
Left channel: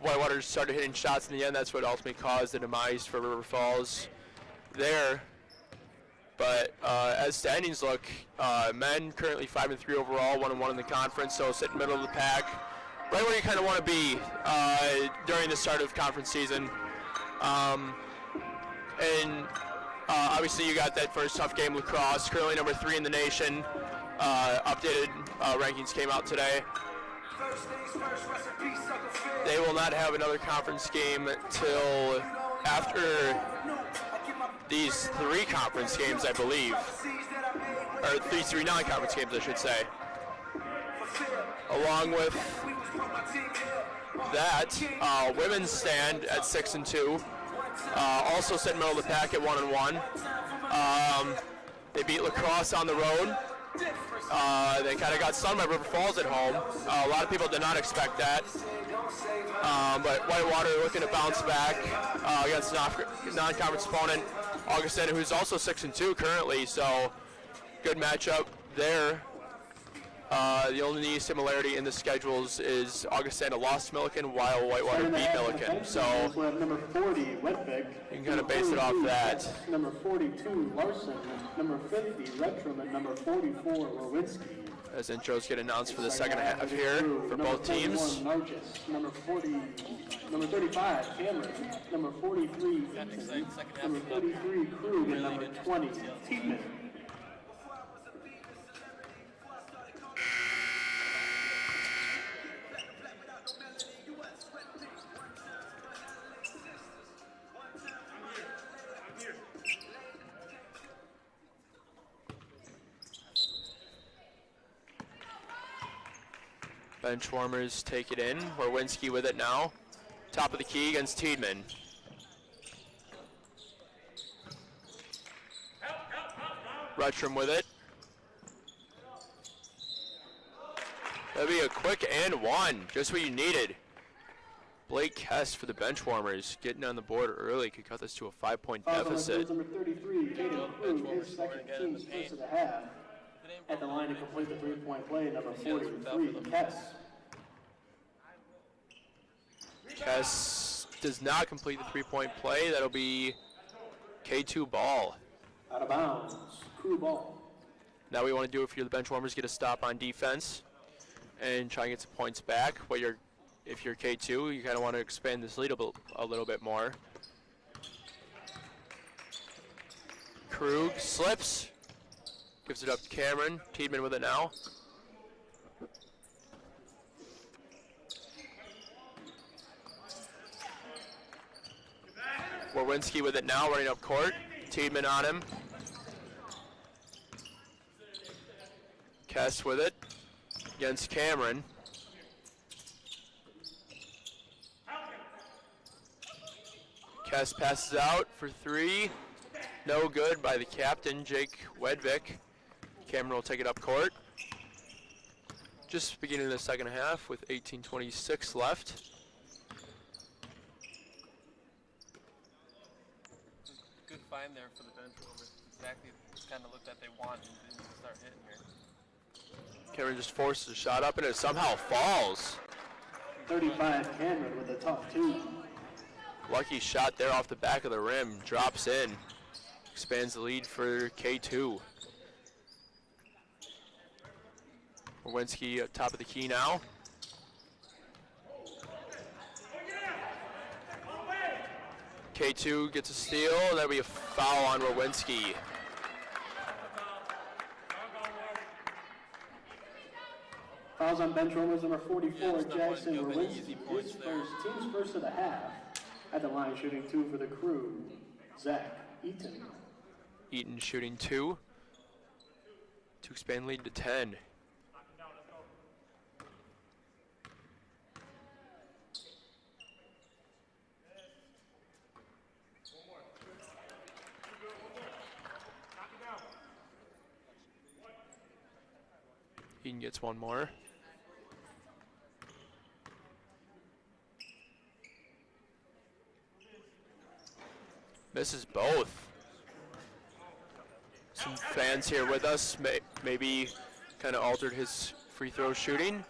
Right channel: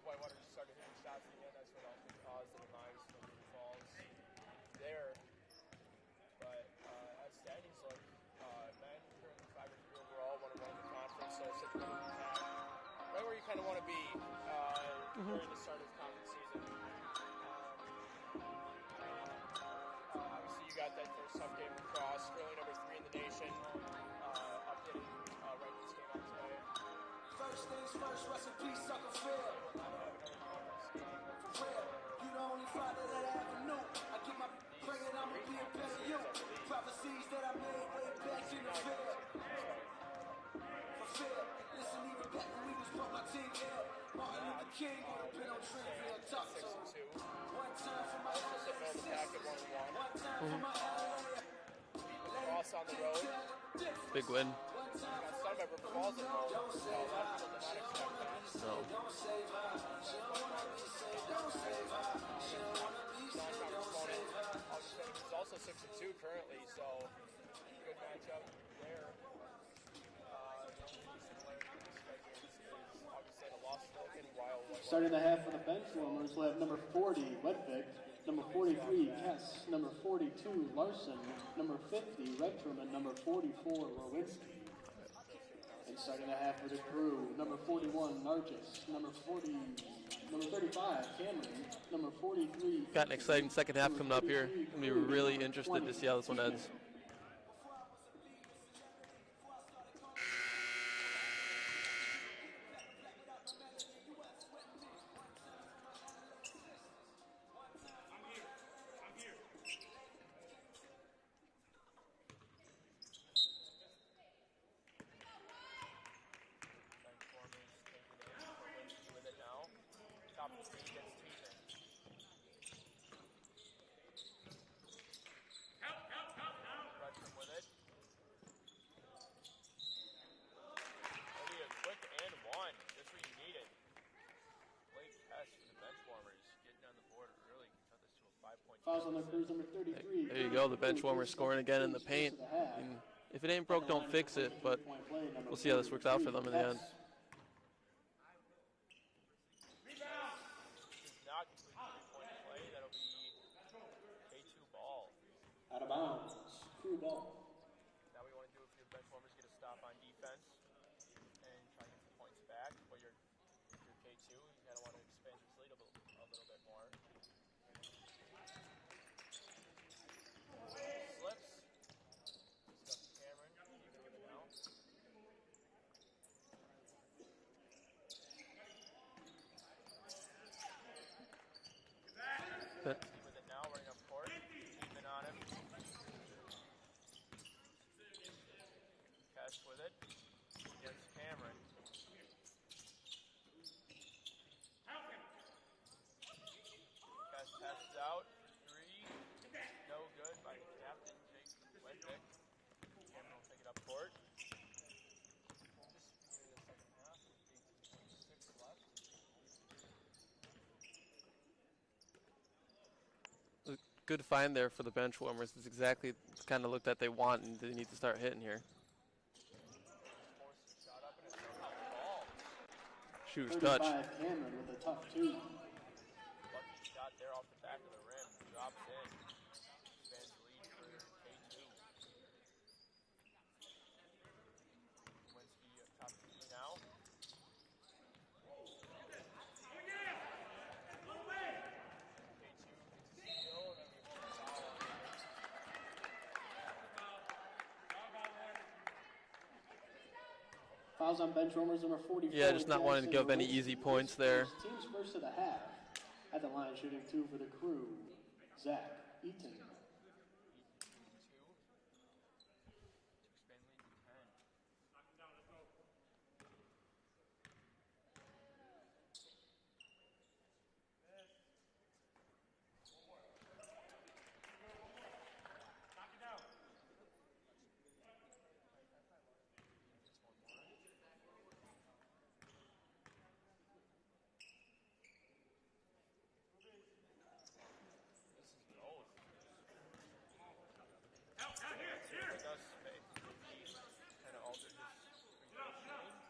Whitewater started hitting shots in the end. That's what ultimately caused the demise for River Falls there. But as standings look, men currently 5-3 overall, 1-1 in the conference, so sitting middle of the pack, right where you kind of want to be during the start of conference season. Obviously you got that first tough game, lacrosse, currently number 3 in the nation. Updated rankings came out today. They will not have another conference game till after these 3 conference games, I believe, or 3 non-conference games, I should say. Along with that, women's stand at 6-2, also sitting middle of the pack at 1-1. They beat lacrosse on the road. They kind of got stunned by River Falls at home. A lot of people did not expect that. But Whitewater looking to bounce back against a non-conference opponent, Augustana, who's also 6-2 currently, so good matchup there. The only similarity in the schedules is Augustana lost to Milliken while Whitewater beat Milliken. So we have number 40, Wedvik. You can kind of base it off that. Number 42, Larson. Number 50, Retram. And number 44, Lewinsky. as intros get announced for the second half here for both teams. Number 40, number 35, Cameron. Number 43. Got an exciting second half coming up here. Be really interested to see how this one ends. Benchwarmers take it in. Warwinski with it now. Top of the key against Tiedemann. Rutschram with it. That'll be a quick and one, just what you needed. Blake Kess for the Benchwarmers, getting on the board early, could cut this to a 5-point deficit. There you go, the Benchwarmers scoring again in the paint. If it ain't broke, don't fix it, but we'll see how this works out for them in the end. Kess does not complete the 3-point play. That'll be K2 ball. Out of bounds. Crew ball. Now we want to do it for the Benchwarmers, get a stop on defense and try and get some points back. If you're K2, you kind of want to expand this lead a little bit more. Krug slips, gives it up to Cameron. Tiedemann with it now. Warwinski with it now, running up court. Tiedemann on him. Kess with it against Cameron. Kess passes out for three. No good by the captain, Jake Wedvik. Cameron will take it up court. Just beginning the second half with 18:26 left. Good find there for the Benchwarmers. It's exactly the kind of look that they want, and they need to start hitting here. Cameron just forces a shot up and it somehow falls. Shoot, 35, good. Cameron with a tough two. Lucky shot there off the back of the rim, drops in. Expands the lead for K2. Warwinski at top of the key now. K2 gets a steal, and that'll be a foul on Warwinski. Fouls on Benchwarmers number 44. Yeah, just not wanting to Jackson give any Warwinski. easy points His there. Team's first of the half. At the line shooting two for the Crew. Zach Eaton. Eaton shooting two to expand lead to 10. Eaton gets one more. Misses both. Some fans here with us maybe kind of altered his free throw shooting,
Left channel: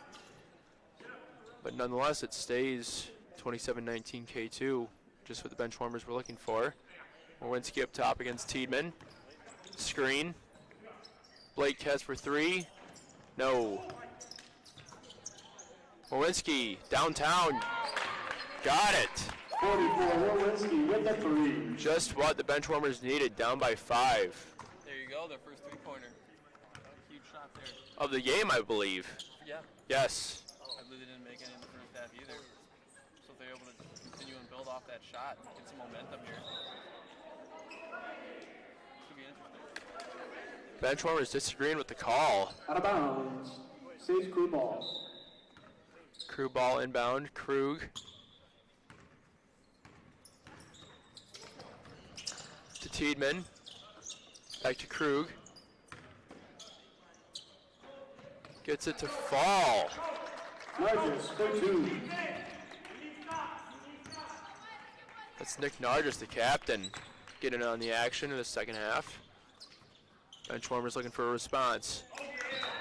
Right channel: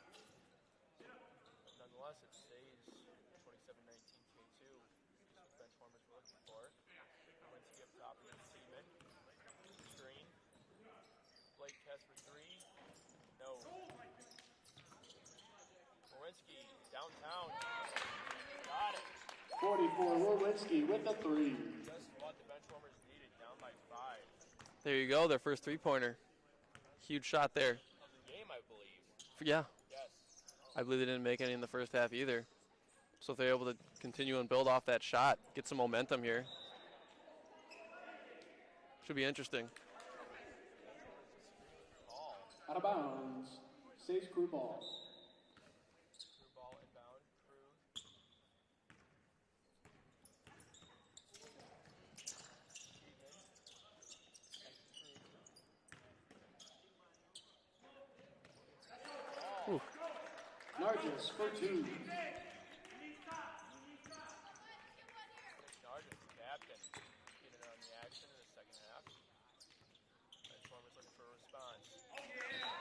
but nonetheless it stays 27-19 K2, just what the Benchwarmers were looking for. Warwinski up top against Tiedemann. Screen. Blake Kess for three. No. Warwinski downtown. Got it. 44, Warwinski with the three. Just what the Benchwarmers needed, down by 5. There you go, their first three-pointer. Huge shot there. Of the game, I believe. Yeah, Yes. I believe they didn't make any in the first half either. So if they're able to continue and build off that shot, get some momentum here. Should be interesting. Benchwarmers disagreeing with the call. Out of bounds. Saves Crew ball. Crew ball inbound. Krug. To Tiedemann. Back to Krug. Gets it to fall. Nargis for two. That's Nick Nargis, the captain, getting on the action in the second half. Benchwarmers looking for a response.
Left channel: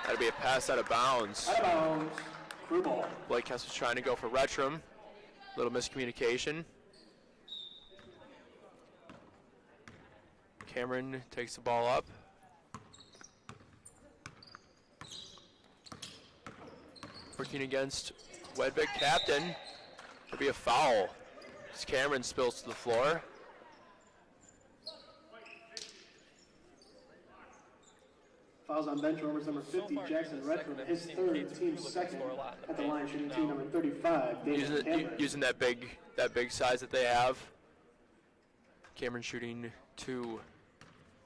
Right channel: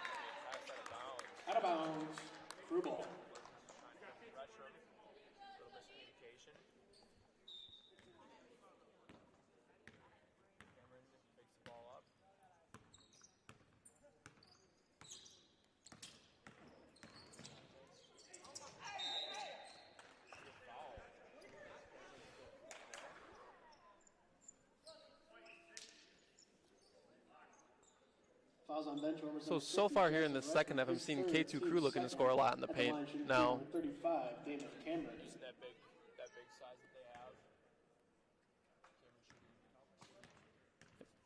That'll be a pass out of bounds. Out of bounds. Crew ball. Blake Hess was trying to go for Rutschram. Little miscommunication. Cameron takes the ball up. Working against Wedvik captain. It'll be a foul as Cameron spills to the floor. Fouls on bench warmers number 50, So far here in Jackson the second, Redmond, I've his seen third, K2 team Crew looking to second. score a lot in the At the line, paint. shooting Now, number 35, David Cameron. Using that big size that they have. Cameron shooting 2.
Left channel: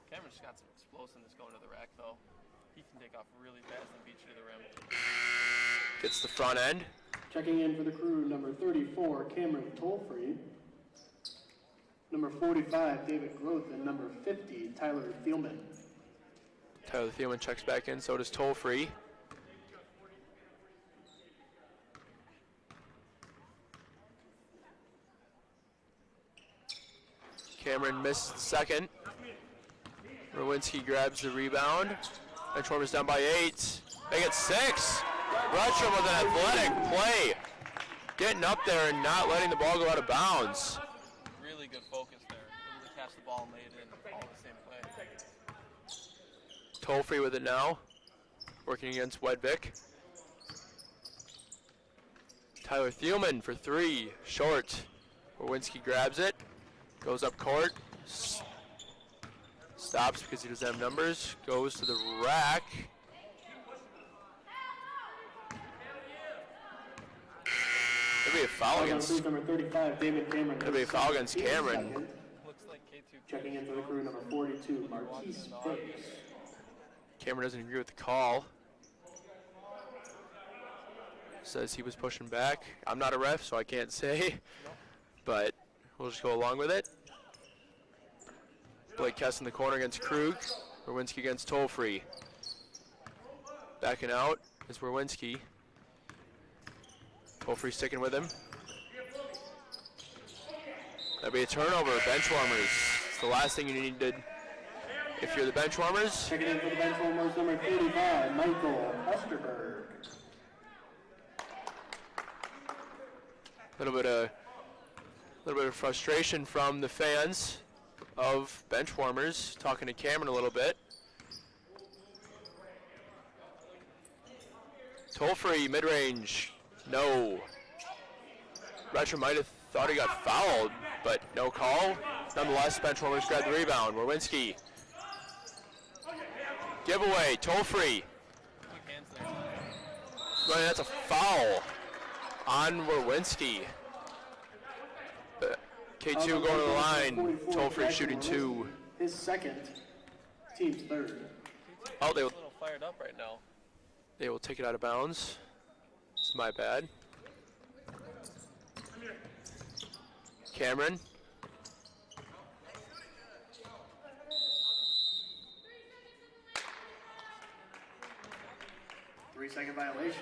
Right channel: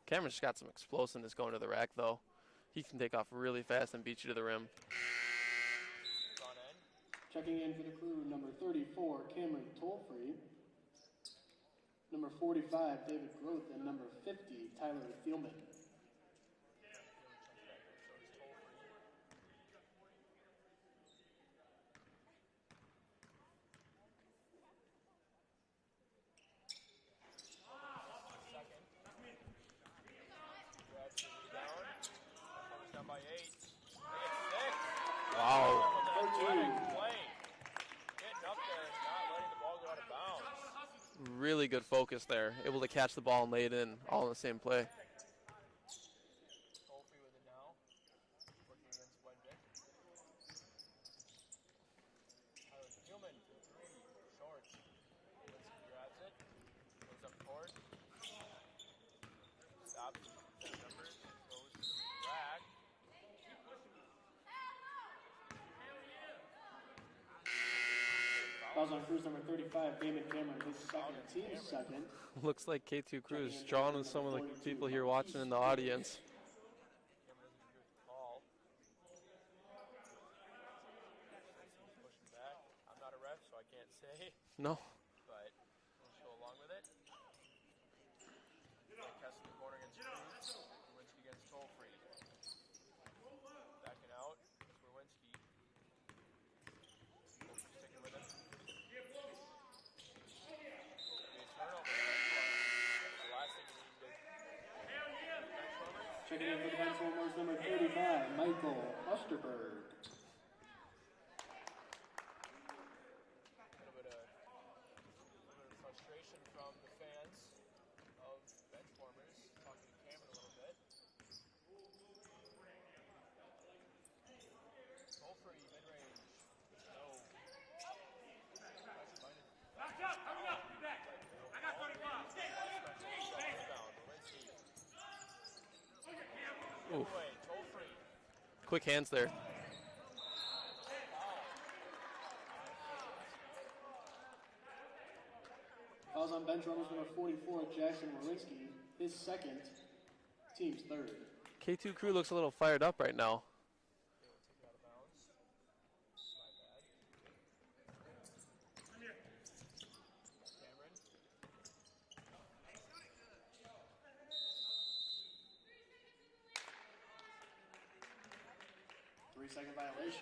Cameron's just got some explosiveness going to the rack, though. He can take off really fast and beat you to the rim. Gets the front end. Checking in for the Crew, number 34, Cameron Tollfree. Number 45, David Groth, and number 50, Tyler Thielman. Tyler Thielman checks back in, so does Tollfree. Cameron missed the second. Rowinski grabs the rebound. Benchwarmers down by 8. They get 6. Retro with an athletic play. Getting up there and not letting the ball go out of bounds. Really good focus there. Able to catch the ball and lay it in all in the same play. Tollfree with it now. Working against Wedvik. Tyler Thielman for 3. Short. Rowinski grabs it. Goes up court. Stops because he doesn't have numbers. Goes to the rack. There'll be a foul against. Number 35, David Cameron. There'll be a foul against Cameron. Looks like K2 Crew is drawn with some of the people here watching in the audience. Cameron doesn't agree with the call. Says he was pushing back. I'm not a ref, so I can't say. No. But we'll just go along with it. Blake Kess in the corner against Krug. Rowinski against Tollfree. Backing out is Rowinski. Tollfree sticking with him. That'll be a turnover. Bench warmers. It's the last thing you need to, if you're the bench warmers. Checking in for the bench warmers, number 35, Michael Osterberg. A little bit of frustration from the fans of bench warmers. Talking to Cameron a little bit. Tollfree mid-range, no. Retro might have thought he got fouled, but no call. Nonetheless, bench warmers grab the rebound. Rowinski. Giveaway, Tollfree. Quick hands there. Well, that's a foul on Rowinski. K2 going to the line. Tollfree shooting 2. His second, team's third. K2 Crew looks a little fired up right now. They will take it out of bounds. It's my bad. Cameron. Three-second violation.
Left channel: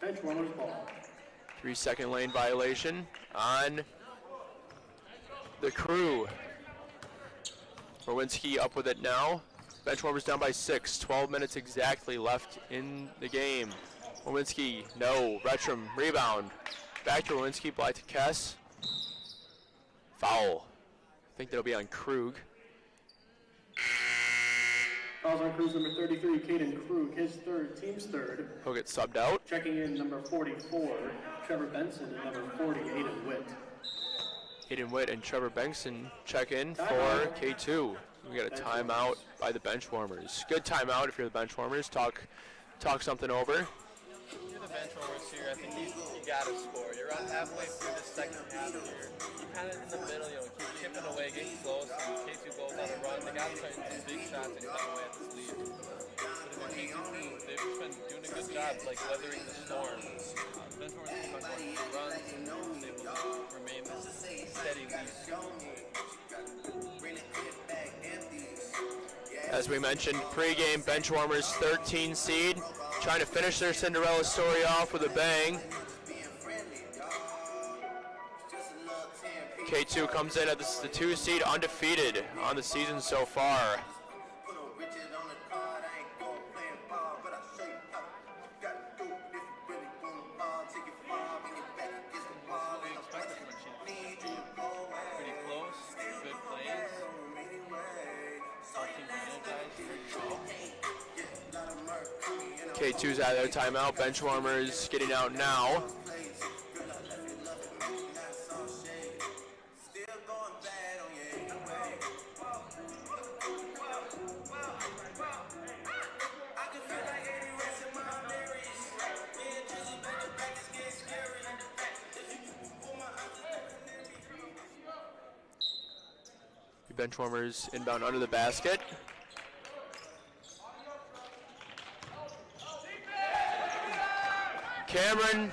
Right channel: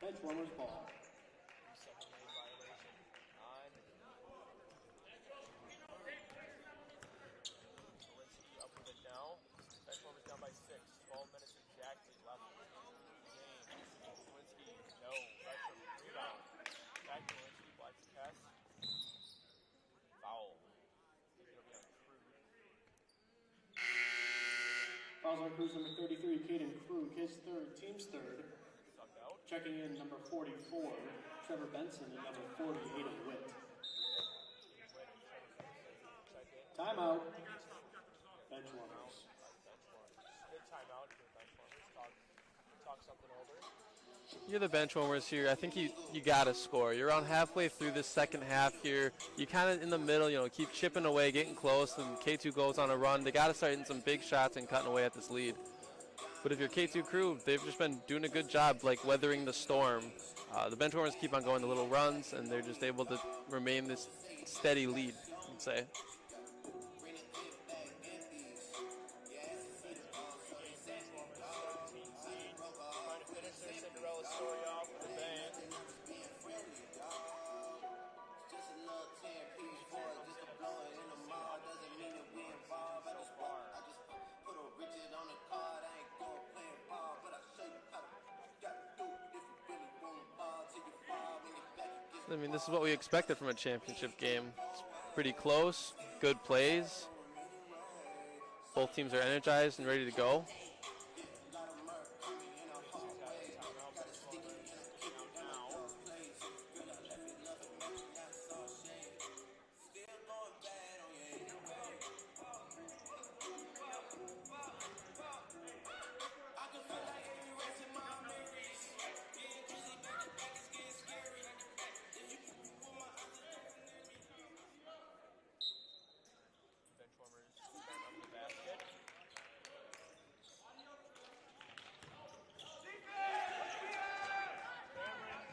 Bench warmers ball. 3-second lane violation on the Crew. Rowinski up with it now. Benchwarmers down by 6. 12 minutes exactly left in the game. Rowinski, no. Retrum, rebound. Back to Rowinski, Blythe to Kess. Foul. I think that'll be on Krug. Fouls on Crew's number 33, Caden Krug, his third, team's third. He'll get subbed out. Checking in number 44, Trevor Benson, and number 40, Aiden Witt. Aiden Witt and Trevor Bengtson check in for K2. We got a timeout by the bench warmers. Good timeout if you're the bench warmers. Talk something over. You're the bench warmers here. I think you gotta score. You're around halfway through this second half here. You kind of in the middle, keep chipping away, getting close, and K2 goes on a run. They gotta start hitting some big shots and cutting away at this lead. But if you're K2 Crew, they've just been doing a good job, weathering the storm. The bench warmers keep on going to little runs, and they're just able to remain this steady lead, I'd say. As we mentioned, pregame bench warmers 13 seed, trying to finish their Cinderella story off with a bang. K2 comes in at the 2 seed, undefeated on the season so far. I mean, this is what we expected from a championship game. It's pretty close, good plays. Both teams are energized and ready to go. K2's out of their timeout. Benchwarmers getting out now. Benchwarmers inbound under the basket. Cameron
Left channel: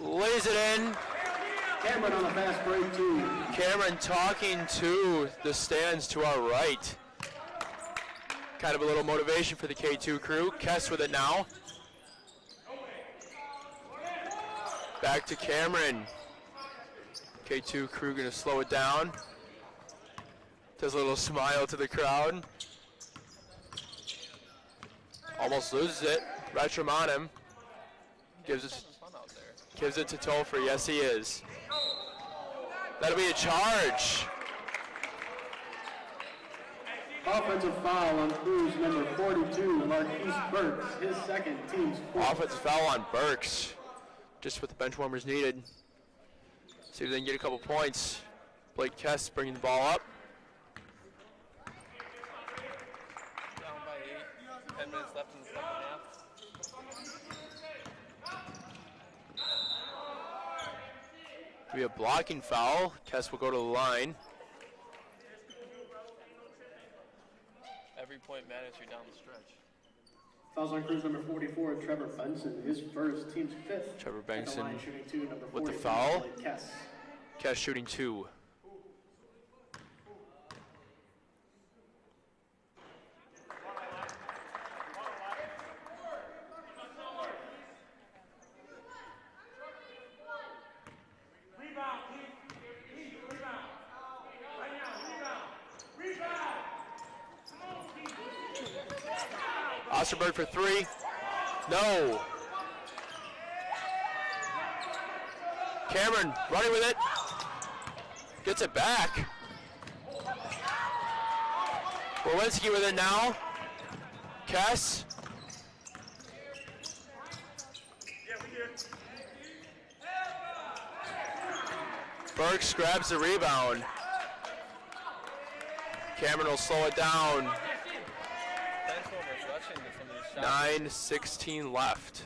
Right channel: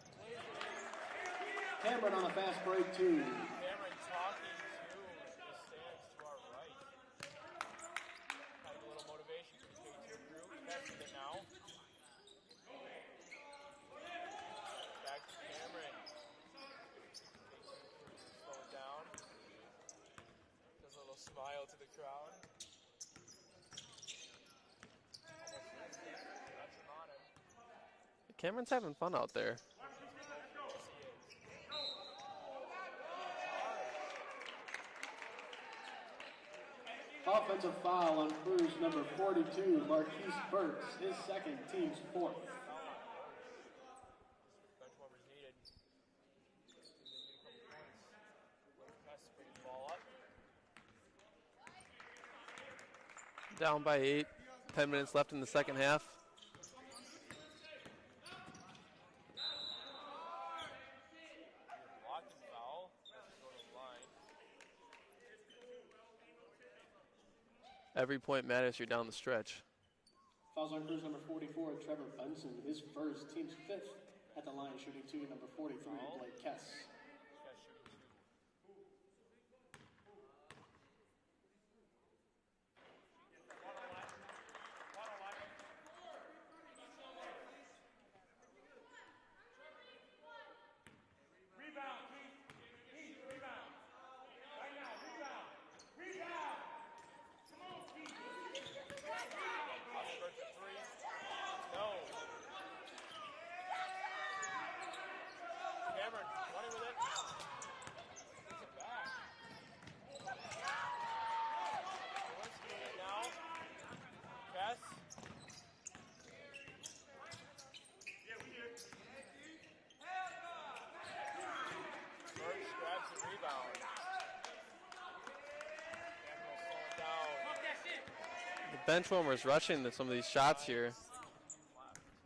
lays it in. Cameron on the fast break, too. Cameron talking to the stands to our right. Kind of a little motivation for the K2 crew. Kess with it now. Back to Cameron. K2 crew gonna slow it down. Does a little smile to the crowd. Almost loses it. Retram on him. Cameron's having fun out there. Gives it to Tolfrey. Yes, he is. That'll be a charge. Offensive foul on Cruz number 42, Marquise Burks, his second, team's fourth. Offensive foul on Burks. Just what the Benchwarmers needed. See if they can get a couple points. Blake Kess bringing the ball up. Down by 8. 10 minutes left in the second half. Be a blocking foul. Kess will go to the line. Every point matters here down the stretch. Fouls on Cruz number 44, Trevor Benson, his first, team's fifth. Trevor At the Benson line, shooting 2, number with the 43, foul. Blake Kess. Kess shooting 2. Osterberg for 3. No. Cameron running with it. Gets it back. Borwinski with it now. Kess. Burks grabs the rebound. Cameron will slow it down. Benchwarmers rushing to some of these shots. 9:16 left.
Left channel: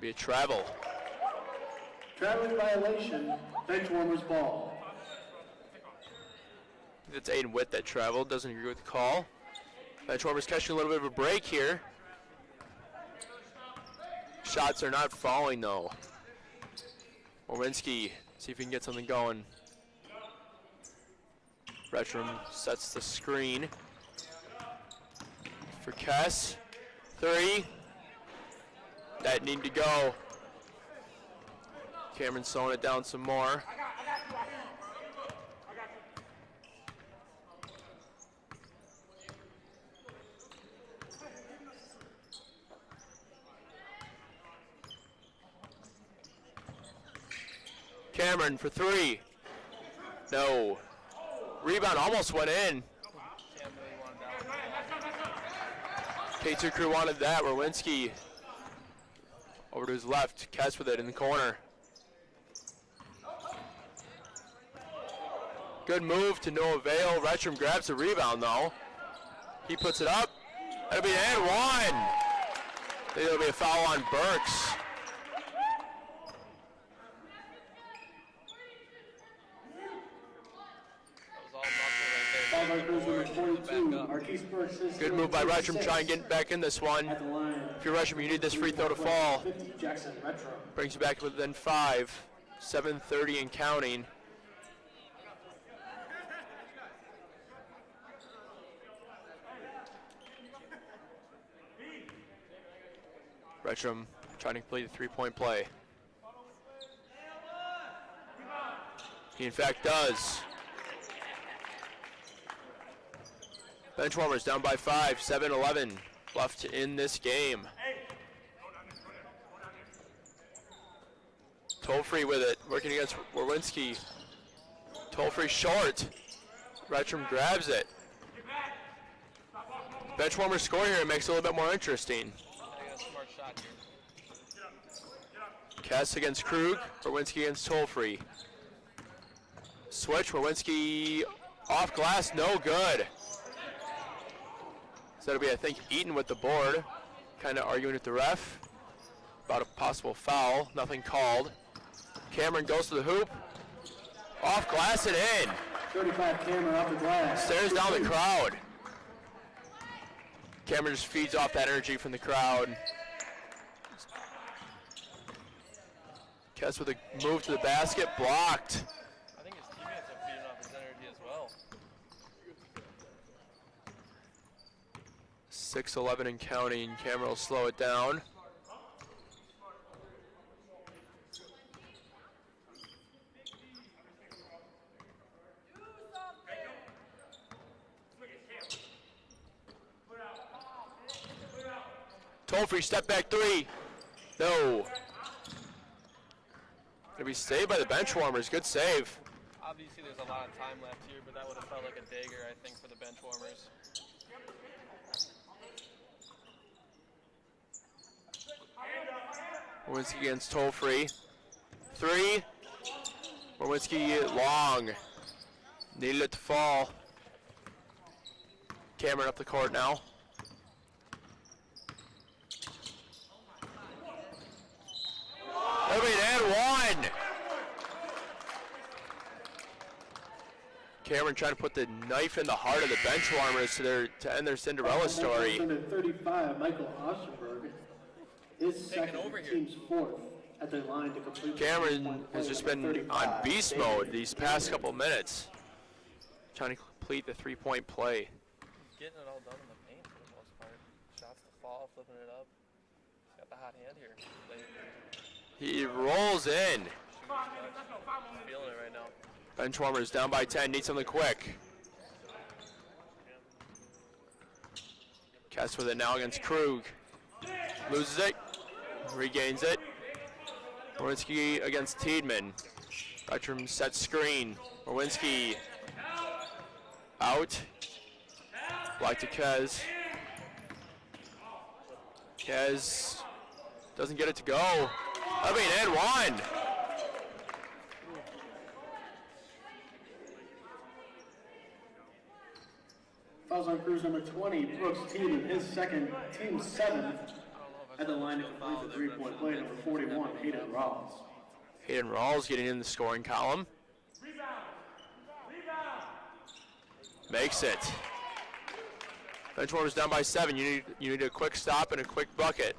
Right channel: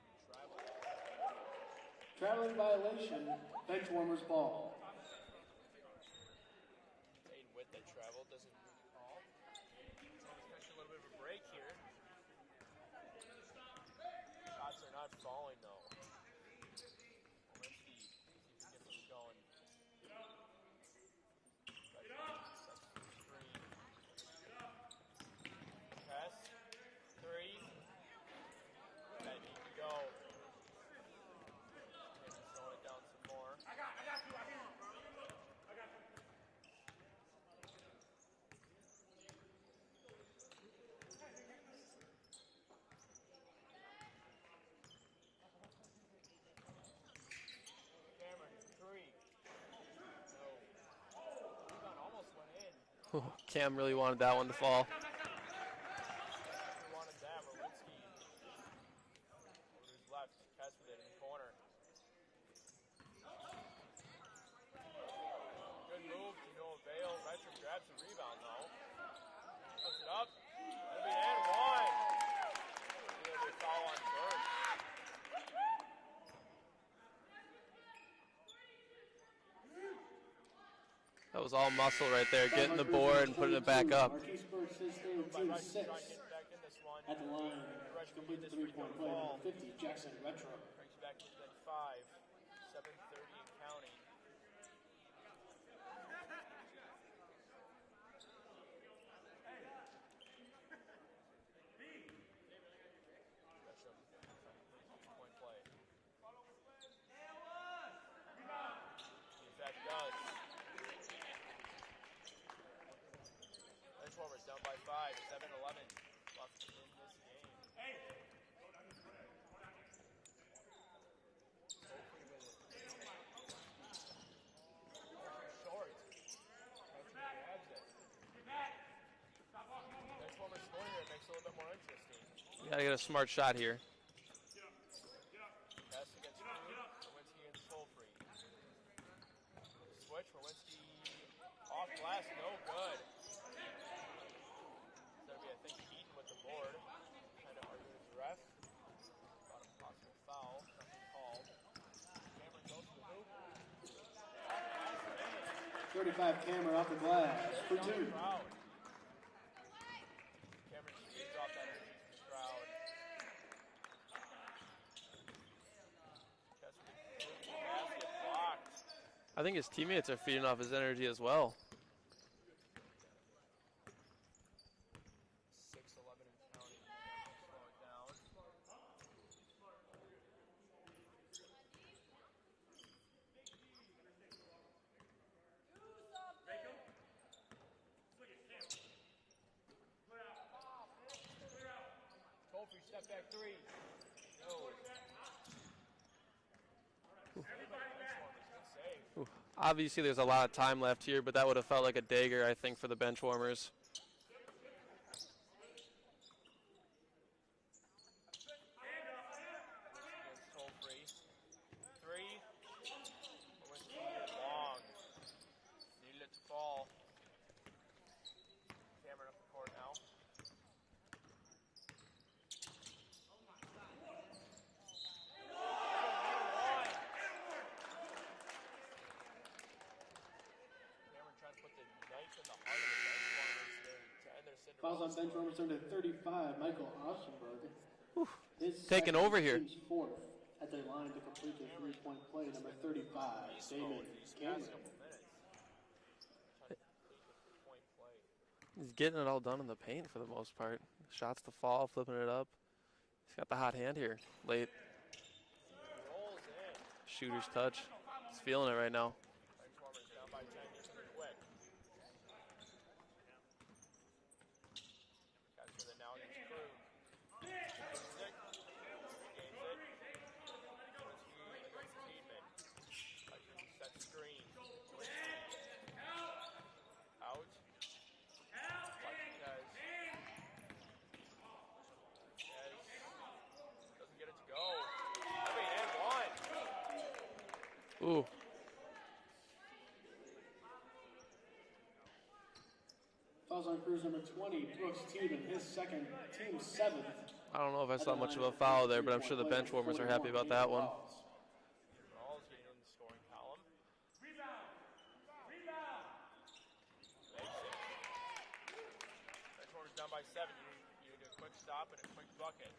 Be a travel. Traveling violation, Benchwarmers ball. It's Aiden Witt that traveled. Doesn't agree with the call. Benchwarmers catching a little bit of a break here. Shots are not falling though. Orwinski, see if he can get something going. Retram sets the screen for Kess. 3. That need to go. Cameron slowing it down some more. Cameron for 3. No. Rebound almost went in. Cam really wanted that one to fall. K2 crew wanted that. Rowinski over to his left. Kess with it in the corner. Good move to no avail. Retram grabs the rebound though. He puts it up. That'll be an and one. I think it'll be a foul on Burks. That was all muscle right there, getting the board and putting it back up. Good move by Retram, trying to get back in this one. If you're Retram, you need this free throw to fall. Brings you back within 5. 7:30 and counting. Retram trying to complete a three-point play. He in fact does. Benchwarmers down by 5, 7-11 left in this game. Tolfrey with it, working against Warwinski. Toll-free short. Retrum grabs it. Benchwarmer score here makes it a little bit more interesting. Gotta get a smart shot here. Kess against Krug, Berwinski against Toll-free. Switch, Berwinski off glass, no good. So that'll be, I think, Eaton with the board. Kind of arguing with the ref about a possible foul, nothing called. Cameron goes to the hoop. Off glass and in. 35 Cameron off the glass. Stares down the crowd. Cameron just feeds off that energy from the crowd. Kess with a move to the basket, blocked. I think his teammates are feeding off his energy as well. 6:11 and counting. Cameron will slow it down. Toll-free step back three. No. Gonna be saved by the bench warmers. Good save. Obviously, there's a lot of time left here, but that would have felt like a dagger, I think, for the bench warmers. Berwinski against Toll-free. Three. Berwinski long. Needed it to fall. Cameron up the court now. And one. Cameron trying to put the knife in the heart of the bench warmers to end their Cinderella story. 35, Michael Osterberg. Taking over here. At the line to complete Cameron has just been on beast mode these past couple minutes, trying to complete the three-point play. He's getting it all done in the paint for the most part. Shots to fall, flipping it up. He's got the hot hand here late. He rolls in. Shooter's touch. He's feeling it right now. Benchwarmers down by 10, need something quick. Kess with it now against Krug. Loses it, regains it. Berwinski against Tiedemann. Retrum set screen. Berwinski out. Black to Kez. Kez doesn't get it to go. I mean, and one. Ooh. Fouls on Cruz number 20, Brooks Tiedemann, his second, team seventh. I don't know if I saw much of a foul there, but I'm sure the bench warmers are happy about that one. Hayden Rawls getting in the scoring column. Makes it. Bench warmers down by 7. You need a quick stop and a quick bucket.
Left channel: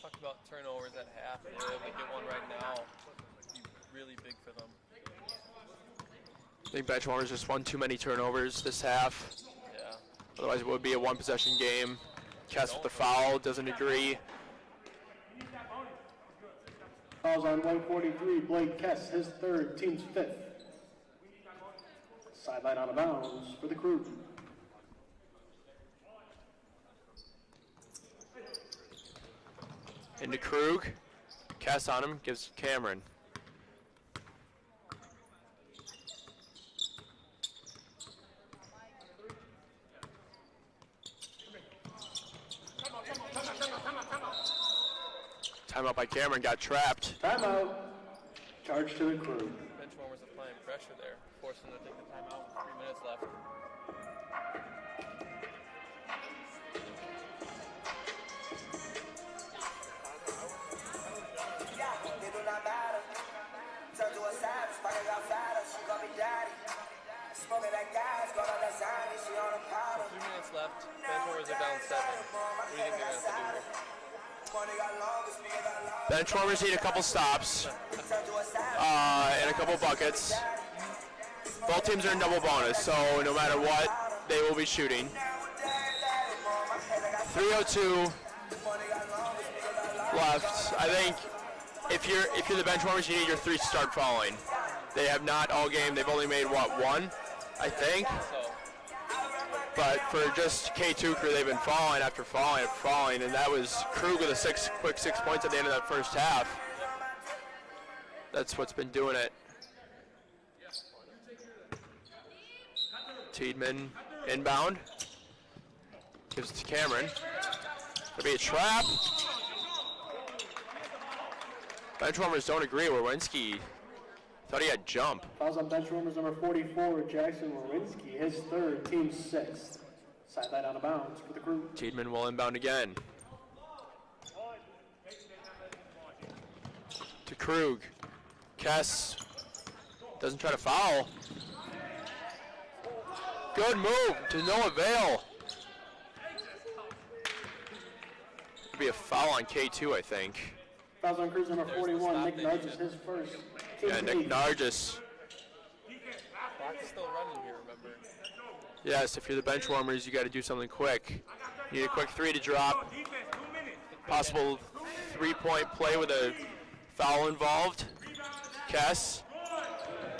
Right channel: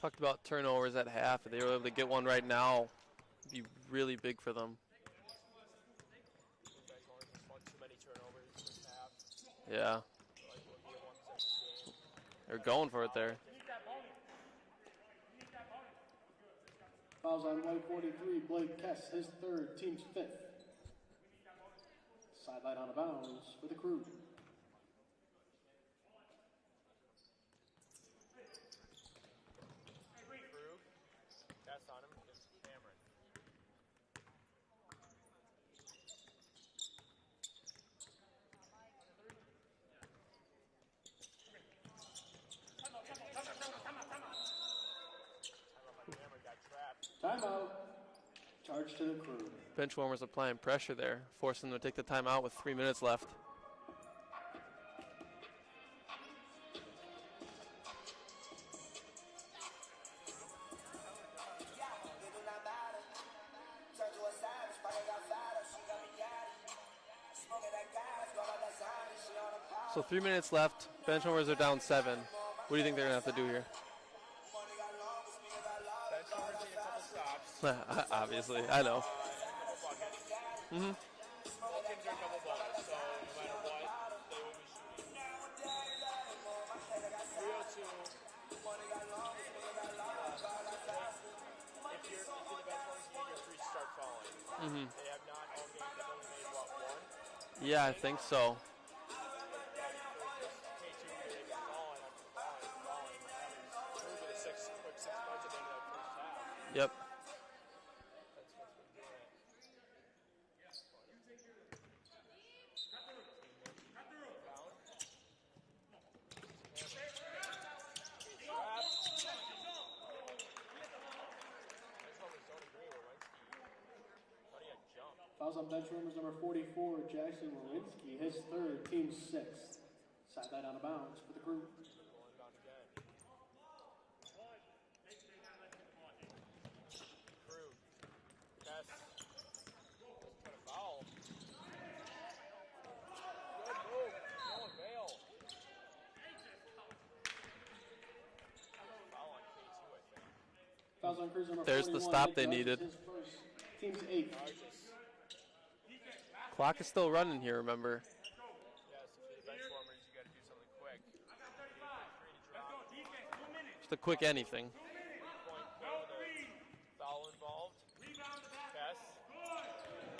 Talked about turnovers at half. If they were able to get one right now, it'd be really big for them. I think Benchwarmers just won too many turnovers this half. Yeah. Otherwise, it would be a one-possession game. They're Kess going with the for it, foul, though. doesn't agree. Fouls on 143, Blake Kess, his third, team's fifth. Sideline out of bounds for the Crew. Into Krug. Kess on him, gives Cameron. Timeout by Cameron, got trapped. Timeout. Charge to the Crew. Bench warmers applying pressure there, forcing them to take the timeout with 3 minutes left. So 3 minutes left. Bench warmers are down 7. What do you think they're gonna have to do here? Benchwarmers need a couple stops Obviously. and a couple buckets. Both teams are in double bonus, so no matter what, they will be shooting. 3:02 left. I think if you're the Benchwarmers, you need your three to start falling. They have not all game. They've only made what, one? I think. I think so. But for just K2 crew, they've been falling after falling after falling, and that was Krug with a quick 6 points at the end of that first half. Yep. That's what's been doing it. Tiedemann inbound. Gives it to Cameron. Could be a trap. Benchwarmers don't agree. Wawrinski thought he had jump. Fouls on benchwarmers number 44, Jackson Wawrinski, his third, team sixth. Sideline out of bounds for the Crew. Tiedemann will inbound again. To Krug. Kess doesn't try to foul. Good move to no avail. Could be a foul on K2, I think. Fouls on Crews number There's the 41, stop Nick they Nargis, needed. his first. Team Yeah, Nick eighth. Nargis. Clock is still running here, remember. Yes, if you're the bench warmers, you got to do something quick. You need a quick three to drop. Just a quick Possible anything. 3-point play with a foul involved. Kess.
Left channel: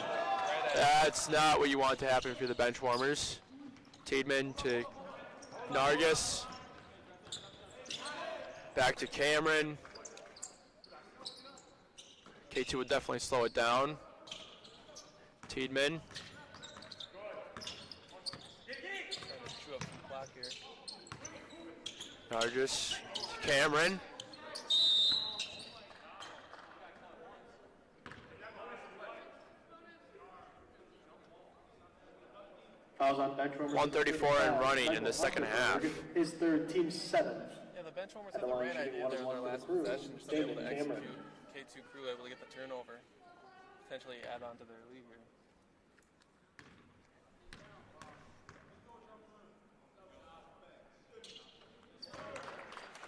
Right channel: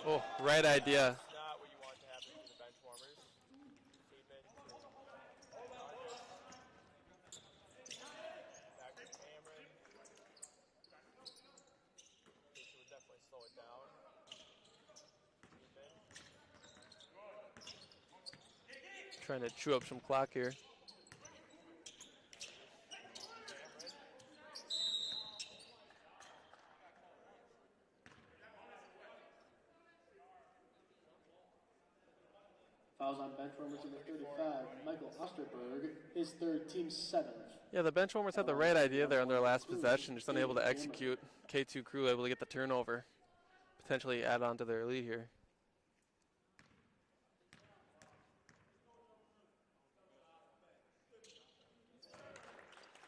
Oh, right idea. That's not what you want to happen if you're the bench warmers. Tiedemann to Nargis. Back to Cameron. K2 would definitely slow it down. Tiedemann. Trying to chew up some clock here. Nargis to Cameron. Fouls on benchwarmers. 134 and running in the second half. His third, team seventh. Yeah, the benchwarmers had the right idea there on their last possession, just unable to execute. K2 Crew able to get the turnover, potentially add on to their lead here.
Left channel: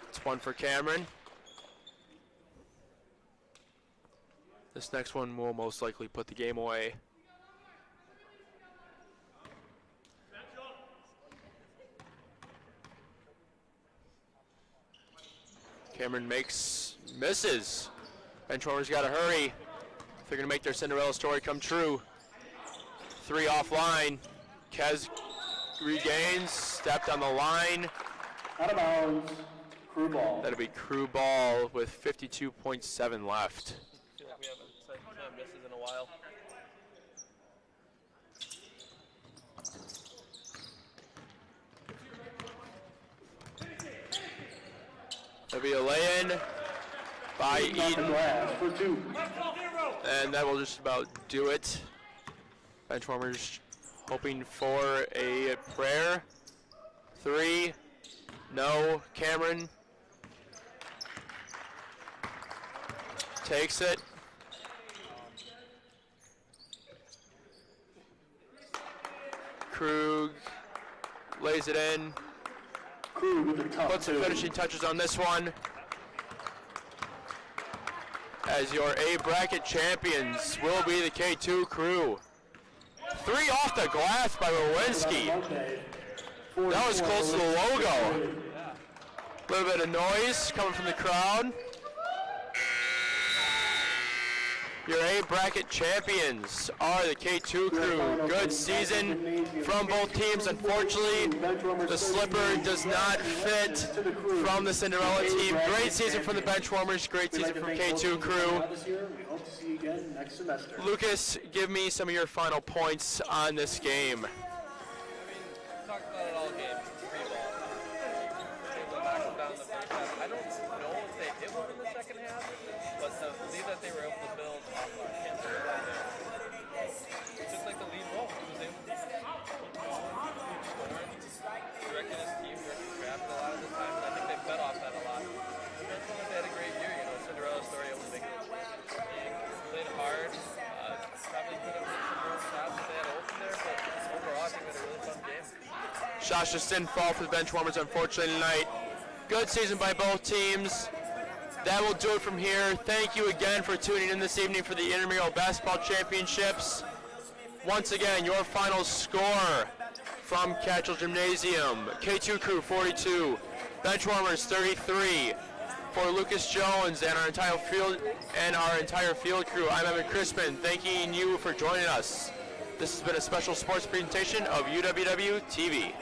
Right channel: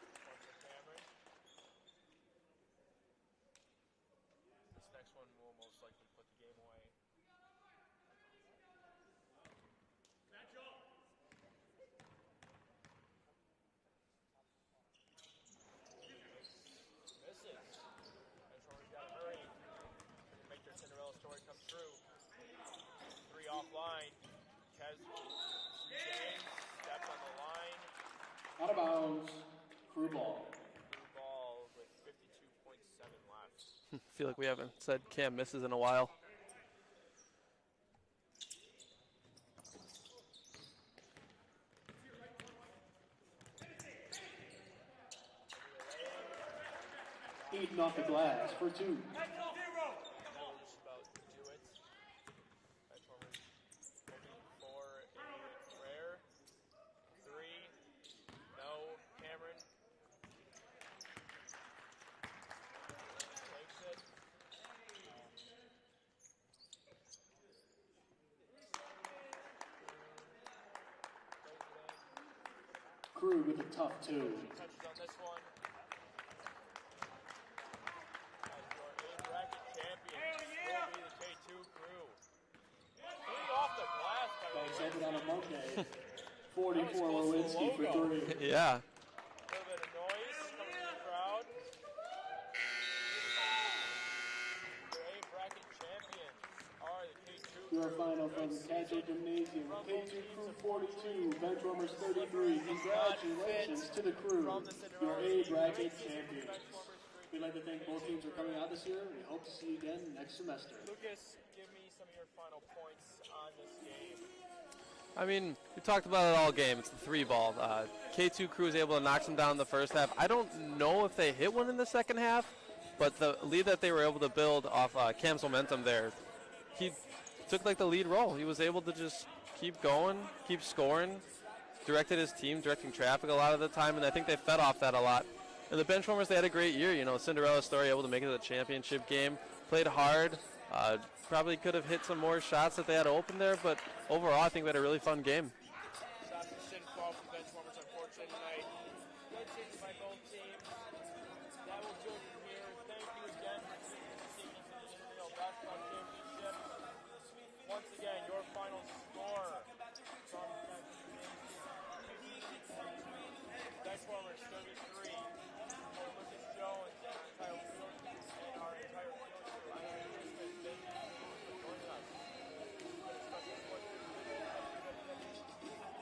It's one for Cameron. This next one will most likely put the game away. Cameron misses. Benchwarmers got to hurry if they're going to make their Cinderella story come true. Three offline. Kez regains, stepped on the line. Out of bounds, Crew ball. That'll be Crew ball with 52.7 left. I feel like we haven't said Cam misses in a while. That'll be a lay-in by Eaton off the Eden. glass for two. And that will just about do it. Benchwarmers hoping for a prayer. Three. No. Cameron takes it. Krug lays it in. Crew with the top Puts the two. finishing touches on this one. As your A bracket champions will be the K2 Crew. Three off the glass by Wawrinski. That was close to the logo. Yeah. A little bit of noise coming from the crowd. Your A bracket champions are the K2 Crew. Good season from both teams. Unfortunately, the slipper does not fit from the Cinderella team. Great season from the Benchwarmers. Great season from K2 Crew. We hope to see you again next semester. Lucas, give me some of your final points on this game. I mean, we talked about it all game. Three ball. K2 Crew was able to knock them down in the first half. I don't know if they hit one in the second half, but the lead that they were able to build off Cam's momentum there, he took like the lead role. He was able to just keep going, keep scoring, directed his team, directing traffic a lot of the time, and I think they fed off that a lot. And the Benchwarmers, they had a great year. You know, Cinderella story, able to make it to the championship game, played hard. Probably could have hit some more shots that they had open there, but overall, I think we had a really fun game. Shots just didn't fall for the Benchwarmers, unfortunately, tonight. Good season by both teams. That will do it from here. Thank you again for tuning in this evening for the Intramural Basketball Championships. Once again, your final score from Catchell Gymnasium. K2 Crew 42, Benchwarmers 33. For Lucas Jones and our entire field crew, I'm Evan Crispin, thanking you for joining us. This has been a special sports presentation of UWW TV.